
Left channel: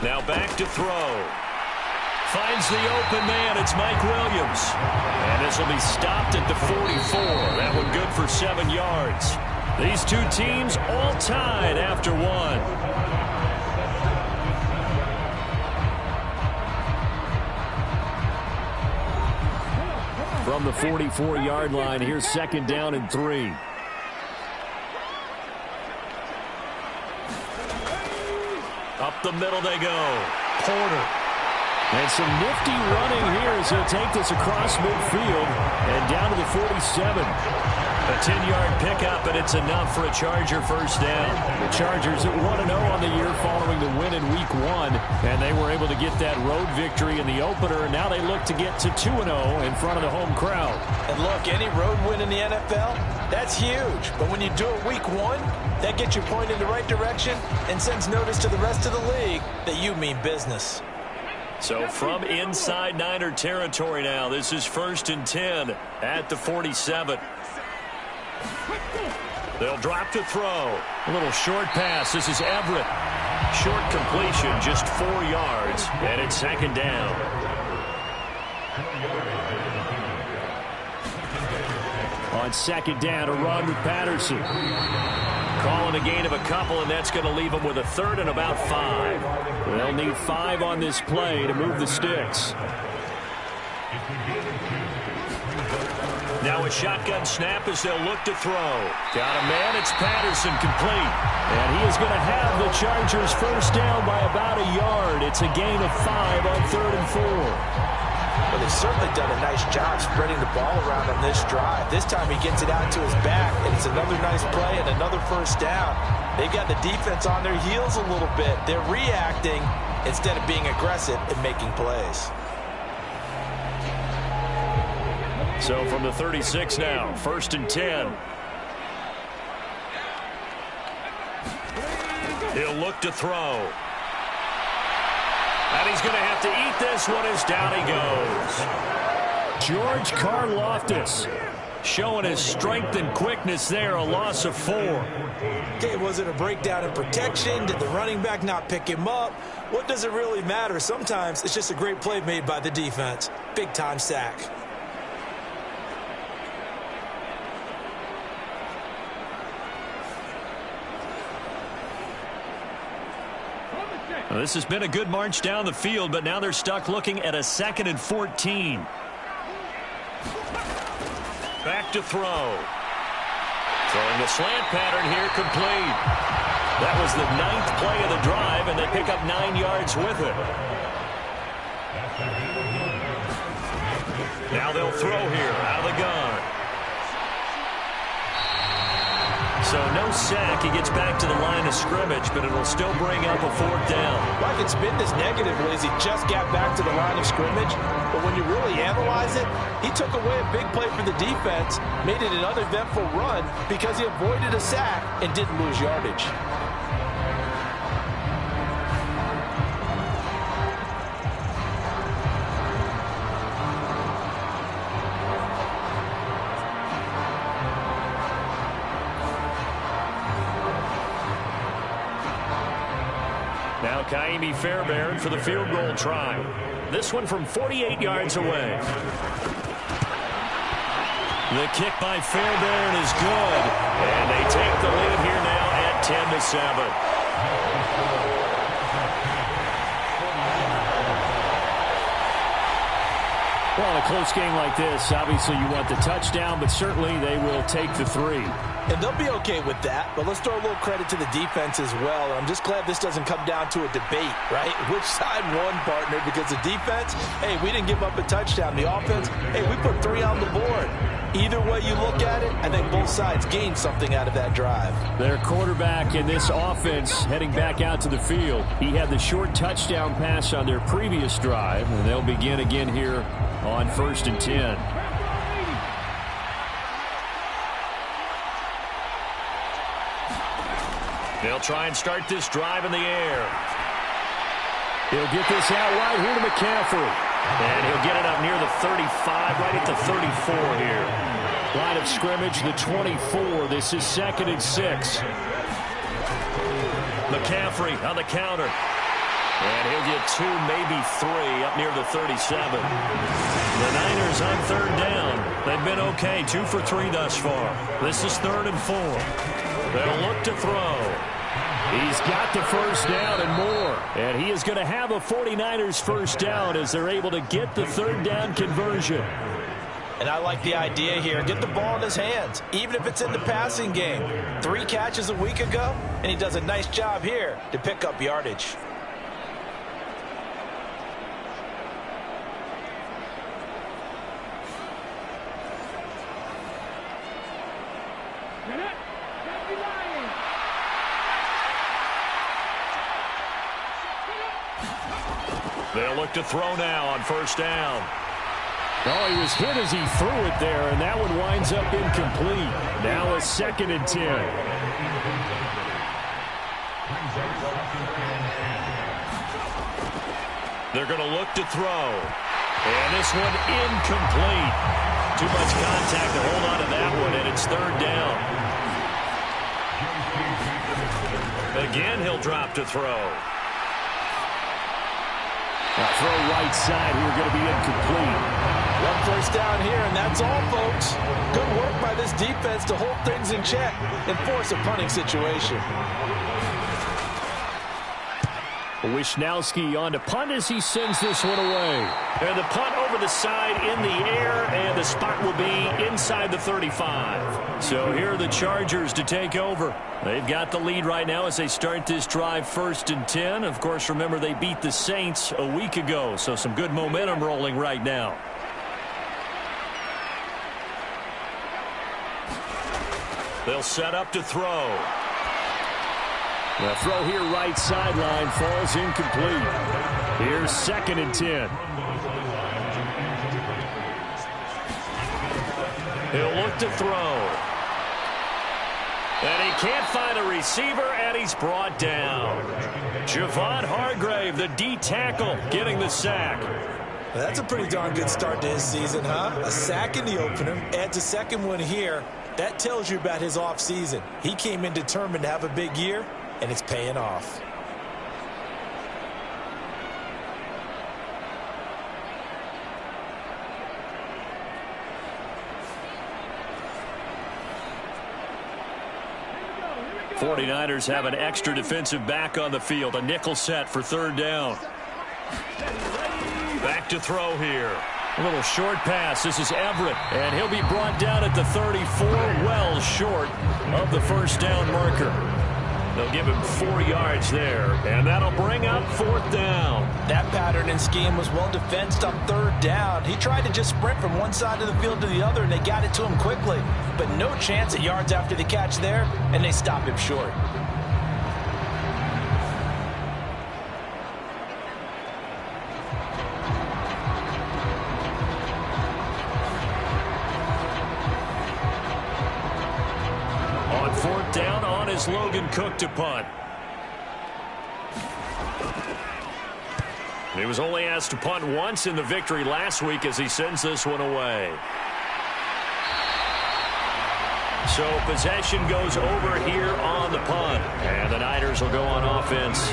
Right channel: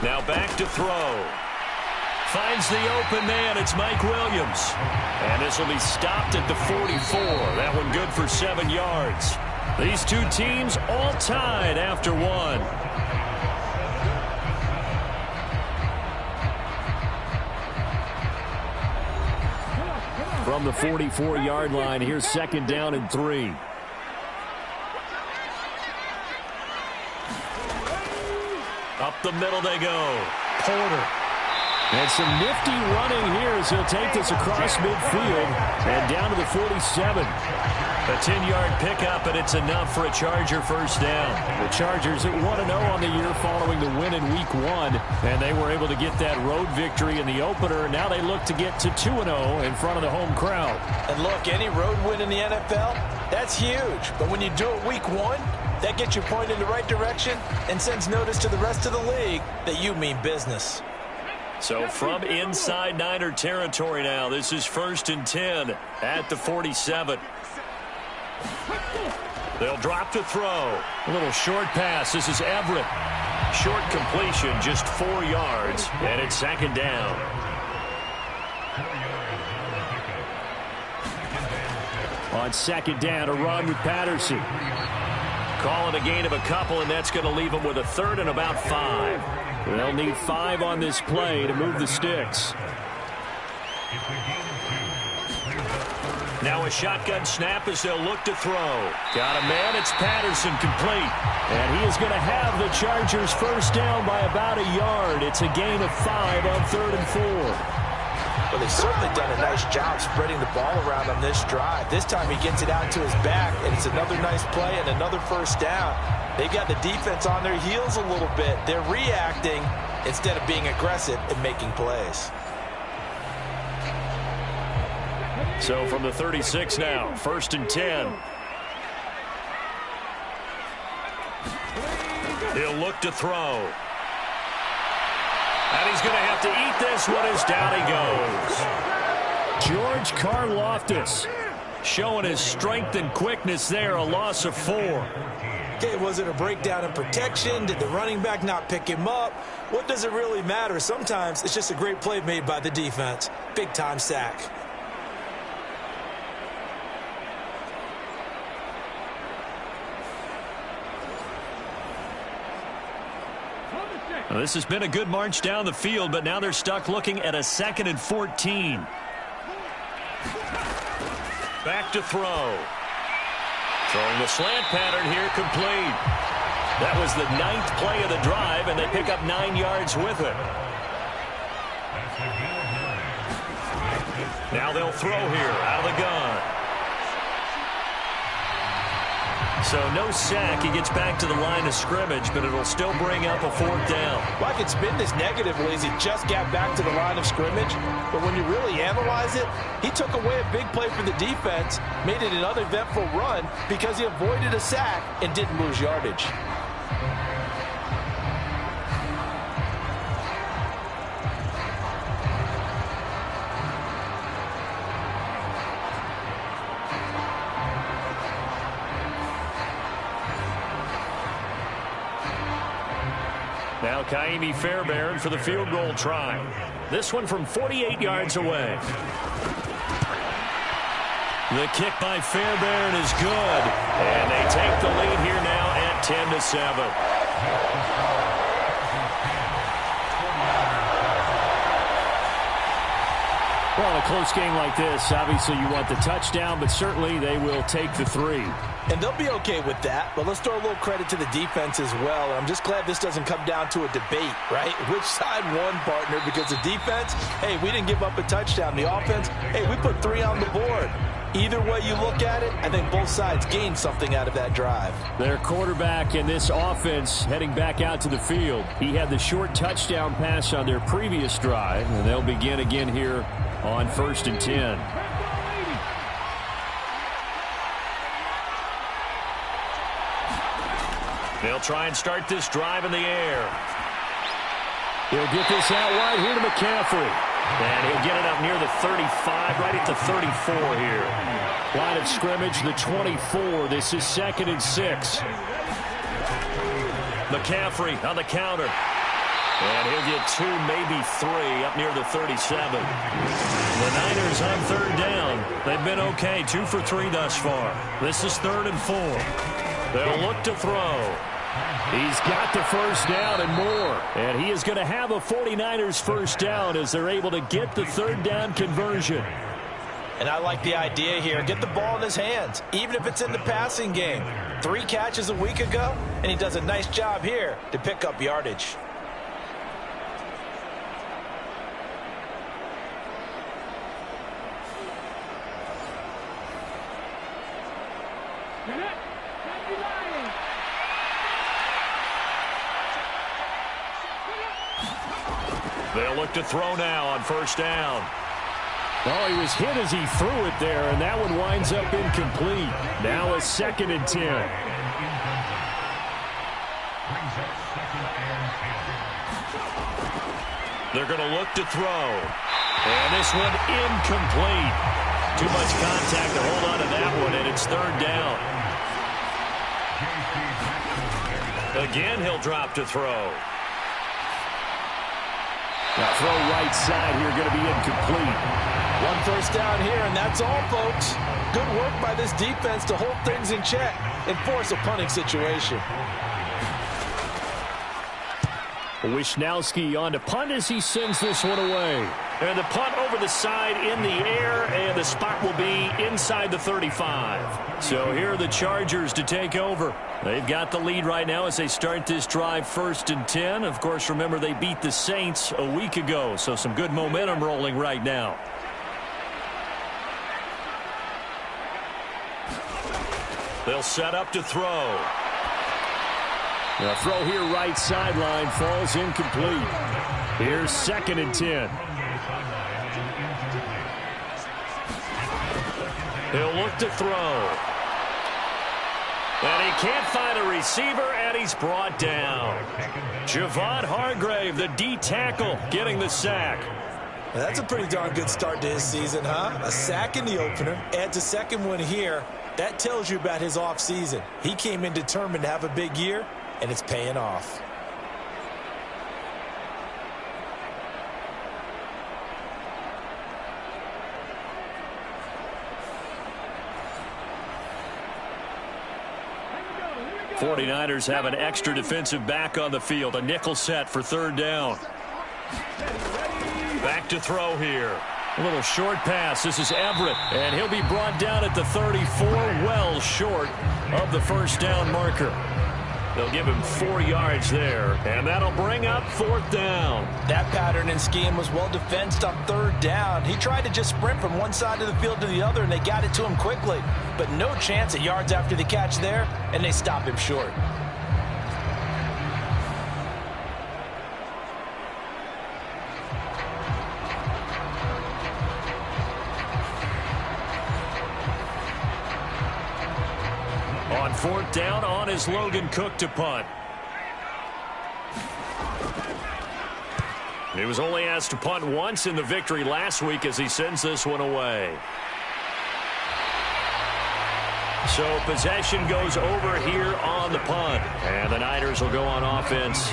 Now back to throw. Finds the open man. It's Mike Williams. And this will be stopped at the 44. That one good for 7 yards. These two teams all tied after one. From the 44-yard line, here's 2nd down and 3. Up the middle they go. Porter. And some nifty running here as he'll take this across midfield and down to the 47. A 10-yard pickup, and it's enough for a Charger first down. The Chargers at 1-0 on the year following the win in Week 1, and they were able to get that road victory in the opener, and now they look to get to 2-0 in front of the home crowd. And look, any road win in the NFL, that's huge. But when you do it Week 1, that gets you pointed in the right direction and sends notice to the rest of the league that you mean business. So from inside Niner territory now, this is 1st and 10 at the 47. They'll drop to throw. A little short pass. This is Everett. Short completion, just 4 yards, and it's 2nd down. On 2nd down, a run with Patterson. Calling a gain of a couple, and that's going to leave them with a 3rd and about 5. They'll need 5 on this play to move the sticks. Now a shotgun snap as they'll look to throw. Got a man. It's Patterson, complete. And he is going to have the Chargers first down by about a yard. It's a gain of 5 on 3rd and 4. Well, they've certainly done a nice job spreading the ball around on this drive. This time he gets it out to his back, and it's another nice play and another first down. They've got the defense on their heels a little bit. They're reacting instead of being aggressive and making plays. So from the 36 now, 1st and 10. He'll look to throw. And he's going to have to eat this one as down he goes. George Karlaftis showing his strength and quickness there, a loss of 4. Okay, was it a breakdown in protection? Did the running back not pick him up? What does it really matter? Sometimes it's just a great play made by the defense. Big-time sack. Well, this has been a good march down the field, but now they're stuck looking at a 2nd and 14. Back to throw. Throwing the slant pattern here, complete. That was the 9th play of the drive, and they pick up 9 yards with it. Now they'll throw here out of the gun. So no sack. He gets back to the line of scrimmage, but it'll still bring up a 4th down. Well, I could spin this negatively as he just got back to the line of scrimmage. But when you really analyze it, he took away a big play for the defense, made it an uneventful run because he avoided a sack and didn't lose yardage. Now Kaimi Fairbairn for the field goal try. This one from 48 yards away. The kick by Fairbairn is good. And they take the lead here now at 10-7. Well, in a close game like this, obviously you want the touchdown, but certainly they will take the 3. And they'll be okay with that, but let's throw a little credit to the defense as well. And I'm just glad this doesn't come down to a debate, right? Which side won, partner? Because the defense, hey, we didn't give up a touchdown. The offense, hey, we put 3 on the board. Either way you look at it, I think both sides gained something out of that drive. Their quarterback in this offense heading back out to the field. He had the short touchdown pass on their previous drive, and they'll begin again here on 1st and 10. They'll try and start this drive in the air. He'll get this out wide here to McCaffrey. And he'll get it up near the 35, right at the 34 here. Line of scrimmage, the 24. This is 2nd and 6. McCaffrey on the counter. And he'll get 2, maybe 3, up near the 37. The Niners on 3rd down. They've been okay, 2 for 3 thus far. This is 3rd and 4. They'll look to throw. He's got the first down and more. And he is going to have a 49ers first down as they're able to get the 3rd down conversion. And I like the idea here. Get the ball in his hands, even if it's in the passing game. 3 catches a week ago, and he does a nice job here to pick up yardage. They'll look to throw now on 1st down. Oh, he was hit as he threw it there, and that one winds up incomplete. Now a 2nd and 10. They're going to look to throw. And this one incomplete. Too much contact to hold on to that one, and it's 3rd down. Again, he'll drop to throw. Now throw right side here, going to be incomplete. 1 first down here, and that's all, folks. Good work by this defense to hold things in check and force a punting situation. Wisnowski on to punt as he sends this one away. And the punt over the side in the air, and the spot will be inside the 35. So here are the Chargers to take over. They've got the lead right now as they start this drive 1st and 10. Of course, remember they beat the Saints a week ago, so some good momentum rolling right now. They'll set up to throw. The throw here right sideline falls incomplete. Here's 2nd and 10. He'll look to throw. And he can't find a receiver, and he's brought down. Javon Hargrave, the D tackle, getting the sack. Well, that's a pretty darn good start to his season, huh? A sack in the opener, adds a second one here. That tells you about his offseason. He came in determined to have a big year, and it's paying off. The 49ers have an extra defensive back on the field. A nickel set for 3rd down. Back to throw here. A little short pass. This is Everett, and he'll be brought down at the 34, well short of the first down marker. They'll give him 4 yards there, and that'll bring up 4th down. That pattern and scheme was well defensed on 3rd down. He tried to just sprint from one side of the field to the other, and they got it to him quickly. But no chance at yards after the catch there, and they stop him short. On 4th down, on is Logan Cook to punt. He was only asked to punt once in the victory last week as he sends this one away. So possession goes over here on the punt. And the Niners will go on offense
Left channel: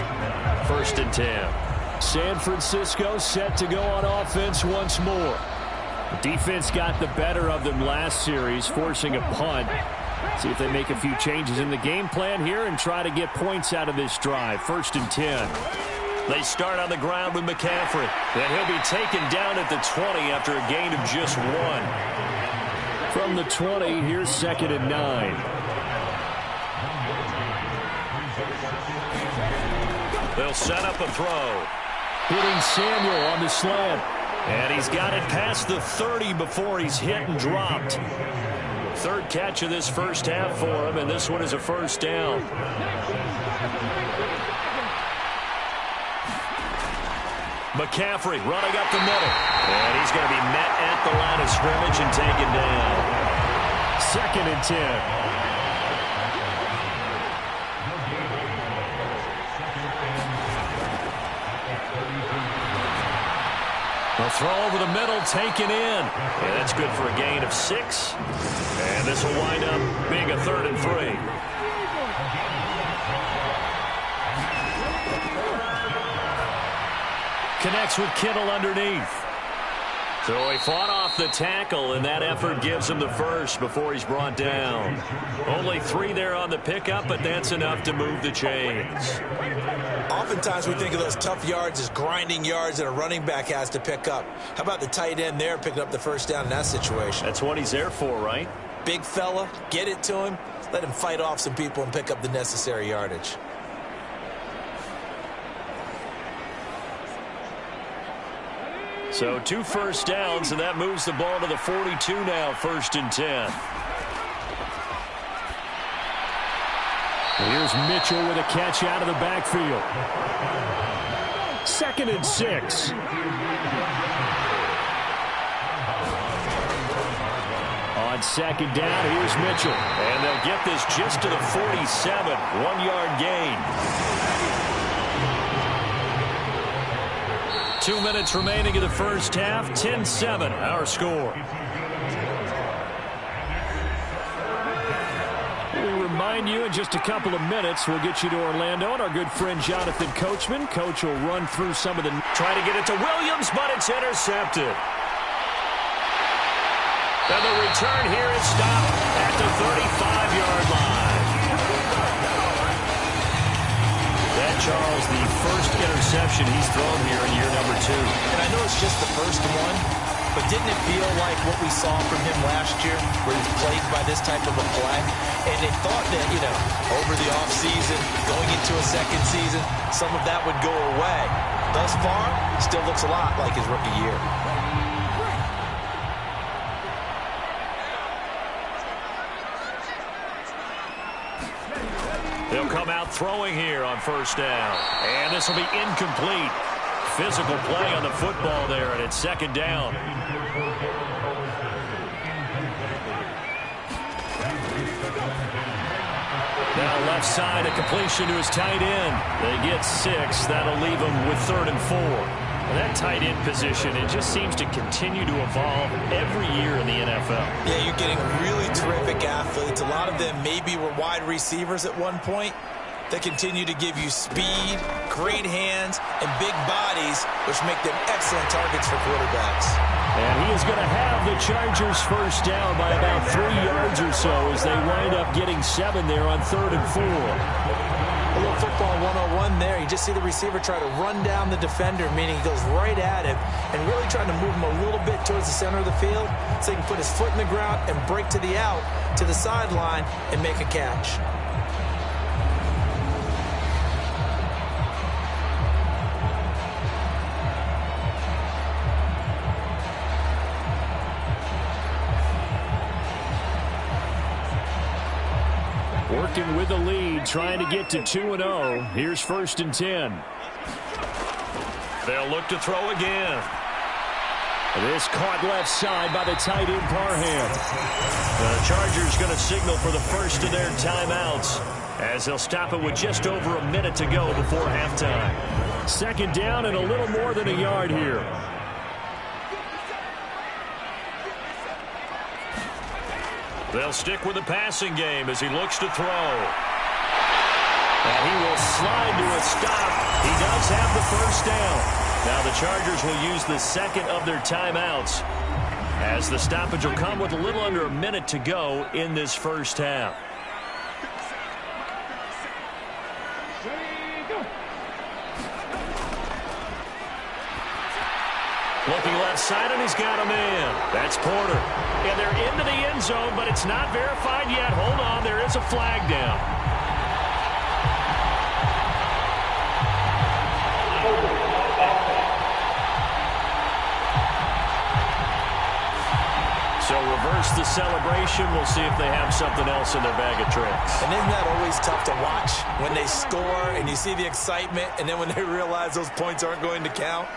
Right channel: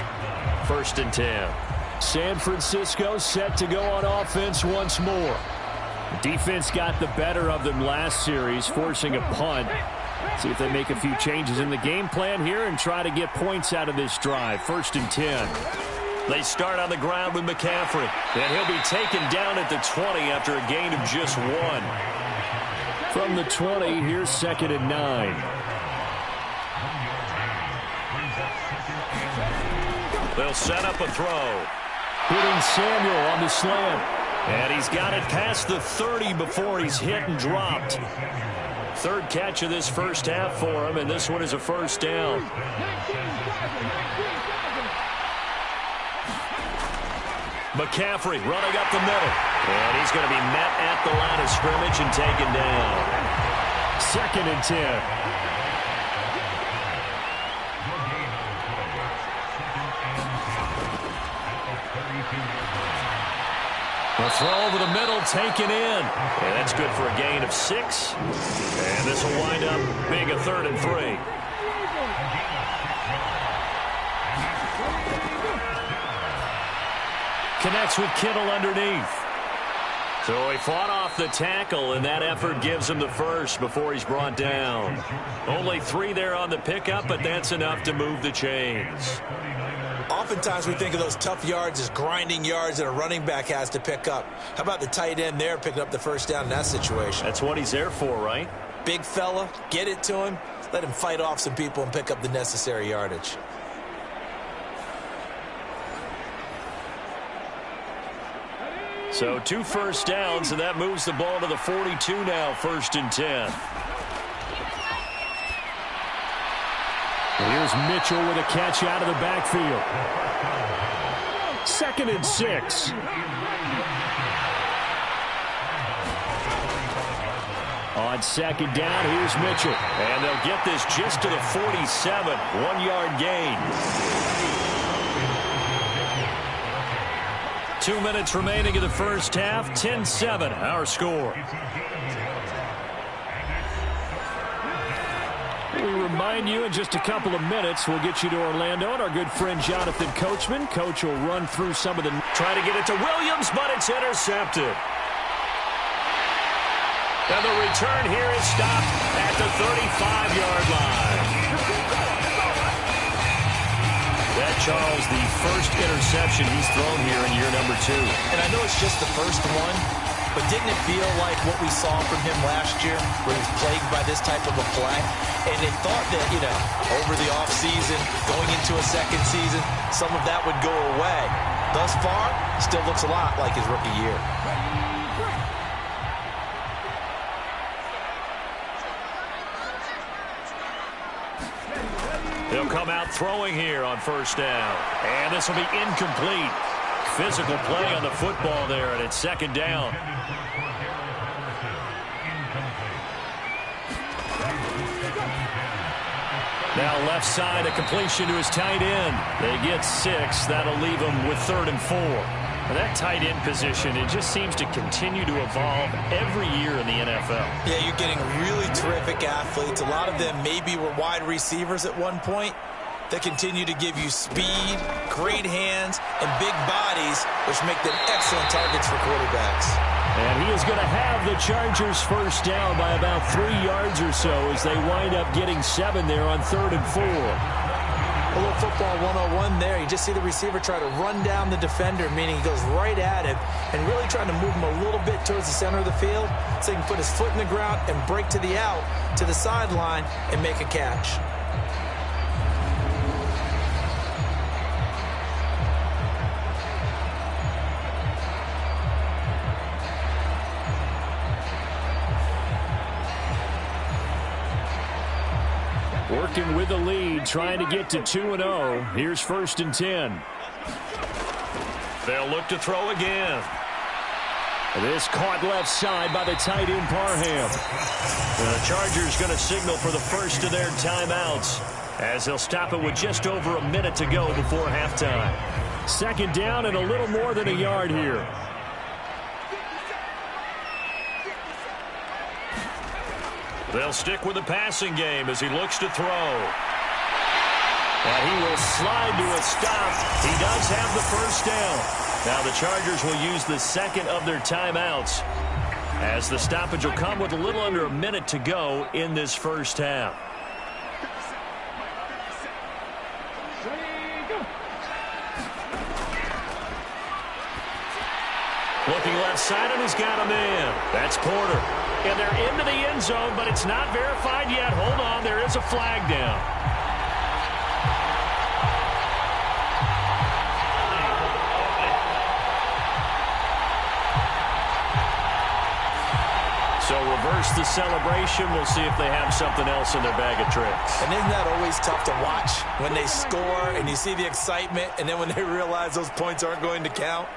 1st and 10. San Francisco set to go on offense once more. The defense got the better of them last series, forcing a punt. See if they make a few changes in the game plan here and try to get points out of this drive. 1st and 10. They start on the ground with McCaffrey. And he'll be taken down at the 20 after a gain of just 1. From the 20, here's 2nd and 9. They'll set up a throw. Hitting Samuel on the slant. And he's got it past the 30 before he's hit and dropped. 3rd catch of this first half for him, and this one is a first down. McCaffrey running up the middle. And he's going to be met at the line of scrimmage and taken down. 2nd and 10. A throw over the middle, taken in. And that's good for a gain of 6. And this will wind up being a 3rd and 3. Connects with Kittle underneath. So he fought off the tackle, and that effort gives him the first before he's brought down. Only 3 there on the pickup, but that's enough to move the chains. Oftentimes we think of those tough yards as grinding yards that a running back has to pick up. How about the tight end there picking up the first down in that situation? That's what he's there for, right? Big fella, get it to him, let him fight off some people and pick up the necessary yardage. So 2 first downs, and that moves the ball to the 42 now, 1st and 10. Here's Mitchell with a catch out of the backfield. 2nd and 6. On 2nd down, here's Mitchell. And they'll get this just to the 47, 1-yard gain. 2 minutes remaining in the first half, 10-7, our score. We remind you in just a couple of minutes, we'll get you to Orlando and our good friend Jonathan Coachman. Coach will run through some of the... Try to get it to Williams, but it's intercepted. And the return here is stopped at the 35-yard line. That, Charles, the first interception he's thrown here in year number 2. And I know it's just the first one, but didn't it feel like what we saw from him last year, where he was plagued by this type of a play? And they thought that, over the offseason, going into a second season, some of that would go away. Thus far, still looks a lot like his rookie year. They'll come out throwing here on first down. And this will be incomplete. Physical play on the football there, and it's 2nd down. Now left side, a completion to his tight end. They get 6. That'll leave them with 3rd and 4. Well, that tight end position, it just seems to continue to evolve every year in the NFL. Yeah, you're getting really terrific athletes. A lot of them maybe were wide receivers at one point. They continue to give you speed, great hands, and big bodies, which make them excellent targets for quarterbacks. And he is going to have the Chargers first down by about 3 yards or so as they wind up getting 7 there on 3rd and 4. A little football 101 there. You just see the receiver try to run down the defender, meaning he goes right at him and really trying to move him a little bit towards the center of the field so he can put his foot in the ground and break to the out, to the sideline, and make a catch. Working with the lead, trying to get to 2-0. Here's 1st and 10. They'll look to throw again. This caught left side by the tight end Parham. The Chargers going to signal for the first of their timeouts as they'll stop it with just over a minute to go before halftime. 2nd down and a little more than a yard here. They'll stick with the passing game as he looks to throw. And he will slide to a stop. He does have the first down. Now the Chargers will use the second of their timeouts as the stoppage will come with a little under a minute to go in this first half. Looking left side, and he's got a man. That's Porter. And they're into the end zone, but it's not verified yet. Hold on, there is a flag down. So reverse the celebration. We'll see if they have something else in their bag of tricks. And isn't that always tough to watch when they score and you see the excitement, and then when they realize those points aren't going to count?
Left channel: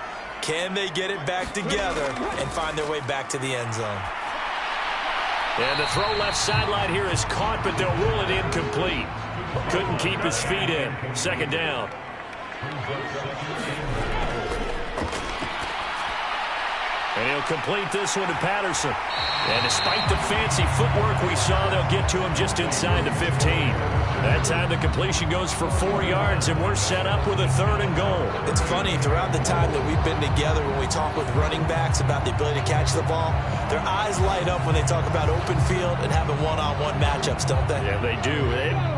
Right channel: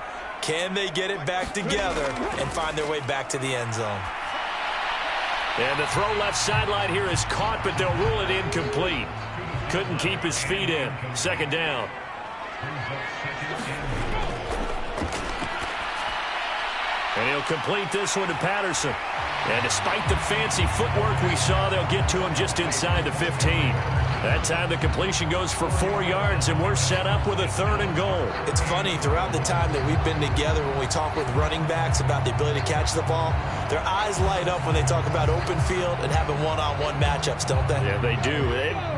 Can they get it back together and find their way back to the end zone? And the throw left sideline here is caught, but they'll rule it incomplete. Couldn't keep his feet in. Second down. And he'll complete this one to Patterson. And despite the fancy footwork we saw, they'll get to him just inside the 15. That time the completion goes for 4 yards, and we're set up with a 3rd and goal. It's funny, throughout the time that we've been together, when we talk with running backs about the ability to catch the ball, their eyes light up when they talk about open field and having one-on-one matchups, don't they? Yeah, they do.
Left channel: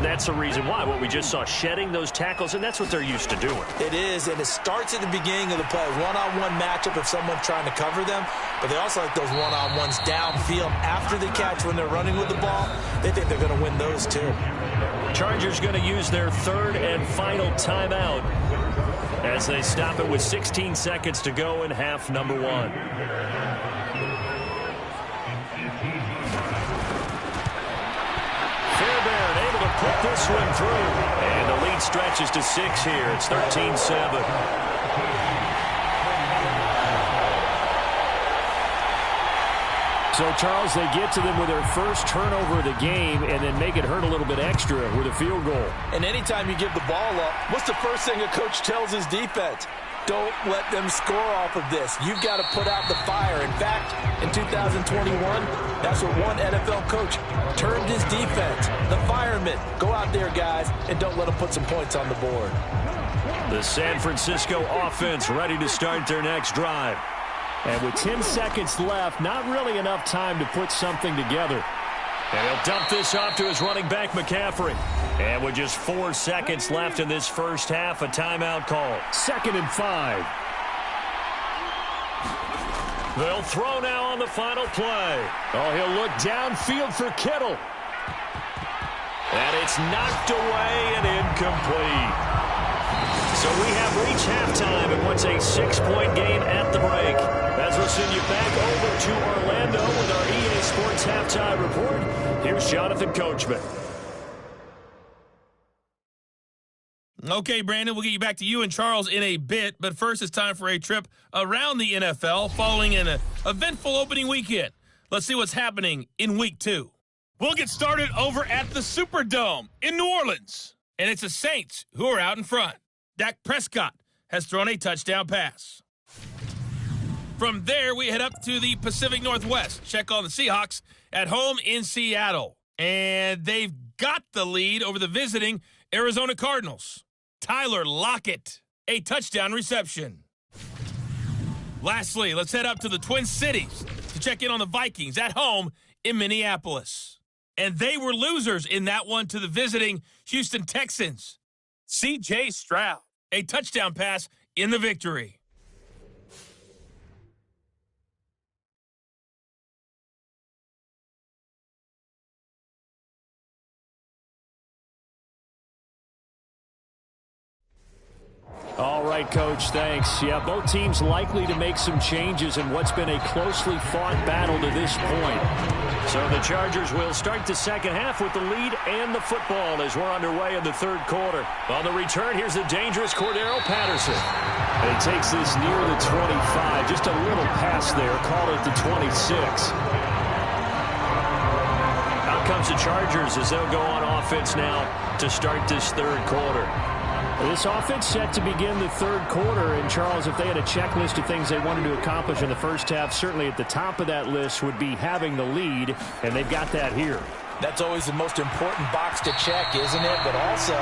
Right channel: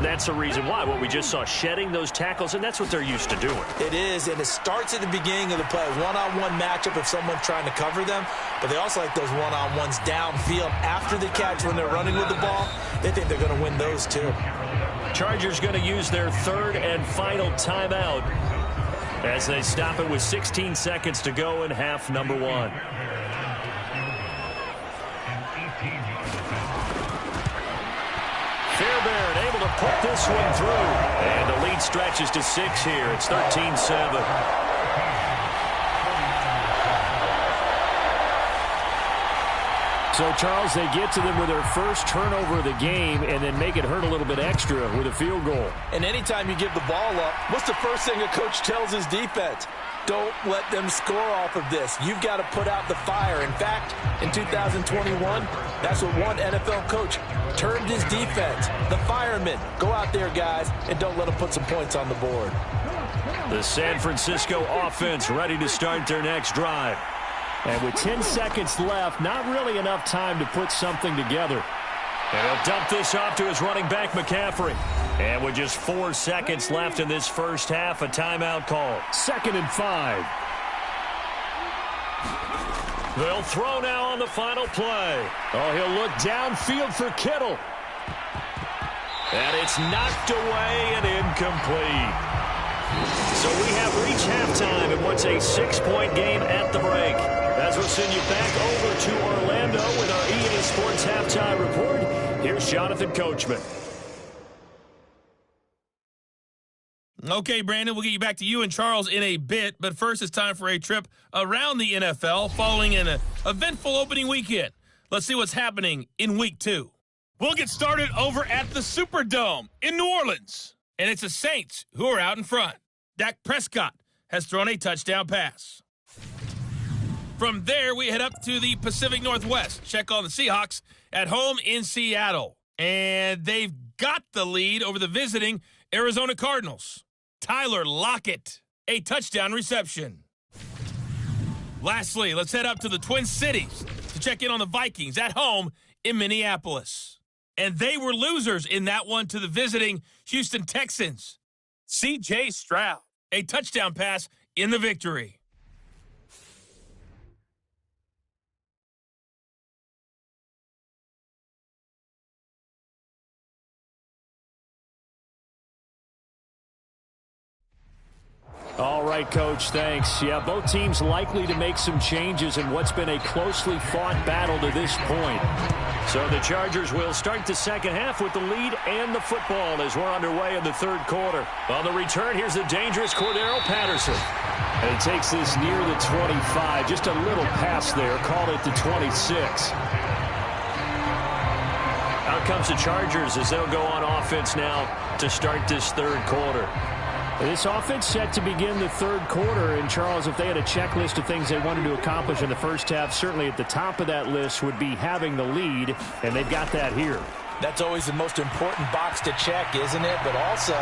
That's the reason why. What we just saw, shedding those tackles, and that's what they're used to doing. It is, and it starts at the beginning of the play. One-on-one matchup if someone's trying to cover them, but they also like those one-on-ones downfield after the catch when they're running with the ball. They think they're going to win those too. Chargers going to use their 3rd and final timeout as they stop it with 16 seconds to go in half number 1. Fairbairn able to put this one through. And the lead stretches to 6 here. It's 13-7. So, Charles, they get to them with their first turnover of the game and then make it hurt a little bit extra with a field goal. And anytime you give the ball up, what's the first thing a coach tells his defense? Don't let them score off of this. You've got to put out the fire. In fact, in 2021, that's what one NFL coach termed his defense, the firemen. Go out there, guys, and don't let them put some points on the board. The San Francisco offense ready to start their next drive. And with 10 seconds left, not really enough time to put something together. And he'll dump this off to his running back, McCaffrey. And with just 4 seconds left in this first half, a timeout call. 2nd and 5. They'll throw now on the final play. Oh, he'll look downfield for Kittle. And it's knocked away and incomplete. So we have reached halftime in what's a 6-point game at the break. As we'll send you back over to Orlando with our EA Sports Halftime Report, here's Jonathan Coachman. Okay, Brandon, we'll get you back to you and Charles in a bit, but first it's time for a trip around the NFL following an eventful opening weekend. Let's see what's happening in Week 2. We'll get started over at the Superdome in New Orleans, and it's the Saints who are out in front. Dak Prescott has thrown a touchdown pass. From there, we head up to the Pacific Northwest. Check on the Seahawks at home in Seattle. And they've got the lead over the visiting Arizona Cardinals. Tyler Lockett, a touchdown reception. Lastly, let's head up to the Twin Cities to check in on the Vikings at home in Minneapolis. And they were losers in that one to the visiting Houston Texans. C.J. Stroud, a touchdown pass in the victory. All right, Coach, thanks. Yeah, both teams likely to make some changes in what's been a closely fought battle to this point. So the Chargers will start the second half with the lead and the football as we're underway in the third quarter. On the return, here's the dangerous Cordero Patterson. And he takes this near the 25, just a little pass there, called it the 26. Out comes the Chargers as they'll go on offense now to start this third quarter. This offense set to begin the third quarter, and Charles, if they had a checklist of things they wanted to accomplish in the first half, certainly at the top of that list would be having the lead, and they've got that here. That's always the most important box to check, isn't it? But also,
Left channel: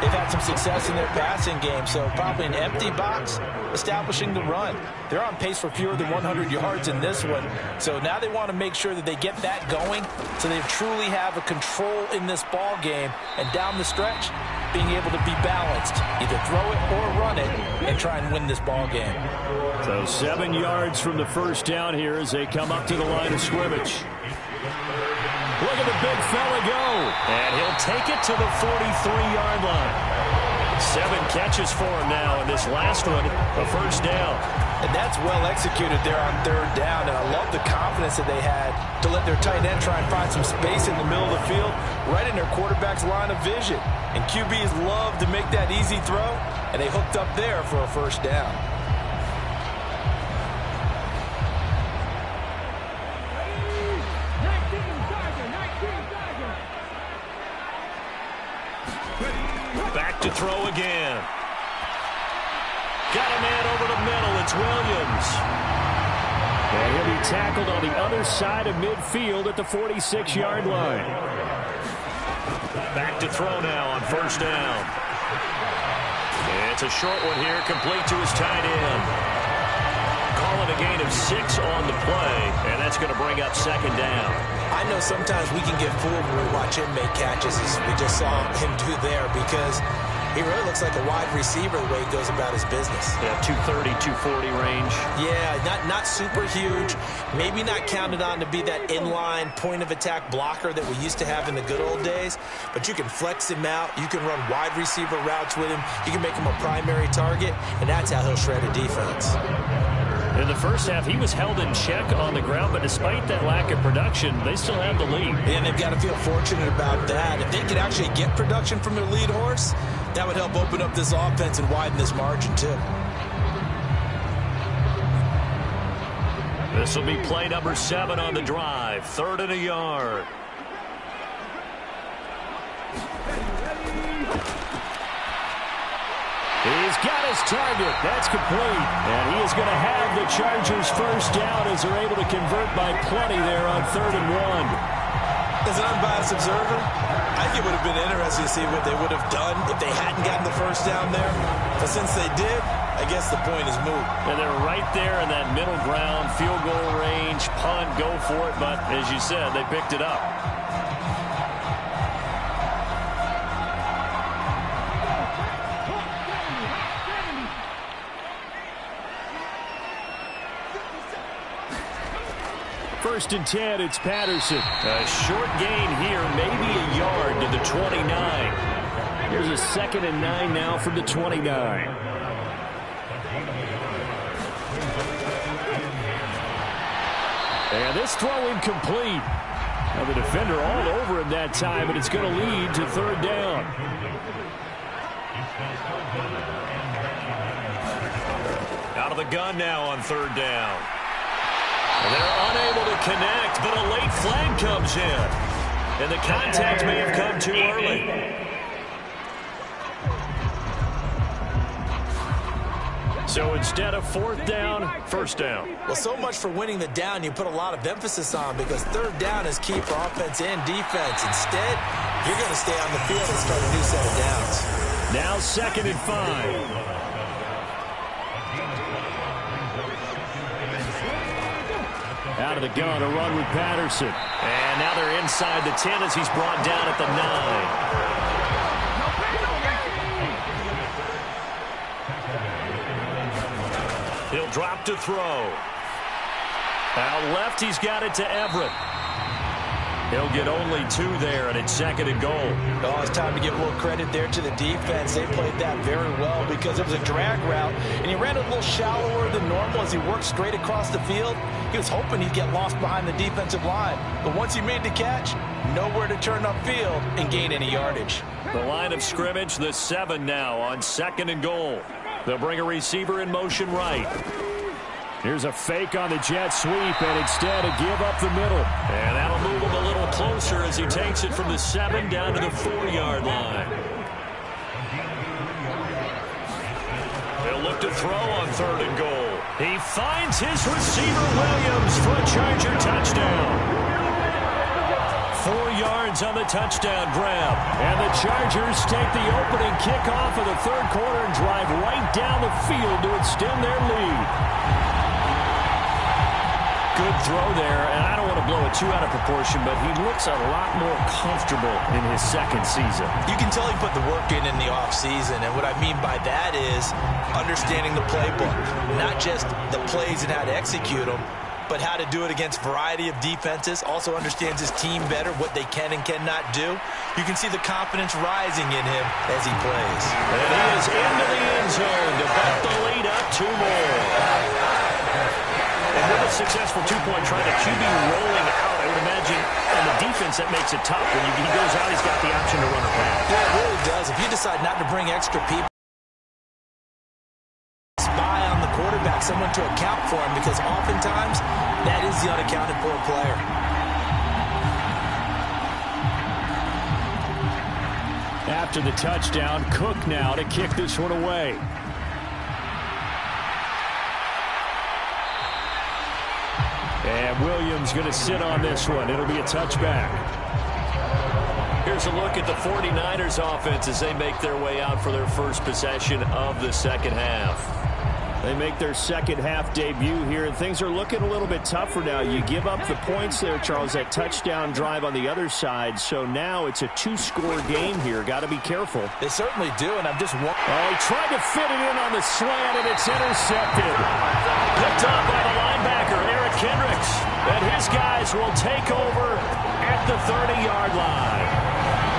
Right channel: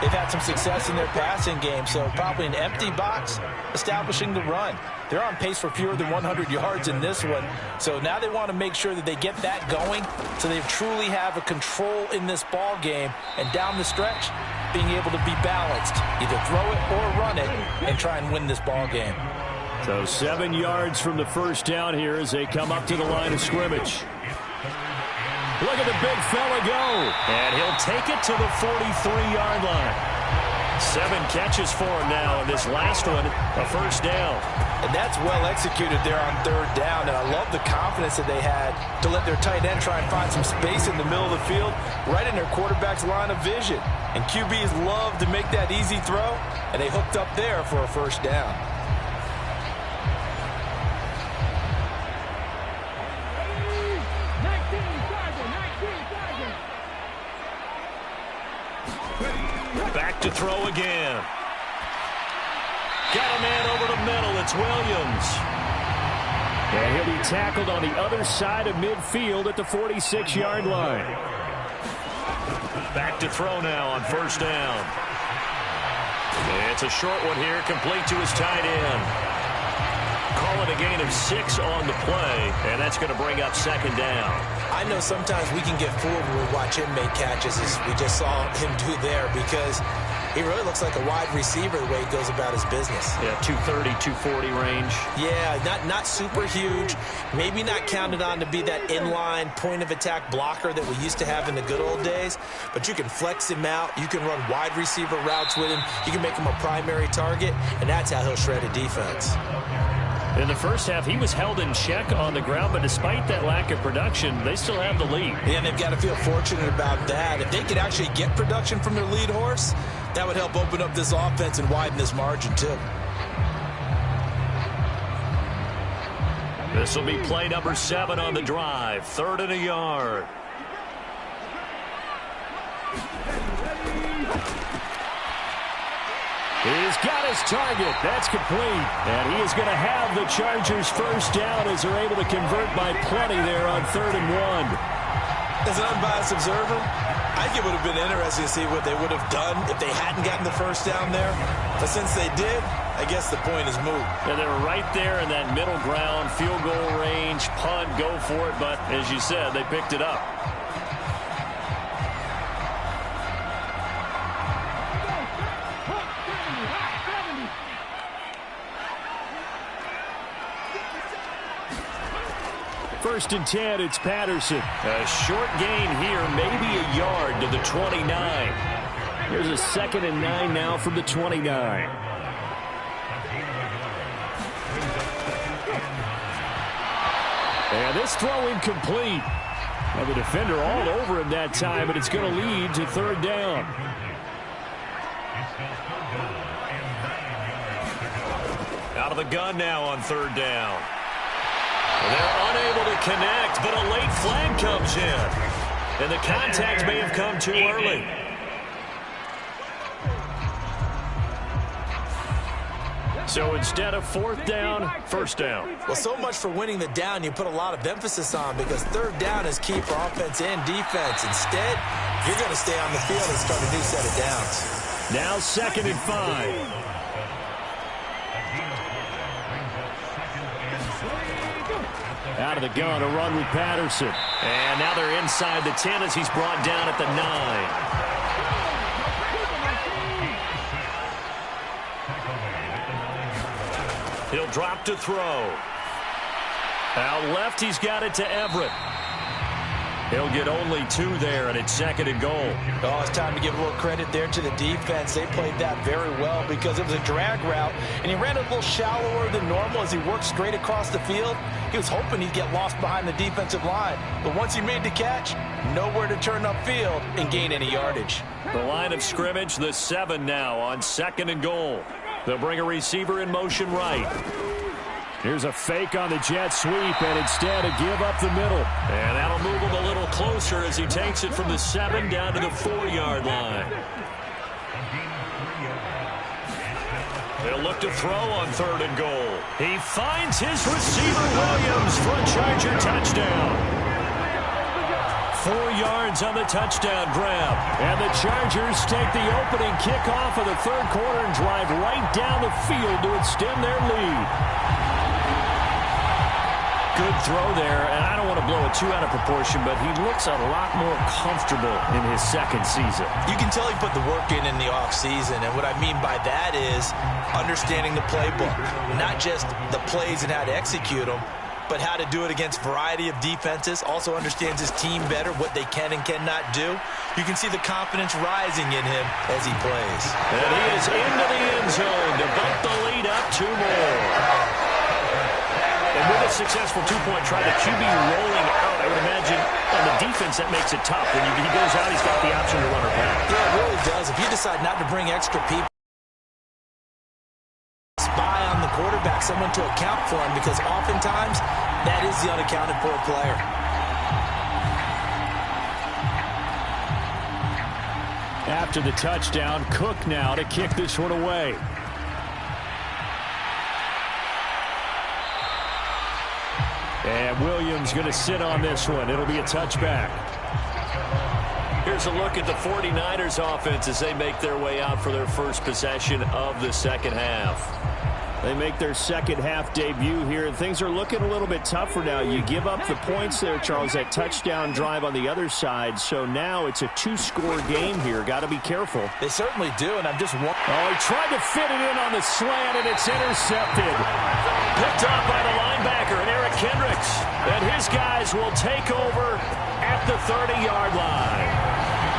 they've had some success in their passing game, so probably an empty box establishing the run. They're on pace for fewer than 100 yards in this one, so now they want to make sure that they get that going so they truly have a control in this ball game, and down the stretch, being able to be balanced, either throw it or run it, and try and win this ball game. So 7 yards from the first down here as they come up to the line of scrimmage. Look at the big fella go. And he'll take it to the 43-yard line. 7 catches for him now, and this last one, a first down. And that's well executed there on third down. And I love the confidence that they had to let their tight end try and find some space in the middle of the field, right in their quarterback's line of vision. And QBs love to make that easy throw, and they hooked up there for a first down. Back to throw again. Got a man over the middle. It's Williams. And he'll be tackled on the other side of midfield at the 46-yard line. Back to throw now on first down. It's a short one here, complete to his tight end. Call it a gain of 6 on the play, and that's going to bring up second down. I know sometimes we can get fooled when we watch him make catches, as we just saw him do there, because he really looks like a wide receiver the way he goes about his business. Yeah, 230, 240 range. Yeah, not super huge. Maybe not counted on to be that inline point-of-attack blocker that we used to have in the good old days. But you can flex him out. You can run wide receiver routes with him. You can make him a primary target, and that's how he'll shred a defense. In the first half, he was held in check on the ground, but despite that lack of production, they still have the lead. And they've got to feel fortunate about that. If they could actually get production from their lead horse, that would help open up this offense and widen this margin, too. This will be play number 7 on the drive. 3rd and a yard. He's got his target. That's complete. And he is going to have the Chargers first down as they're able to convert by plenty there on 3rd and 1. As an unbiased observer, I think it would have been interesting to see what they would have done if they hadn't gotten the first down there. But since they did, I guess the point is moot. And they're right there in that middle ground, field goal range, punt, go for it. But as you said, they picked it up. First and 10, it's Patterson. A short gain here, maybe a yard to the 29. Here's a 2nd and 9 now from the 29. And this throw incomplete. Now the defender all over him that time, but it's going to lead to 3rd down. Out of the gun now on 3rd down. They're unable to connect, but a late flag comes in. And the contact may have come too early. So instead of 4th down, 1st down. Well, so much for winning the down you put a lot of emphasis on, because 3rd down is key for offense and defense. Instead, you're going to stay on the field and start a new set of downs. Now 2nd and 5. Out of the gun, a run with Patterson. And now they're inside the 10 as he's brought down at the 9. He'll drop to throw. Out left, he's got it to Everett. He'll get only 2 there, and it's 2nd and goal. Oh, it's time to give a little credit there to the defense. They played that very well because it was a drag route, and he ran a little shallower than normal as he worked straight across the field. He was hoping he'd get lost behind the defensive line. But once he made the catch, nowhere to turn upfield and gain any yardage. The line of scrimmage, the 7 now on 2nd and goal. They'll bring a receiver in motion right. Here's a fake on the jet sweep, and instead a give up the middle. And that'll move him a little closer as he takes it from the 7 down to the 4-yard line. They'll look to throw on 3rd and goal. He finds his receiver, Williams, for a Charger touchdown. 4 yards on the touchdown grab. And the Chargers take the opening kickoff of the 3rd quarter and drive right down the field to extend their lead. Good throw there, and I don't want to blow it too out of proportion, but he looks a lot more comfortable in his second season. You can tell he put the work in the offseason, and what I mean by that is understanding the playbook, not just the plays and how to execute them, but how to do it against a variety of defenses. Also understands his team better, what they can and cannot do. You can see the confidence rising in him as he plays. And he is into the end zone to bump the lead up 2 more. And with a successful 2-point try, the QB rolling out, I would imagine on the defense that makes it tough. When he goes out, he's got the option to run or pass. Yeah, it really does. If you decide not to bring extra people, spy on the quarterback, someone to account for him, because oftentimes that is the unaccounted for player. After the touchdown, Cook now to kick this one away. And Williams going to sit on this one. It'll be a touchback. Here's a look at the 49ers offense as they make their way out for their first possession of the second half. They make their second half debut here, and things are looking a little bit tougher now. You give up the points there, Charles, that touchdown drive on the other side. So now it's a 2-score game here. Got to be careful. They certainly do, and I'm just wondering. Oh, he tried to fit it in on the slant, and it's intercepted. Picked off by the linebacker, Eric Kendricks. And his guys will take over at the 30-yard line.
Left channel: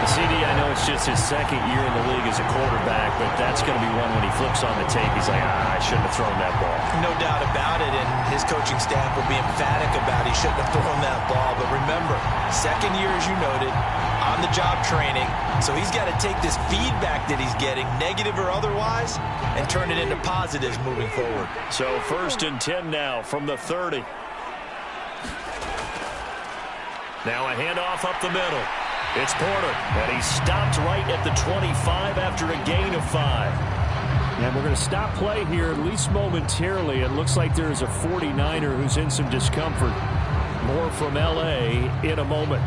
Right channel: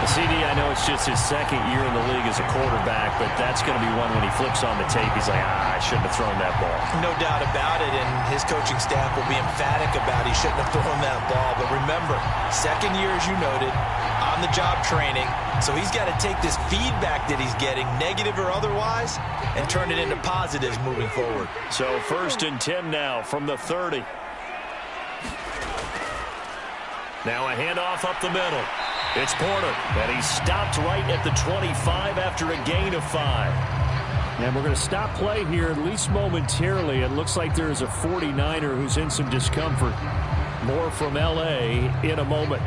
CD, I know it's just his second year in the league as a quarterback, but that's going to be one when he flips on the tape. He's like, I shouldn't have thrown that ball. No doubt about it, and his coaching staff will be emphatic about he shouldn't have thrown that ball. But remember, second year, as you noted, on-the-job training, so he's got to take this feedback that he's getting, negative or otherwise, and turn it into positives moving forward. So 1st and 10 now from the 30. Now a handoff up the middle. It's Porter, and he stopped right at the 25 after a gain of 5. And we're going to stop play here, at least momentarily. It looks like there is a 49er who's in some discomfort. More from L.A. in a moment.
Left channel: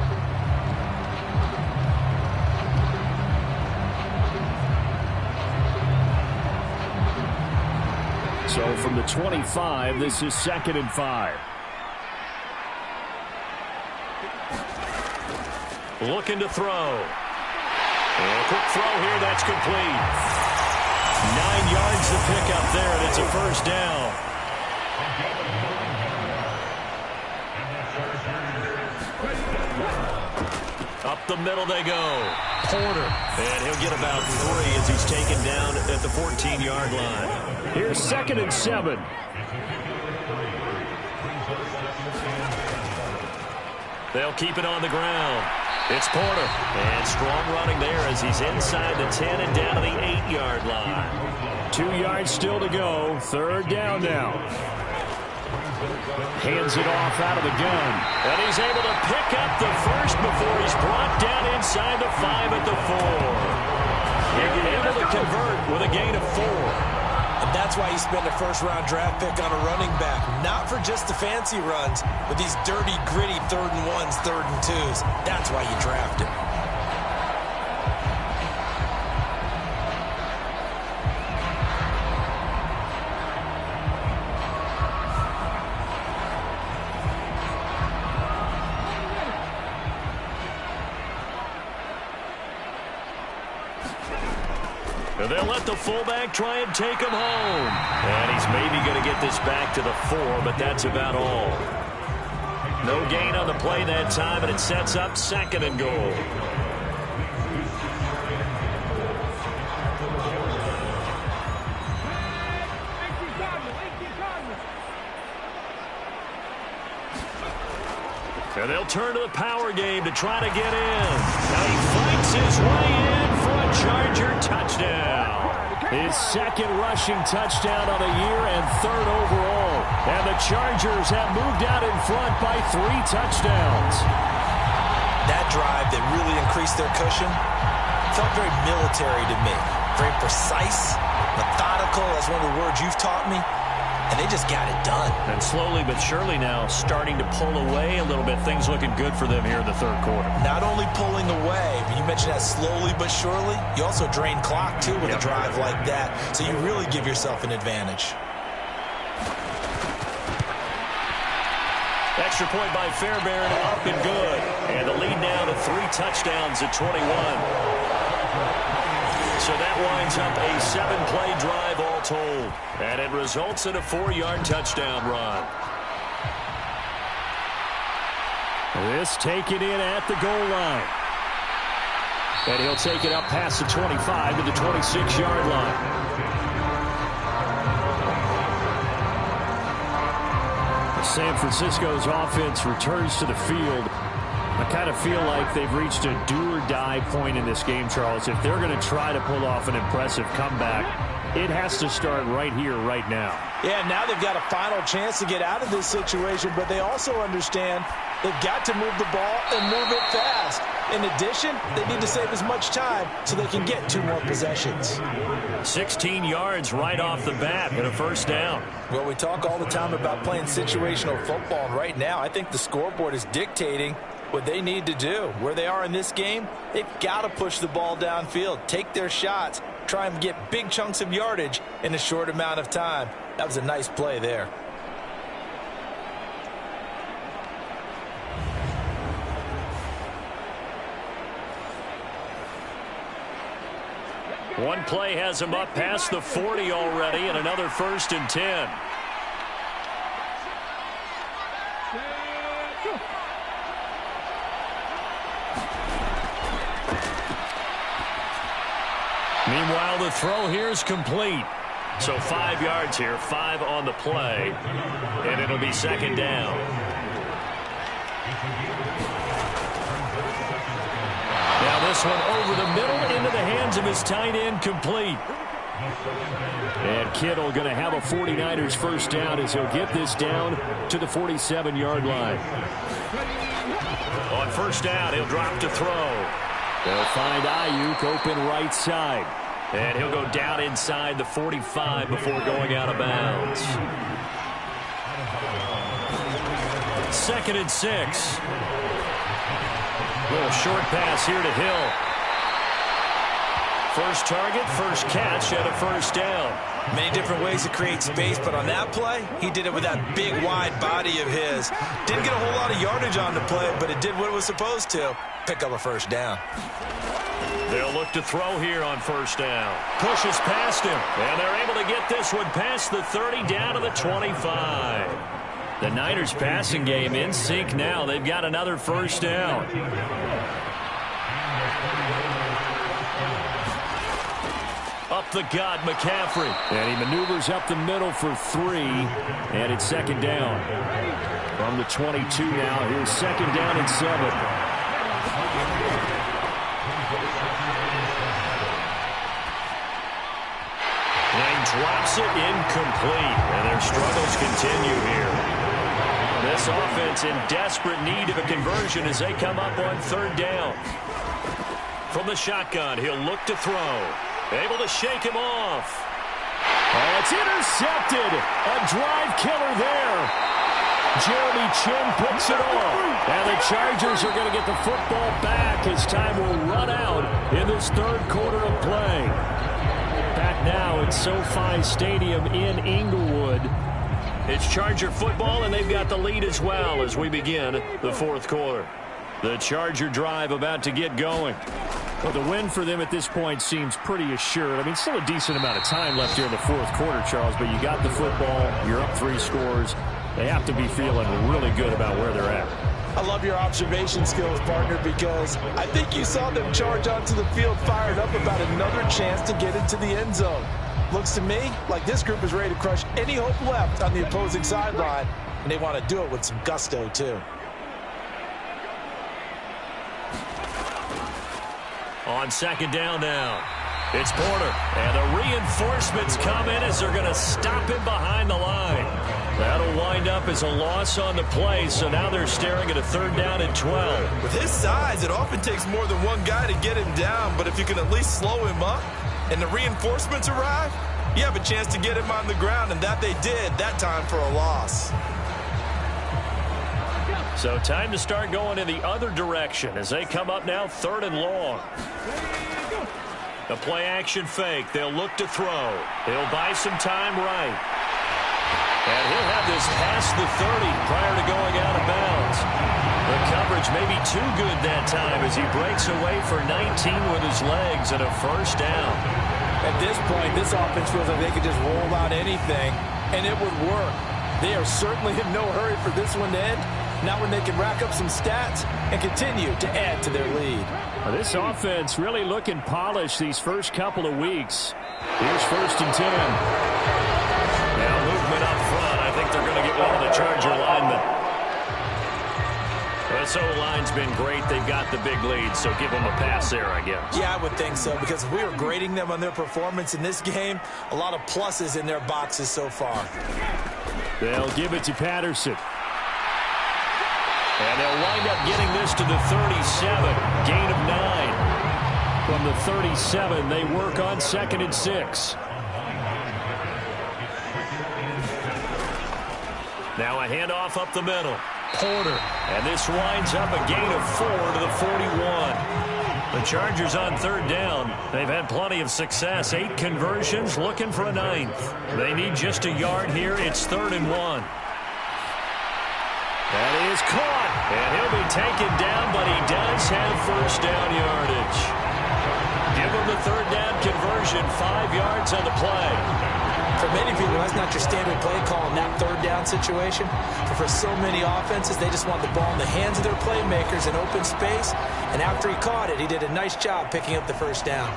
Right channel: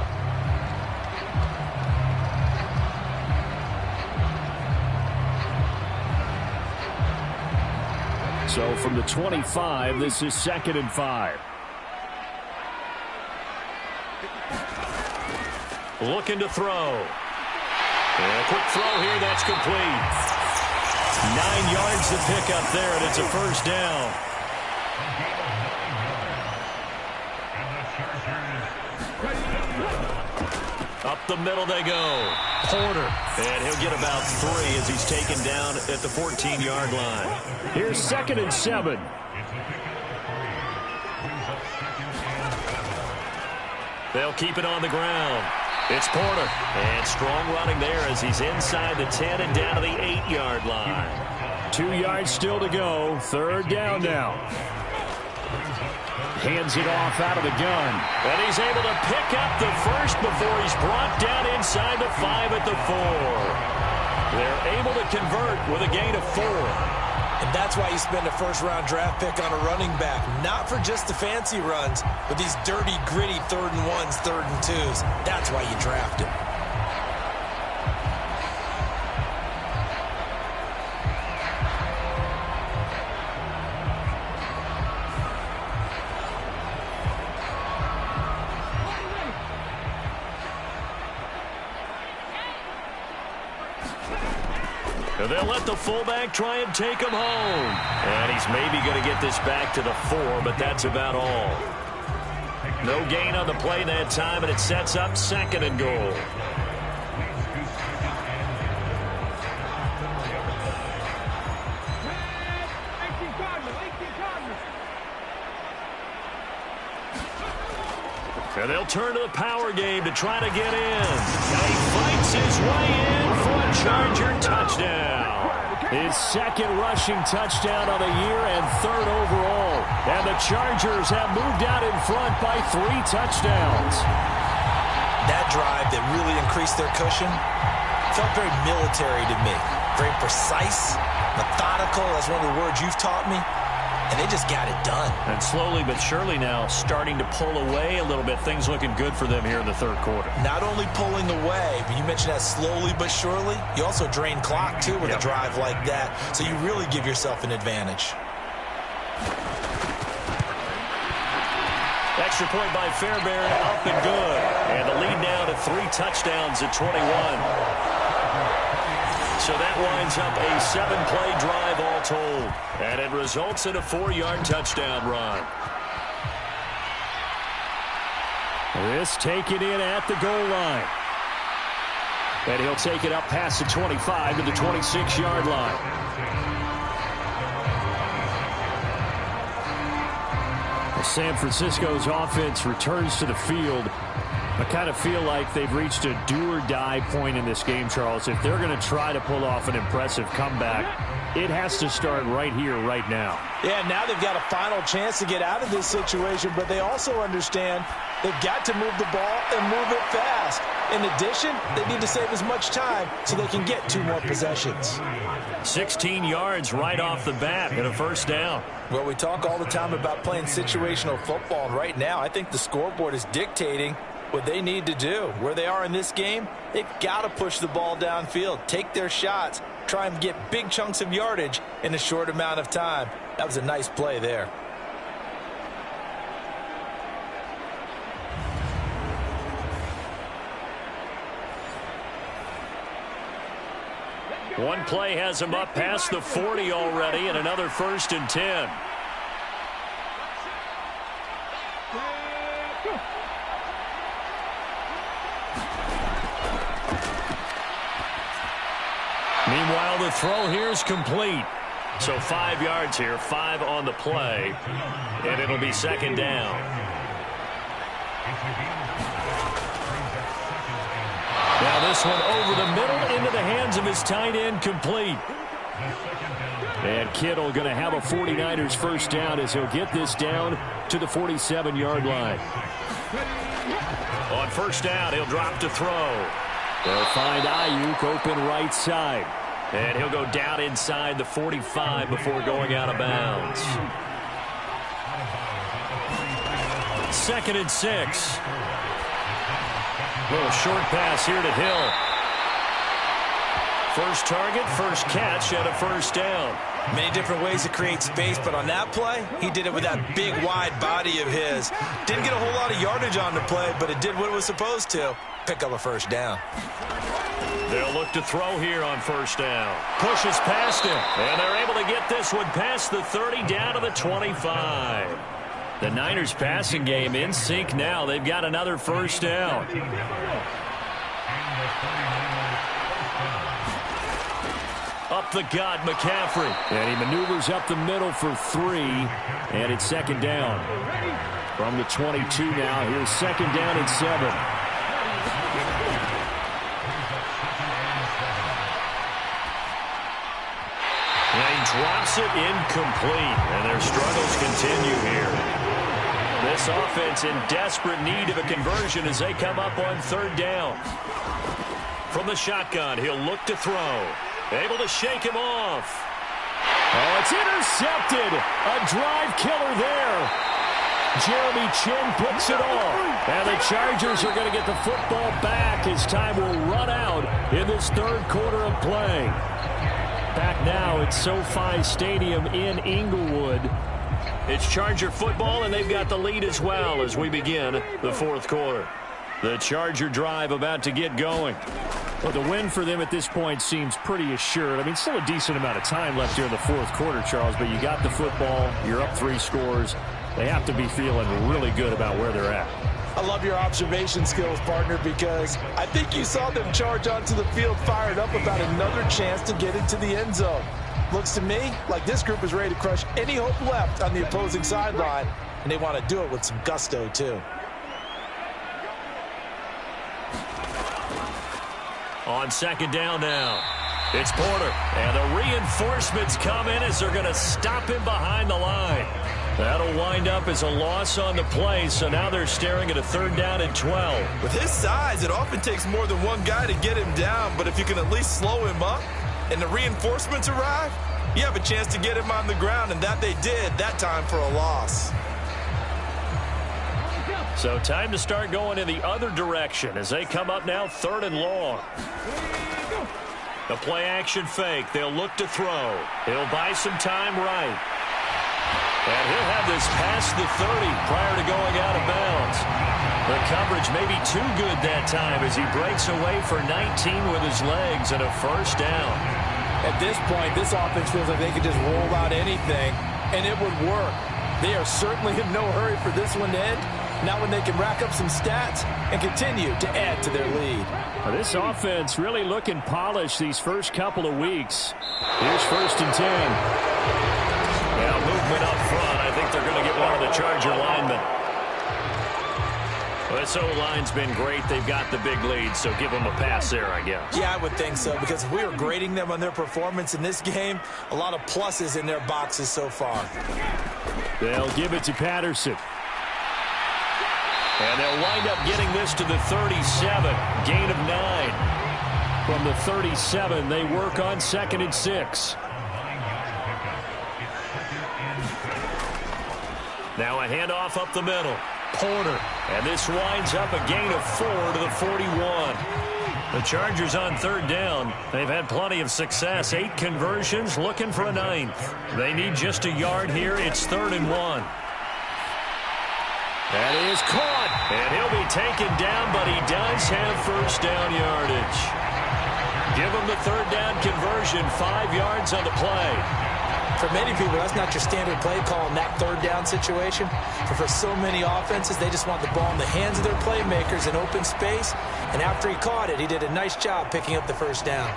So from the 25, this is 2nd and 5. Looking to throw. And a quick throw here, that's complete. 9 yards to pick up there, and it's a first down. Up the middle they go. Porter. And he'll get about 3 as he's taken down at the 14-yard line. Here's 2nd and 7. They'll keep it on the ground. It's Porter. And strong running there as he's inside the 10 and down to the 8-yard line. 2 yards still to go. 3rd down now. Hands it off out of the gun. And he's able to pick up the first before he's brought down inside the 5 at the 4. They're able to convert with a gain of 4. And that's why you spend a first-round draft pick on a running back. Not for just the fancy runs, but these dirty, gritty 3rd and 1s, 3rd and 2s. That's why you draft him. They'll let the fullback try and take him home. And he's maybe going to get this back to the 4, but that's about all. No gain on the play that time, and it sets up 2nd and goal. And they'll turn to the power game to try to get in. Now he fights his way in for a Charger touchdown. His 2nd rushing touchdown of the year and 3rd overall. And the Chargers have moved out in front by 3 touchdowns. That drive that really increased their cushion felt very military to me. Very precise, methodical. That's one of the words you've taught me. And they just got it done. And slowly but surely now starting to pull away a little bit. Things looking good for them here in the 3rd quarter. Not only pulling away, but you mentioned that slowly but surely. You also drain clock, too, with a drive like that. So you really give yourself an advantage. Extra point by Fairbairn, up and good. And the lead now to 3 touchdowns at 21. So that winds up a 7-play drive all told. And it results in a 4-yard touchdown run. This taken in at the goal line. And he'll take it up past the 25 to the 26-yard line. San Francisco's offense returns to the field. I kind of feel like they've reached a do-or-die point in this game, Charles. If they're going to try to pull off an impressive comeback, it has to start right here, right now. Yeah, now they've got a final chance to get out of this situation, but they also understand they've got to move the ball and move it fast. In addition, they need to save as much time so they can get 2 more possessions. 16 yards right off the bat and a first down. Well, we talk all the time about playing situational football, and right now I think the scoreboard is dictating what they need to do. Where they are in this game, they've got to push the ball downfield, take their shots, try and get big chunks of yardage in a short amount of time. That was a nice play there. One play has him up past the 40 already, and another 1st and 10. Meanwhile, the throw here is complete. So 5 yards here, 5 on the play, and it'll be 2nd down. Now this one over the middle into the hands of his tight end, complete. And Kittle going to have a 49ers first down as he'll get this down to the 47-yard line. On first down, he'll drop to throw. They'll find Ayuk open right side. And he'll go down inside the 45 before going out of bounds. 2nd and 6. Little short pass here to Hill. First target, first catch, and a first down. Many different ways to create space, but on that play, he did it with that big, wide body of his. Didn't get a whole lot of yardage on the play, but it did what it was supposed to. Pick up a first down. They'll look to throw here on first down. Pushes past him, and they're able to get this one past the 30 down to the 25. The Niners passing game in sync now. They've got another first down. Up the gut, McCaffrey. And he maneuvers up the middle for 3. And it's 2nd down. From the 22 now, here's 2nd down and 7. Now he drops it incomplete. And their struggles continue here. This offense in desperate need of a conversion as they come up on 3rd down. From the shotgun, he'll look to throw. Able to shake him off. Oh, it's intercepted. A drive killer there. Jeremy Chin picks it off. And the Chargers are going to get the football back as time will run out in this 3rd quarter of play. Back now at SoFi Stadium in Inglewood. It's Charger football, and they've got the lead as well as we begin the 4th quarter. The Charger drive about to get going. Well, the win for them at this point seems pretty assured. I mean, still a decent amount of time left here in the 4th quarter, Charles, but you got the football. You're up 3 scores. They have to be feeling really good about where they're at. I love your observation skills, partner, because I think you saw them charge onto the field fired up about another chance to get into the end zone. Looks to me like this group is ready to crush any hope left on the opposing sideline, and they want to do it with some gusto, too. On 2nd down now, it's Porter. And the reinforcements come in as they're going to stop him behind the line. That'll wind up as a loss on the play, so now they're staring at a 3rd down and 12. With his size, it often takes more than one guy to get him down, but if you can at least slow him up and the reinforcements arrive, you have a chance to get him on the ground, and that they did, that time for a loss. So time to start going in the other direction as they come up now 3rd and long. The play action fake. They'll look to throw. He'll buy some time right. And he'll have this past the 30 prior to going out of bounds. The coverage may be too good that time as he breaks away for 19 with his legs and a first down. At this point, this offense feels like they could just roll out anything, and it would work. They are certainly in no hurry for this one to end. Not when they can rack up some stats and continue to add to their lead. Well, this offense really looking polished these first couple of weeks. Here's 1st and 10. Now movement up front. I think they're going to get one of the Charger linemen. This O-line's been great. They've got the big lead, so give them a pass there, I guess. Yeah, I would think so, because if we were grading them on their performance in this game, a lot of pluses in their boxes so far. They'll give it to Patterson. And they'll wind up getting this to the 37. Gain of 9. From the 37, they work on 2nd and 6. Now a handoff up the middle. Porter. And this winds up a gain of 4 to the 41. The Chargers on 3rd down. They've had plenty of success. 8 conversions, looking for a 9th. They need just a yard here. It's 3rd and 1. That is caught. And he'll be taken down, but he does have first down yardage. Give him the 3rd down conversion. 5 yards on the play. For many people, that's not your standard play call in that 3rd down situation. But for so many offenses, they just want the ball in the hands of their playmakers in open space. And after he caught it, he did a nice job picking up the first down.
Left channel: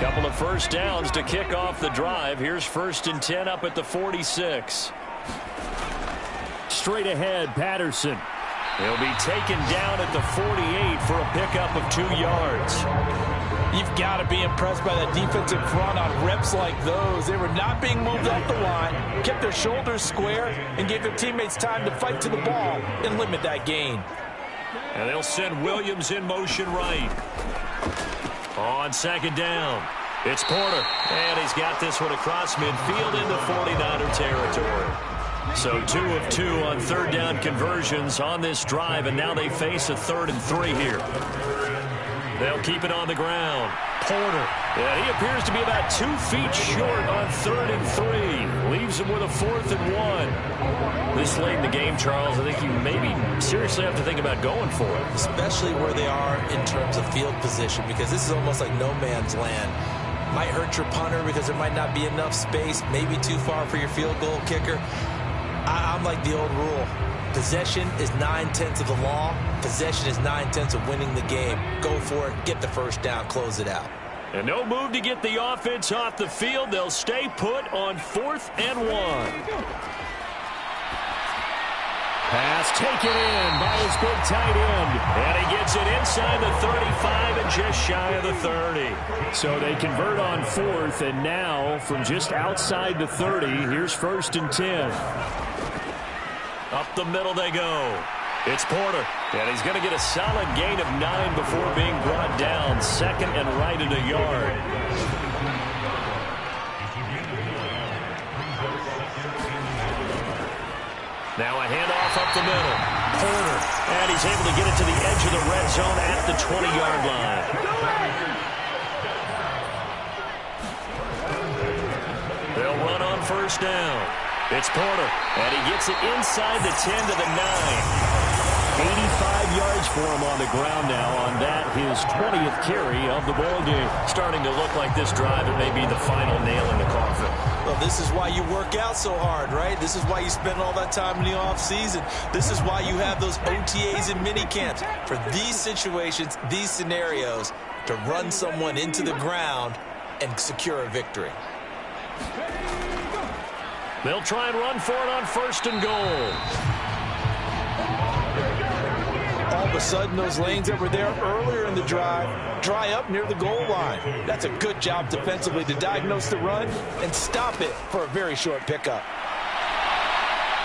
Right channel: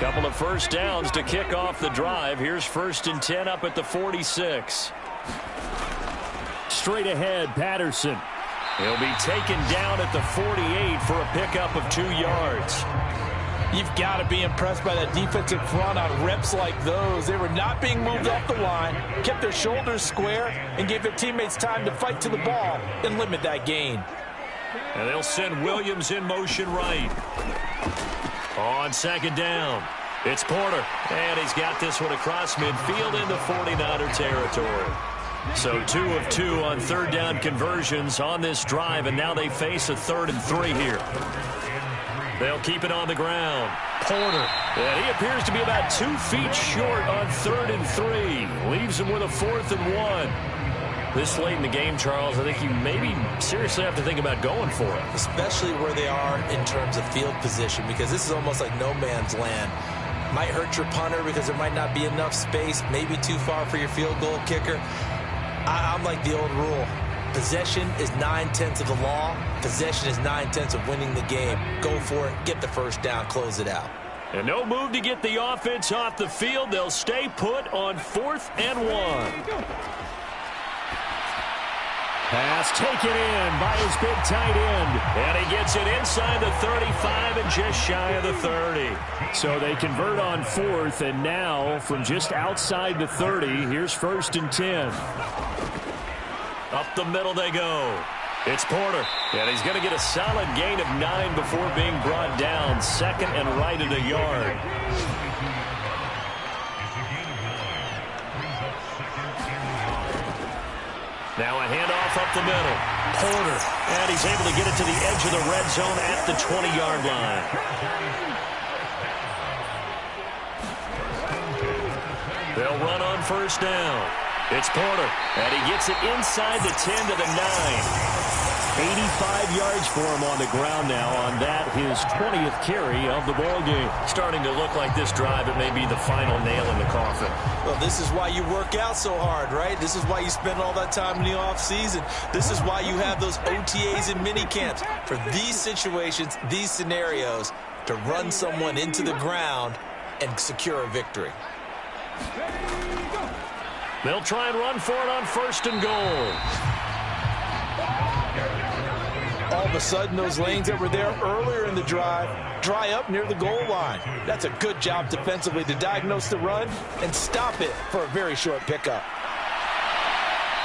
Couple of first downs to kick off the drive. Here's 1st and 10 up at the 46. Straight ahead, Patterson. He'll be taken down at the 48 for a pickup of 2 yards. You've got to be impressed by that defensive front on reps like those. They were not being moved off the line, kept their shoulders square, and gave their teammates time to fight to the ball and limit that gain. And they'll send Williams in motion right. On 2nd down, it's Porter. And he's got this one across midfield into 49er territory. So 2 of 2 on 3rd down conversions on this drive, and now they face a 3rd and 3 here. They'll keep it on the ground. Porter. And he appears to be about 2 feet short on 3rd and 3. Leaves him with a 4th and 1. This late in the game, Charles, I think you maybe seriously have to think about going for it. Especially where they are in terms of field position, because this is almost like no man's land. Might hurt your punter because there might not be enough space, maybe too far for your field goal kicker. I'm like the old rule. Possession is 9/10 of the law. Possession is 9/10 of winning the game. Go for it. Get the first down. Close it out. And no move to get the offense off the field. They'll stay put on 4th and 1. Pass taken in by his big tight end. And he gets it inside the 35 and just shy of the 30. So they convert on 4th, and now from just outside the 30, here's 1st and 10. Up the middle they go. It's Porter. And he's going to get a solid gain of 9 before being brought down. 2nd and right at a yard. Now a handoff up the middle. Porter. And he's able to get it to the edge of the red zone at the 20-yard line. They'll run on 1st down. It's Porter. And he gets it inside the 10 to the 9. 85 yards for him on the ground now on that, his 20th carry of the ball game. Starting to look like this drive, it may be the final nail in the coffin. Well, this is why you work out so hard, right? This is why you spend all that time in the offseason. This is why you have those OTAs and mini camps. For these situations, these scenarios, to run someone into the ground and secure a victory. They'll try and run for it on 1st and goal. All of a sudden, those lanes that were there earlier in the drive dry up near the goal line. That's a good job defensively to diagnose the run and stop it for a very short pickup.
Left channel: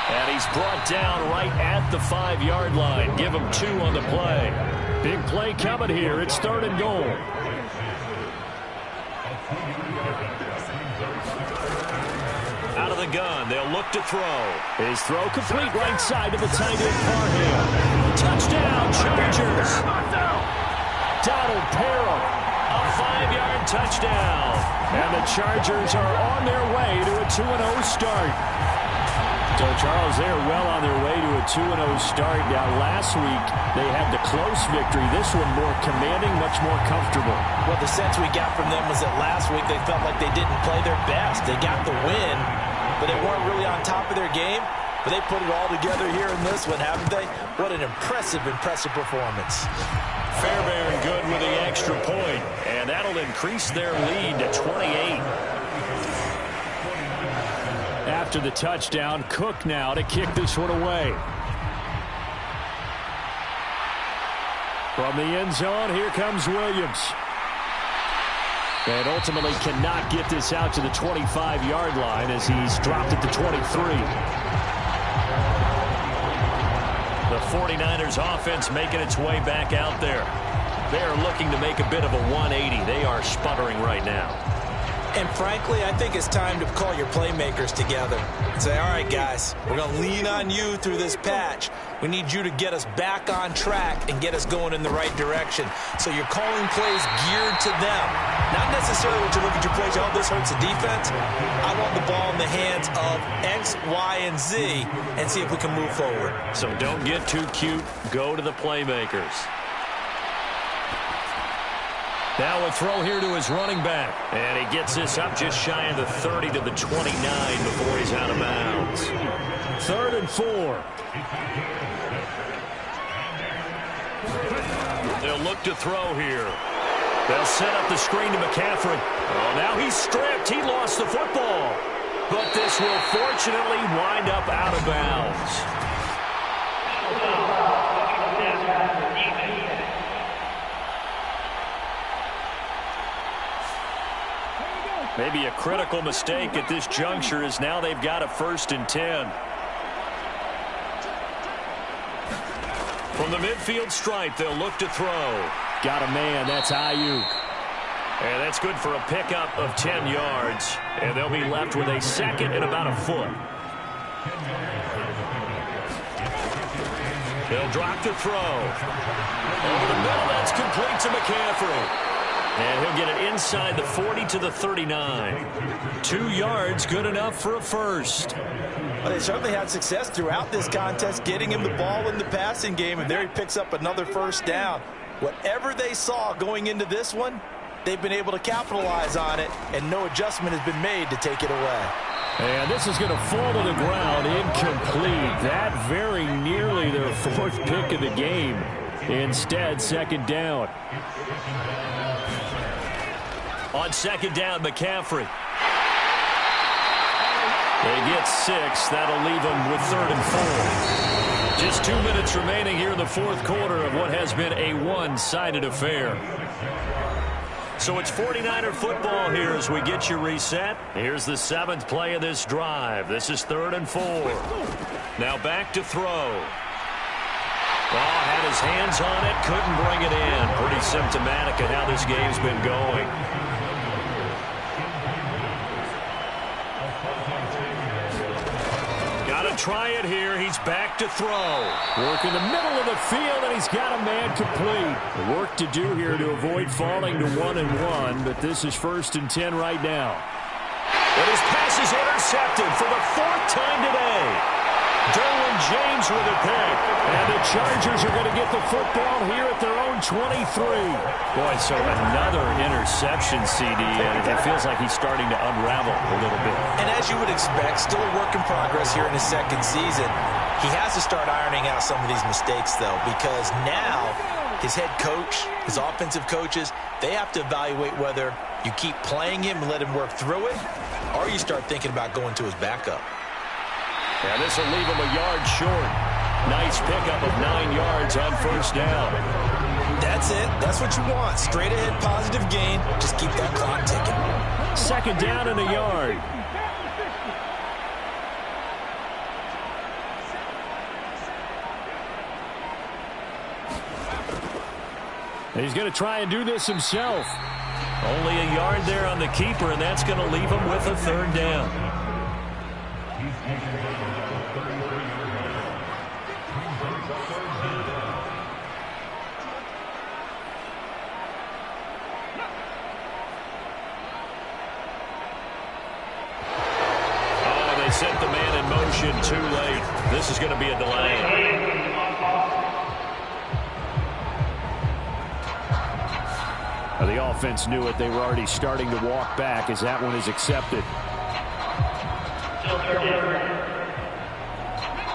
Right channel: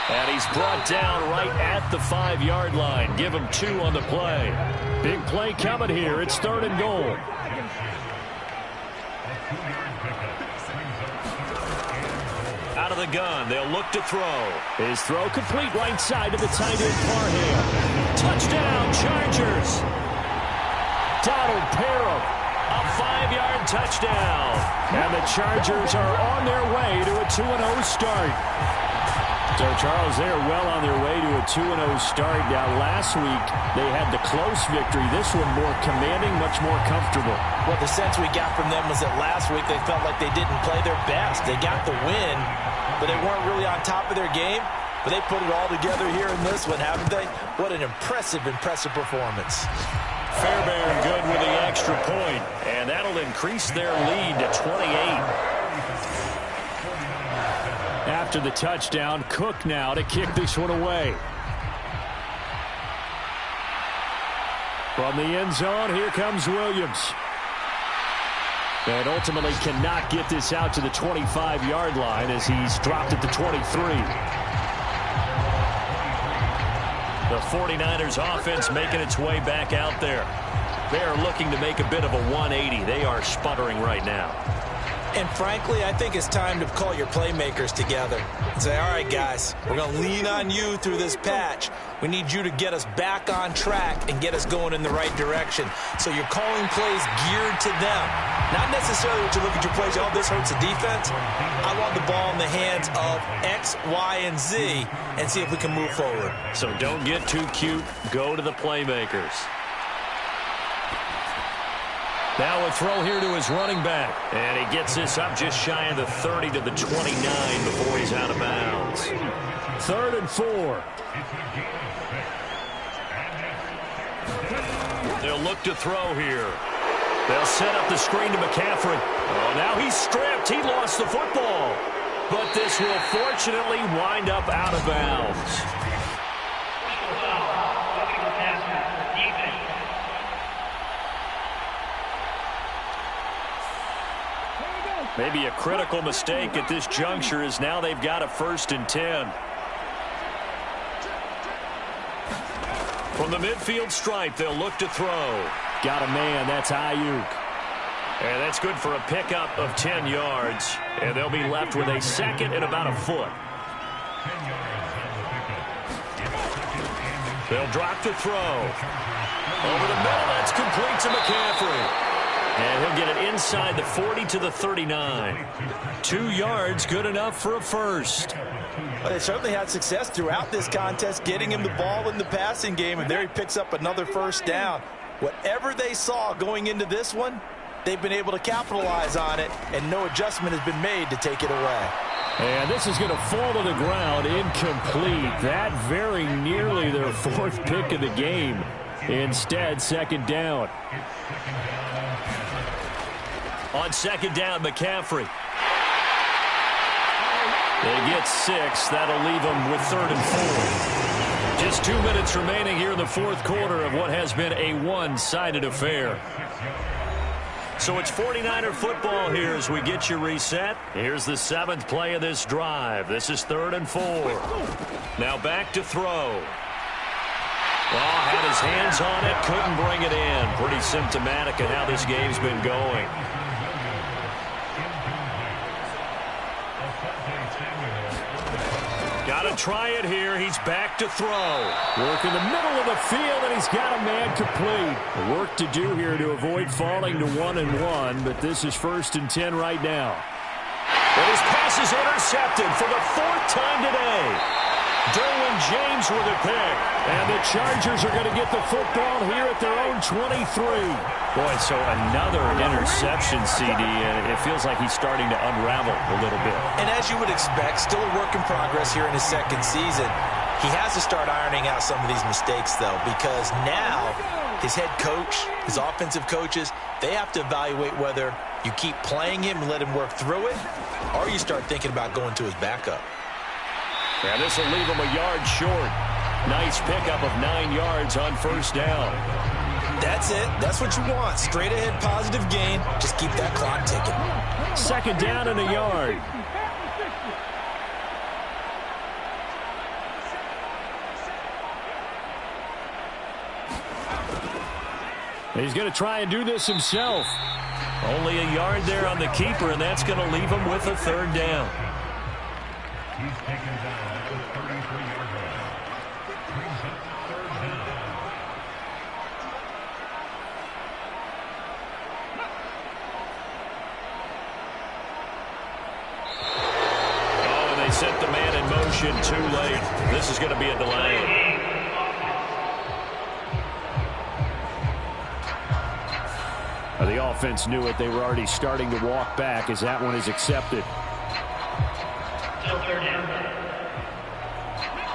And he's brought down right at the 5-yard line. Give him 2 on the play. Big play coming here. It's 3rd and goal. Out of the gun, they'll look to throw. His throw complete right side to the tight end Parham. Touchdown, Chargers. Donald Parham. A 5-yard touchdown. And the Chargers are on their way to a 2-0 start. So, Charles, they're well on their way to a 2-0 start. Now, last week, they had the close victory. This one more commanding, much more comfortable. Well, the sense we got from them was that last week they felt like they didn't play their best. They got the win, but they weren't really on top of their game. But they put it all together here in this one, haven't they? What an impressive performance. Fairbairn good with the extra point, and that'll increase their lead to 28. After the touchdown, Cook now to kick this one away. From the end zone, here comes Williams. And ultimately cannot get this out to the 25-yard line as he's dropped at the 23. The 49ers offense making its way back out there. They are looking to make a bit of a 180. They are sputtering right now. And frankly, I think it's time to call your playmakers together and say, all right, guys, we're going to lean on you through this patch. We need you to get us back on track and get us going in the right direction. So you're calling plays geared to them. Not necessarily what you look at your plays, oh, this hurts the defense. I want the ball in the hands of X, Y, and Z and see if we can move forward. So don't get too cute. Go to the playmakers. Now a throw here to his running back. And he gets this up just shy of the 30 to the 29 before he's out of bounds. 3rd and 4. They'll look to throw here. They'll set up the screen to McCaffrey. Oh, now he's stripped. He lost the football. But this will fortunately wind up out of bounds. Maybe a critical mistake at this juncture as now they've got a 1st and 10. From the midfield stripe, they'll look to throw. Got a man. That's Ayuk. And that's good for a pickup of 10 yards. And they'll be left with a 2nd and about a foot. They'll drop to throw. Over the middle, that's complete to McCaffrey. And he'll get it inside the 40 to the 39. 2 yards, good enough for a first. Well, they certainly had success throughout this contest, getting him the ball in the passing game, and there he picks up another first down. Whatever they saw going into this one, they've been able to capitalize on it, and no adjustment has been made to take it away. And this is going to fall to the ground, incomplete. That very nearly their 4th pick of the game. Instead, 2nd down. On 2nd down, McCaffrey. They get 6. That'll leave them with 3rd and 4. Just 2 minutes remaining here in the 4th quarter of what has been a one-sided affair. So it's 49er football here as we get you reset. Here's the 7th play of this drive. This is 3rd and 4. Now back to throw. Oh, had his hands on it, couldn't bring it in. Pretty symptomatic of how this game's been going. Got to try it here. He's back to throw. Work in the middle of the field, and he's got a man complete. Work to do here to avoid falling to 1-1, but this is 1st and 10 right now. But his pass is intercepted for the 4th time today. Derwin James with a pick. And the Chargers are going to get the football here at their own 23. Boy, so another interception, CD, and it feels like he's starting to unravel a little bit. And as you would expect, still a work in progress here in his 2nd season. He has to start ironing out some of these mistakes, though, because now his head coach, his offensive coaches, they have to evaluate whether you keep playing him and let him work through it, or you start thinking about going to his backup. And this will leave him a yard short. Nice pickup of 9 yards on 1st down. That's it. That's what you want. Straight ahead positive gain. Just keep that clock ticking. 2nd down and a yard. He's going to try and do this himself. Only a yard there on the keeper, and that's going to leave him with a 3rd down. He's taken down at the 33-yard line. Brings up 3rd down. in motion too late. This is going to be a delay. The offense knew it. They were already starting to walk back as that one is accepted.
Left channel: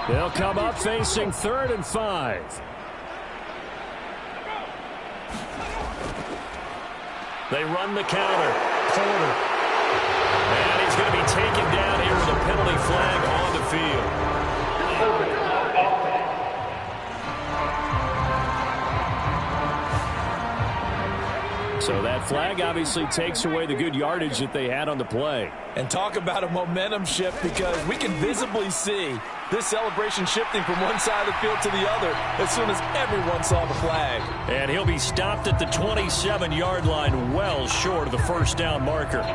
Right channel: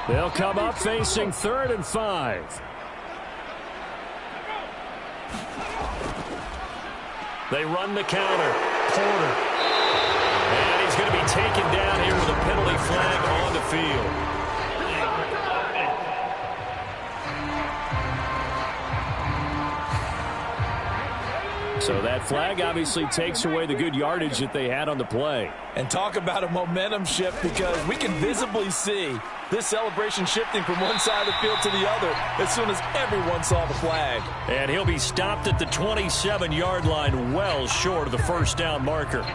They'll come up facing 3rd and 5. They run the counter. Porter. And he's going to be taken down here with a penalty flag on the field. So that flag obviously takes away the good yardage that they had on the play. And talk about a momentum shift, because we can visibly see this celebration shifting from one side of the field to the other as soon as everyone saw the flag. And he'll be stopped at the 27-yard line, well short of the first down marker.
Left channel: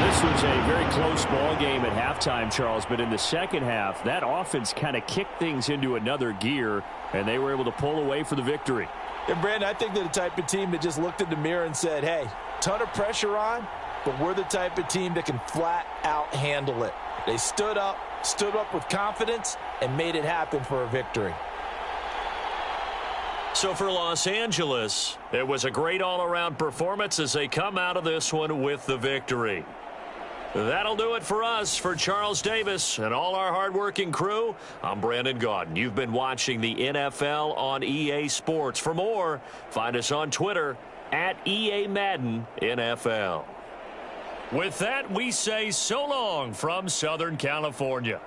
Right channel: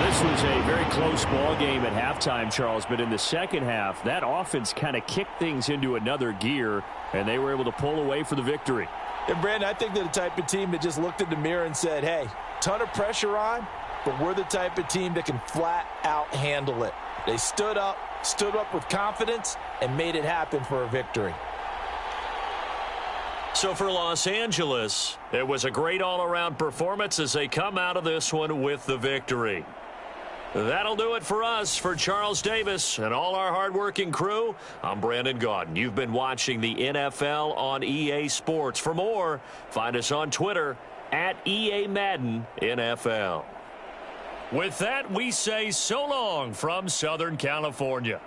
This was a very close ball game at halftime, Charles, but in the second half, that offense kind of kicked things into another gear, and they were able to pull away for the victory. And, Brandon, I think they're the type of team that just looked in the mirror and said, hey, ton of pressure on, but we're the type of team that can flat out handle it. They stood up with confidence, and made it happen for a victory. So for Los Angeles, it was a great all-around performance as they come out of this one with the victory. That'll do it for us. For Charles Davis and all our hardworking crew, I'm Brandon Gaudin. You've been watching the NFL on EA Sports. For more, find us on Twitter at EA Madden NFL. With that, we say so long from Southern California.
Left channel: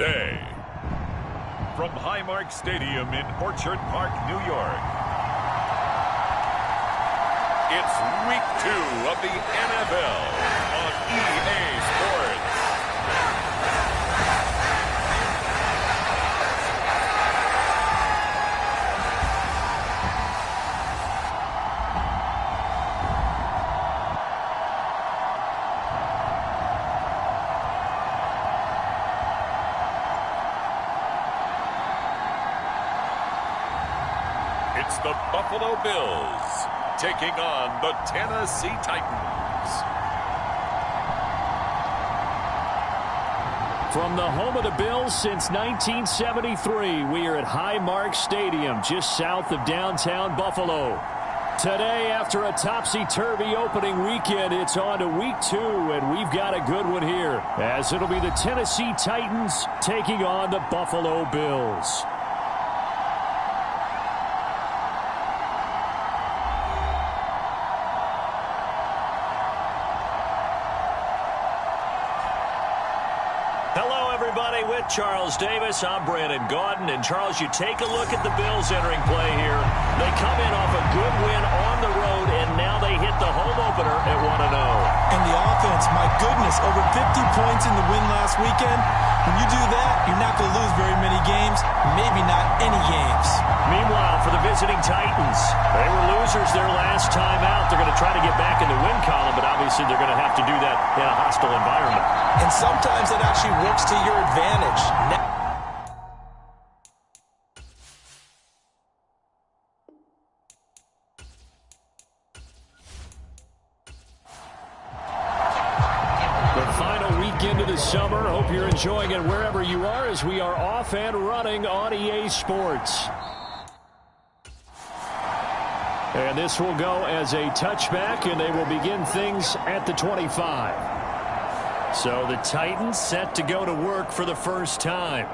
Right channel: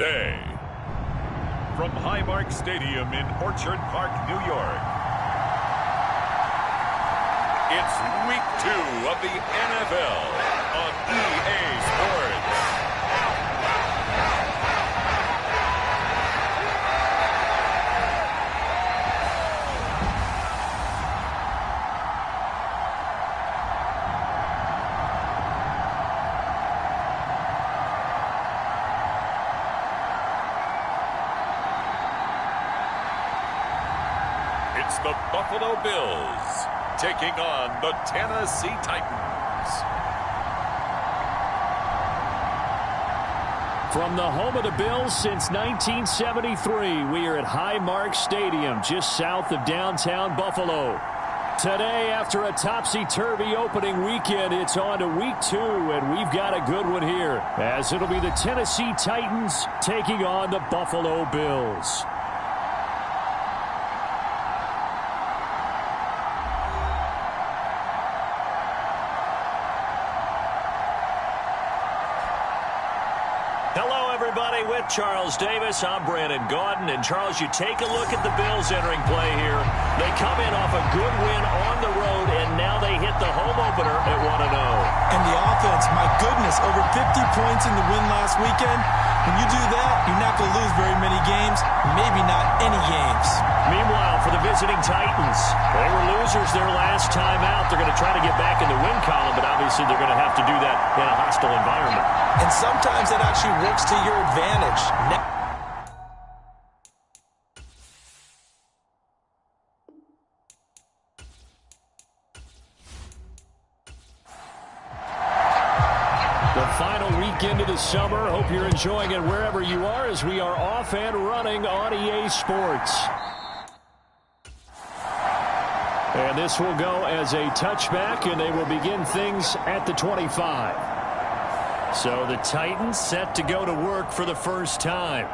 today. From Highmark Stadium in Orchard Park, New York, it's Week 2 of the NFL on EA Sports. It's the Buffalo Bills taking on the Tennessee Titans. From the home of the Bills since 1973, we are at Highmark Stadium, just south of downtown Buffalo. Today, after a topsy-turvy opening weekend, it's on to Week 2, and we've got a good one here, as it'll be the Tennessee Titans taking on the Buffalo Bills. Hello, everybody. With Charles Davis, I'm Brandon Gaudin. And, Charles, you take a look at the Bills entering play here. They come in off a good win on the road, and now they hit the home opener at 1-0. And the offense, my goodness, over 50 points in the win last weekend. When you do that, you're not going to lose very many games, maybe not any games. Meanwhile, for the visiting Titans, they were losers their last time out. They're going to try to get back in the win column, but obviously they're going to have to do that in a hostile environment. And sometimes it actually works to your advantage. The final weekend of the summer. Hope you're enjoying it wherever you are, as we are off and running on EA Sports. And this will go as a touchback, and they will begin things at the 25. So the Titans set to go to work for the first time.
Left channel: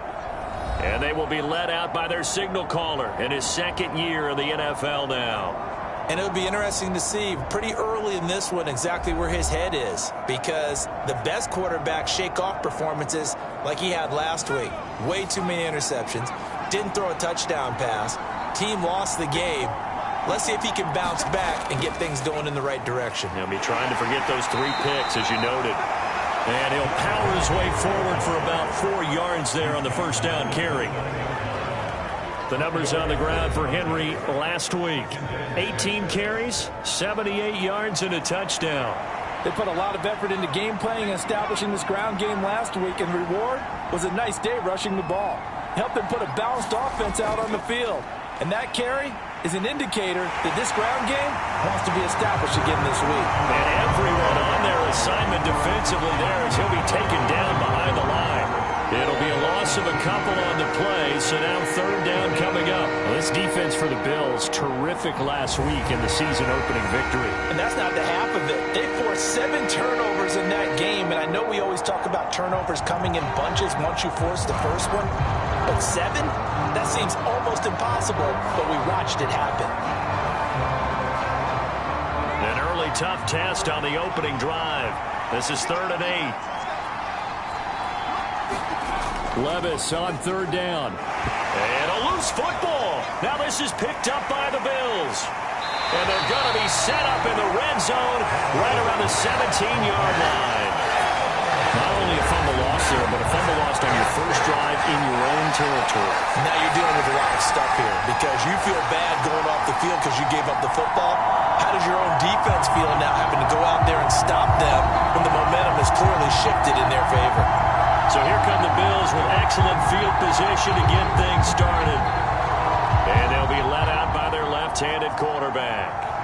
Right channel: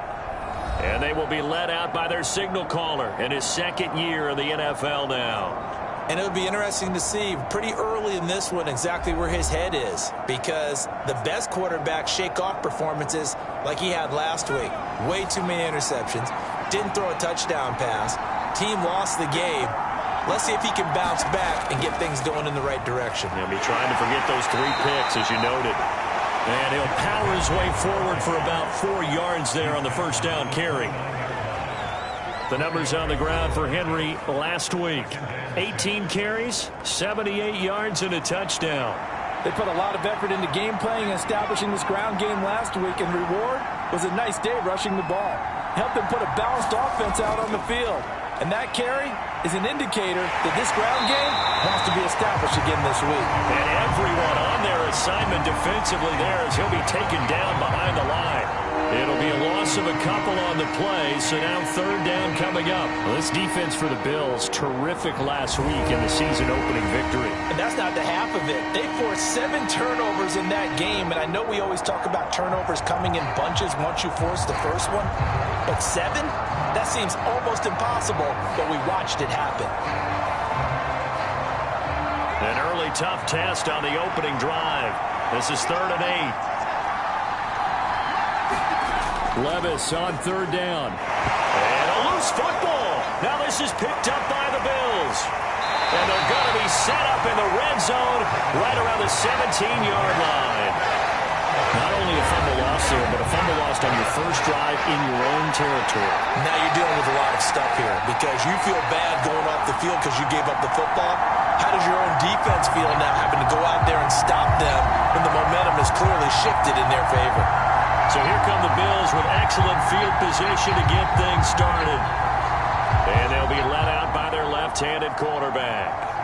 And they will be led out by their signal caller in his second year in the NFL now. And it would be interesting to see pretty early in this one exactly where his head is, because the best quarterbacks shake off performances like he had last week. Way too many interceptions. Didn't throw a touchdown pass. Team lost the game. Let's see if he can bounce back and get things going in the right direction. He'll be trying to forget those 3 picks, as you noted. And he'll power his way forward for about 4 yards there on the first down carry. The numbers on the ground for Henry last week. 18 carries, 78 yards, and a touchdown. They put a lot of effort into game playing and establishing this ground game last week, and the reward was a nice day rushing the ball. Helped them put a balanced offense out on the field. And that carry is an indicator that this ground game wants to be established again this week. And everyone on their assignment defensively there, as he'll be taken down behind the line. It'll be a loss of a couple on the play, so now third down coming up. Well, this defense for the Bills, terrific last week in the season-opening victory. And that's not the half of it. They forced 7 turnovers in that game, and I know we always talk about turnovers coming in bunches once you force the first one, but 7? That seems almost impossible, but we watched it happen. An early tough test on the opening drive. This is 3rd and 8. Levis on 3rd down. And a loose football. Now this is picked up by the Bills. And they're going to be set up in the red zone right around the 17-yard line. Not only a fumble loss there, but a fumble lost on your first drive in your own territory. Now you're dealing with a lot of stuff here because you feel bad going off the field because you gave up the football. How does your own defense feel now having to go out there and stop them when the momentum is clearly shifted in their favor? So here come the Bills with excellent field position to get things started. And they'll be let out by their left-handed quarterback.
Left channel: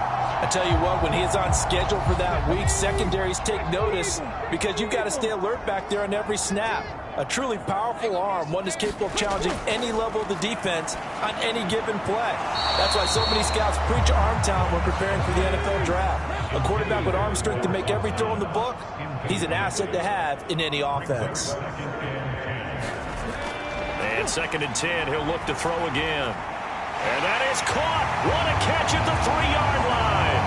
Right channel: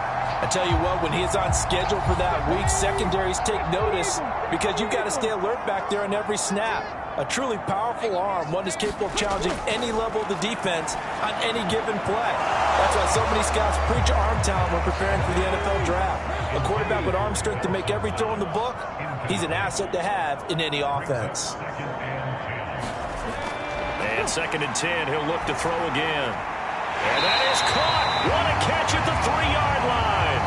I tell you what, when he is on schedule for that week, secondaries take notice because you've got to stay alert back there on every snap. A truly powerful arm, one is capable of challenging any level of the defense on any given play. That's why so many scouts preach arm talent when preparing for the NFL draft. A quarterback with arm strength to make every throw in the book, he's an asset to have in any offense. And 2nd and 10, he'll look to throw again. And that is caught. What a catch at the 3-yard line.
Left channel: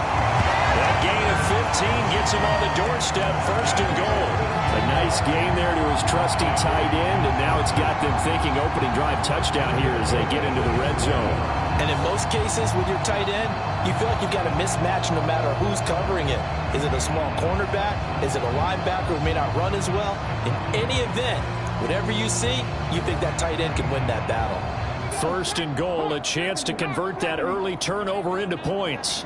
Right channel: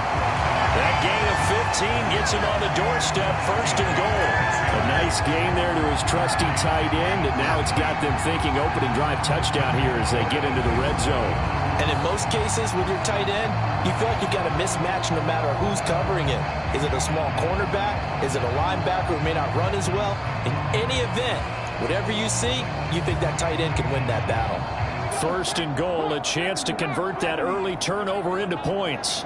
That gain of 15 gets him on the doorstep, 1st and goal. A nice gain there to his trusty tight end, and now it's got them thinking opening drive touchdown here as they get into the red zone. And in most cases with your tight end, you feel like you've got a mismatch no matter who's covering it. Is it a small cornerback? Is it a linebacker who may not run as well? In any event, whatever you see, you think that tight end can win that battle. 1st and goal, a chance to convert that early turnover into points.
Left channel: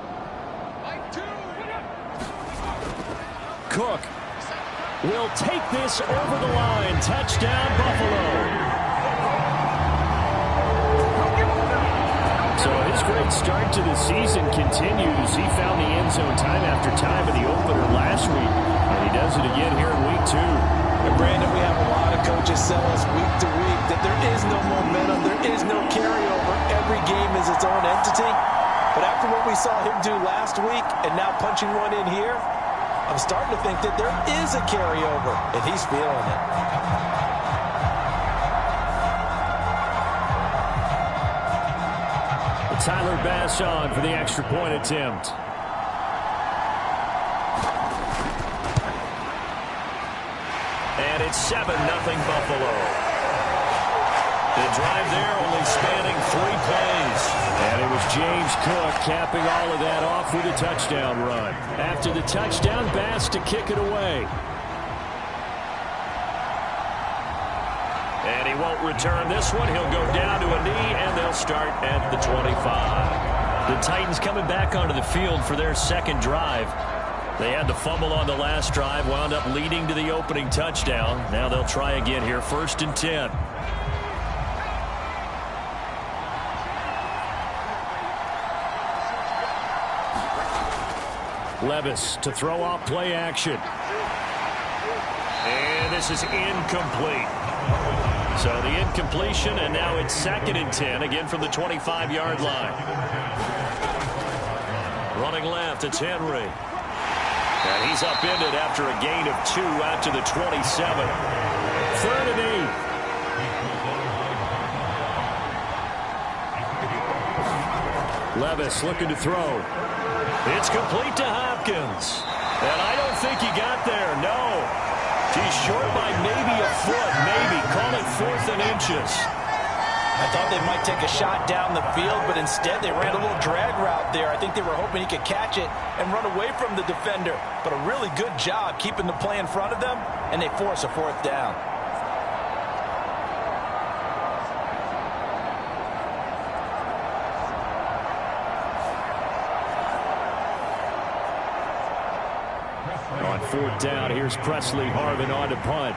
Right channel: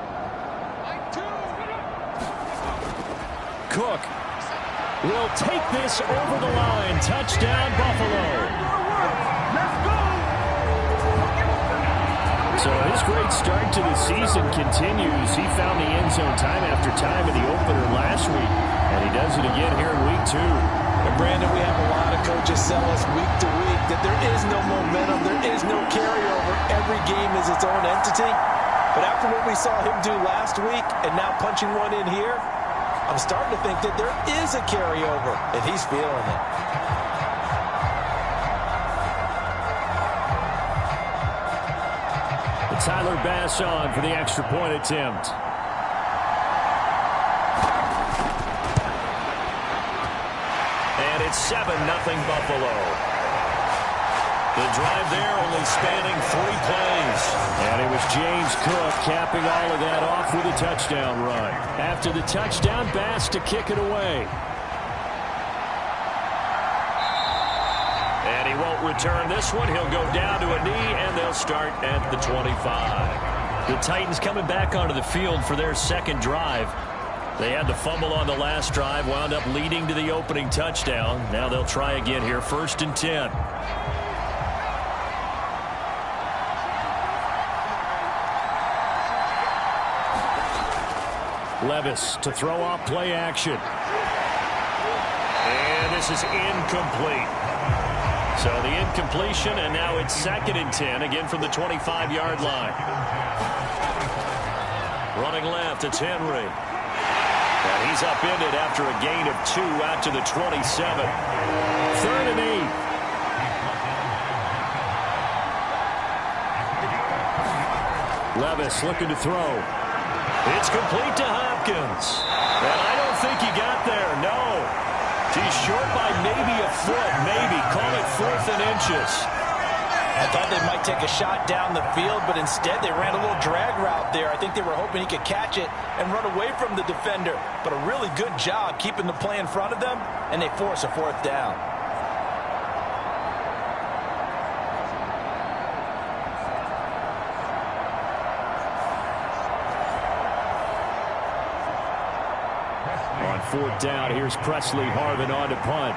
Cook will take this over the line. Touchdown, Buffalo. So his great start to the season continues. He found the end zone time after time in the opener last week, and he does it again here in week 2. And Brandon, we have a lot of coaches sell us week to week that there is no momentum, there is no carryover. Every game is its own entity. But after what we saw him do last week and now punching one in here, I'm starting to think that there is a carryover, and he's feeling it. Tyler Bass on for the extra point attempt. And it's 7-0 Buffalo. The drive there only spanning 3 plays. And it was James Cook capping all of that off with a touchdown run. After the touchdown, Bass to kick it away. And he won't return this one. He'll go down to a knee, and they'll start at the 25. The Titans coming back onto the field for their second drive. They had the fumble on the last drive, wound up leading to the opening touchdown. Now they'll try again here, 1st and 10. Levis to throw off play action. And this is incomplete. So the incompletion, and now it's 2nd and 10, again from the 25-yard line. Running left, it's Henry. And he's upended after a gain of 2 out to the 27. 3rd and 8. Levis looking to throw. It's complete to Hopkins. And I don't think he got there, no. He's short by maybe a foot, maybe. Call it 4th and inches. I thought they might take a shot down the field, but instead they ran a little drag route there. I think they were hoping he could catch it and run away from the defender. But a really good job keeping the play in front of them, and they force a 4th down. On 4th down, here's Presley Harvin on to punt.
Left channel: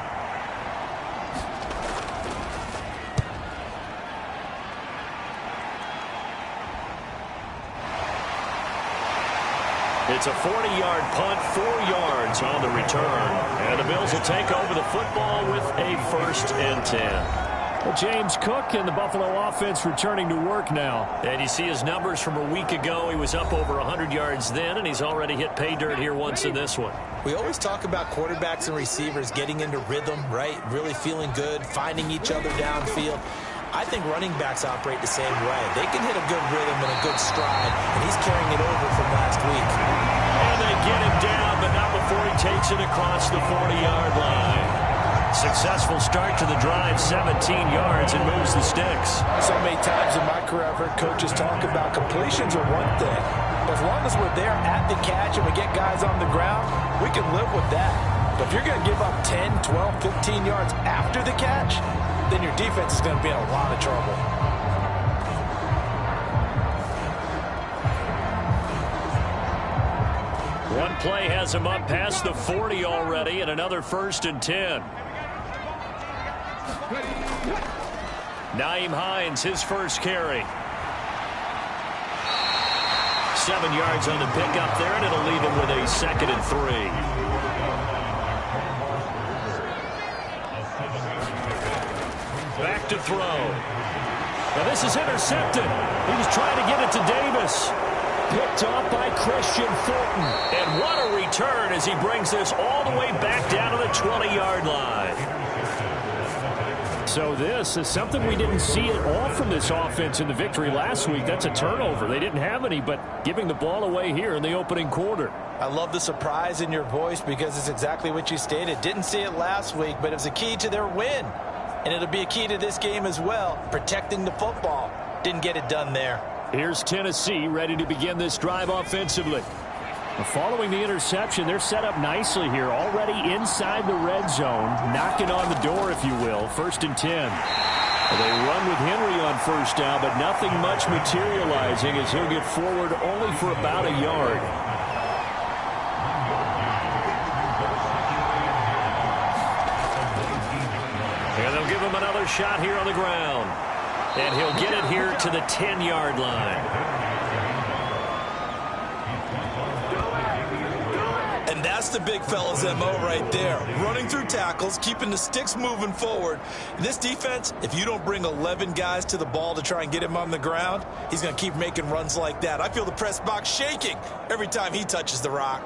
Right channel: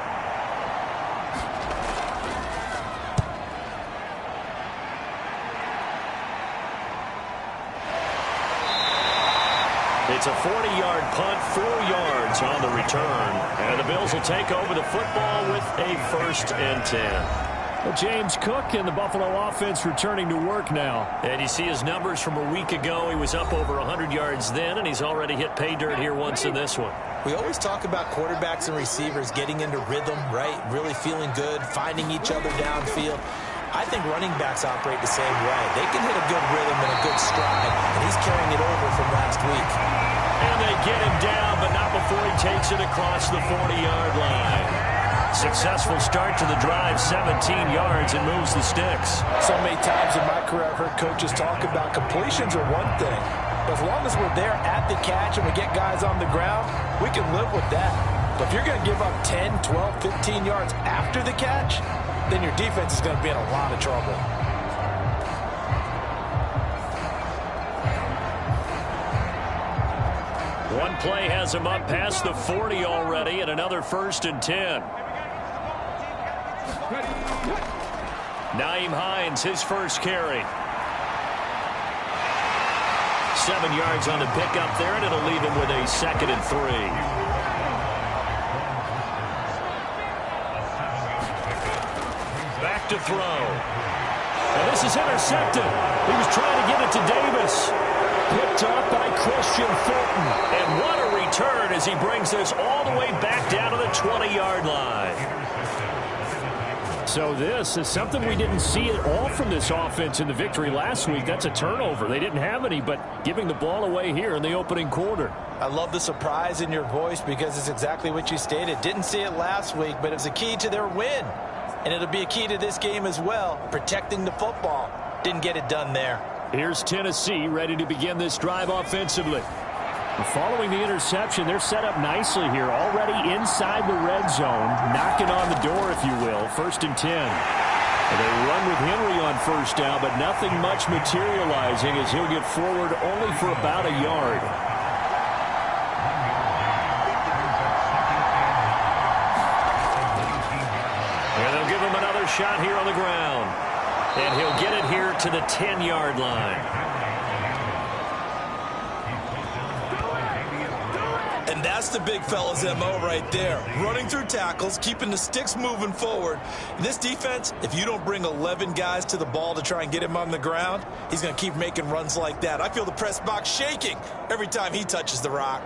It's a 40-yard punt, 4 yards on the return. And the Bills will take over the football with a 1st and 10. Well, James Cook and the Buffalo offense returning to work now. And you see his numbers from a week ago. He was up over 100 yards then, and he's already hit pay dirt here once in this one. We always talk about quarterbacks and receivers getting into rhythm, right? Really feeling good, finding each other downfield. I think running backs operate the same way. They can hit a good rhythm and a good stride, and he's carrying it over from last week. And they get him down, but not before he takes it across the 40-yard line. Successful start to the drive, 17 yards, and moves the sticks. So many times in my career I've heard coaches talk about completions are one thing. But as long as we're there at the catch and we get guys on the ground, we can live with that. But if you're going to give up 10, 12, 15 yards after the catch, then your defense is going to be in a lot of trouble. One play has him up past the 40 already, and another 1st and 10. Nyheim Hines, his first carry. 7 yards on the pickup there, and it'll leave him with a 2nd and 3. Back to throw. Now this is intercepted. He was trying to get it to Davis. Picked off by Christian Fulton. And what a return as he brings this all the way back down to the 20-yard line. So this is something we didn't see at all from this offense in the victory last week. That's a turnover. They didn't have any, but giving the ball away here in the opening quarter. I love the surprise in your voice because it's exactly what you stated. Didn't see it last week, but it was a key to their win. And it'll be a key to this game as well, protecting the football. Didn't get it done there. Here's Tennessee ready to begin this drive offensively. Following the interception, they're set up nicely here, already inside the red zone, knocking on the door, if you will, 1st and 10. They run with Henry on first down, but nothing much materializing as he'll get forward only for about a yard. And they'll give him another shot here on the ground. And he'll get it here to the 10-yard line. And that's the big fella's MO right there. Running through tackles, keeping the sticks moving forward. This defense, if you don't bring 11 guys to the ball to try and get him on the ground, he's going to keep making runs like that. I feel the press box shaking every time he touches the rock.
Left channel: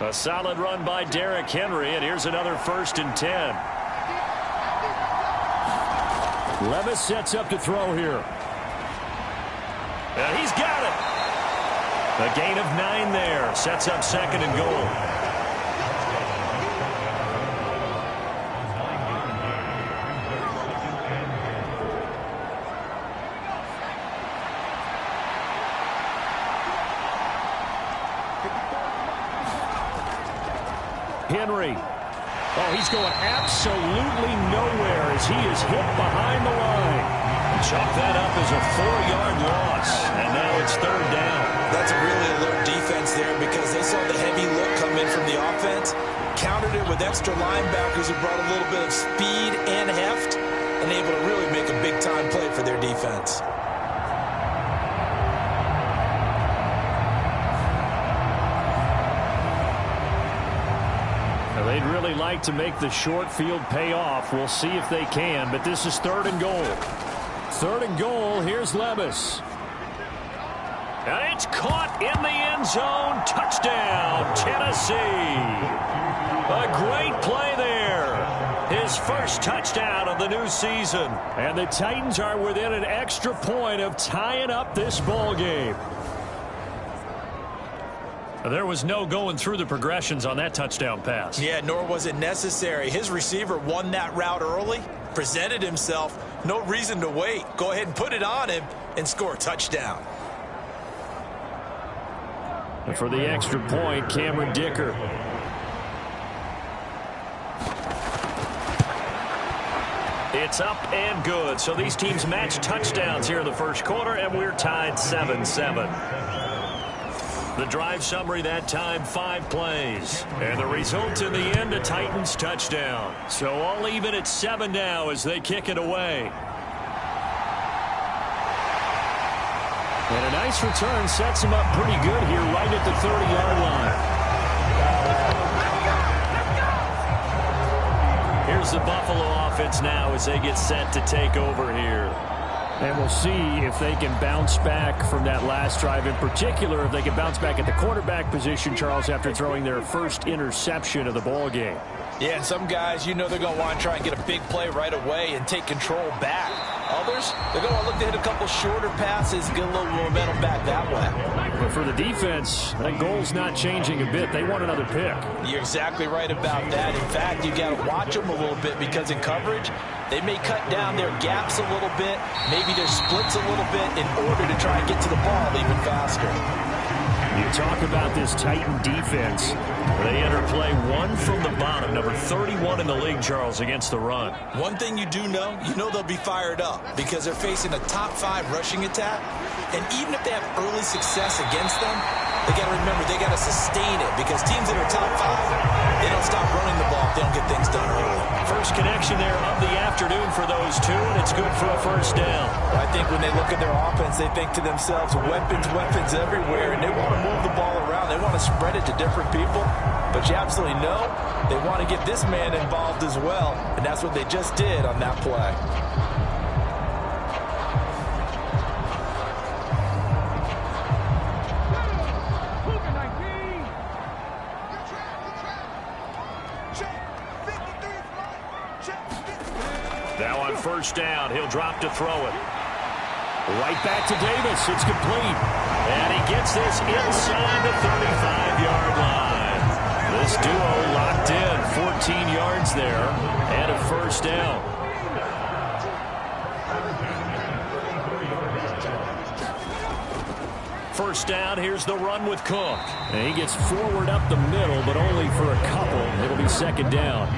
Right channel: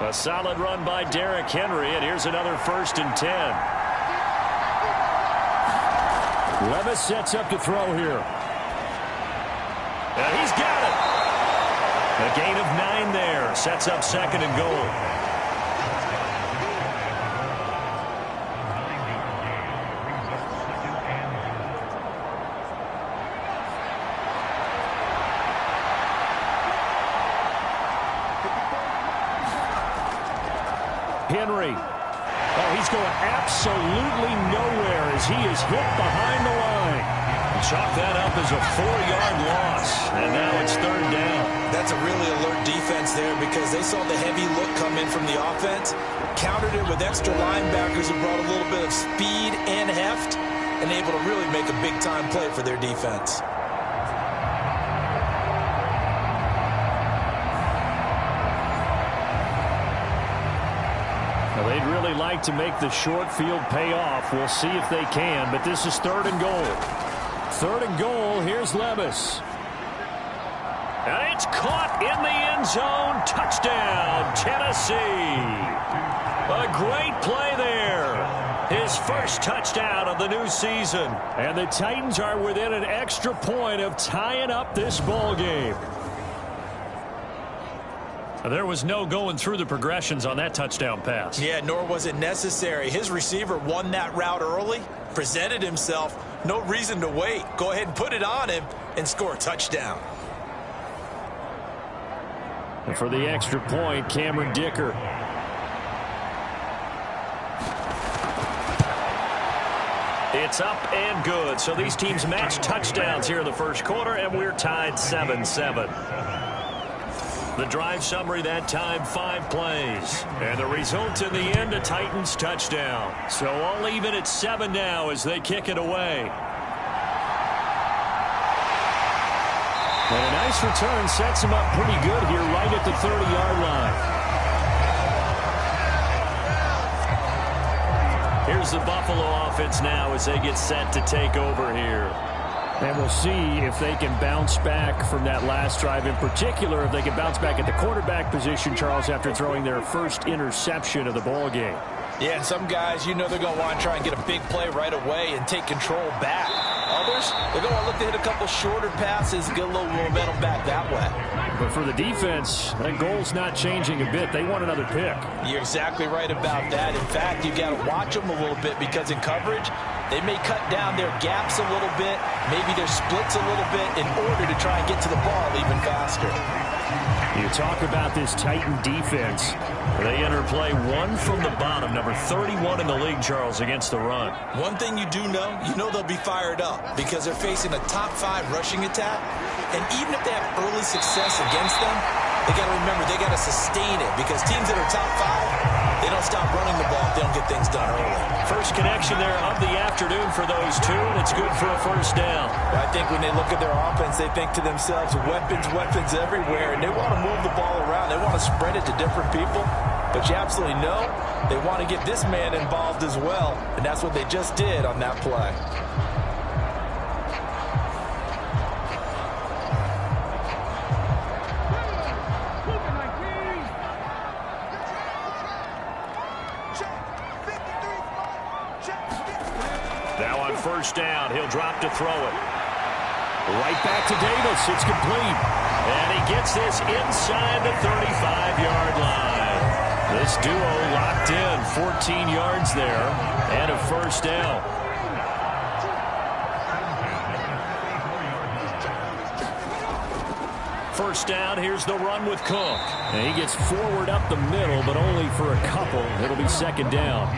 A solid run by Derrick Henry, and here's another 1st and 10. Levis sets up to throw here. And he's got it. A gain of 9 there. Sets up 2nd and goal. Henry. Oh, he's going absolutely nowhere as he is hit behind the line. Chalk that up as a 4-yard loss, and now it's 3rd down. That's a really alert defense there because they saw the heavy look come in from the offense, countered it with extra linebackers who brought a little bit of speed and heft, and able to really make a big-time play for their defense. Now, they'd really like to make the short field pay off. We'll see if they can, but this is 3rd and goal. 3rd and goal, here's Levis. And it's caught in the end zone. Touchdown, Tennessee. A great play there. His first touchdown of the new season. And the Titans are within an extra point of tying up this ball game. There was no going through the progressions on that touchdown pass. Yeah, nor was it necessary. His receiver won that route early, presented himself. No reason to wait. Go ahead and put it on him and score a touchdown. And for the extra point, Cameron Dicker. It's up and good. So these teams match touchdowns here in the first quarter, and we're tied 7-7. The drive summary that time, 5 plays. And the result in the end, a Titans touchdown. So all even at 7 now as they kick it away. And a nice return sets him up pretty good here right at the 30-yard line. Here's the Buffalo offense now as they get set to take over here. And we'll see if they can bounce back from that last drive. In particular, if they can bounce back at the quarterback position, Charles, after throwing their first interception of the ball game. Yeah, and some guys, you know they're going to want to try and get a big play right away and take control back. Others, they're going to want to look to hit a couple shorter passes and get a little momentum back that way. But for the defense, that goal's not changing a bit. They want another pick. You're exactly right about that. In fact, you got to watch them a little bit because in coverage, they may cut down their gaps a little bit, maybe their splits a little bit in order to try and get to the ball even faster. You talk about this Titan defense. They enter play 1 from the bottom, number 31 in the league, Charles, against the run. One thing you do know, they'll be fired up because they're facing a top 5 rushing attack. And even if they have early success against them, they got to remember they got to sustain it because teams that are top 5, they don't stop running the ball if they don't get things done early. First connection there of the afternoon for those two, and it's good for a first down. Well, I think when they look at their offense, they think to themselves, weapons everywhere, and they want to move the ball around. They want to spread it to different people, but you absolutely know they want to get this man involved as well, and that's what they just did on that play. on first down. He'll drop to throw it. Right back to Davis. It's complete. And he gets this inside the 35-yard line. This duo locked in. 14 yards there and a first down. First down, here's the run with Cook. And he gets forward up the middle, but only for a couple. It'll be second down.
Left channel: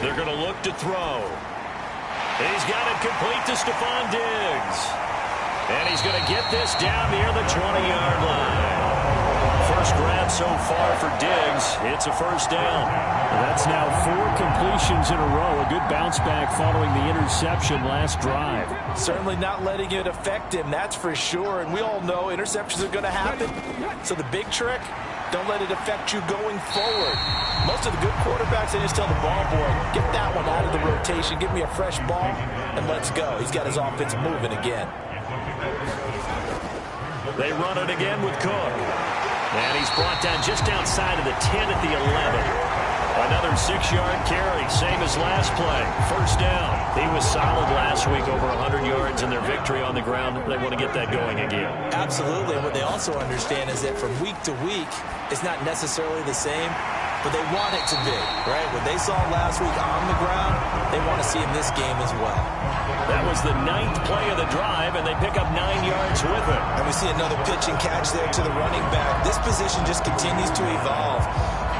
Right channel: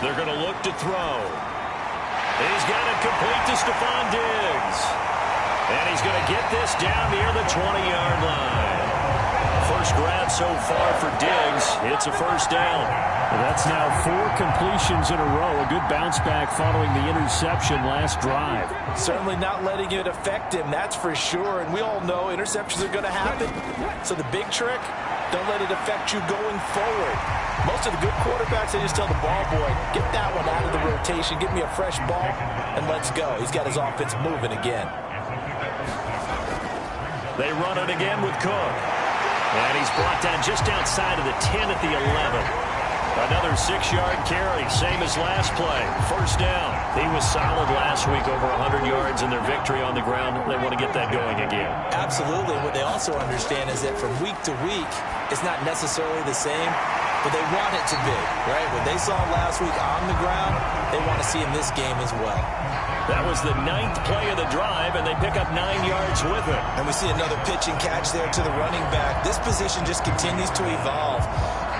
They're going to look to throw. He's got it complete to Stephon Diggs. And he's going to get this down near the 20-yard line. First grab so far for Diggs. It's a first down. That's now 4 completions in a row. A good bounce back following the interception last drive. Certainly not letting it affect him, that's for sure. And we all know interceptions are going to happen. So the big trick, don't let it affect you going forward. Most of the good quarterbacks, they just tell the ball boy, get that one out of the rotation, give me a fresh ball, and let's go. He's got his offense moving again. They run it again with Cook. And he's brought down just outside of the 10 at the 11. Another 6-yard carry, same as last play. First down. He was solid last week, over 100 yards in their victory on the ground. They want to get that going again. Absolutely. And what they also understand is that from week to week, it's not necessarily the same, but they want it to be, right? What they saw last week on the ground, they want to see in this game as well. That was the 9th play of the drive, and they pick up 9 yards with it. And we see another pitch and catch there to the running back. This position just continues to evolve.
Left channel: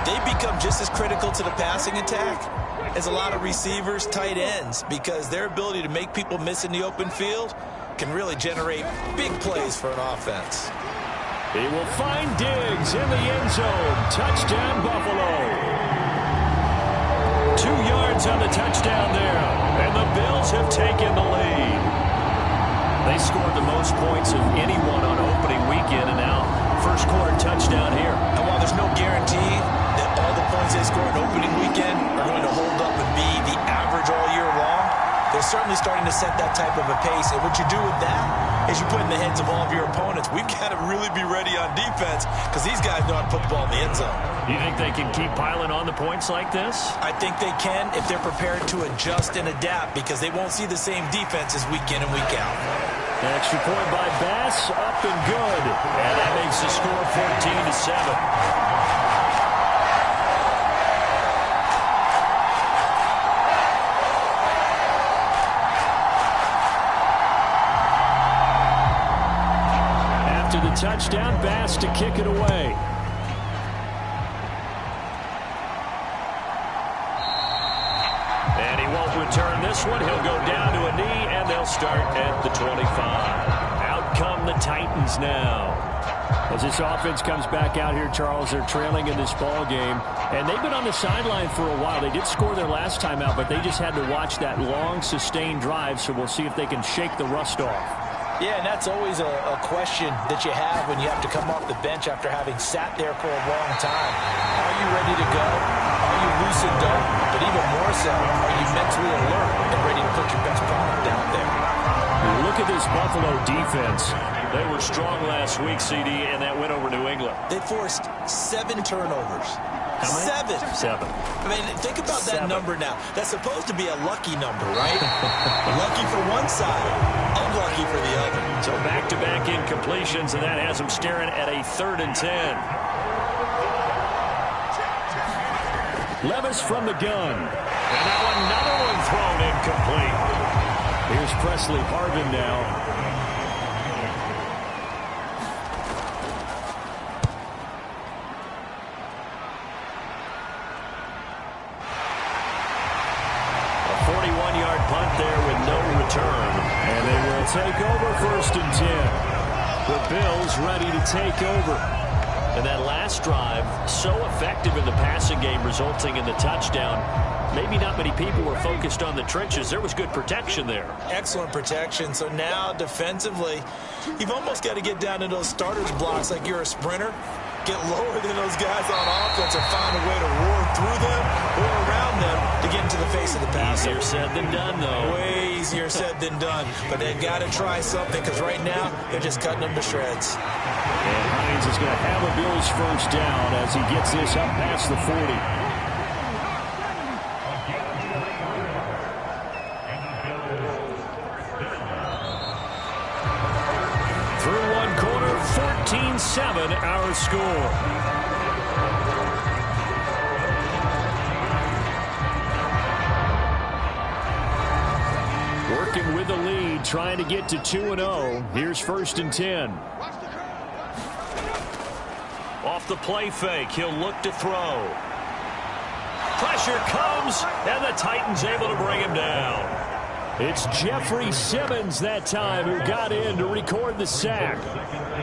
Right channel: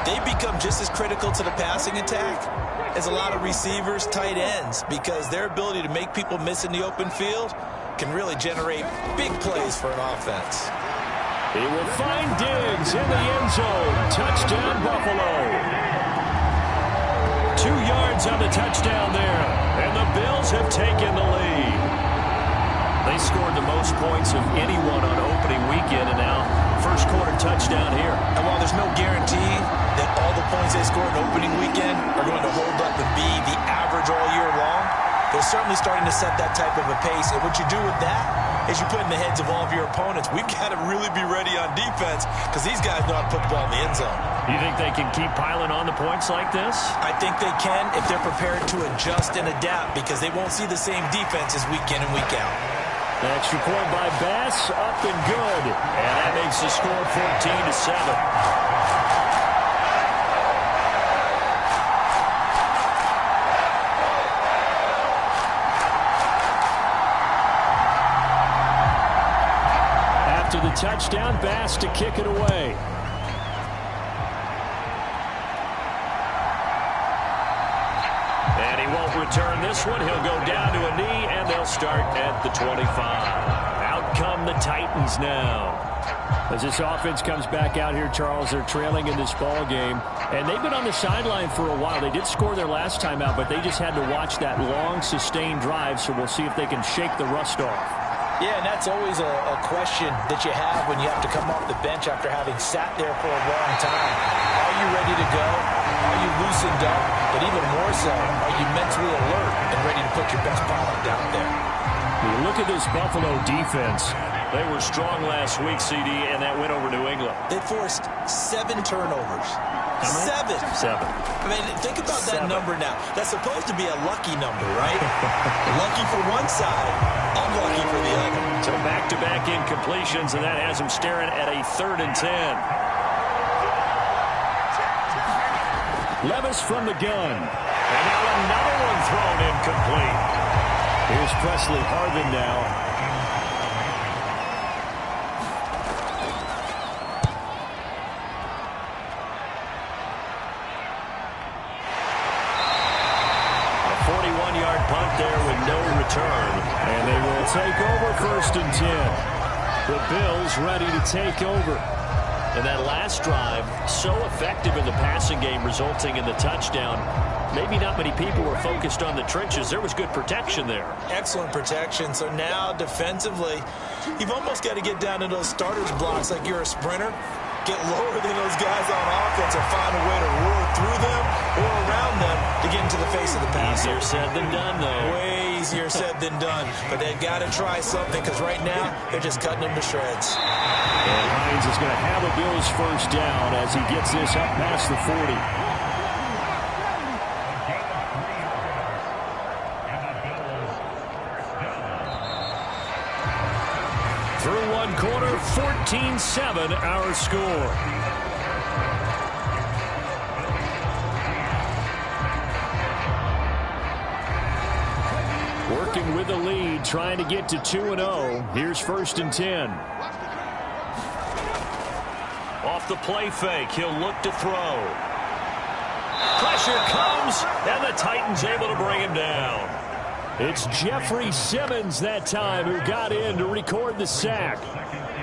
They become just as critical to the passing attack as a lot of receivers, tight ends, because their ability to make people miss in the open field can really generate big plays for an offense. He will find Diggs in the end zone. Touchdown, Buffalo. 2 yards on the touchdown there, and the Bills have taken the lead. They scored the most points of anyone on opening weekend, and now first quarter touchdown here. And while there's no guarantee that all the points they scored in opening weekend are going to hold up and be the average all year long, they're certainly starting to set that type of a pace. And what you do with that is you put in the heads of all of your opponents, we've got to really be ready on defense because these guys know how to put the ball in the end zone. You think they can keep piling on the points like this? I think they can if they're prepared to adjust and adapt, because they won't see the same defenses week in and week out. The extra point by Bass, up and good. And that makes the score 14-7. After the touchdown, Bass to kick it away. And he won't return this one. He'll go down to a knee, and they'll start at the 25. Out come the Titans now. As this offense comes back out here, Charles, they're trailing in this ball game. And they've been on the sideline for a while. They did score their last time out, but they just had to watch that long, sustained drive, so we'll see if they can shake the rust off. Yeah, and that's always a question that you have when you have to come off the bench after having sat there for a long time. Are you ready to go? Are you loosened up? But even more so, are you mentally alert and ready to put your best product out there? You look at this Buffalo defense. They were strong last week, CD, and that went over New England. They forced 7 turnovers. How many? 7. I mean, think about that number now. That's supposed to be a lucky number, right? Lucky for one side, unlucky for the other. So back-to-back incompletions, and that has them staring at a 3rd and 10. Levis from the gun. And now another one thrown incomplete. Here's Presley Harvin now. A 41-yard punt there with no return. And they will take over 1st and 10. The Bills ready to take over. And that last drive, so effective in the passing game, resulting in the touchdown. Maybe not many people were focused on the trenches. There was good protection there. Excellent protection. So now defensively, you've almost got to get down to those starters blocks like you're a sprinter. Get lower than those guys on offense and find a way to roar through them or around them to get into the face of the passer. Easier said than done, though. Way easier said than done. But they've got to try something, because right now they're just cutting them to shreds. And Hines is going to have a Bills first down as he gets this up past the 40. Through one quarter, 14-7 our score. Working with the lead, trying to get to 2-0. Here's 1st and 10. Off the play fake, he'll look to throw. Pressure comes, and the Titans able to bring him down. It's Jeffrey Simmons that time who got in to record the sack.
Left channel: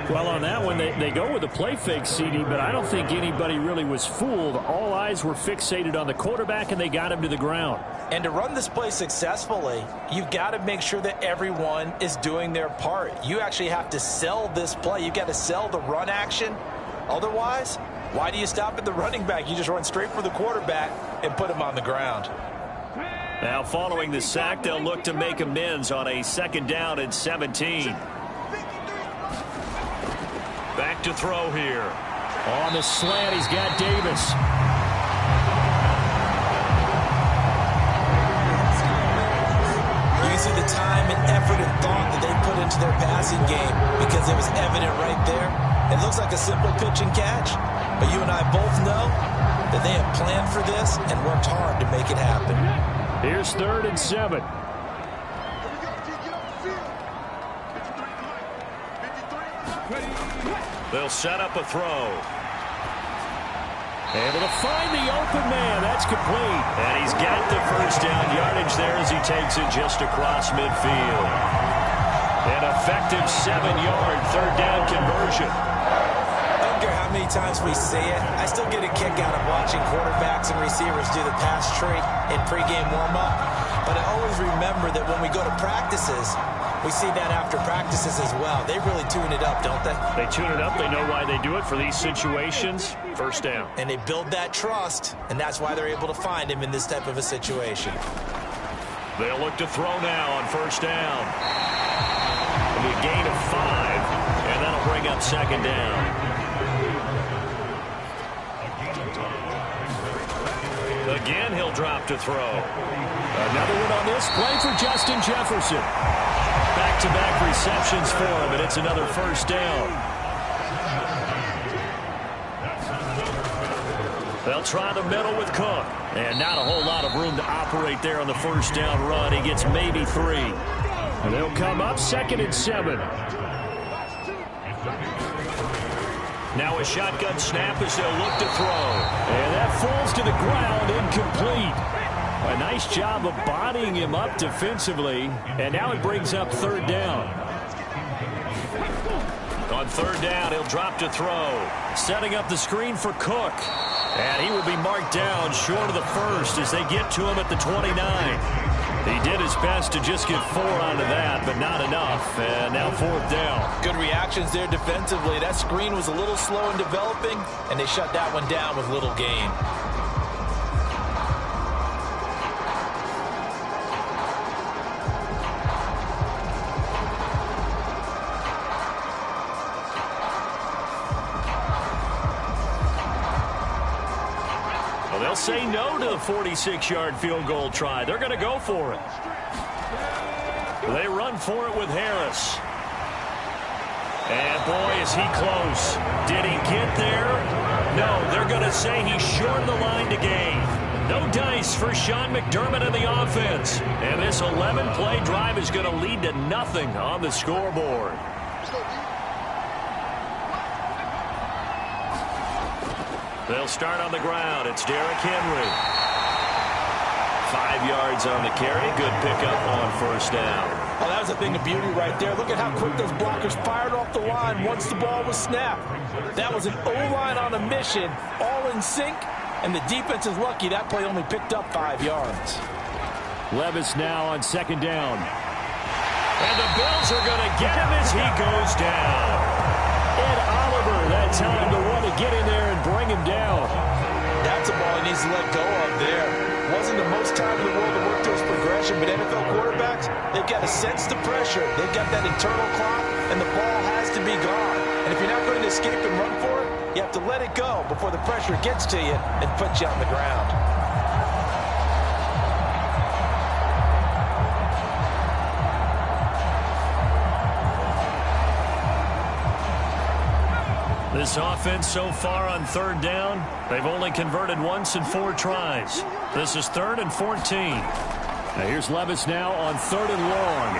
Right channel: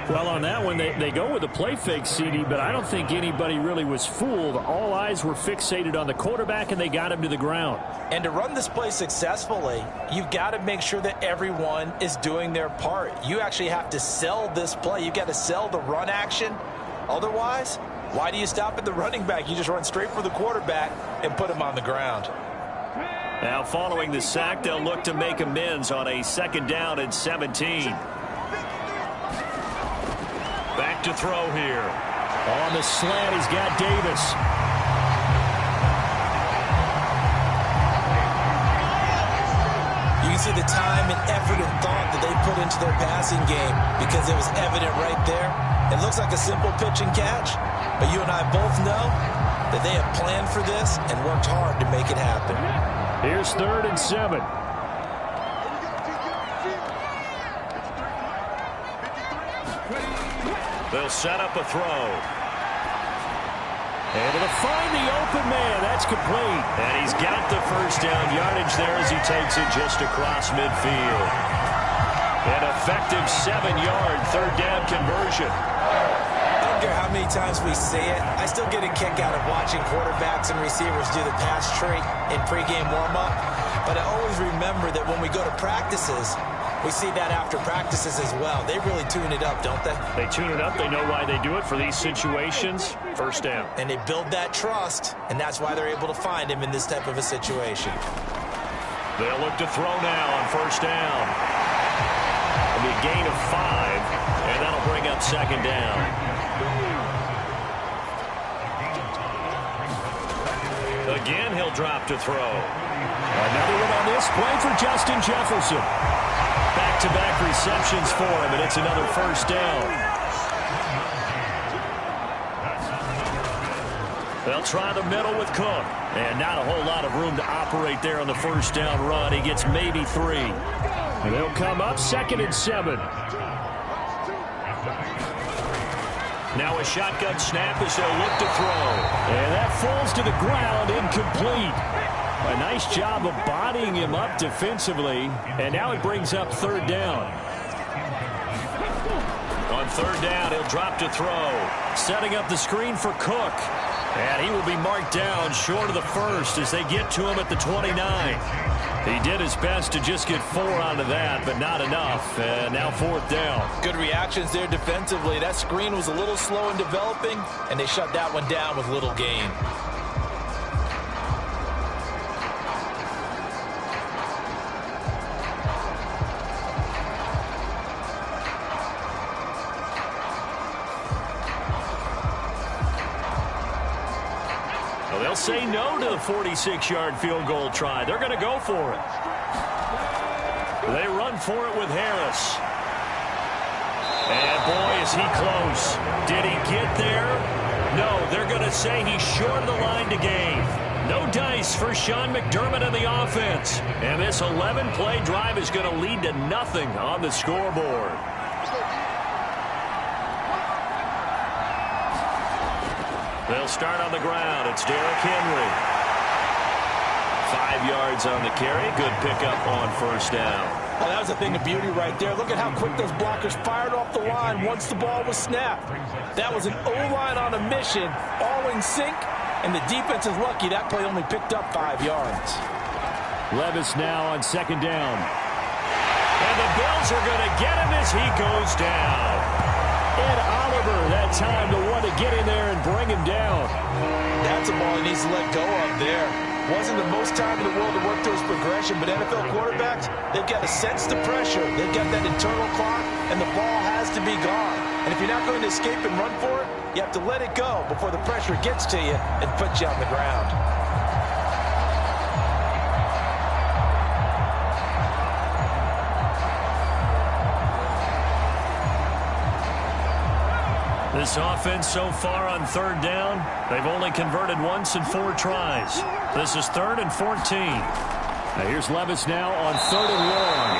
Well, on that one, they go with a play fake, CD, but I don't think anybody really was fooled. All eyes were fixated on the quarterback, and they got him to the ground. And to run this play successfully, you've got to make sure that everyone is doing their part. You actually have to sell this play. You've got to sell the run action. Otherwise, why do you stop at the running back? You just run straight for the quarterback and put him on the ground. Now, following the sack, they'll look to make amends on a 2nd down and 17. Back to throw here. On the slant, he's got Davis. You can see the time and effort and thought that they put into their passing game because it was evident right there. It looks like a simple pitch and catch, but you and I both know that they have planned for this and worked hard to make it happen. Here's 3rd and 7. They'll set up a throw. Able to find the open man. That's complete. And he's got the first down yardage there as he takes it just across midfield. An effective 7-yard 3rd down conversion. I don't care how many times we say it, I still get a kick out of watching quarterbacks and receivers do the pass tree in pregame warm-up. But I always remember that when we go to practices, we see that after practices as well. They really tune it up, don't they? They tune it up. They know why they do it for these situations. First down. And they build that trust, and that's why they're able to find him in this type of a situation. They'll look to throw now on 1st down. It'll be a gain of 5, and that'll bring up 2nd down. Again, he'll drop to throw. Another one on this play for Justin Jefferson. Back-to-back receptions for him, and it's another 1st down. They'll try the middle with Cook. And not a whole lot of room to operate there on the 1st down run. He gets maybe 3. And they'll come up 2nd and 7. Now a shotgun snap as they'll look to throw. And that falls to the ground, incomplete. A nice job of bodying him up defensively. And now it brings up 3rd down. On 3rd down, he'll drop to throw. Setting up the screen for Cook. And he will be marked down short of the 1st as they get to him at the 29. He did his best to just get 4 out of that, but not enough. And now 4th down. Good reactions there defensively. That screen was a little slow in developing, and they shut that one down with little gain. They'll say no to the 46-yard field goal try. They're going to go for it. They run for it with Harris. And, boy, is he close. Did he get there? No, they're going to say he's short of the line to gain. No dice for Sean McDermott and the offense. And this 11-play drive is going to lead to nothing on the scoreboard. They'll start on the ground. It's Derrick Henry. 5 yards on the carry. Good pickup on 1st down. Oh, that was a thing of beauty right there. Look at how quick those blockers fired off the line once the ball was snapped. That was an O-line on a mission, all in sync, and the defense is lucky that play only picked up 5 yards. Levis now on 2nd down. And the Bills are going to get him as he goes down. Ed Oliver, that time to want to get in there and bring him down. That's a ball he needs to let go of there. Wasn't the most time in the world to work through his progression, but NFL quarterbacks, they've got to sense the pressure. They've got that internal clock, and the ball has to be gone. And if you're not going to escape and run for it, you have to let it go before the pressure gets to you and puts you on the ground. This offense so far on third down, they've only converted once in 4 tries. This is 3rd and 14. Now here's Levis now on 3rd and long.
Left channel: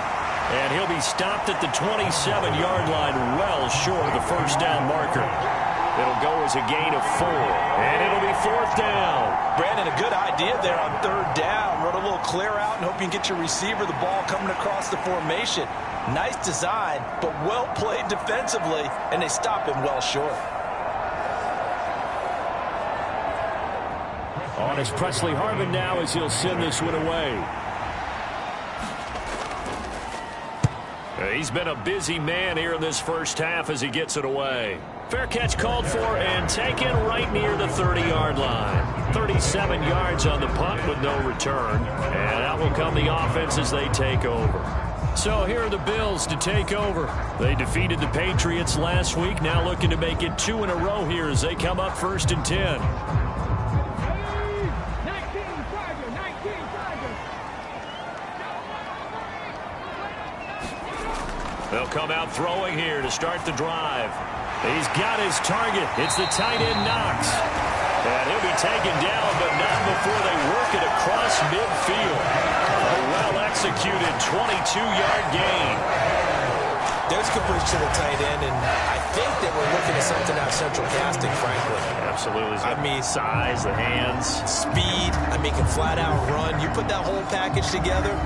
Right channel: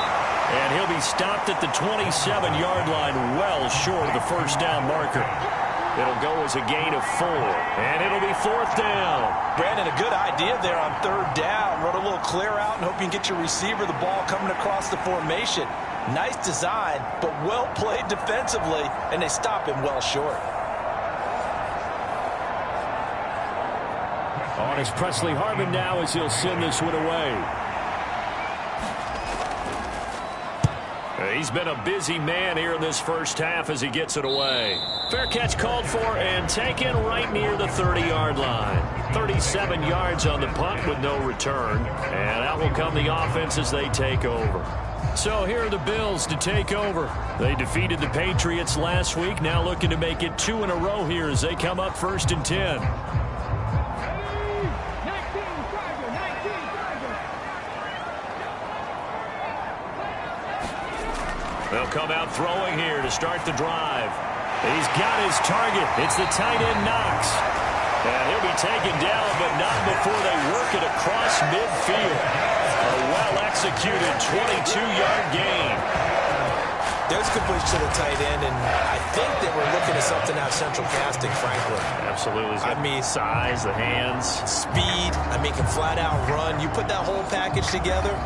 And he'll be stopped at the 27-yard line, well short of the first down marker. It'll go as a gain of 4, and it'll be 4th down. Brandon, a good idea there on 3rd down. Run a little clear out and hope you can get your receiver the ball coming across the formation. Nice design, but well played defensively, and they stop him well short. On is Presley Harvin now as he'll send this one away. He's been a busy man here in this first half as he gets it away. Fair catch called for and taken right near the 30-yard line. 37 yards on the punt with no return. And out will come the offense as they take over. So here are the Bills to take over. They defeated the Patriots last week, now looking to make it 2 in a row here as they come up 1st and 10. They'll come out throwing here to start the drive. He's got his target. It's the tight end Knox. And he'll be taken down, but not before they work it across midfield. A well-executed 22-yard gain. There's completion to the tight end, and I think they were looking at something out of central casting, frankly. Absolutely. I mean, size, the hands. Speed, I mean, can flat out run. You put that whole package together,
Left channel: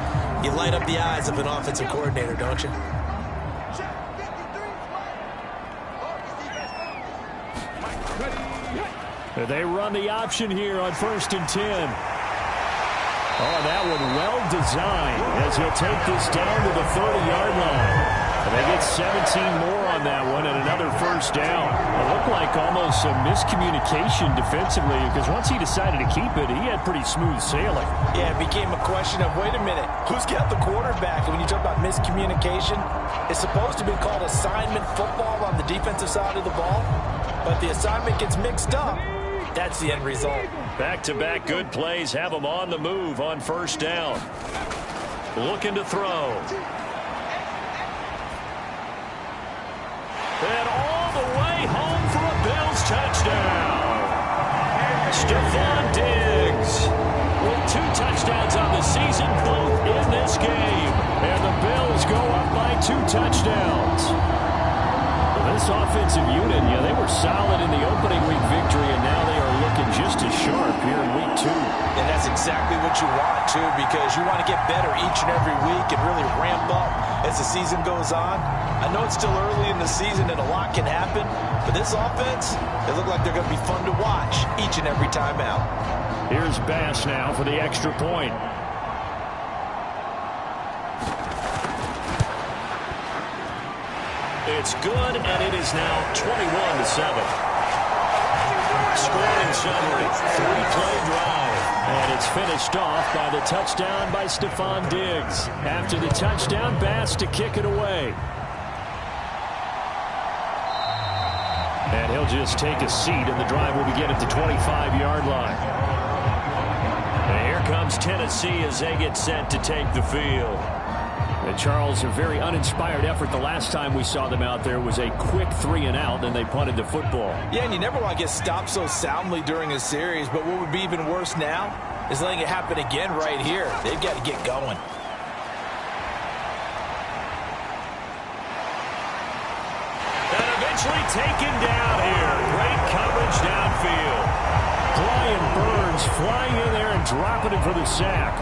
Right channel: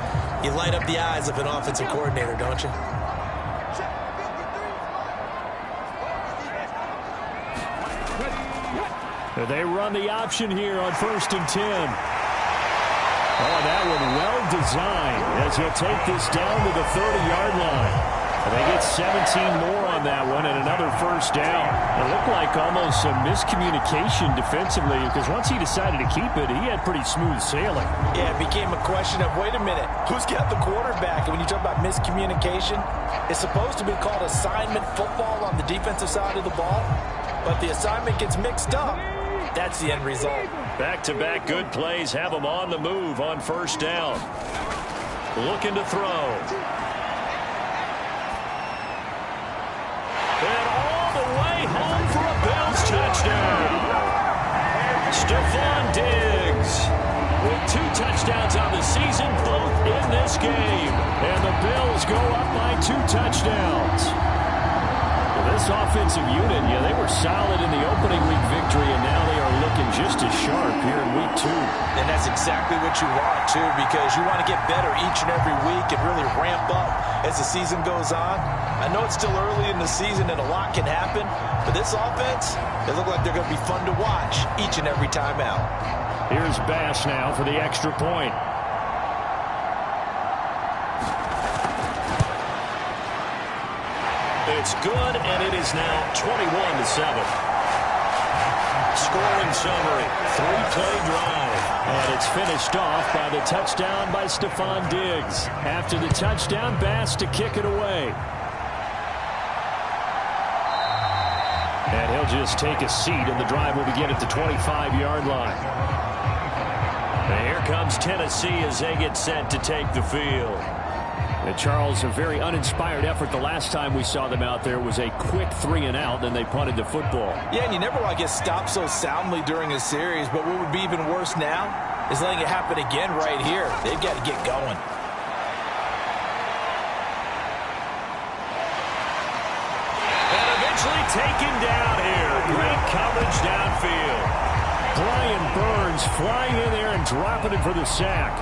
you light up the eyes of an offensive coordinator, don't you? They run the option here on 1st and 10. Oh, that one well designed as he'll take this down to the 30-yard line. And they get 17 more on that one and another first down. It looked like almost some miscommunication defensively because once he decided to keep it, he had pretty smooth sailing. Yeah, it became a question of, wait a minute, who's got the quarterback? And when you talk about miscommunication, it's supposed to be called assignment football on the defensive side of the ball. But the assignment gets mixed up. That's the end result. Back-to-back good plays have them on the move on first down. Looking to throw. And all the way home for a Bills touchdown. Stephon Diggs with 2 touchdowns on the season, both in this game. And the Bills go up by 2 touchdowns. This offensive unit, yeah, they were solid in the opening week victory, and now they are looking just as sharp here in week 2. And that's exactly what you want, too, because you want to get better each and every week and really ramp up as the season goes on. I know it's still early in the season and a lot can happen, but this offense, they look like they're going to be fun to watch each and every time out. Here's Bass now for the extra point. It's good, and it is now 21-7. Scoring summary, 3-play drive. And it's finished off by the touchdown by Stephon Diggs. After the touchdown, Bass to kick it away. And he'll just take a seat, and the drive will begin at the 25-yard line. And here comes Tennessee as they get set to take the field. Charles, a very uninspired effort. The last time we saw them out there was a quick 3-and-out, then they punted the football. Yeah, and you never want to get stopped so soundly during a series, but what would be even worse now is letting it happen again right here. They've got to get going. And eventually taken down here. Great coverage downfield. Brian Burns flying in there and dropping it for the sack.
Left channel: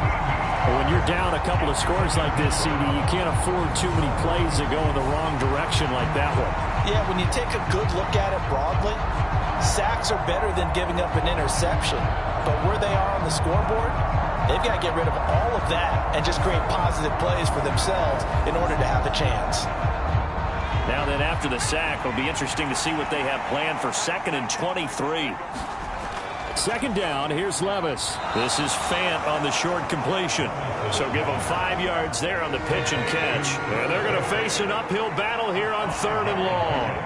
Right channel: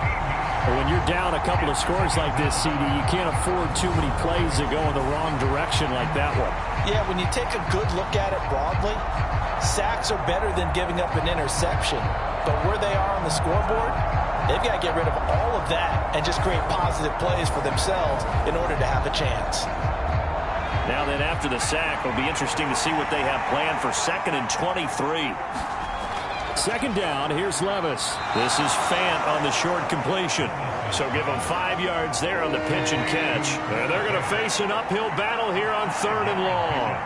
But when you're down a couple of scores like this, CD, you can't afford too many plays that go in the wrong direction like that one. Yeah, when you take a good look at it broadly, sacks are better than giving up an interception. But where they are on the scoreboard, they've got to get rid of all of that and just create positive plays for themselves in order to have a chance. Now then, after the sack, it'll be interesting to see what they have planned for 2nd and 23. Second down, here's Levis. This is Fant on the short completion. So give him 5 yards there on the pitch and catch. And they're going to face an uphill battle here on 3rd and long.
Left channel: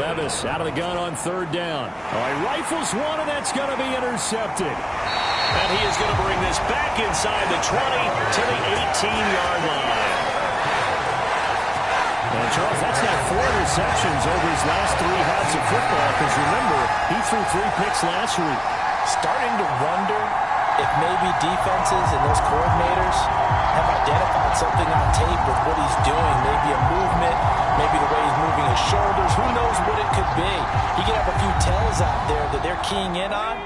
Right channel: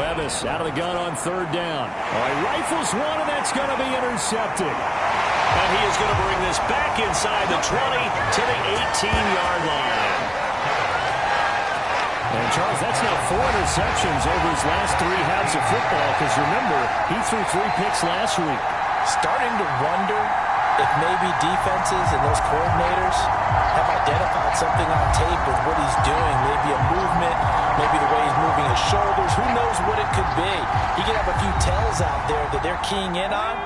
Levis out of the gun on 3rd down. Oh, he rifles one, and that's going to be intercepted. And he is going to bring this back inside the 20 to the 18-yard line. And, Charles, that's now 4 interceptions over his last 3 halves of football, because, remember, he threw 3 picks last week. Starting to wonder if maybe defenses and those coordinators have identified something on tape with what he's doing. Maybe a movement, maybe the way he's moving his shoulders. Who knows what it could be? He could have a few tells out there that they're keying in on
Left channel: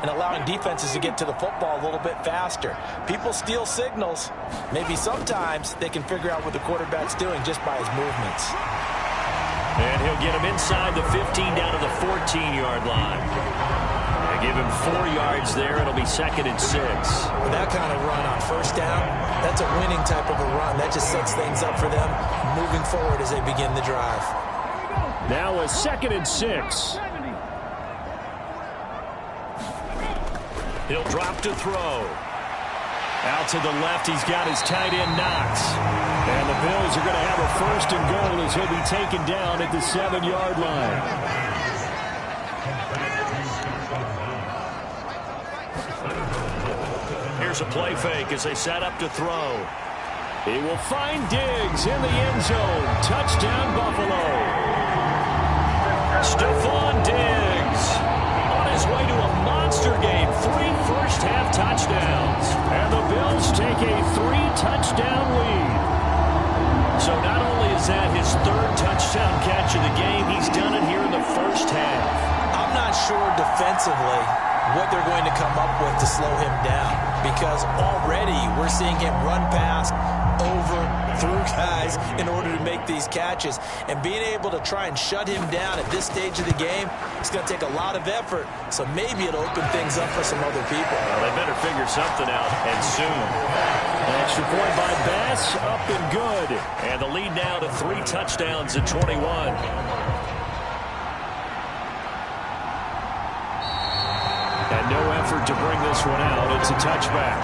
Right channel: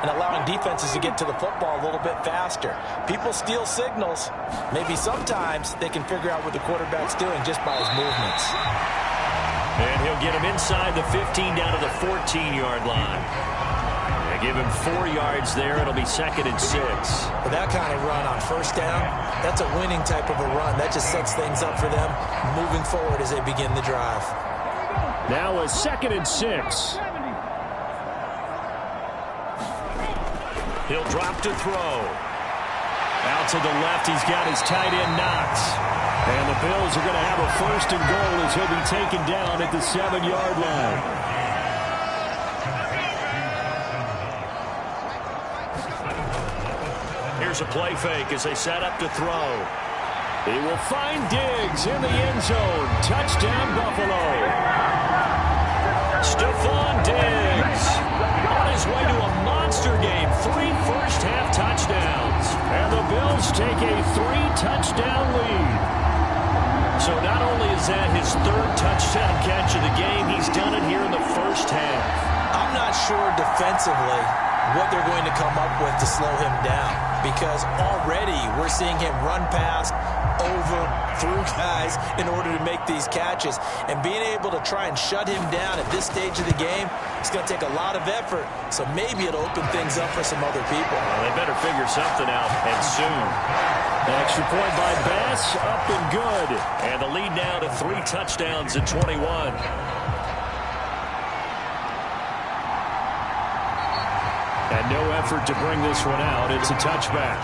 and allowing defenses to get to the football a little bit faster. People steal signals. Maybe sometimes they can figure out what the quarterback's doing just by his movements. And he'll get him inside the 15 down to the 14-yard line. They give him 4 yards there. It'll be 2nd and 6. With that kind of run on 1st down, that's a winning type of a run. That just sets things up for them moving forward as they begin the drive. Now a 2nd and 6. He'll drop to throw. Out to the left, he's got his tight end Knox. And the Bills are going to have a 1st and goal as he'll be taken down at the 7-yard line. Here's a play fake as they set up to throw. He will find Diggs in the end zone. Touchdown, Buffalo. Stephon Diggs on his way to a monster game. 3 first-half touchdowns. And the Bills take a 3-touchdown lead. So not only is that his 3rd touchdown catch of the game, he's done it here in the first half. I'm not sure defensively what they're going to come up with to slow him down, because already we're seeing him run past, over, through guys in order to make these catches. And being able to try and shut him down at this stage of the game, it's going to take a lot of effort. So maybe it'll open things up for some other people. Well, they better figure something out, and soon. An extra point by Bass, up and good. And the lead now to 3 touchdowns at 21. And no effort to bring this one out. It's a touchback.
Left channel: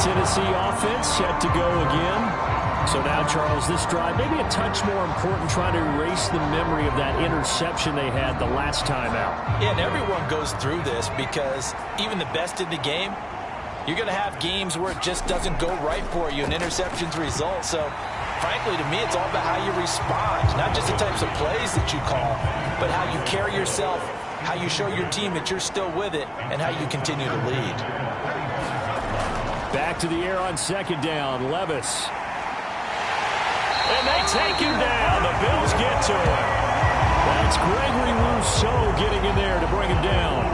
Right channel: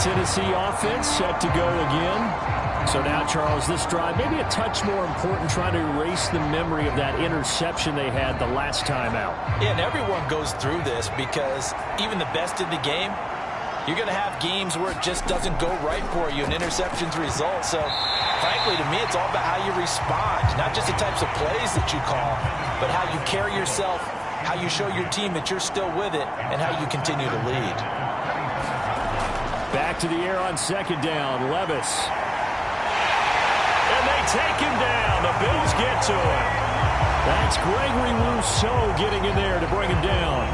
Tennessee offense set to go again. So now, Charles, this drive maybe a touch more important, trying to erase the memory of that interception they had the last time out. Yeah, and everyone goes through this, because even the best in the game, you're going to have games where it just doesn't go right for you and interceptions result. So, frankly, to me, it's all about how you respond, not just the types of plays that you call, but how you carry yourself, how you show your team that you're still with it, and how you continue to lead. Back to the air on 2nd down, Levis. And they take him down. The Bills get to him. That's Gregory Rousseau getting in there to bring him down.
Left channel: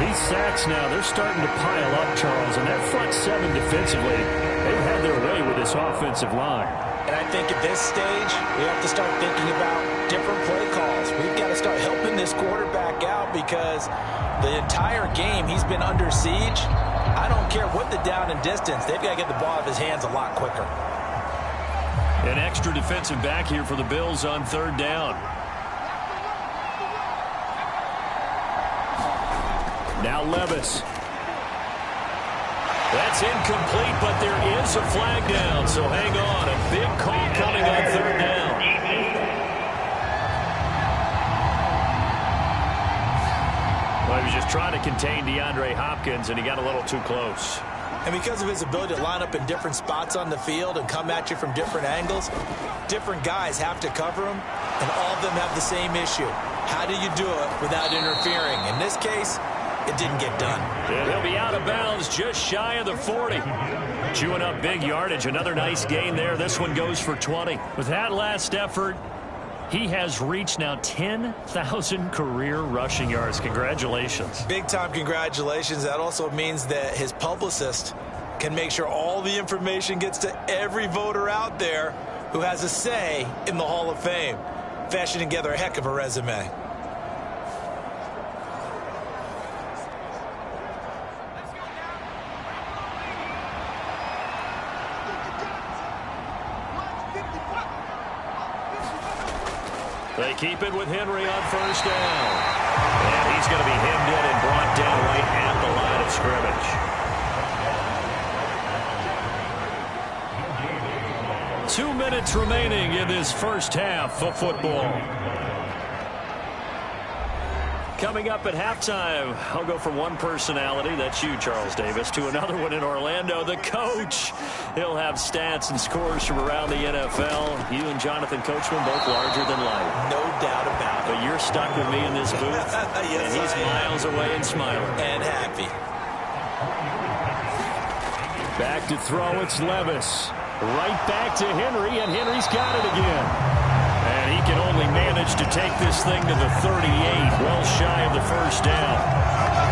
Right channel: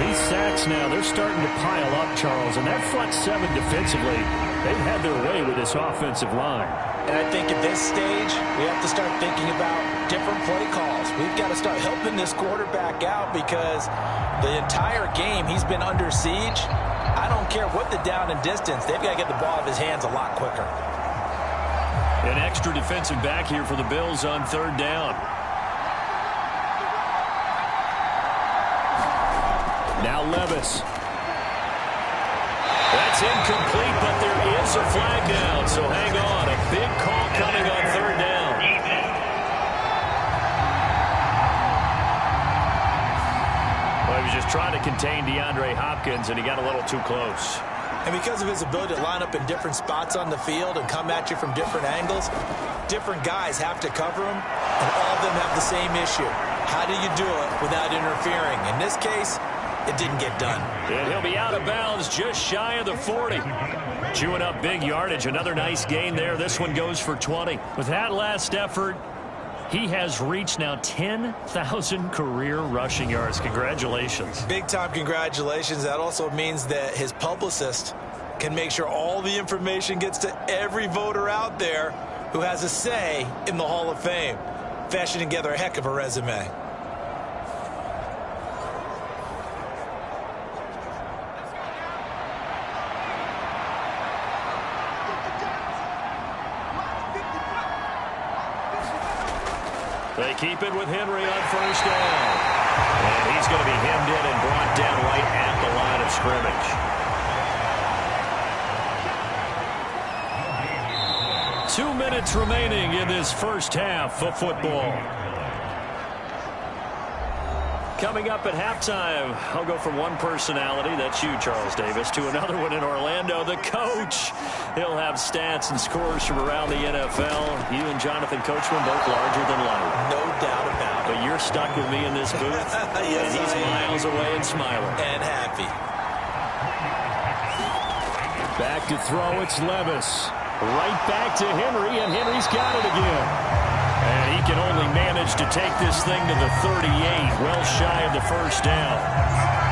These sacks now, they're starting to pile up, Charles, and that front 7 defensively, they've had their way with this offensive line. And I think at this stage, we have to start thinking about different play calls. We've got to start helping this quarterback out, because the entire game he's been under siege. I don't care what the down and distance. They've got to get the ball out of his hands a lot quicker. An extra defensive back here for the Bills on 3rd down. Now Levis. That's incomplete, but there is a flag down, so hang on. A big call coming on 3rd down. Well, he was just trying to contain DeAndre Hopkins, and he got a little too close. And because of his ability to line up in different spots on the field and come at you from different angles, different guys have to cover him, and all of them have the same issue. How do you do it without interfering? In this case, it didn't get done. And he'll be out of bounds just shy of the 40. Chewing up big yardage. Another nice gain there. This one goes for 20. With that last effort, he has reached now 10,000 career rushing yards. Congratulations. Big-time congratulations. That also means that his publicist can make sure all the information gets to every voter out there who has a say in the Hall of Fame. Fashioning together a heck of a resume. They keep it with Henry on first down. And he's going to be hemmed in and brought down right at the line of scrimmage. 2 minutes remaining in this first half of football. Coming up at halftime, I'll go from one personality, that's you, Charles Davis, to another one in Orlando, the coach. He'll have stats and scores from around the NFL. You and Jonathan Coachman both larger than life. No doubt about it. But you're stuck with me in this booth, Yes, and he's miles away and smiling. And happy. Back to throw, it's Levis. Right back to Henry, and Henry's got it again. And he can only manage to take this thing to the 38, well shy of the first down.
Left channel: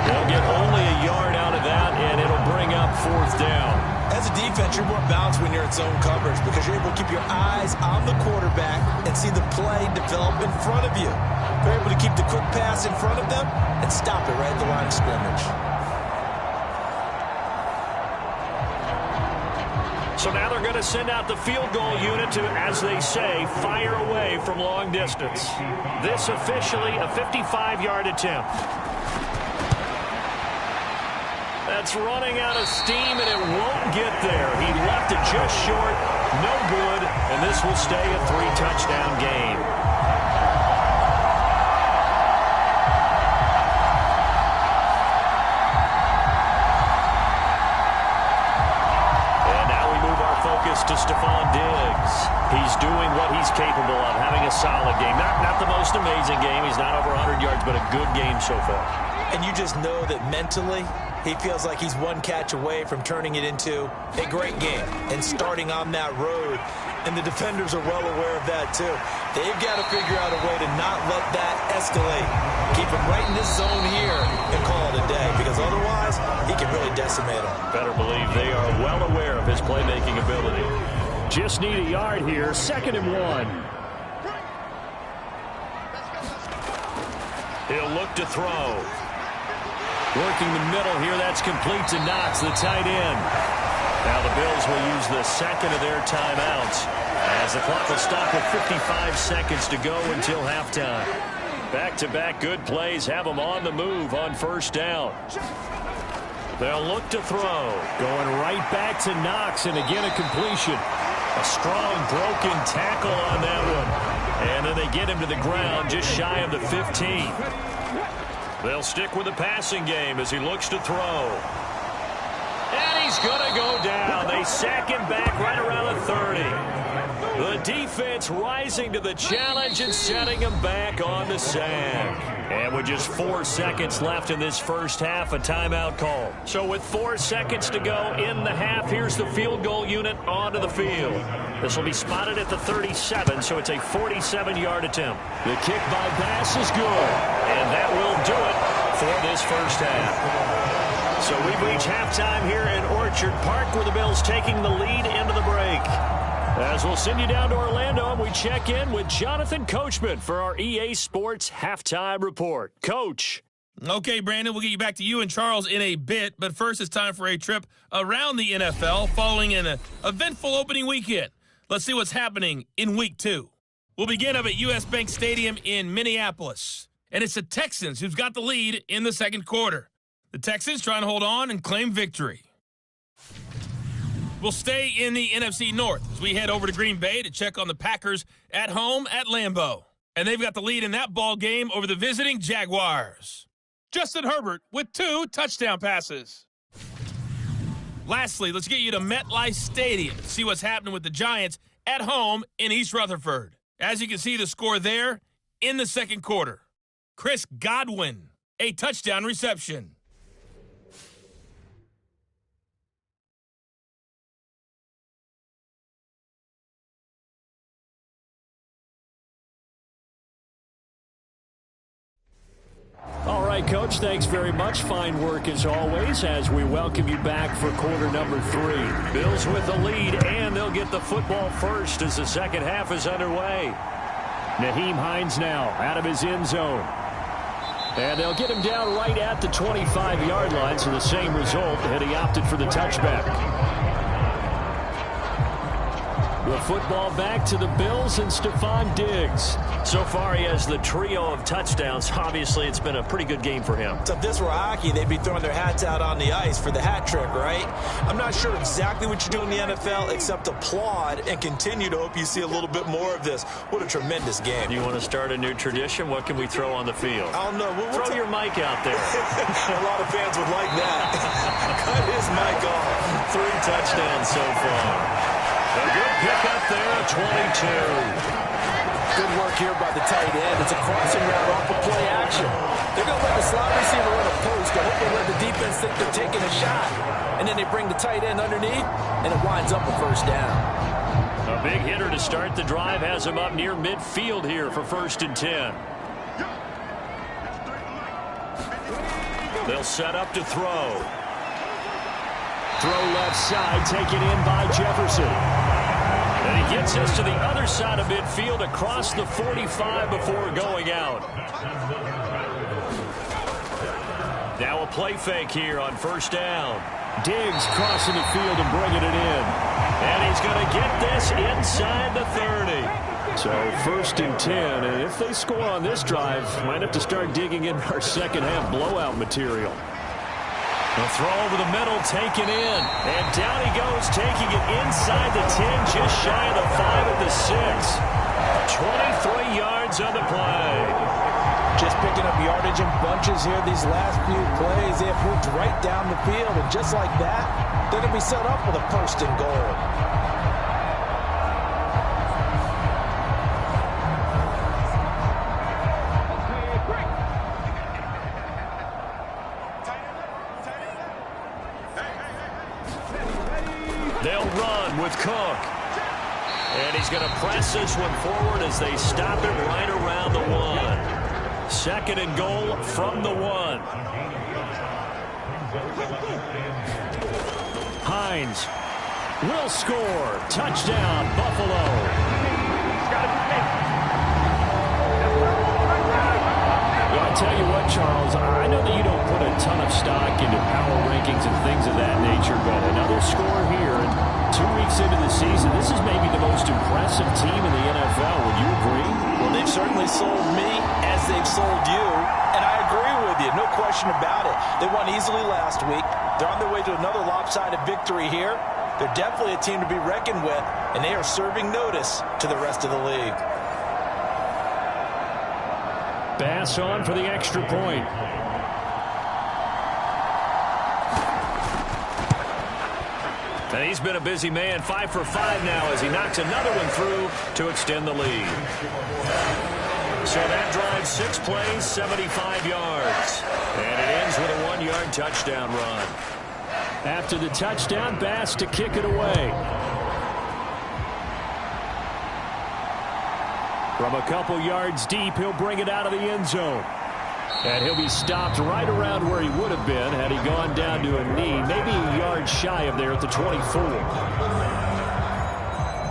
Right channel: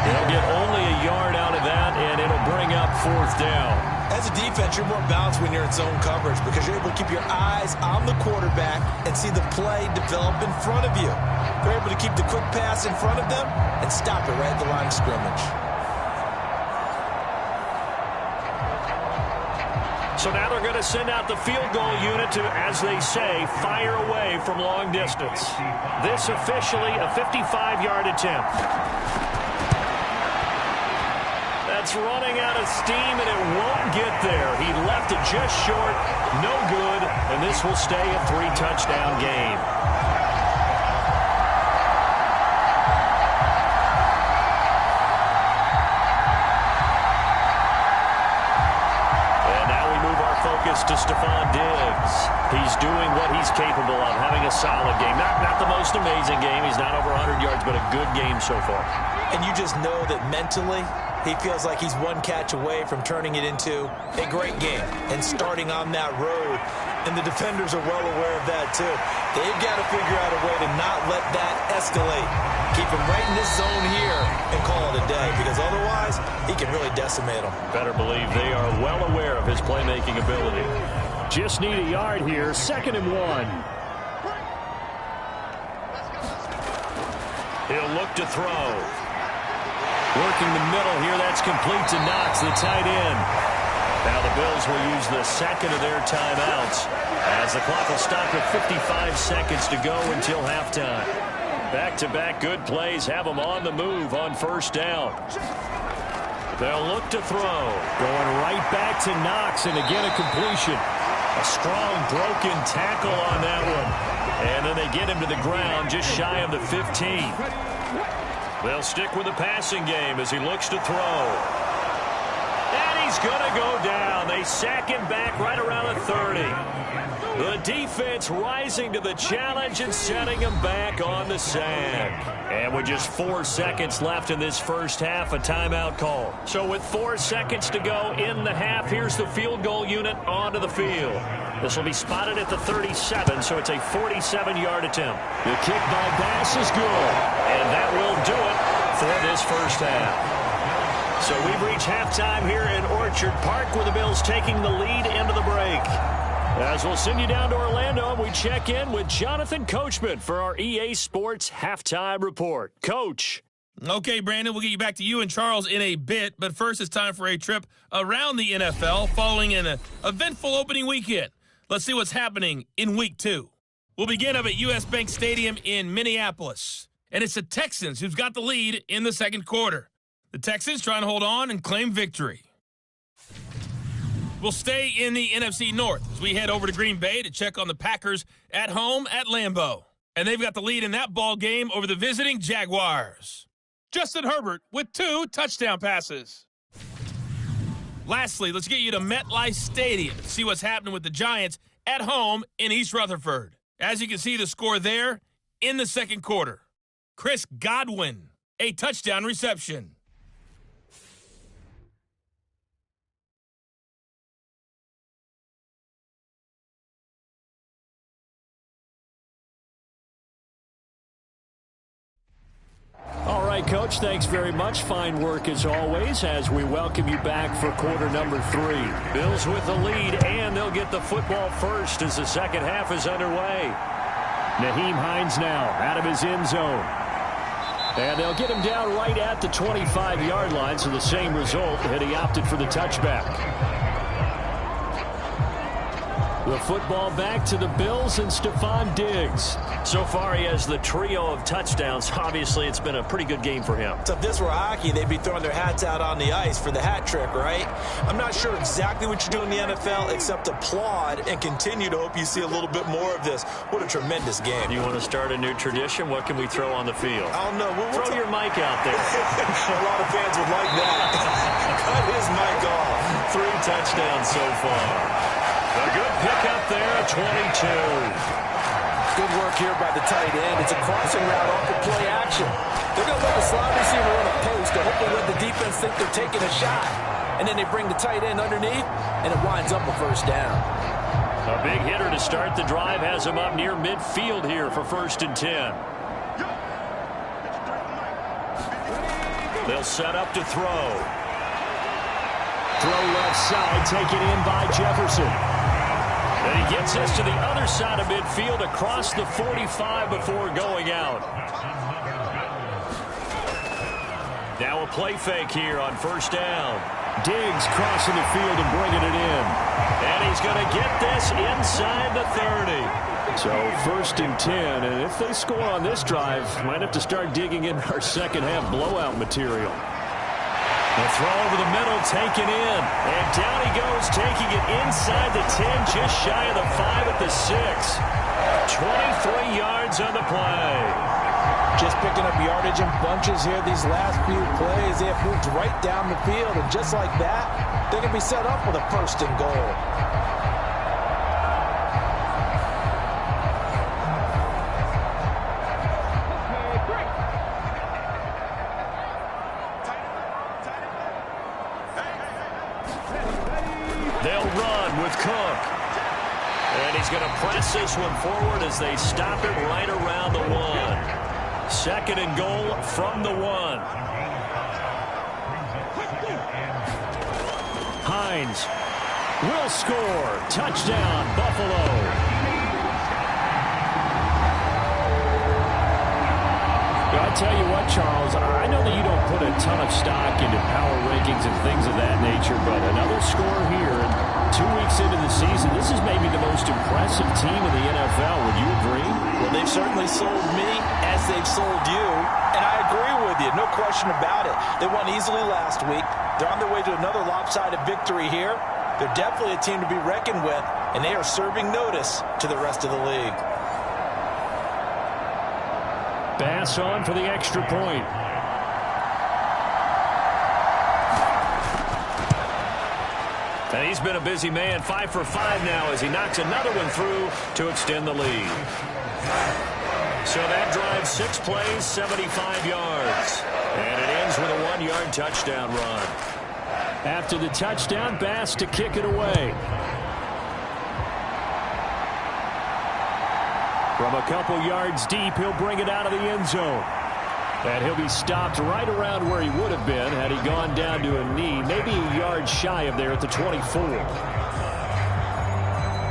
They'll get only a yard out of that, and it'll bring up fourth down. As a defense, you're more balanced when you're in zone coverage because you're able to keep your eyes on the quarterback and see the play develop in front of you. They're able to keep the quick pass in front of them and stop it right at the line of scrimmage. So now they're going to send out the field goal unit to, as they say, fire away from long distance. This officially a 55-yard attempt. That's running out of steam, and it won't get there. He left it just short, no good, and this will stay a 3-touchdown game. Focus to Stephon Diggs. He's doing what he's capable of, having a solid game. Not the most amazing game. He's not over 100 yards, but a good game so far. And you just know that mentally, he feels like he's one catch away from turning it into a great game and starting on that road. And the defenders are well aware of that, too. They've got to figure out a way to not let that escalate. Keep him right in this zone here and call it a day, because otherwise he can really decimate them. Better believe they are well aware of his playmaking ability. Just need a yard here, 2nd and 1. He'll look to throw. Working the middle here, that's complete to Knox, the tight end. Now the Bills will use the second of their timeouts as the clock will stop with 55 seconds to go until halftime. Back-to-back good plays have them on the move on first down. They'll look to throw. Going right back to Knox, and again a completion. A strong broken tackle on that one. And then they get him to the ground just shy of the 15. They'll stick with the passing game as he looks to throw. And he's going to go down. They sack him back right around the 30. The defense rising to the challenge and setting him back on the sack. And with just 4 seconds left in this first half, a timeout call. So with 4 seconds to go in the half, here's the field goal unit onto the field. This will be spotted at the 37, so it's a 47-yard attempt. The kick by Bass is good. And that will do it for this first half. So we've reached halftime here in Orchard Park, with the Bills taking the lead into the break. As we'll send you down to Orlando, and we check in with Jonathan Coachman for our EA Sports Halftime Report. Coach. Okay, Brandon, we'll get you back to you and Charles in a bit, but first it's time for a trip around the NFL following an eventful opening weekend. Let's see what's happening in Week 2. We'll begin up at U.S. Bank Stadium in Minneapolis, and it's the Texans who've got the lead in the second quarter. The Texans trying to hold on and claim victory. We'll stay in the NFC North as we head over to Green Bay to check on the Packers at home at Lambeau. And they've got the lead in that ball game over the visiting Jaguars. Justin Herbert with 2 touchdown passes. Lastly, let's get you to MetLife Stadium to see what's happening with the Giants at home in East Rutherford. As you can see, the score there in the second quarter. Chris Godwin, a touchdown reception. All right, Coach, thanks very much. Fine work as always as we welcome you back for quarter number 3. Bills with the lead, and they'll get the football first as the second half is underway. Nyheim Hines now out of his end zone. And they'll get him down right at the 25-yard line, so the same result, and he opted for the touchback. The football back to the Bills and Stephon Diggs. So far, he has the trio of touchdowns. Obviously, it's been a pretty good game for him. So if this were hockey, they'd be throwing their hats out on the ice for the hat trick, right? I'm not sure exactly what you do in the NFL except applaud and continue to hope you see a little bit more of this. What a tremendous game. You want to start a new tradition? What can we throw on the field? I don't know. Throw your mic out there. A lot of fans would like that. Cut his mic off. 3 touchdowns so far. A good pickup there, a 22. Good work here by the tight end. It's a crossing route off of play action. They're going to let the slot receiver run a post to hopefully let the defense think they're taking a shot. And then they bring the tight end underneath, and it winds up a first down. A big hitter to start the drive has him up near midfield here for 1st and 10. They'll set up to throw. Throw left side, taken in by Jefferson. And he gets this to the other side of midfield across the 45 before going out. Now a play fake here on 1st down. Diggs crossing the field and bringing it in. And he's going to get this inside the 30. So 1st and 10, and if they score on this drive, might have to start digging in our second half blowout material. The throw over the middle, taken in. And down he goes, taking it inside the 10, just shy of the 5 at the 6. 23 yards on the play. Just picking up yardage in bunches here these last few plays. They have moved right down the field, and just like that, they're going to be set up with a 1st and goal. They'll run with Cook. And he's going to press this one forward as they stop it right around the 1. 2nd and goal from the 1. Hines will score. Touchdown, Buffalo. I tell you what, Charles, I know that you don't put a ton of stock into power rankings and things of that nature, but another score here, and 2 weeks into the season, this is maybe the most impressive team in the NFL. Would you agree? Well, they've certainly sold me as they've sold you, and I agree with you, no question about it. They won easily last week. They're on their way to another lopsided victory here. They're definitely a team to be reckoned with, and they are serving notice to the rest of the league. Bass on for the extra point. And he's been a busy man, 5 for 5 now as he knocks another one through to extend the lead. So that drives 6 plays, 75 yards. And it ends with a 1-yard touchdown run. After the touchdown, Bass to kick it away. From a couple yards deep, he'll bring it out of the end zone. And he'll be stopped right around where he would have been had he gone down to a knee, maybe a yard shy of there at the 24.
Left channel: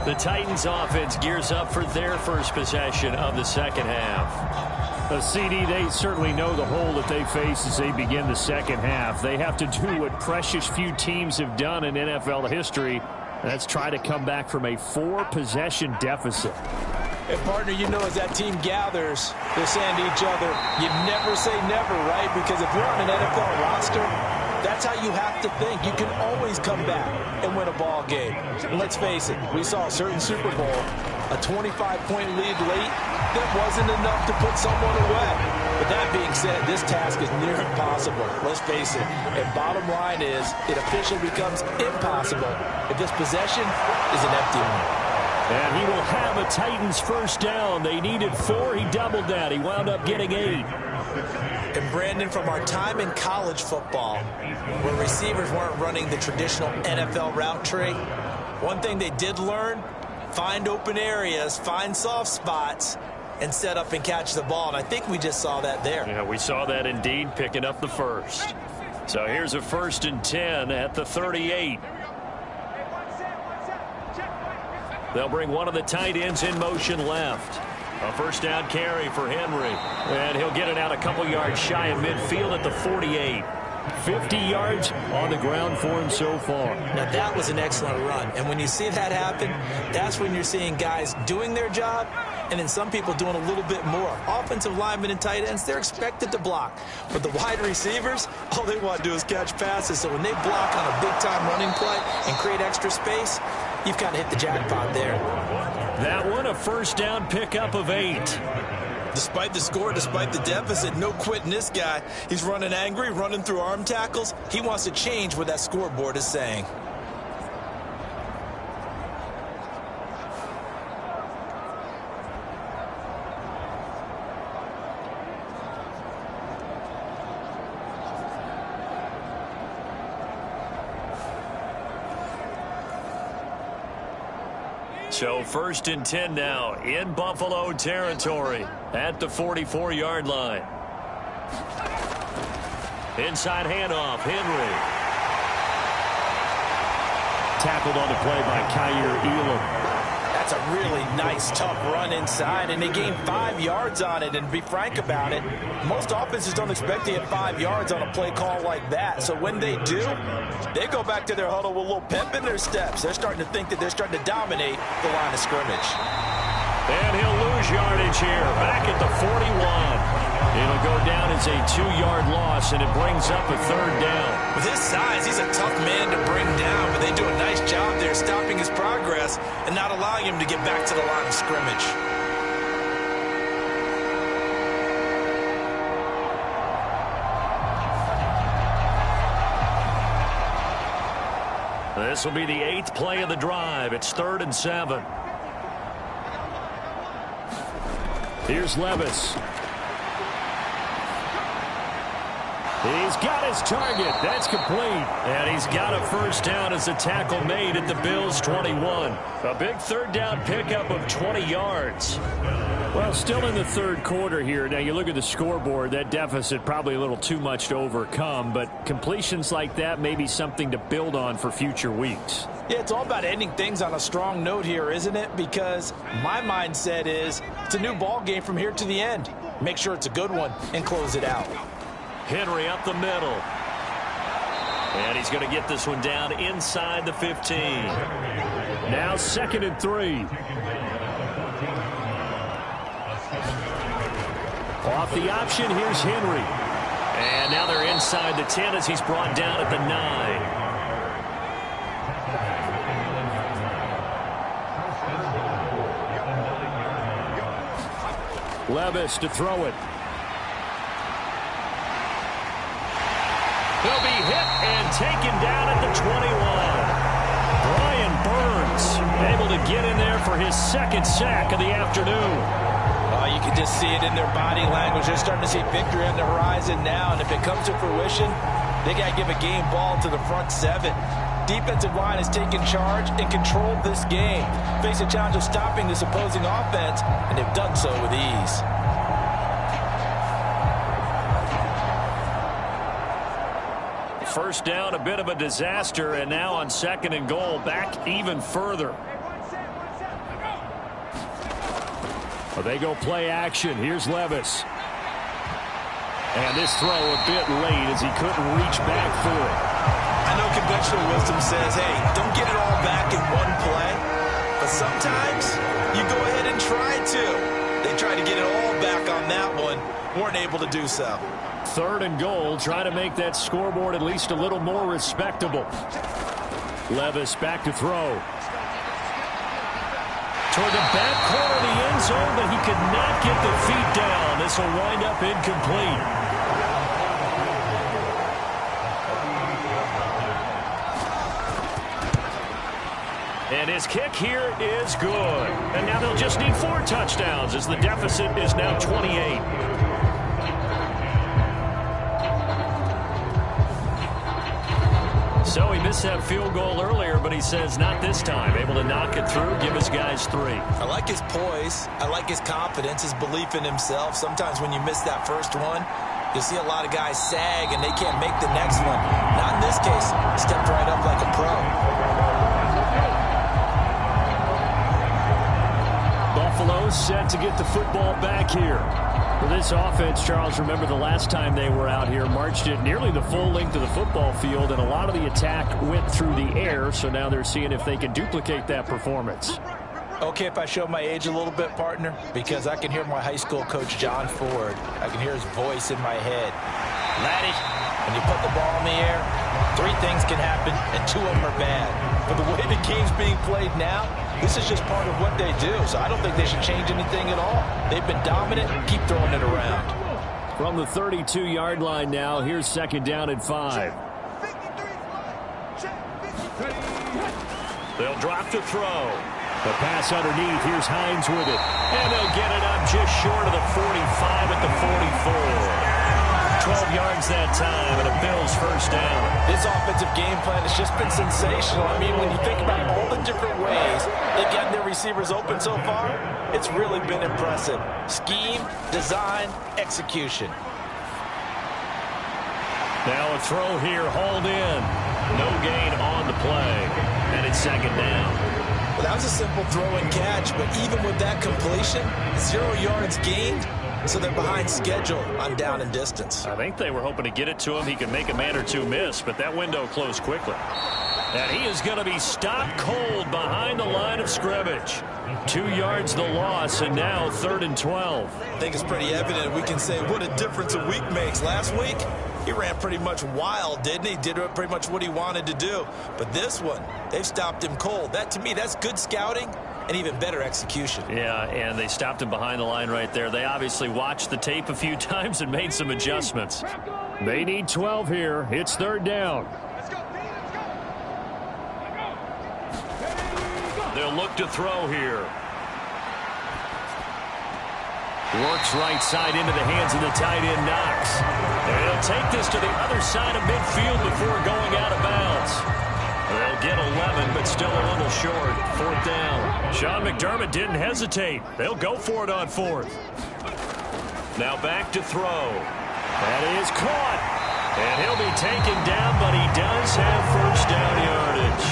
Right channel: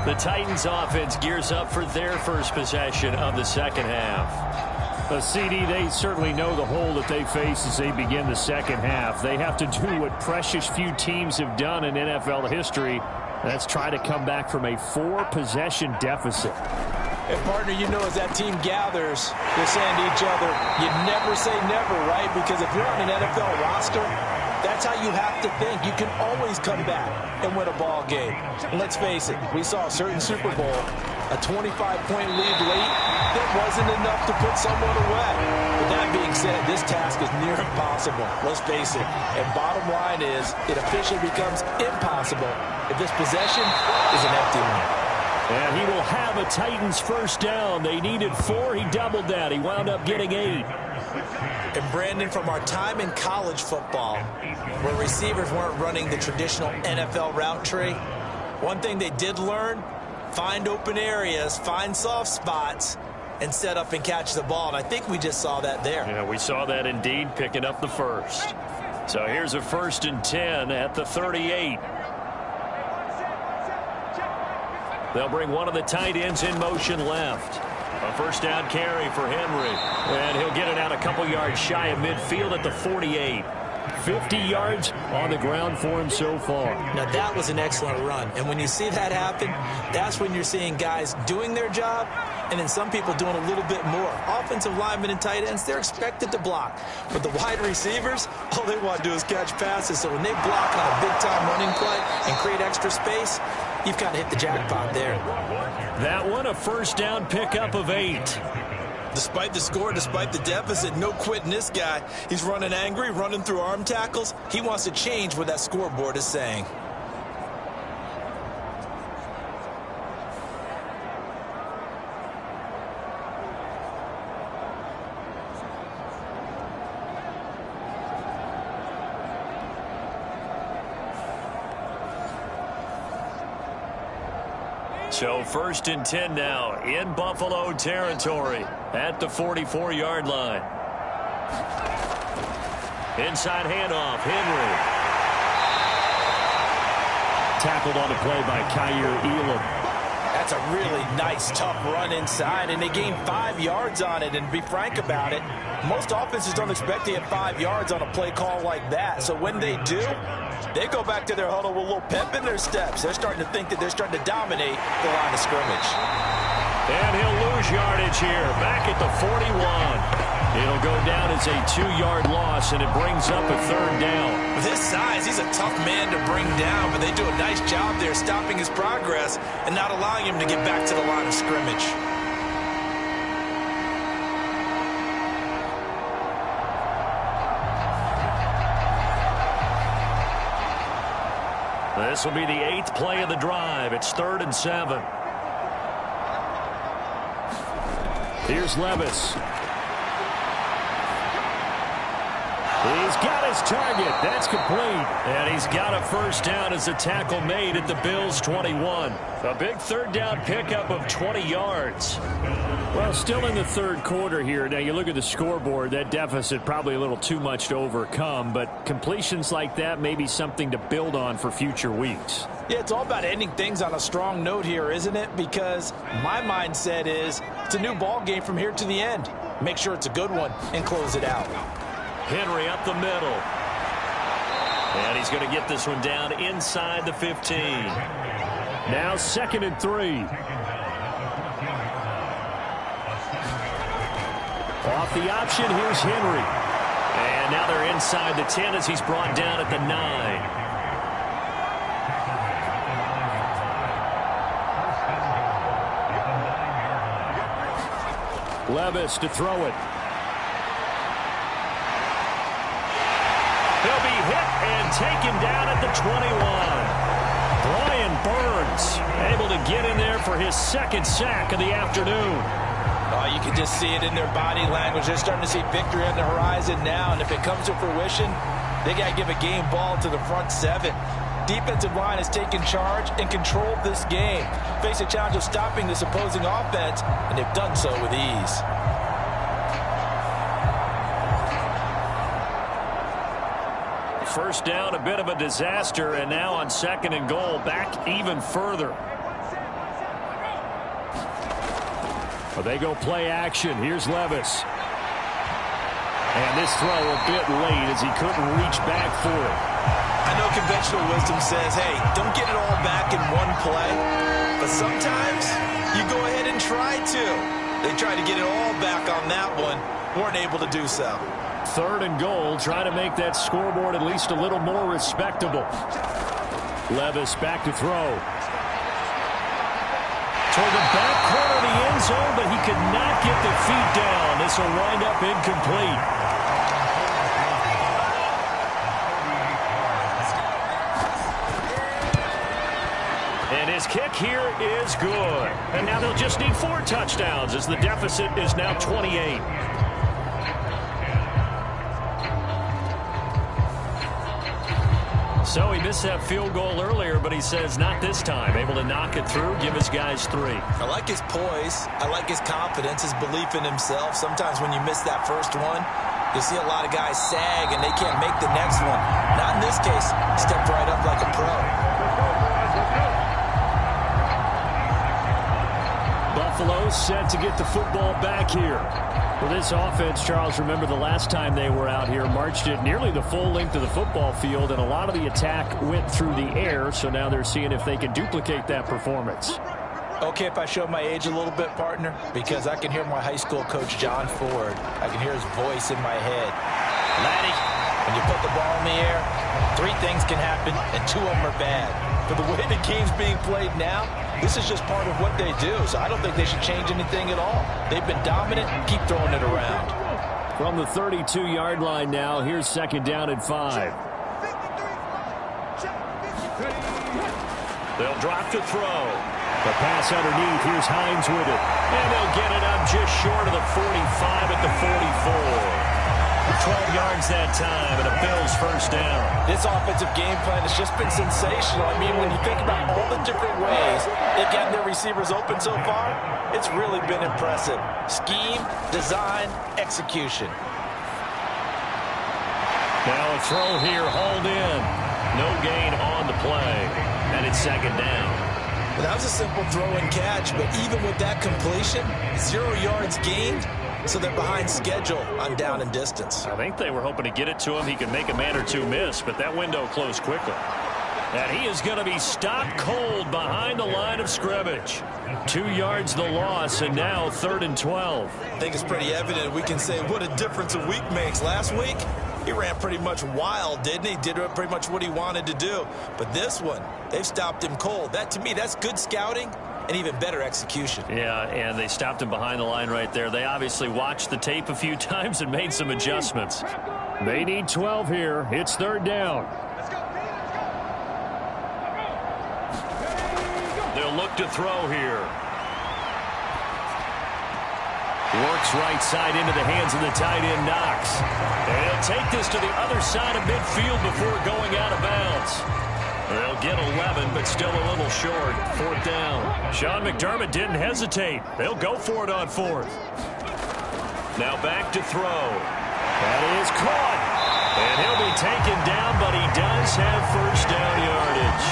The Titans offense gears up for their first possession of the second half. A CD, they certainly know the hole that they face as they begin the second half. They have to do what precious few teams have done in NFL history. That's try to come back from a 4-possession deficit. And, partner, you know, as that team gathers, they're saying to each other, you never say never, right? Because if you're on an NFL roster, that's how you have to think. You can always come back and win a ball game. And let's face it, we saw a certain Super Bowl, a 25-point lead late, that wasn't enough to put someone away. But that being said, this task is near impossible. Let's face it. And bottom line is, it officially becomes impossible if this possession is an empty one. And he will have a Titans first down. They needed 4. He doubled that. He wound up getting 8. And, Brandon, from our time in college football, where receivers weren't running the traditional NFL route tree, one thing they did learn, find open areas, find soft spots, and set up and catch the ball. And I think we just saw that there. Yeah, we saw that indeed, picking up the first. So here's a 1st and 10 at the 38. They'll bring one of the tight ends in motion left. A first down carry for Henry. And he'll get it out a couple yards shy of midfield at the 48. 50 yards on the ground for him so far. Now, that was an excellent run. And when you see that happen, that's when you're seeing guys doing their job and then some people doing a little bit more. Offensive linemen and tight ends, they're expected to block. But the wide receivers, all they want to do is catch passes. So when they block on a big-time running play and create extra space, you've kind of hit the jackpot there. That one, a first down pickup of 8. Despite the score, despite the deficit, no quitting this guy. He's running angry, running through arm tackles. He wants to change what that scoreboard is saying. So 1st and 10 now in Buffalo territory at the 44-yard line. Inside handoff, Henry. Tackled on the play by Kyer Elam. That's a really nice, tough run inside, and they gained 5 yards on it. And to be frank about it, most offenses don't expect to get 5 yards on a play call like that. So when they do, they go back to their huddle with a little pep in their steps. They're starting to think that they're starting to dominate the line of scrimmage. And he'll lose yardage here, back at the 41. It'll go down as a 2-yard loss, and it brings up a 3rd down. With his size, he's a tough man to bring down, but they do a nice job there stopping his progress and not allowing him to get back to the line of scrimmage. This will be the 8th play of the drive. It's 3rd and 7. Here's Levis. He's got his target. That's complete. And he's got a first down as a tackle made at the Bills' 21. A big 3rd down pickup of 20 yards. Well, still in the 3rd quarter here. Now, you look at the scoreboard, that deficit probably a little too much to overcome, but completions like that may be something to build on for future weeks. Yeah, it's all about ending things on a strong note here, isn't it? Because my mindset is it's a new ball game from here to the end. Make sure it's a good one and close it out. Henry up the middle. And he's going to get this one down inside the 15. Now 2nd and 3. Off the option, here's Henry. And now they're inside the 10 as he's brought down at the 9. Levis to throw it. He'll be hit and taken down at the 21. Brian Burns able to get in there for his 2nd sack of the afternoon. You can just see it in their body language. They're starting to see victory on the horizon now, and if it comes to fruition, they got to give a game ball to the front 7. Defensive line has taken charge and controlled this game. Face a challenge of stopping this opposing offense, and they've done so with ease. First down, a bit of a disaster, and now on 2nd and goal, back even further. Well, they go play action. Here's Levis. And this throw a bit late as he couldn't reach back for it. I know conventional wisdom says, hey, don't get it all back in one play. But sometimes you go ahead and try to. They tried to get it all back on that one. Weren't able to do so. 3rd and goal. Try to make that scoreboard at least a little more respectable. Levis back to throw. Toward the back corner of the end zone, but he could not get the feet down. This will wind up incomplete. And his kick here is good. And now they'll just need 4 touchdowns as the deficit is now 28. So he missed that field goal earlier, but he says not this time. Able to knock it through, give his guys 3. I like his poise. I like his confidence, his belief in himself. Sometimes when you miss that first one, you'll see a lot of guys sag and they can't make the next one. Not in this case. Stepped right up like a pro. Buffalo set to get the football back here. Well, this offense, Charles, remember the last time they were out here, marched it nearly the full length of the football field, and a lot of the attack went through the air, so now they're seeing if they can duplicate that performance. Okay, if I show my age a little bit, partner, because I can hear my high school coach, John Ford. I can hear his voice in my head. Laddie, when you put the ball in the air, 3 things can happen, and 2 of them are bad. But the way the game's being played now, this is just part of what they do, so I don't think they should change anything at all. They've been dominant. Keep throwing it around. From the 32-yard line now, here's 2nd down and 5. They'll drop to throw. The pass underneath. Here's Hines with it. And they'll get it up just short of the 45 at the 44. 12 yards that time, and a Bills first down. This offensive game plan has just been sensational. I mean, when you think about all the different ways they've gotten their receivers open so far, it's really been impressive. Scheme, design, execution. Now a throw here, hauled in. No gain on the play, and it's 2nd down. Well, that was a simple throw and catch, but even with that completion, 0 yards gained, so they're behind schedule on down and distance. I think they were hoping to get it to him. He could make a man or 2 miss, but that window closed quickly. And he is going to be stopped cold behind the line of scrimmage. 2 yards the loss, and now 3rd and 12. I think it's pretty evident. We can say what a difference a week makes. Last week, he ran pretty much wild, didn't he? Did pretty much what he wanted to do. But this one, they've stopped him cold. That, to me, that's good scouting and even better execution. Yeah, and they stopped him behind the line right there. They obviously watched the tape a few times and made some adjustments. They need 12 here. It's 3rd down. They'll look to throw here. Works right side into the hands of the tight end, Knox. And he'll take this to the other side of midfield before going out of bounds. They'll get 11, but still a little short. 4th down. Sean McDermott didn't hesitate. They'll go for it on 4th. Now back to throw. That is caught. And he'll be taken down, but he does have first down yardage.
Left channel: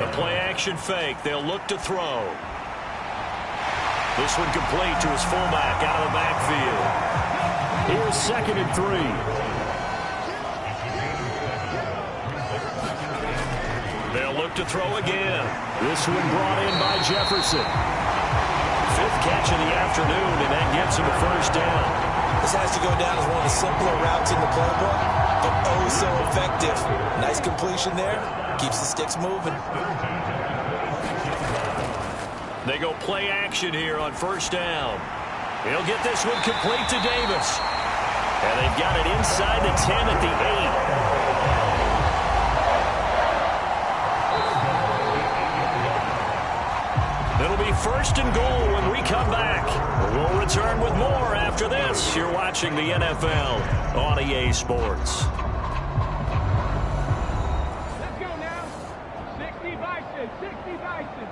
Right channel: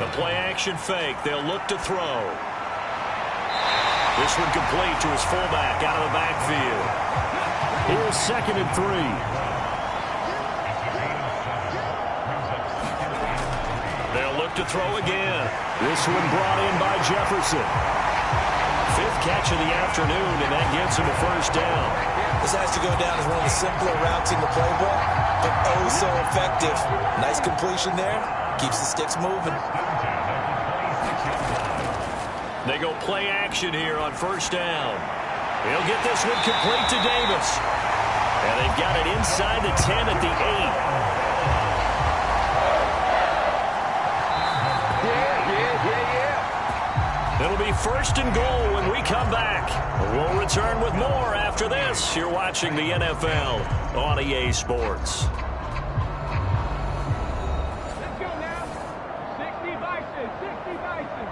The play-action fake. They'll look to throw. This one complete to his fullback out of the backfield. Here's 2nd and 3. They'll look to throw again. This one brought in by Jefferson. 5th catch of the afternoon, and that gets him a first down. This has to go down as one of the simpler routes in the playbook, but oh so effective. Nice completion there. Keeps the sticks moving. They go play action here on 1st down. He'll get this one complete to Davis. And they've got it inside the 10 at the 8. It'll be 1st and goal when we come back. We'll return with more after this. You're watching the NFL on EA Sports. Let's go now. 60 Bison, 60 Bison.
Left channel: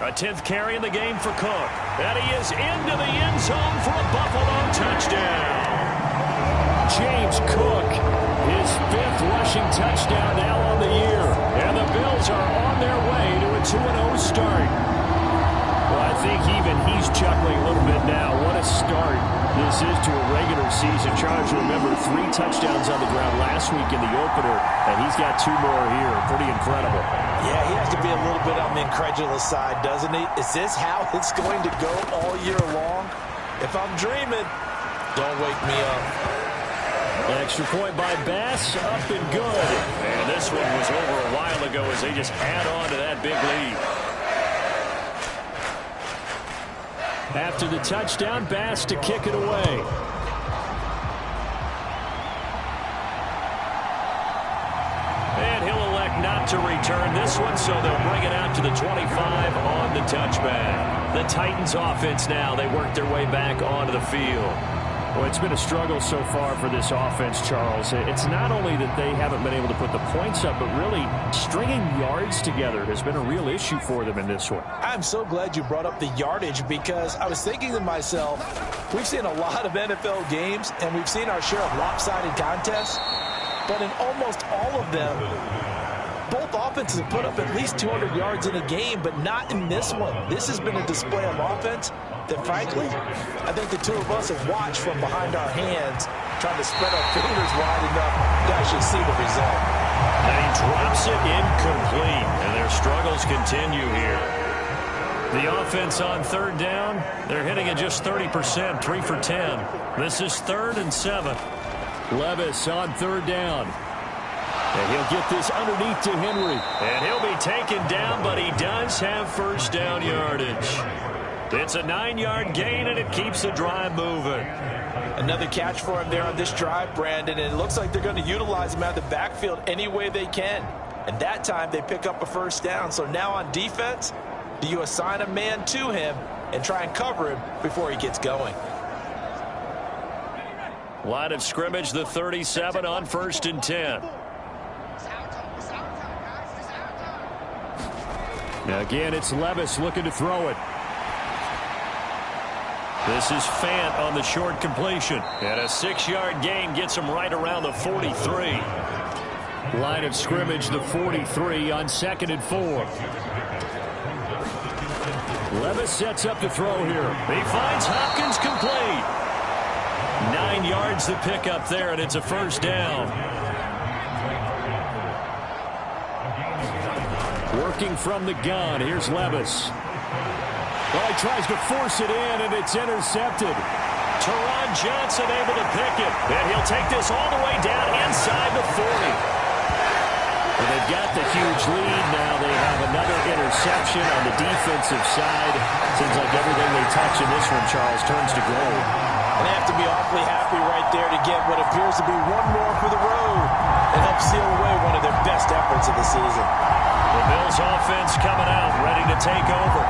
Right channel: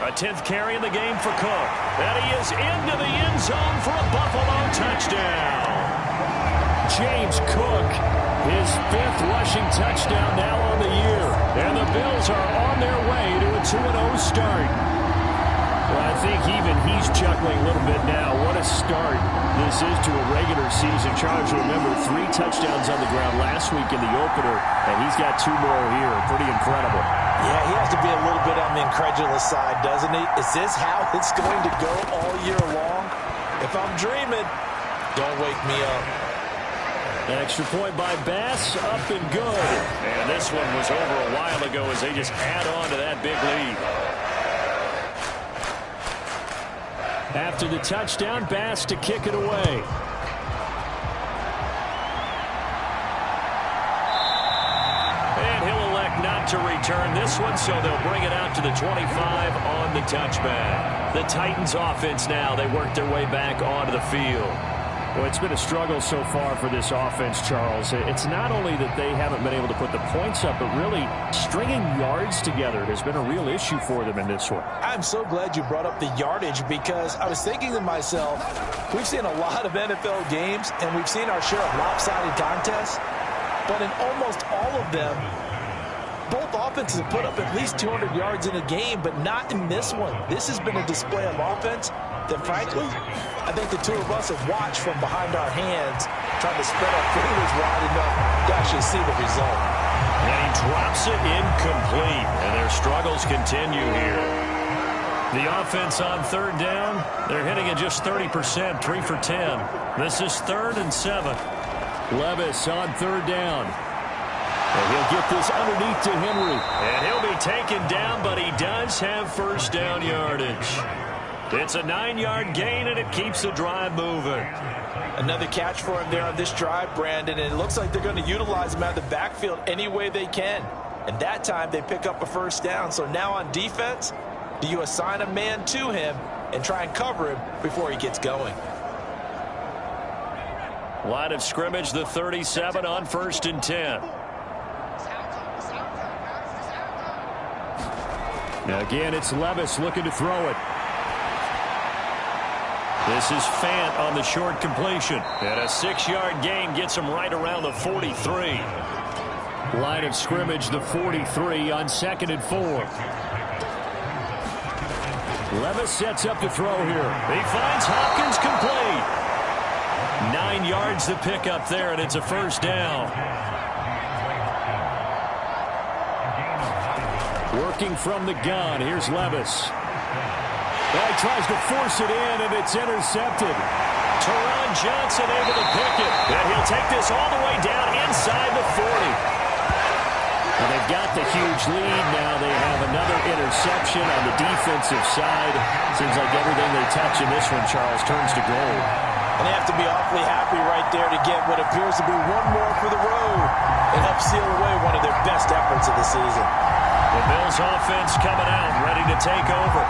A 10th carry in the game for Cook. And he is into the end zone for a Buffalo touchdown. James Cook, his 5th rushing touchdown now on the year. And the Bills are on their way to a 2-0 start. Well, I think even he's chuckling a little bit now. What a start this is to a regular season. Charles, remember, 3 touchdowns on the ground last week in the opener, and he's got 2 more here. Pretty incredible. Yeah, he has to be a little bit on the incredulous side, doesn't he? Is this how it's going to go all year long? If I'm dreaming, don't wake me up. An extra point by Bass, up and good. And this one was over a while ago as they just add on to that big lead. After the touchdown, Bass to kick it away. And he'll elect not to return this one, so they'll bring it out to the 25 on the touchback. The Titans offense now, they work their way back onto the field. Well, it's been a struggle so far for this offense, Charles. It's not only that they haven't been able to put the points up, but really stringing yards together has been a real issue for them in this one. I'm so glad you brought up the yardage because I was thinking to myself, we've seen a lot of NFL games and we've seen our share of lopsided contests, but in almost all of them, both offenses have put up at least 200 yards in a game, but not in this one. This has been a display of offense that, frankly, I think the two of us have watched from behind our hands, trying to spread our fingers wide enough to actually see the result. And he drops it incomplete, and their struggles continue here. The offense on third down, they're hitting at just 30%, 3 for 10. This is 3rd and 7. Levis on third down. And he'll get this underneath to Henry. And he'll be taken down, but he does have first down yardage. It's a 9-yard gain, and it keeps the drive moving. Another catch for him there on this drive, Brandon, and it looks like they're going to utilize him out of the backfield any way they can. And that time they pick up a first down. So now on defense, do you assign a man to him and try and cover him before he gets going? Line of scrimmage, the 37 on 1st and 10. Now again, it's Levis looking to throw it. This is Fant on the short completion. And a 6-yard gain gets him right around the 43. Line of scrimmage, the 43 on 2nd and 4. Levis sets up to throw here. He finds Hopkins complete. 9 yards to pick up there, and it's a first down. Working from the gun, here's Levis. Oh, he tries to force it in, and it's intercepted. Teron Johnson able to pick it. And he'll take this all the way down inside the 40. Well, they've got the huge lead now. They have another interception on the defensive side. Seems like everything they touch in this one, Charles, turns to gold. And they have to be awfully happy right there to get what appears to be one more for the road and help seal away one of their best efforts of the season. The Bills offense coming out, ready to take over.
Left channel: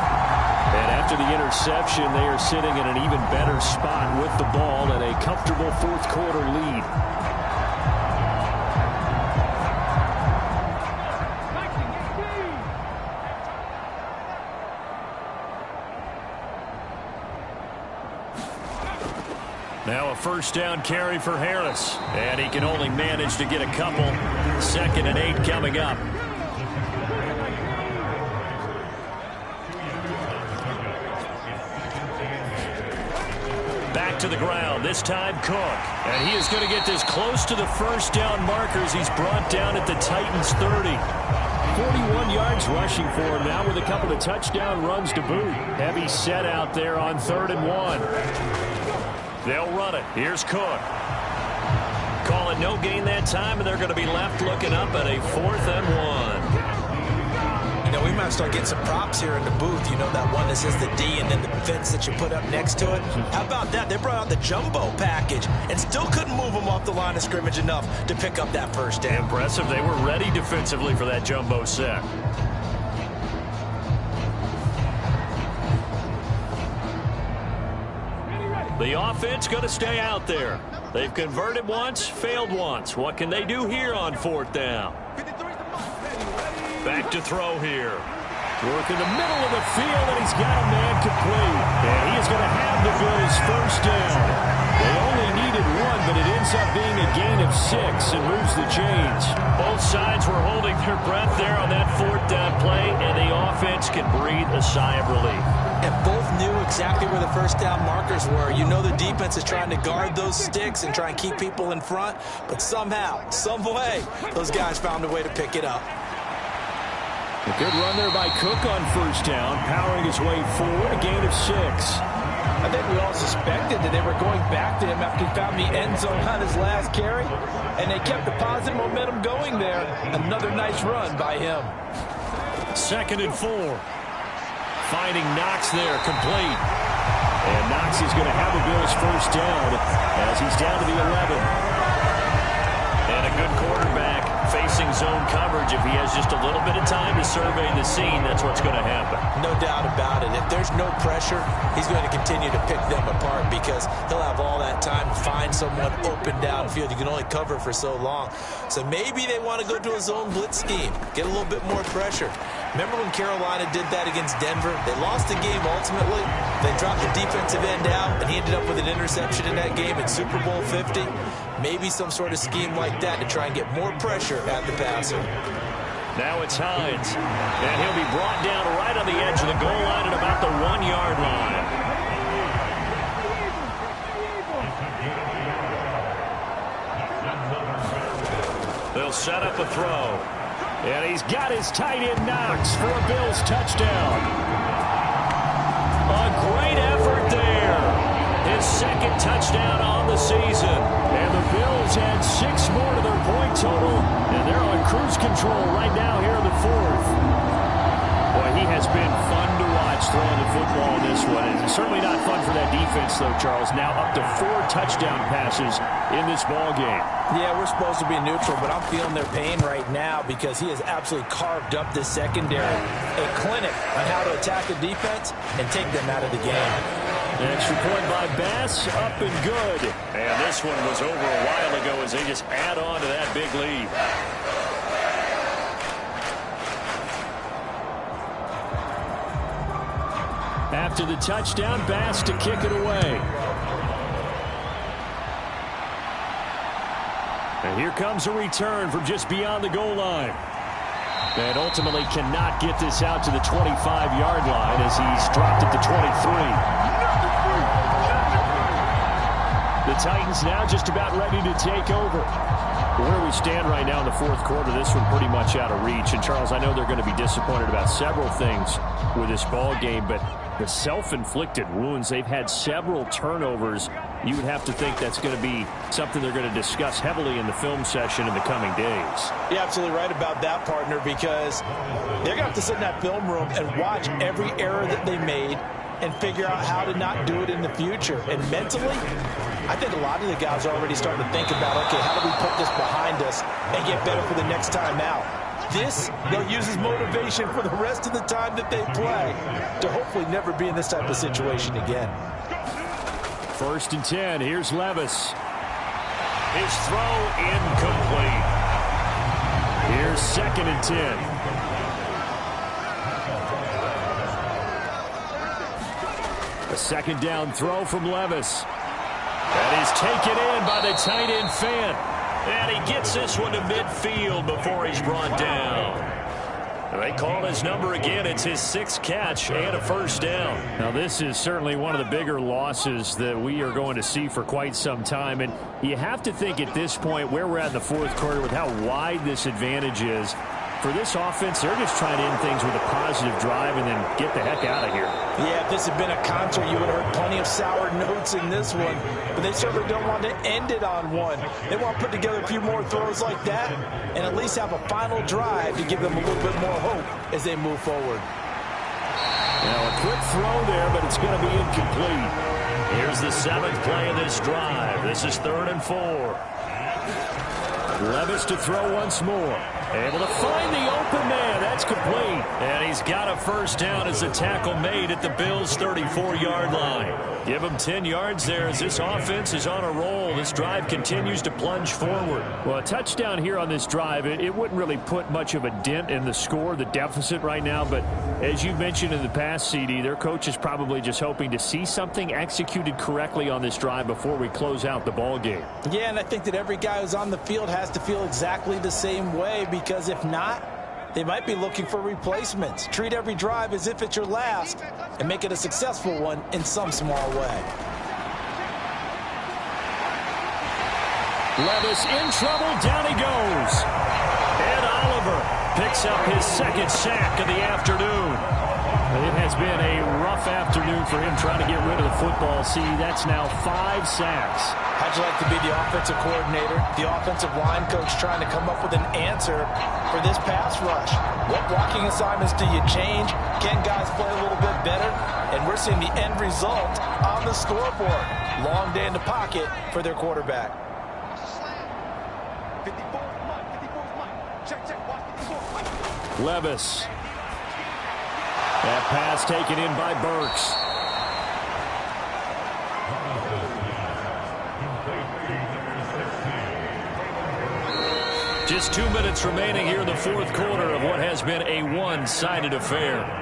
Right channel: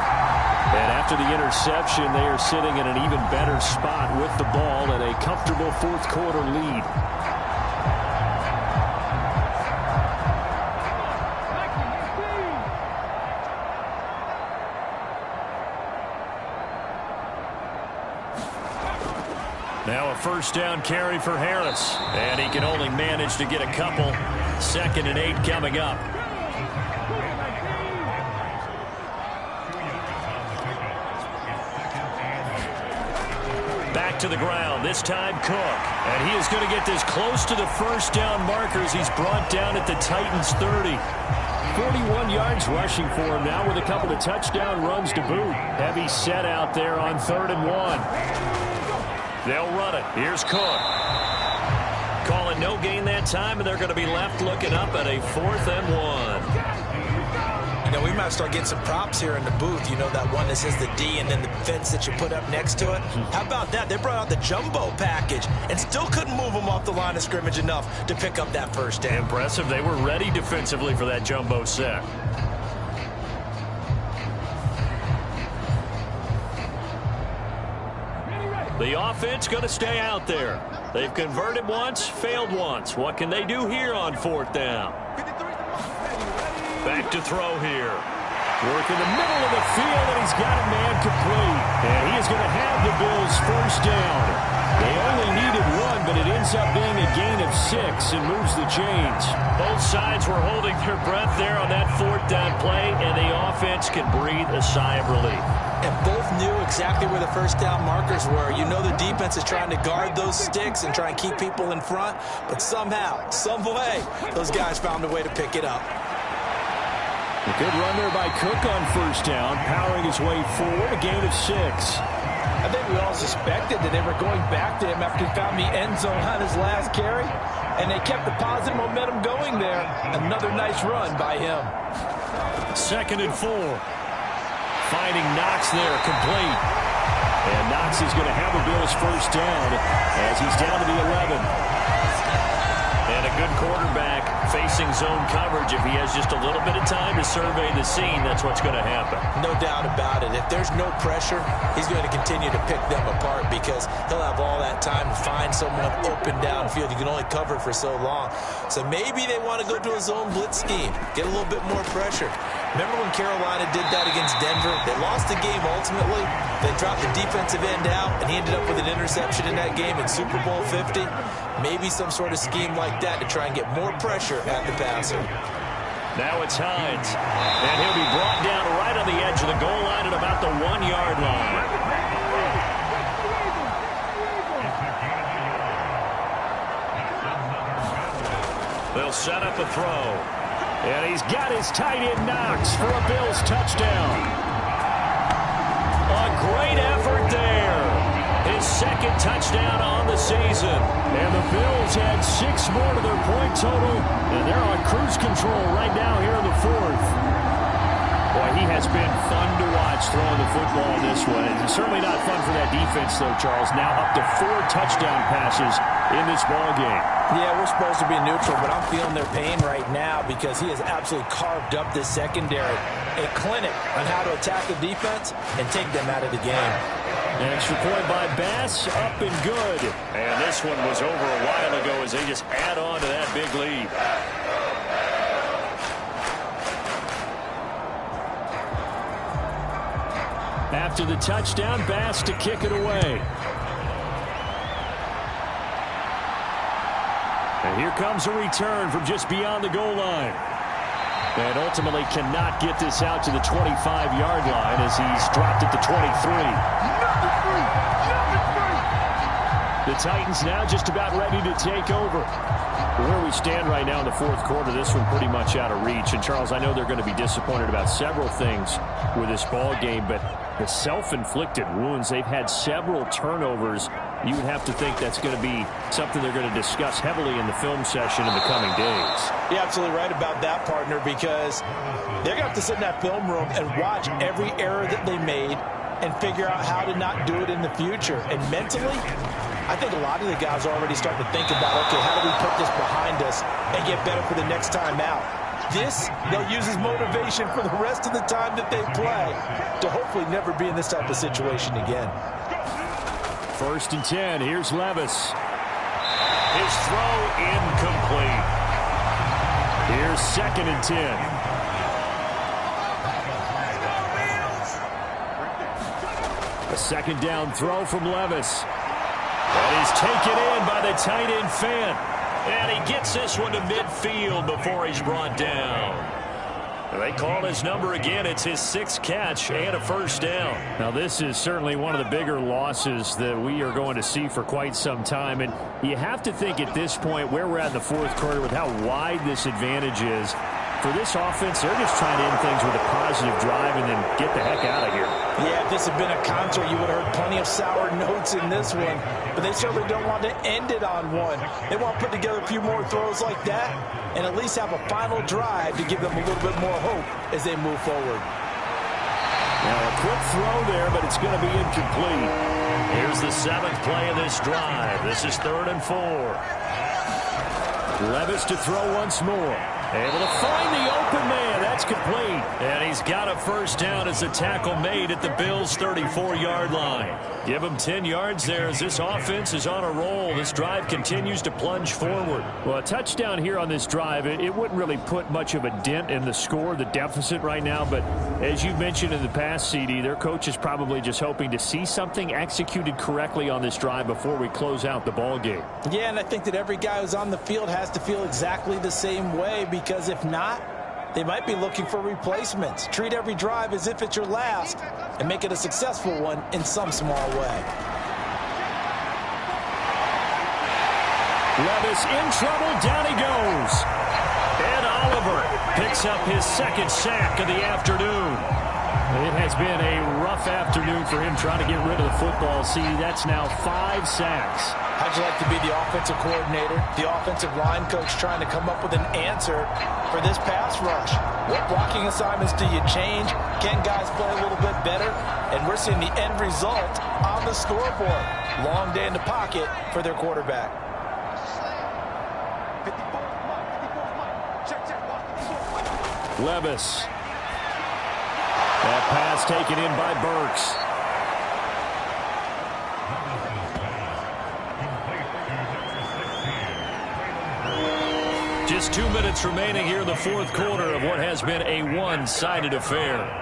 And after the interception, they are sitting in an even better spot with the ball and a comfortable fourth-quarter lead. Now a first down carry for Harris. And he can only manage to get a couple. 2nd and 8 coming up. Back to the ground, this time Cook. And he is going to get this close to the first down markers. He's brought down at the Titans 30. 41 yards rushing for him now with a couple of touchdown runs to boot. Heavy set out there on 3rd and 1. They'll run it. Here's Cook. Calling no gain that time, and they're going to be left looking up at a 4th and 1. You know, we might start getting some props here in the booth. You know, that one that says the D and then the fence that you put up next to it. How about that? They brought out the jumbo package and still couldn't move them off the line of scrimmage enough to pick up that first down. Impressive. They were ready defensively for that jumbo set. The offense going to stay out there. They've converted once, failed once. What can they do here on 4th down? Back to throw here. Work in the middle of the field, and he's got a man complete. And he is going to have the Bills' first down. They only needed 1, but it ends up being a gain of 6 and moves the chains. Both sides were holding their breath there on that 4th down play, and the offense can breathe a sigh of relief. And both knew exactly where the first down markers were. You know the defense is trying to guard those sticks and try and keep people in front, but somehow, some way, those guys found a way to pick it up. A good run there by Cook on first down, powering his way forward, a gain of 6. I think we all suspected that they were going back to him after he found the end zone on his last carry, and they kept the positive momentum going there. Another nice run by him. 2nd and 4. Finding Knox there, complete. And Knox is going to have a Bills first down as he's down to the 11. And a a good quarterback facing zone coverage, if he has just a little bit of time to survey the scene, that's what's going to happen. No doubt about it. If there's no pressure, he's going to continue to pick them apart because he'll have all that time to find someone open downfield. You can only cover for so long. So maybe they want to go to a zone blitz scheme, get a little bit more pressure. Remember when Carolina did that against Denver? They lost the game ultimately. They dropped the defensive end out, and he ended up with an interception in that game in Super Bowl 50. Maybe some sort of scheme like that to try and get more pressure at the passer. Now it's Hines, and he'll be brought down right on the edge of the goal line at about the 1-yard line. They'll set up a throw. And he's got his tight end Knox for a Bills touchdown. A great effort there. His second touchdown on the season. And the Bills had 6 more to their point total, and they're on cruise control right now here in the 4th. Boy, he has been fun to watch throwing the football in this one. And it's certainly not fun for that defense, though, Charles. Now up to 4 touchdown passes in this ball game. Yeah, we're supposed to be neutral, but I'm feeling their pain right now because he has absolutely carved up this secondary. A clinic on how to attack a defense and take them out of the game. An extra point by Bass, up and good. And this one was over a while ago as they just add on to that big lead. After the touchdown, Bass to kick it away. And here comes a return from just beyond the goal line. And ultimately cannot get this out to the 25-yard line as he's dropped at the 23. The Titans now just about ready to take over. Where we stand right now in the 4th quarter, this one pretty much out of reach. And, Charles, I know they're going to be disappointed about several things with this ball game, but the self-inflicted wounds, they've had several turnovers. You would have to think that's going to be something they're going to discuss heavily in the film session in the coming days. You're absolutely right about that, partner, because they're going to have to sit in that film room and watch every error that they made and figure out how to not do it in the future. And mentally, I think a lot of the guys are already starting to think about, okay, how do we put this behind us and get better for the next time out? This, they'll use as motivation for the rest of the time that they play to hopefully never be in this type of situation again. 1st and 10. Here's Levis. His throw incomplete. Here's 2nd and 10. A 2nd down throw from Levis. That is taken in by the tight end Fant. And he gets this one to midfield before he's brought down. They call his number again. It's his 6th catch and a 1st down. Now, this is certainly one of the bigger losses that we are going to see for quite some time. And you have to think at this point where we're at in the 4th quarter with how wide this advantage is. For this offense, they're just trying to end things with a positive drive and then get the heck out of here. Yeah, if this had been a concert, you would have heard plenty of sour notes in this one. But they certainly don't want to end it on one. They want to put together a few more throws like that and at least have a final drive to give them a little bit more hope as they move forward. Now, a quick throw there, but it's going to be incomplete. Here's the 7th play of this drive. This is 3rd and 4. Levis to throw once more. Able to find the open man. That's complete. And he's got a 1st down as a tackle made at the Bills' 34-yard line. Give him 10 yards there as this offense is on a roll. This drive continues to plunge forward. Well, a touchdown here on this drive, it wouldn't really put much of a dent in the score, the deficit right now. But as you mentioned in the past, CD, their coach is probably just hoping to see something executed correctly on this drive before we close out the ball game. Yeah, and I think that every guy who's on the field has to feel exactly the same way, because if not, they might be looking for replacements. Treat every drive as if it's your last and make it a successful one in some small way. Levis in trouble. Down he goes. Ed Oliver picks up his 2nd sack of the afternoon. It has been a rough afternoon for him trying to get rid of the football. See, that's now 5 sacks. How'd you like to be the offensive coordinator, the offensive line coach trying to come up with an answer for this pass rush? What blocking assignments do you change? Can guys play a little bit better? And we're seeing the end result on the scoreboard. Long day in the pocket for their quarterback. 54. Levis. That pass taken in by Burks. Just 2 minutes remaining here in the fourth quarter of what has been a one-sided affair.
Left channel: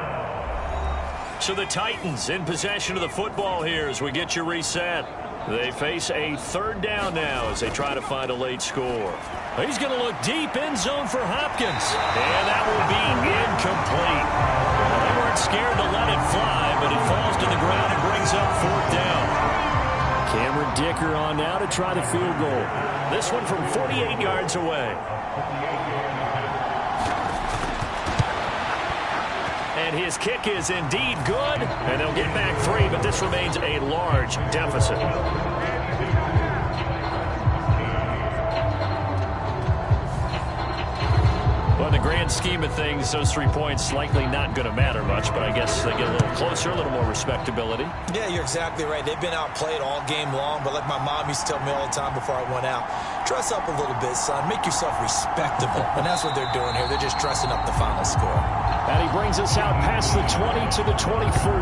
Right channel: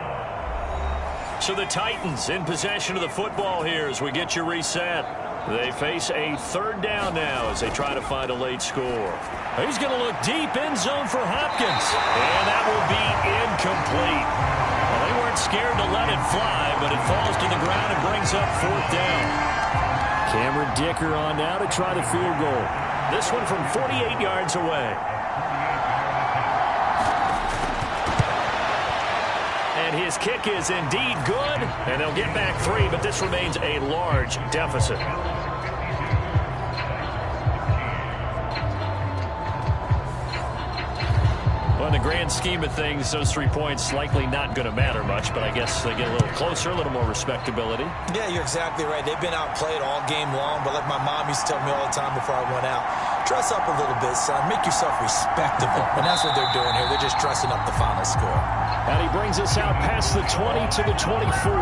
So the Titans in possession of the football here as we get you reset. They face a third down now as they try to find a late score. He's going to look deep end zone for Hopkins. And that will be incomplete. Well, they weren't scared to let it fly, but it falls to the ground and brings up fourth down. Cameron Dicker on now to try the field goal. This one from 48 yards away. And his kick is indeed good, and they'll get back 3, but this remains a large deficit. Well, in the grand scheme of things, those 3 points likely not going to matter much, but I guess they get a little closer, a little more respectability. Yeah, you're exactly right. They've been outplayed all game long, but like my mom used to tell me all the time before I went out, dress up a little bit, son. Make yourself respectable. And that's what they're doing here. They're just dressing up the final score. And he brings us out past the 20 to the 24.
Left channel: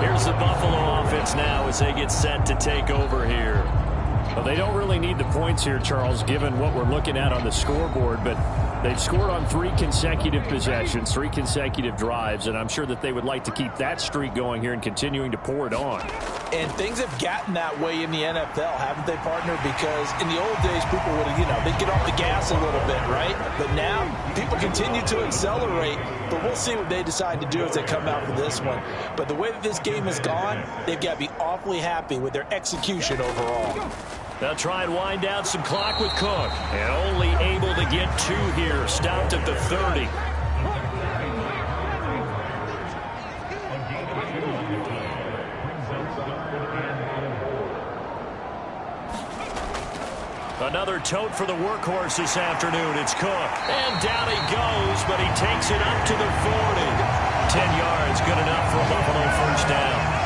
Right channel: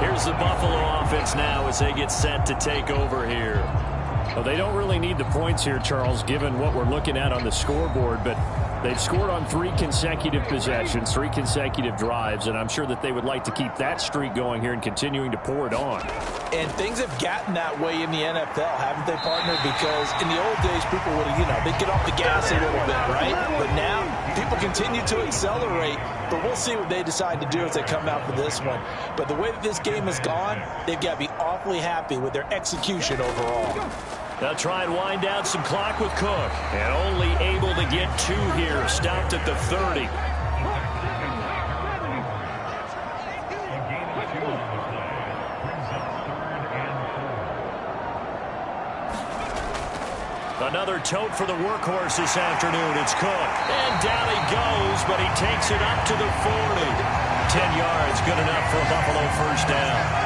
Here's the Buffalo offense now as they get set to take over here. Well, they don't really need the points here, Charles, given what we're looking at on the scoreboard, but they've scored on 3 consecutive possessions, 3 consecutive drives, and I'm sure that they would like to keep that streak going here and continuing to pour it on. And things have gotten that way in the NFL, haven't they, partner? Because in the old days, people would, they'd get off the gas a little bit, right? But now, people continue to accelerate, but we'll see what they decide to do as they come out for this one. But the way that this game has gone, they've got to be awfully happy with their execution overall. They'll try and wind down some clock with Cook. And only able to get 2 here. Stopped at the 30. Another tote for the workhorse this afternoon. It's Cook. And down he goes, but he takes it up to the 40. 10 yards, good enough for a Buffalo first down.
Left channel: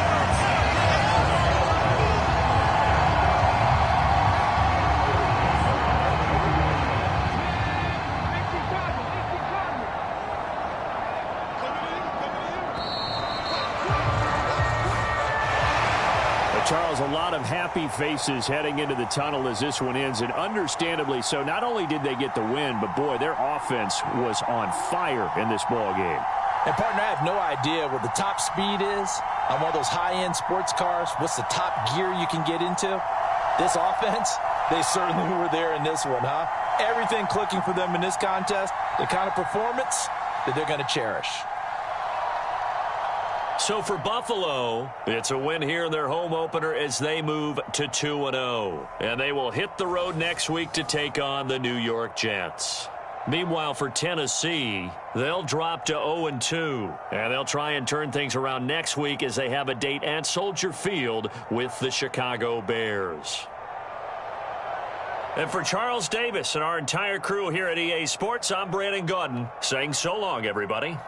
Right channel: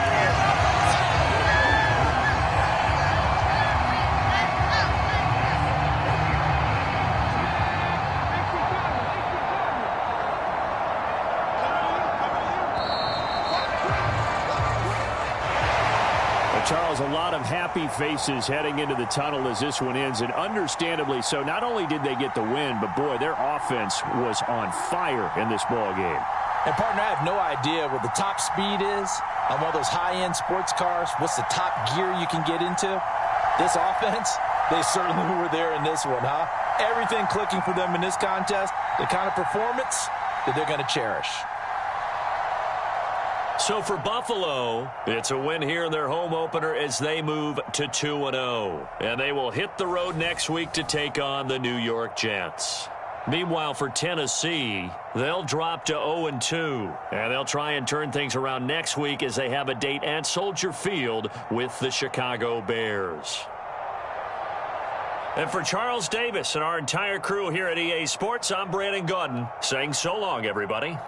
Charles, a lot of happy faces heading into the tunnel as this one ends, and understandably so. Not only did they get the win, but, boy, their offense was on fire in this ball game. And, partner, I have no idea what the top speed is on one of those high-end sports cars. What's the top gear you can get into? This offense, they certainly were there in this one, huh? Everything clicking for them in this contest, the kind of performance that they're going to cherish. So for Buffalo, it's a win here in their home opener as they move to 2-0. And they will hit the road next week to take on the New York Jets. Meanwhile, for Tennessee, they'll drop to 0-2. And they'll try and turn things around next week as they have a date at Soldier Field with the Chicago Bears. And for Charles Davis and our entire crew here at EA Sports, I'm Brandon Gaudin saying so long, everybody.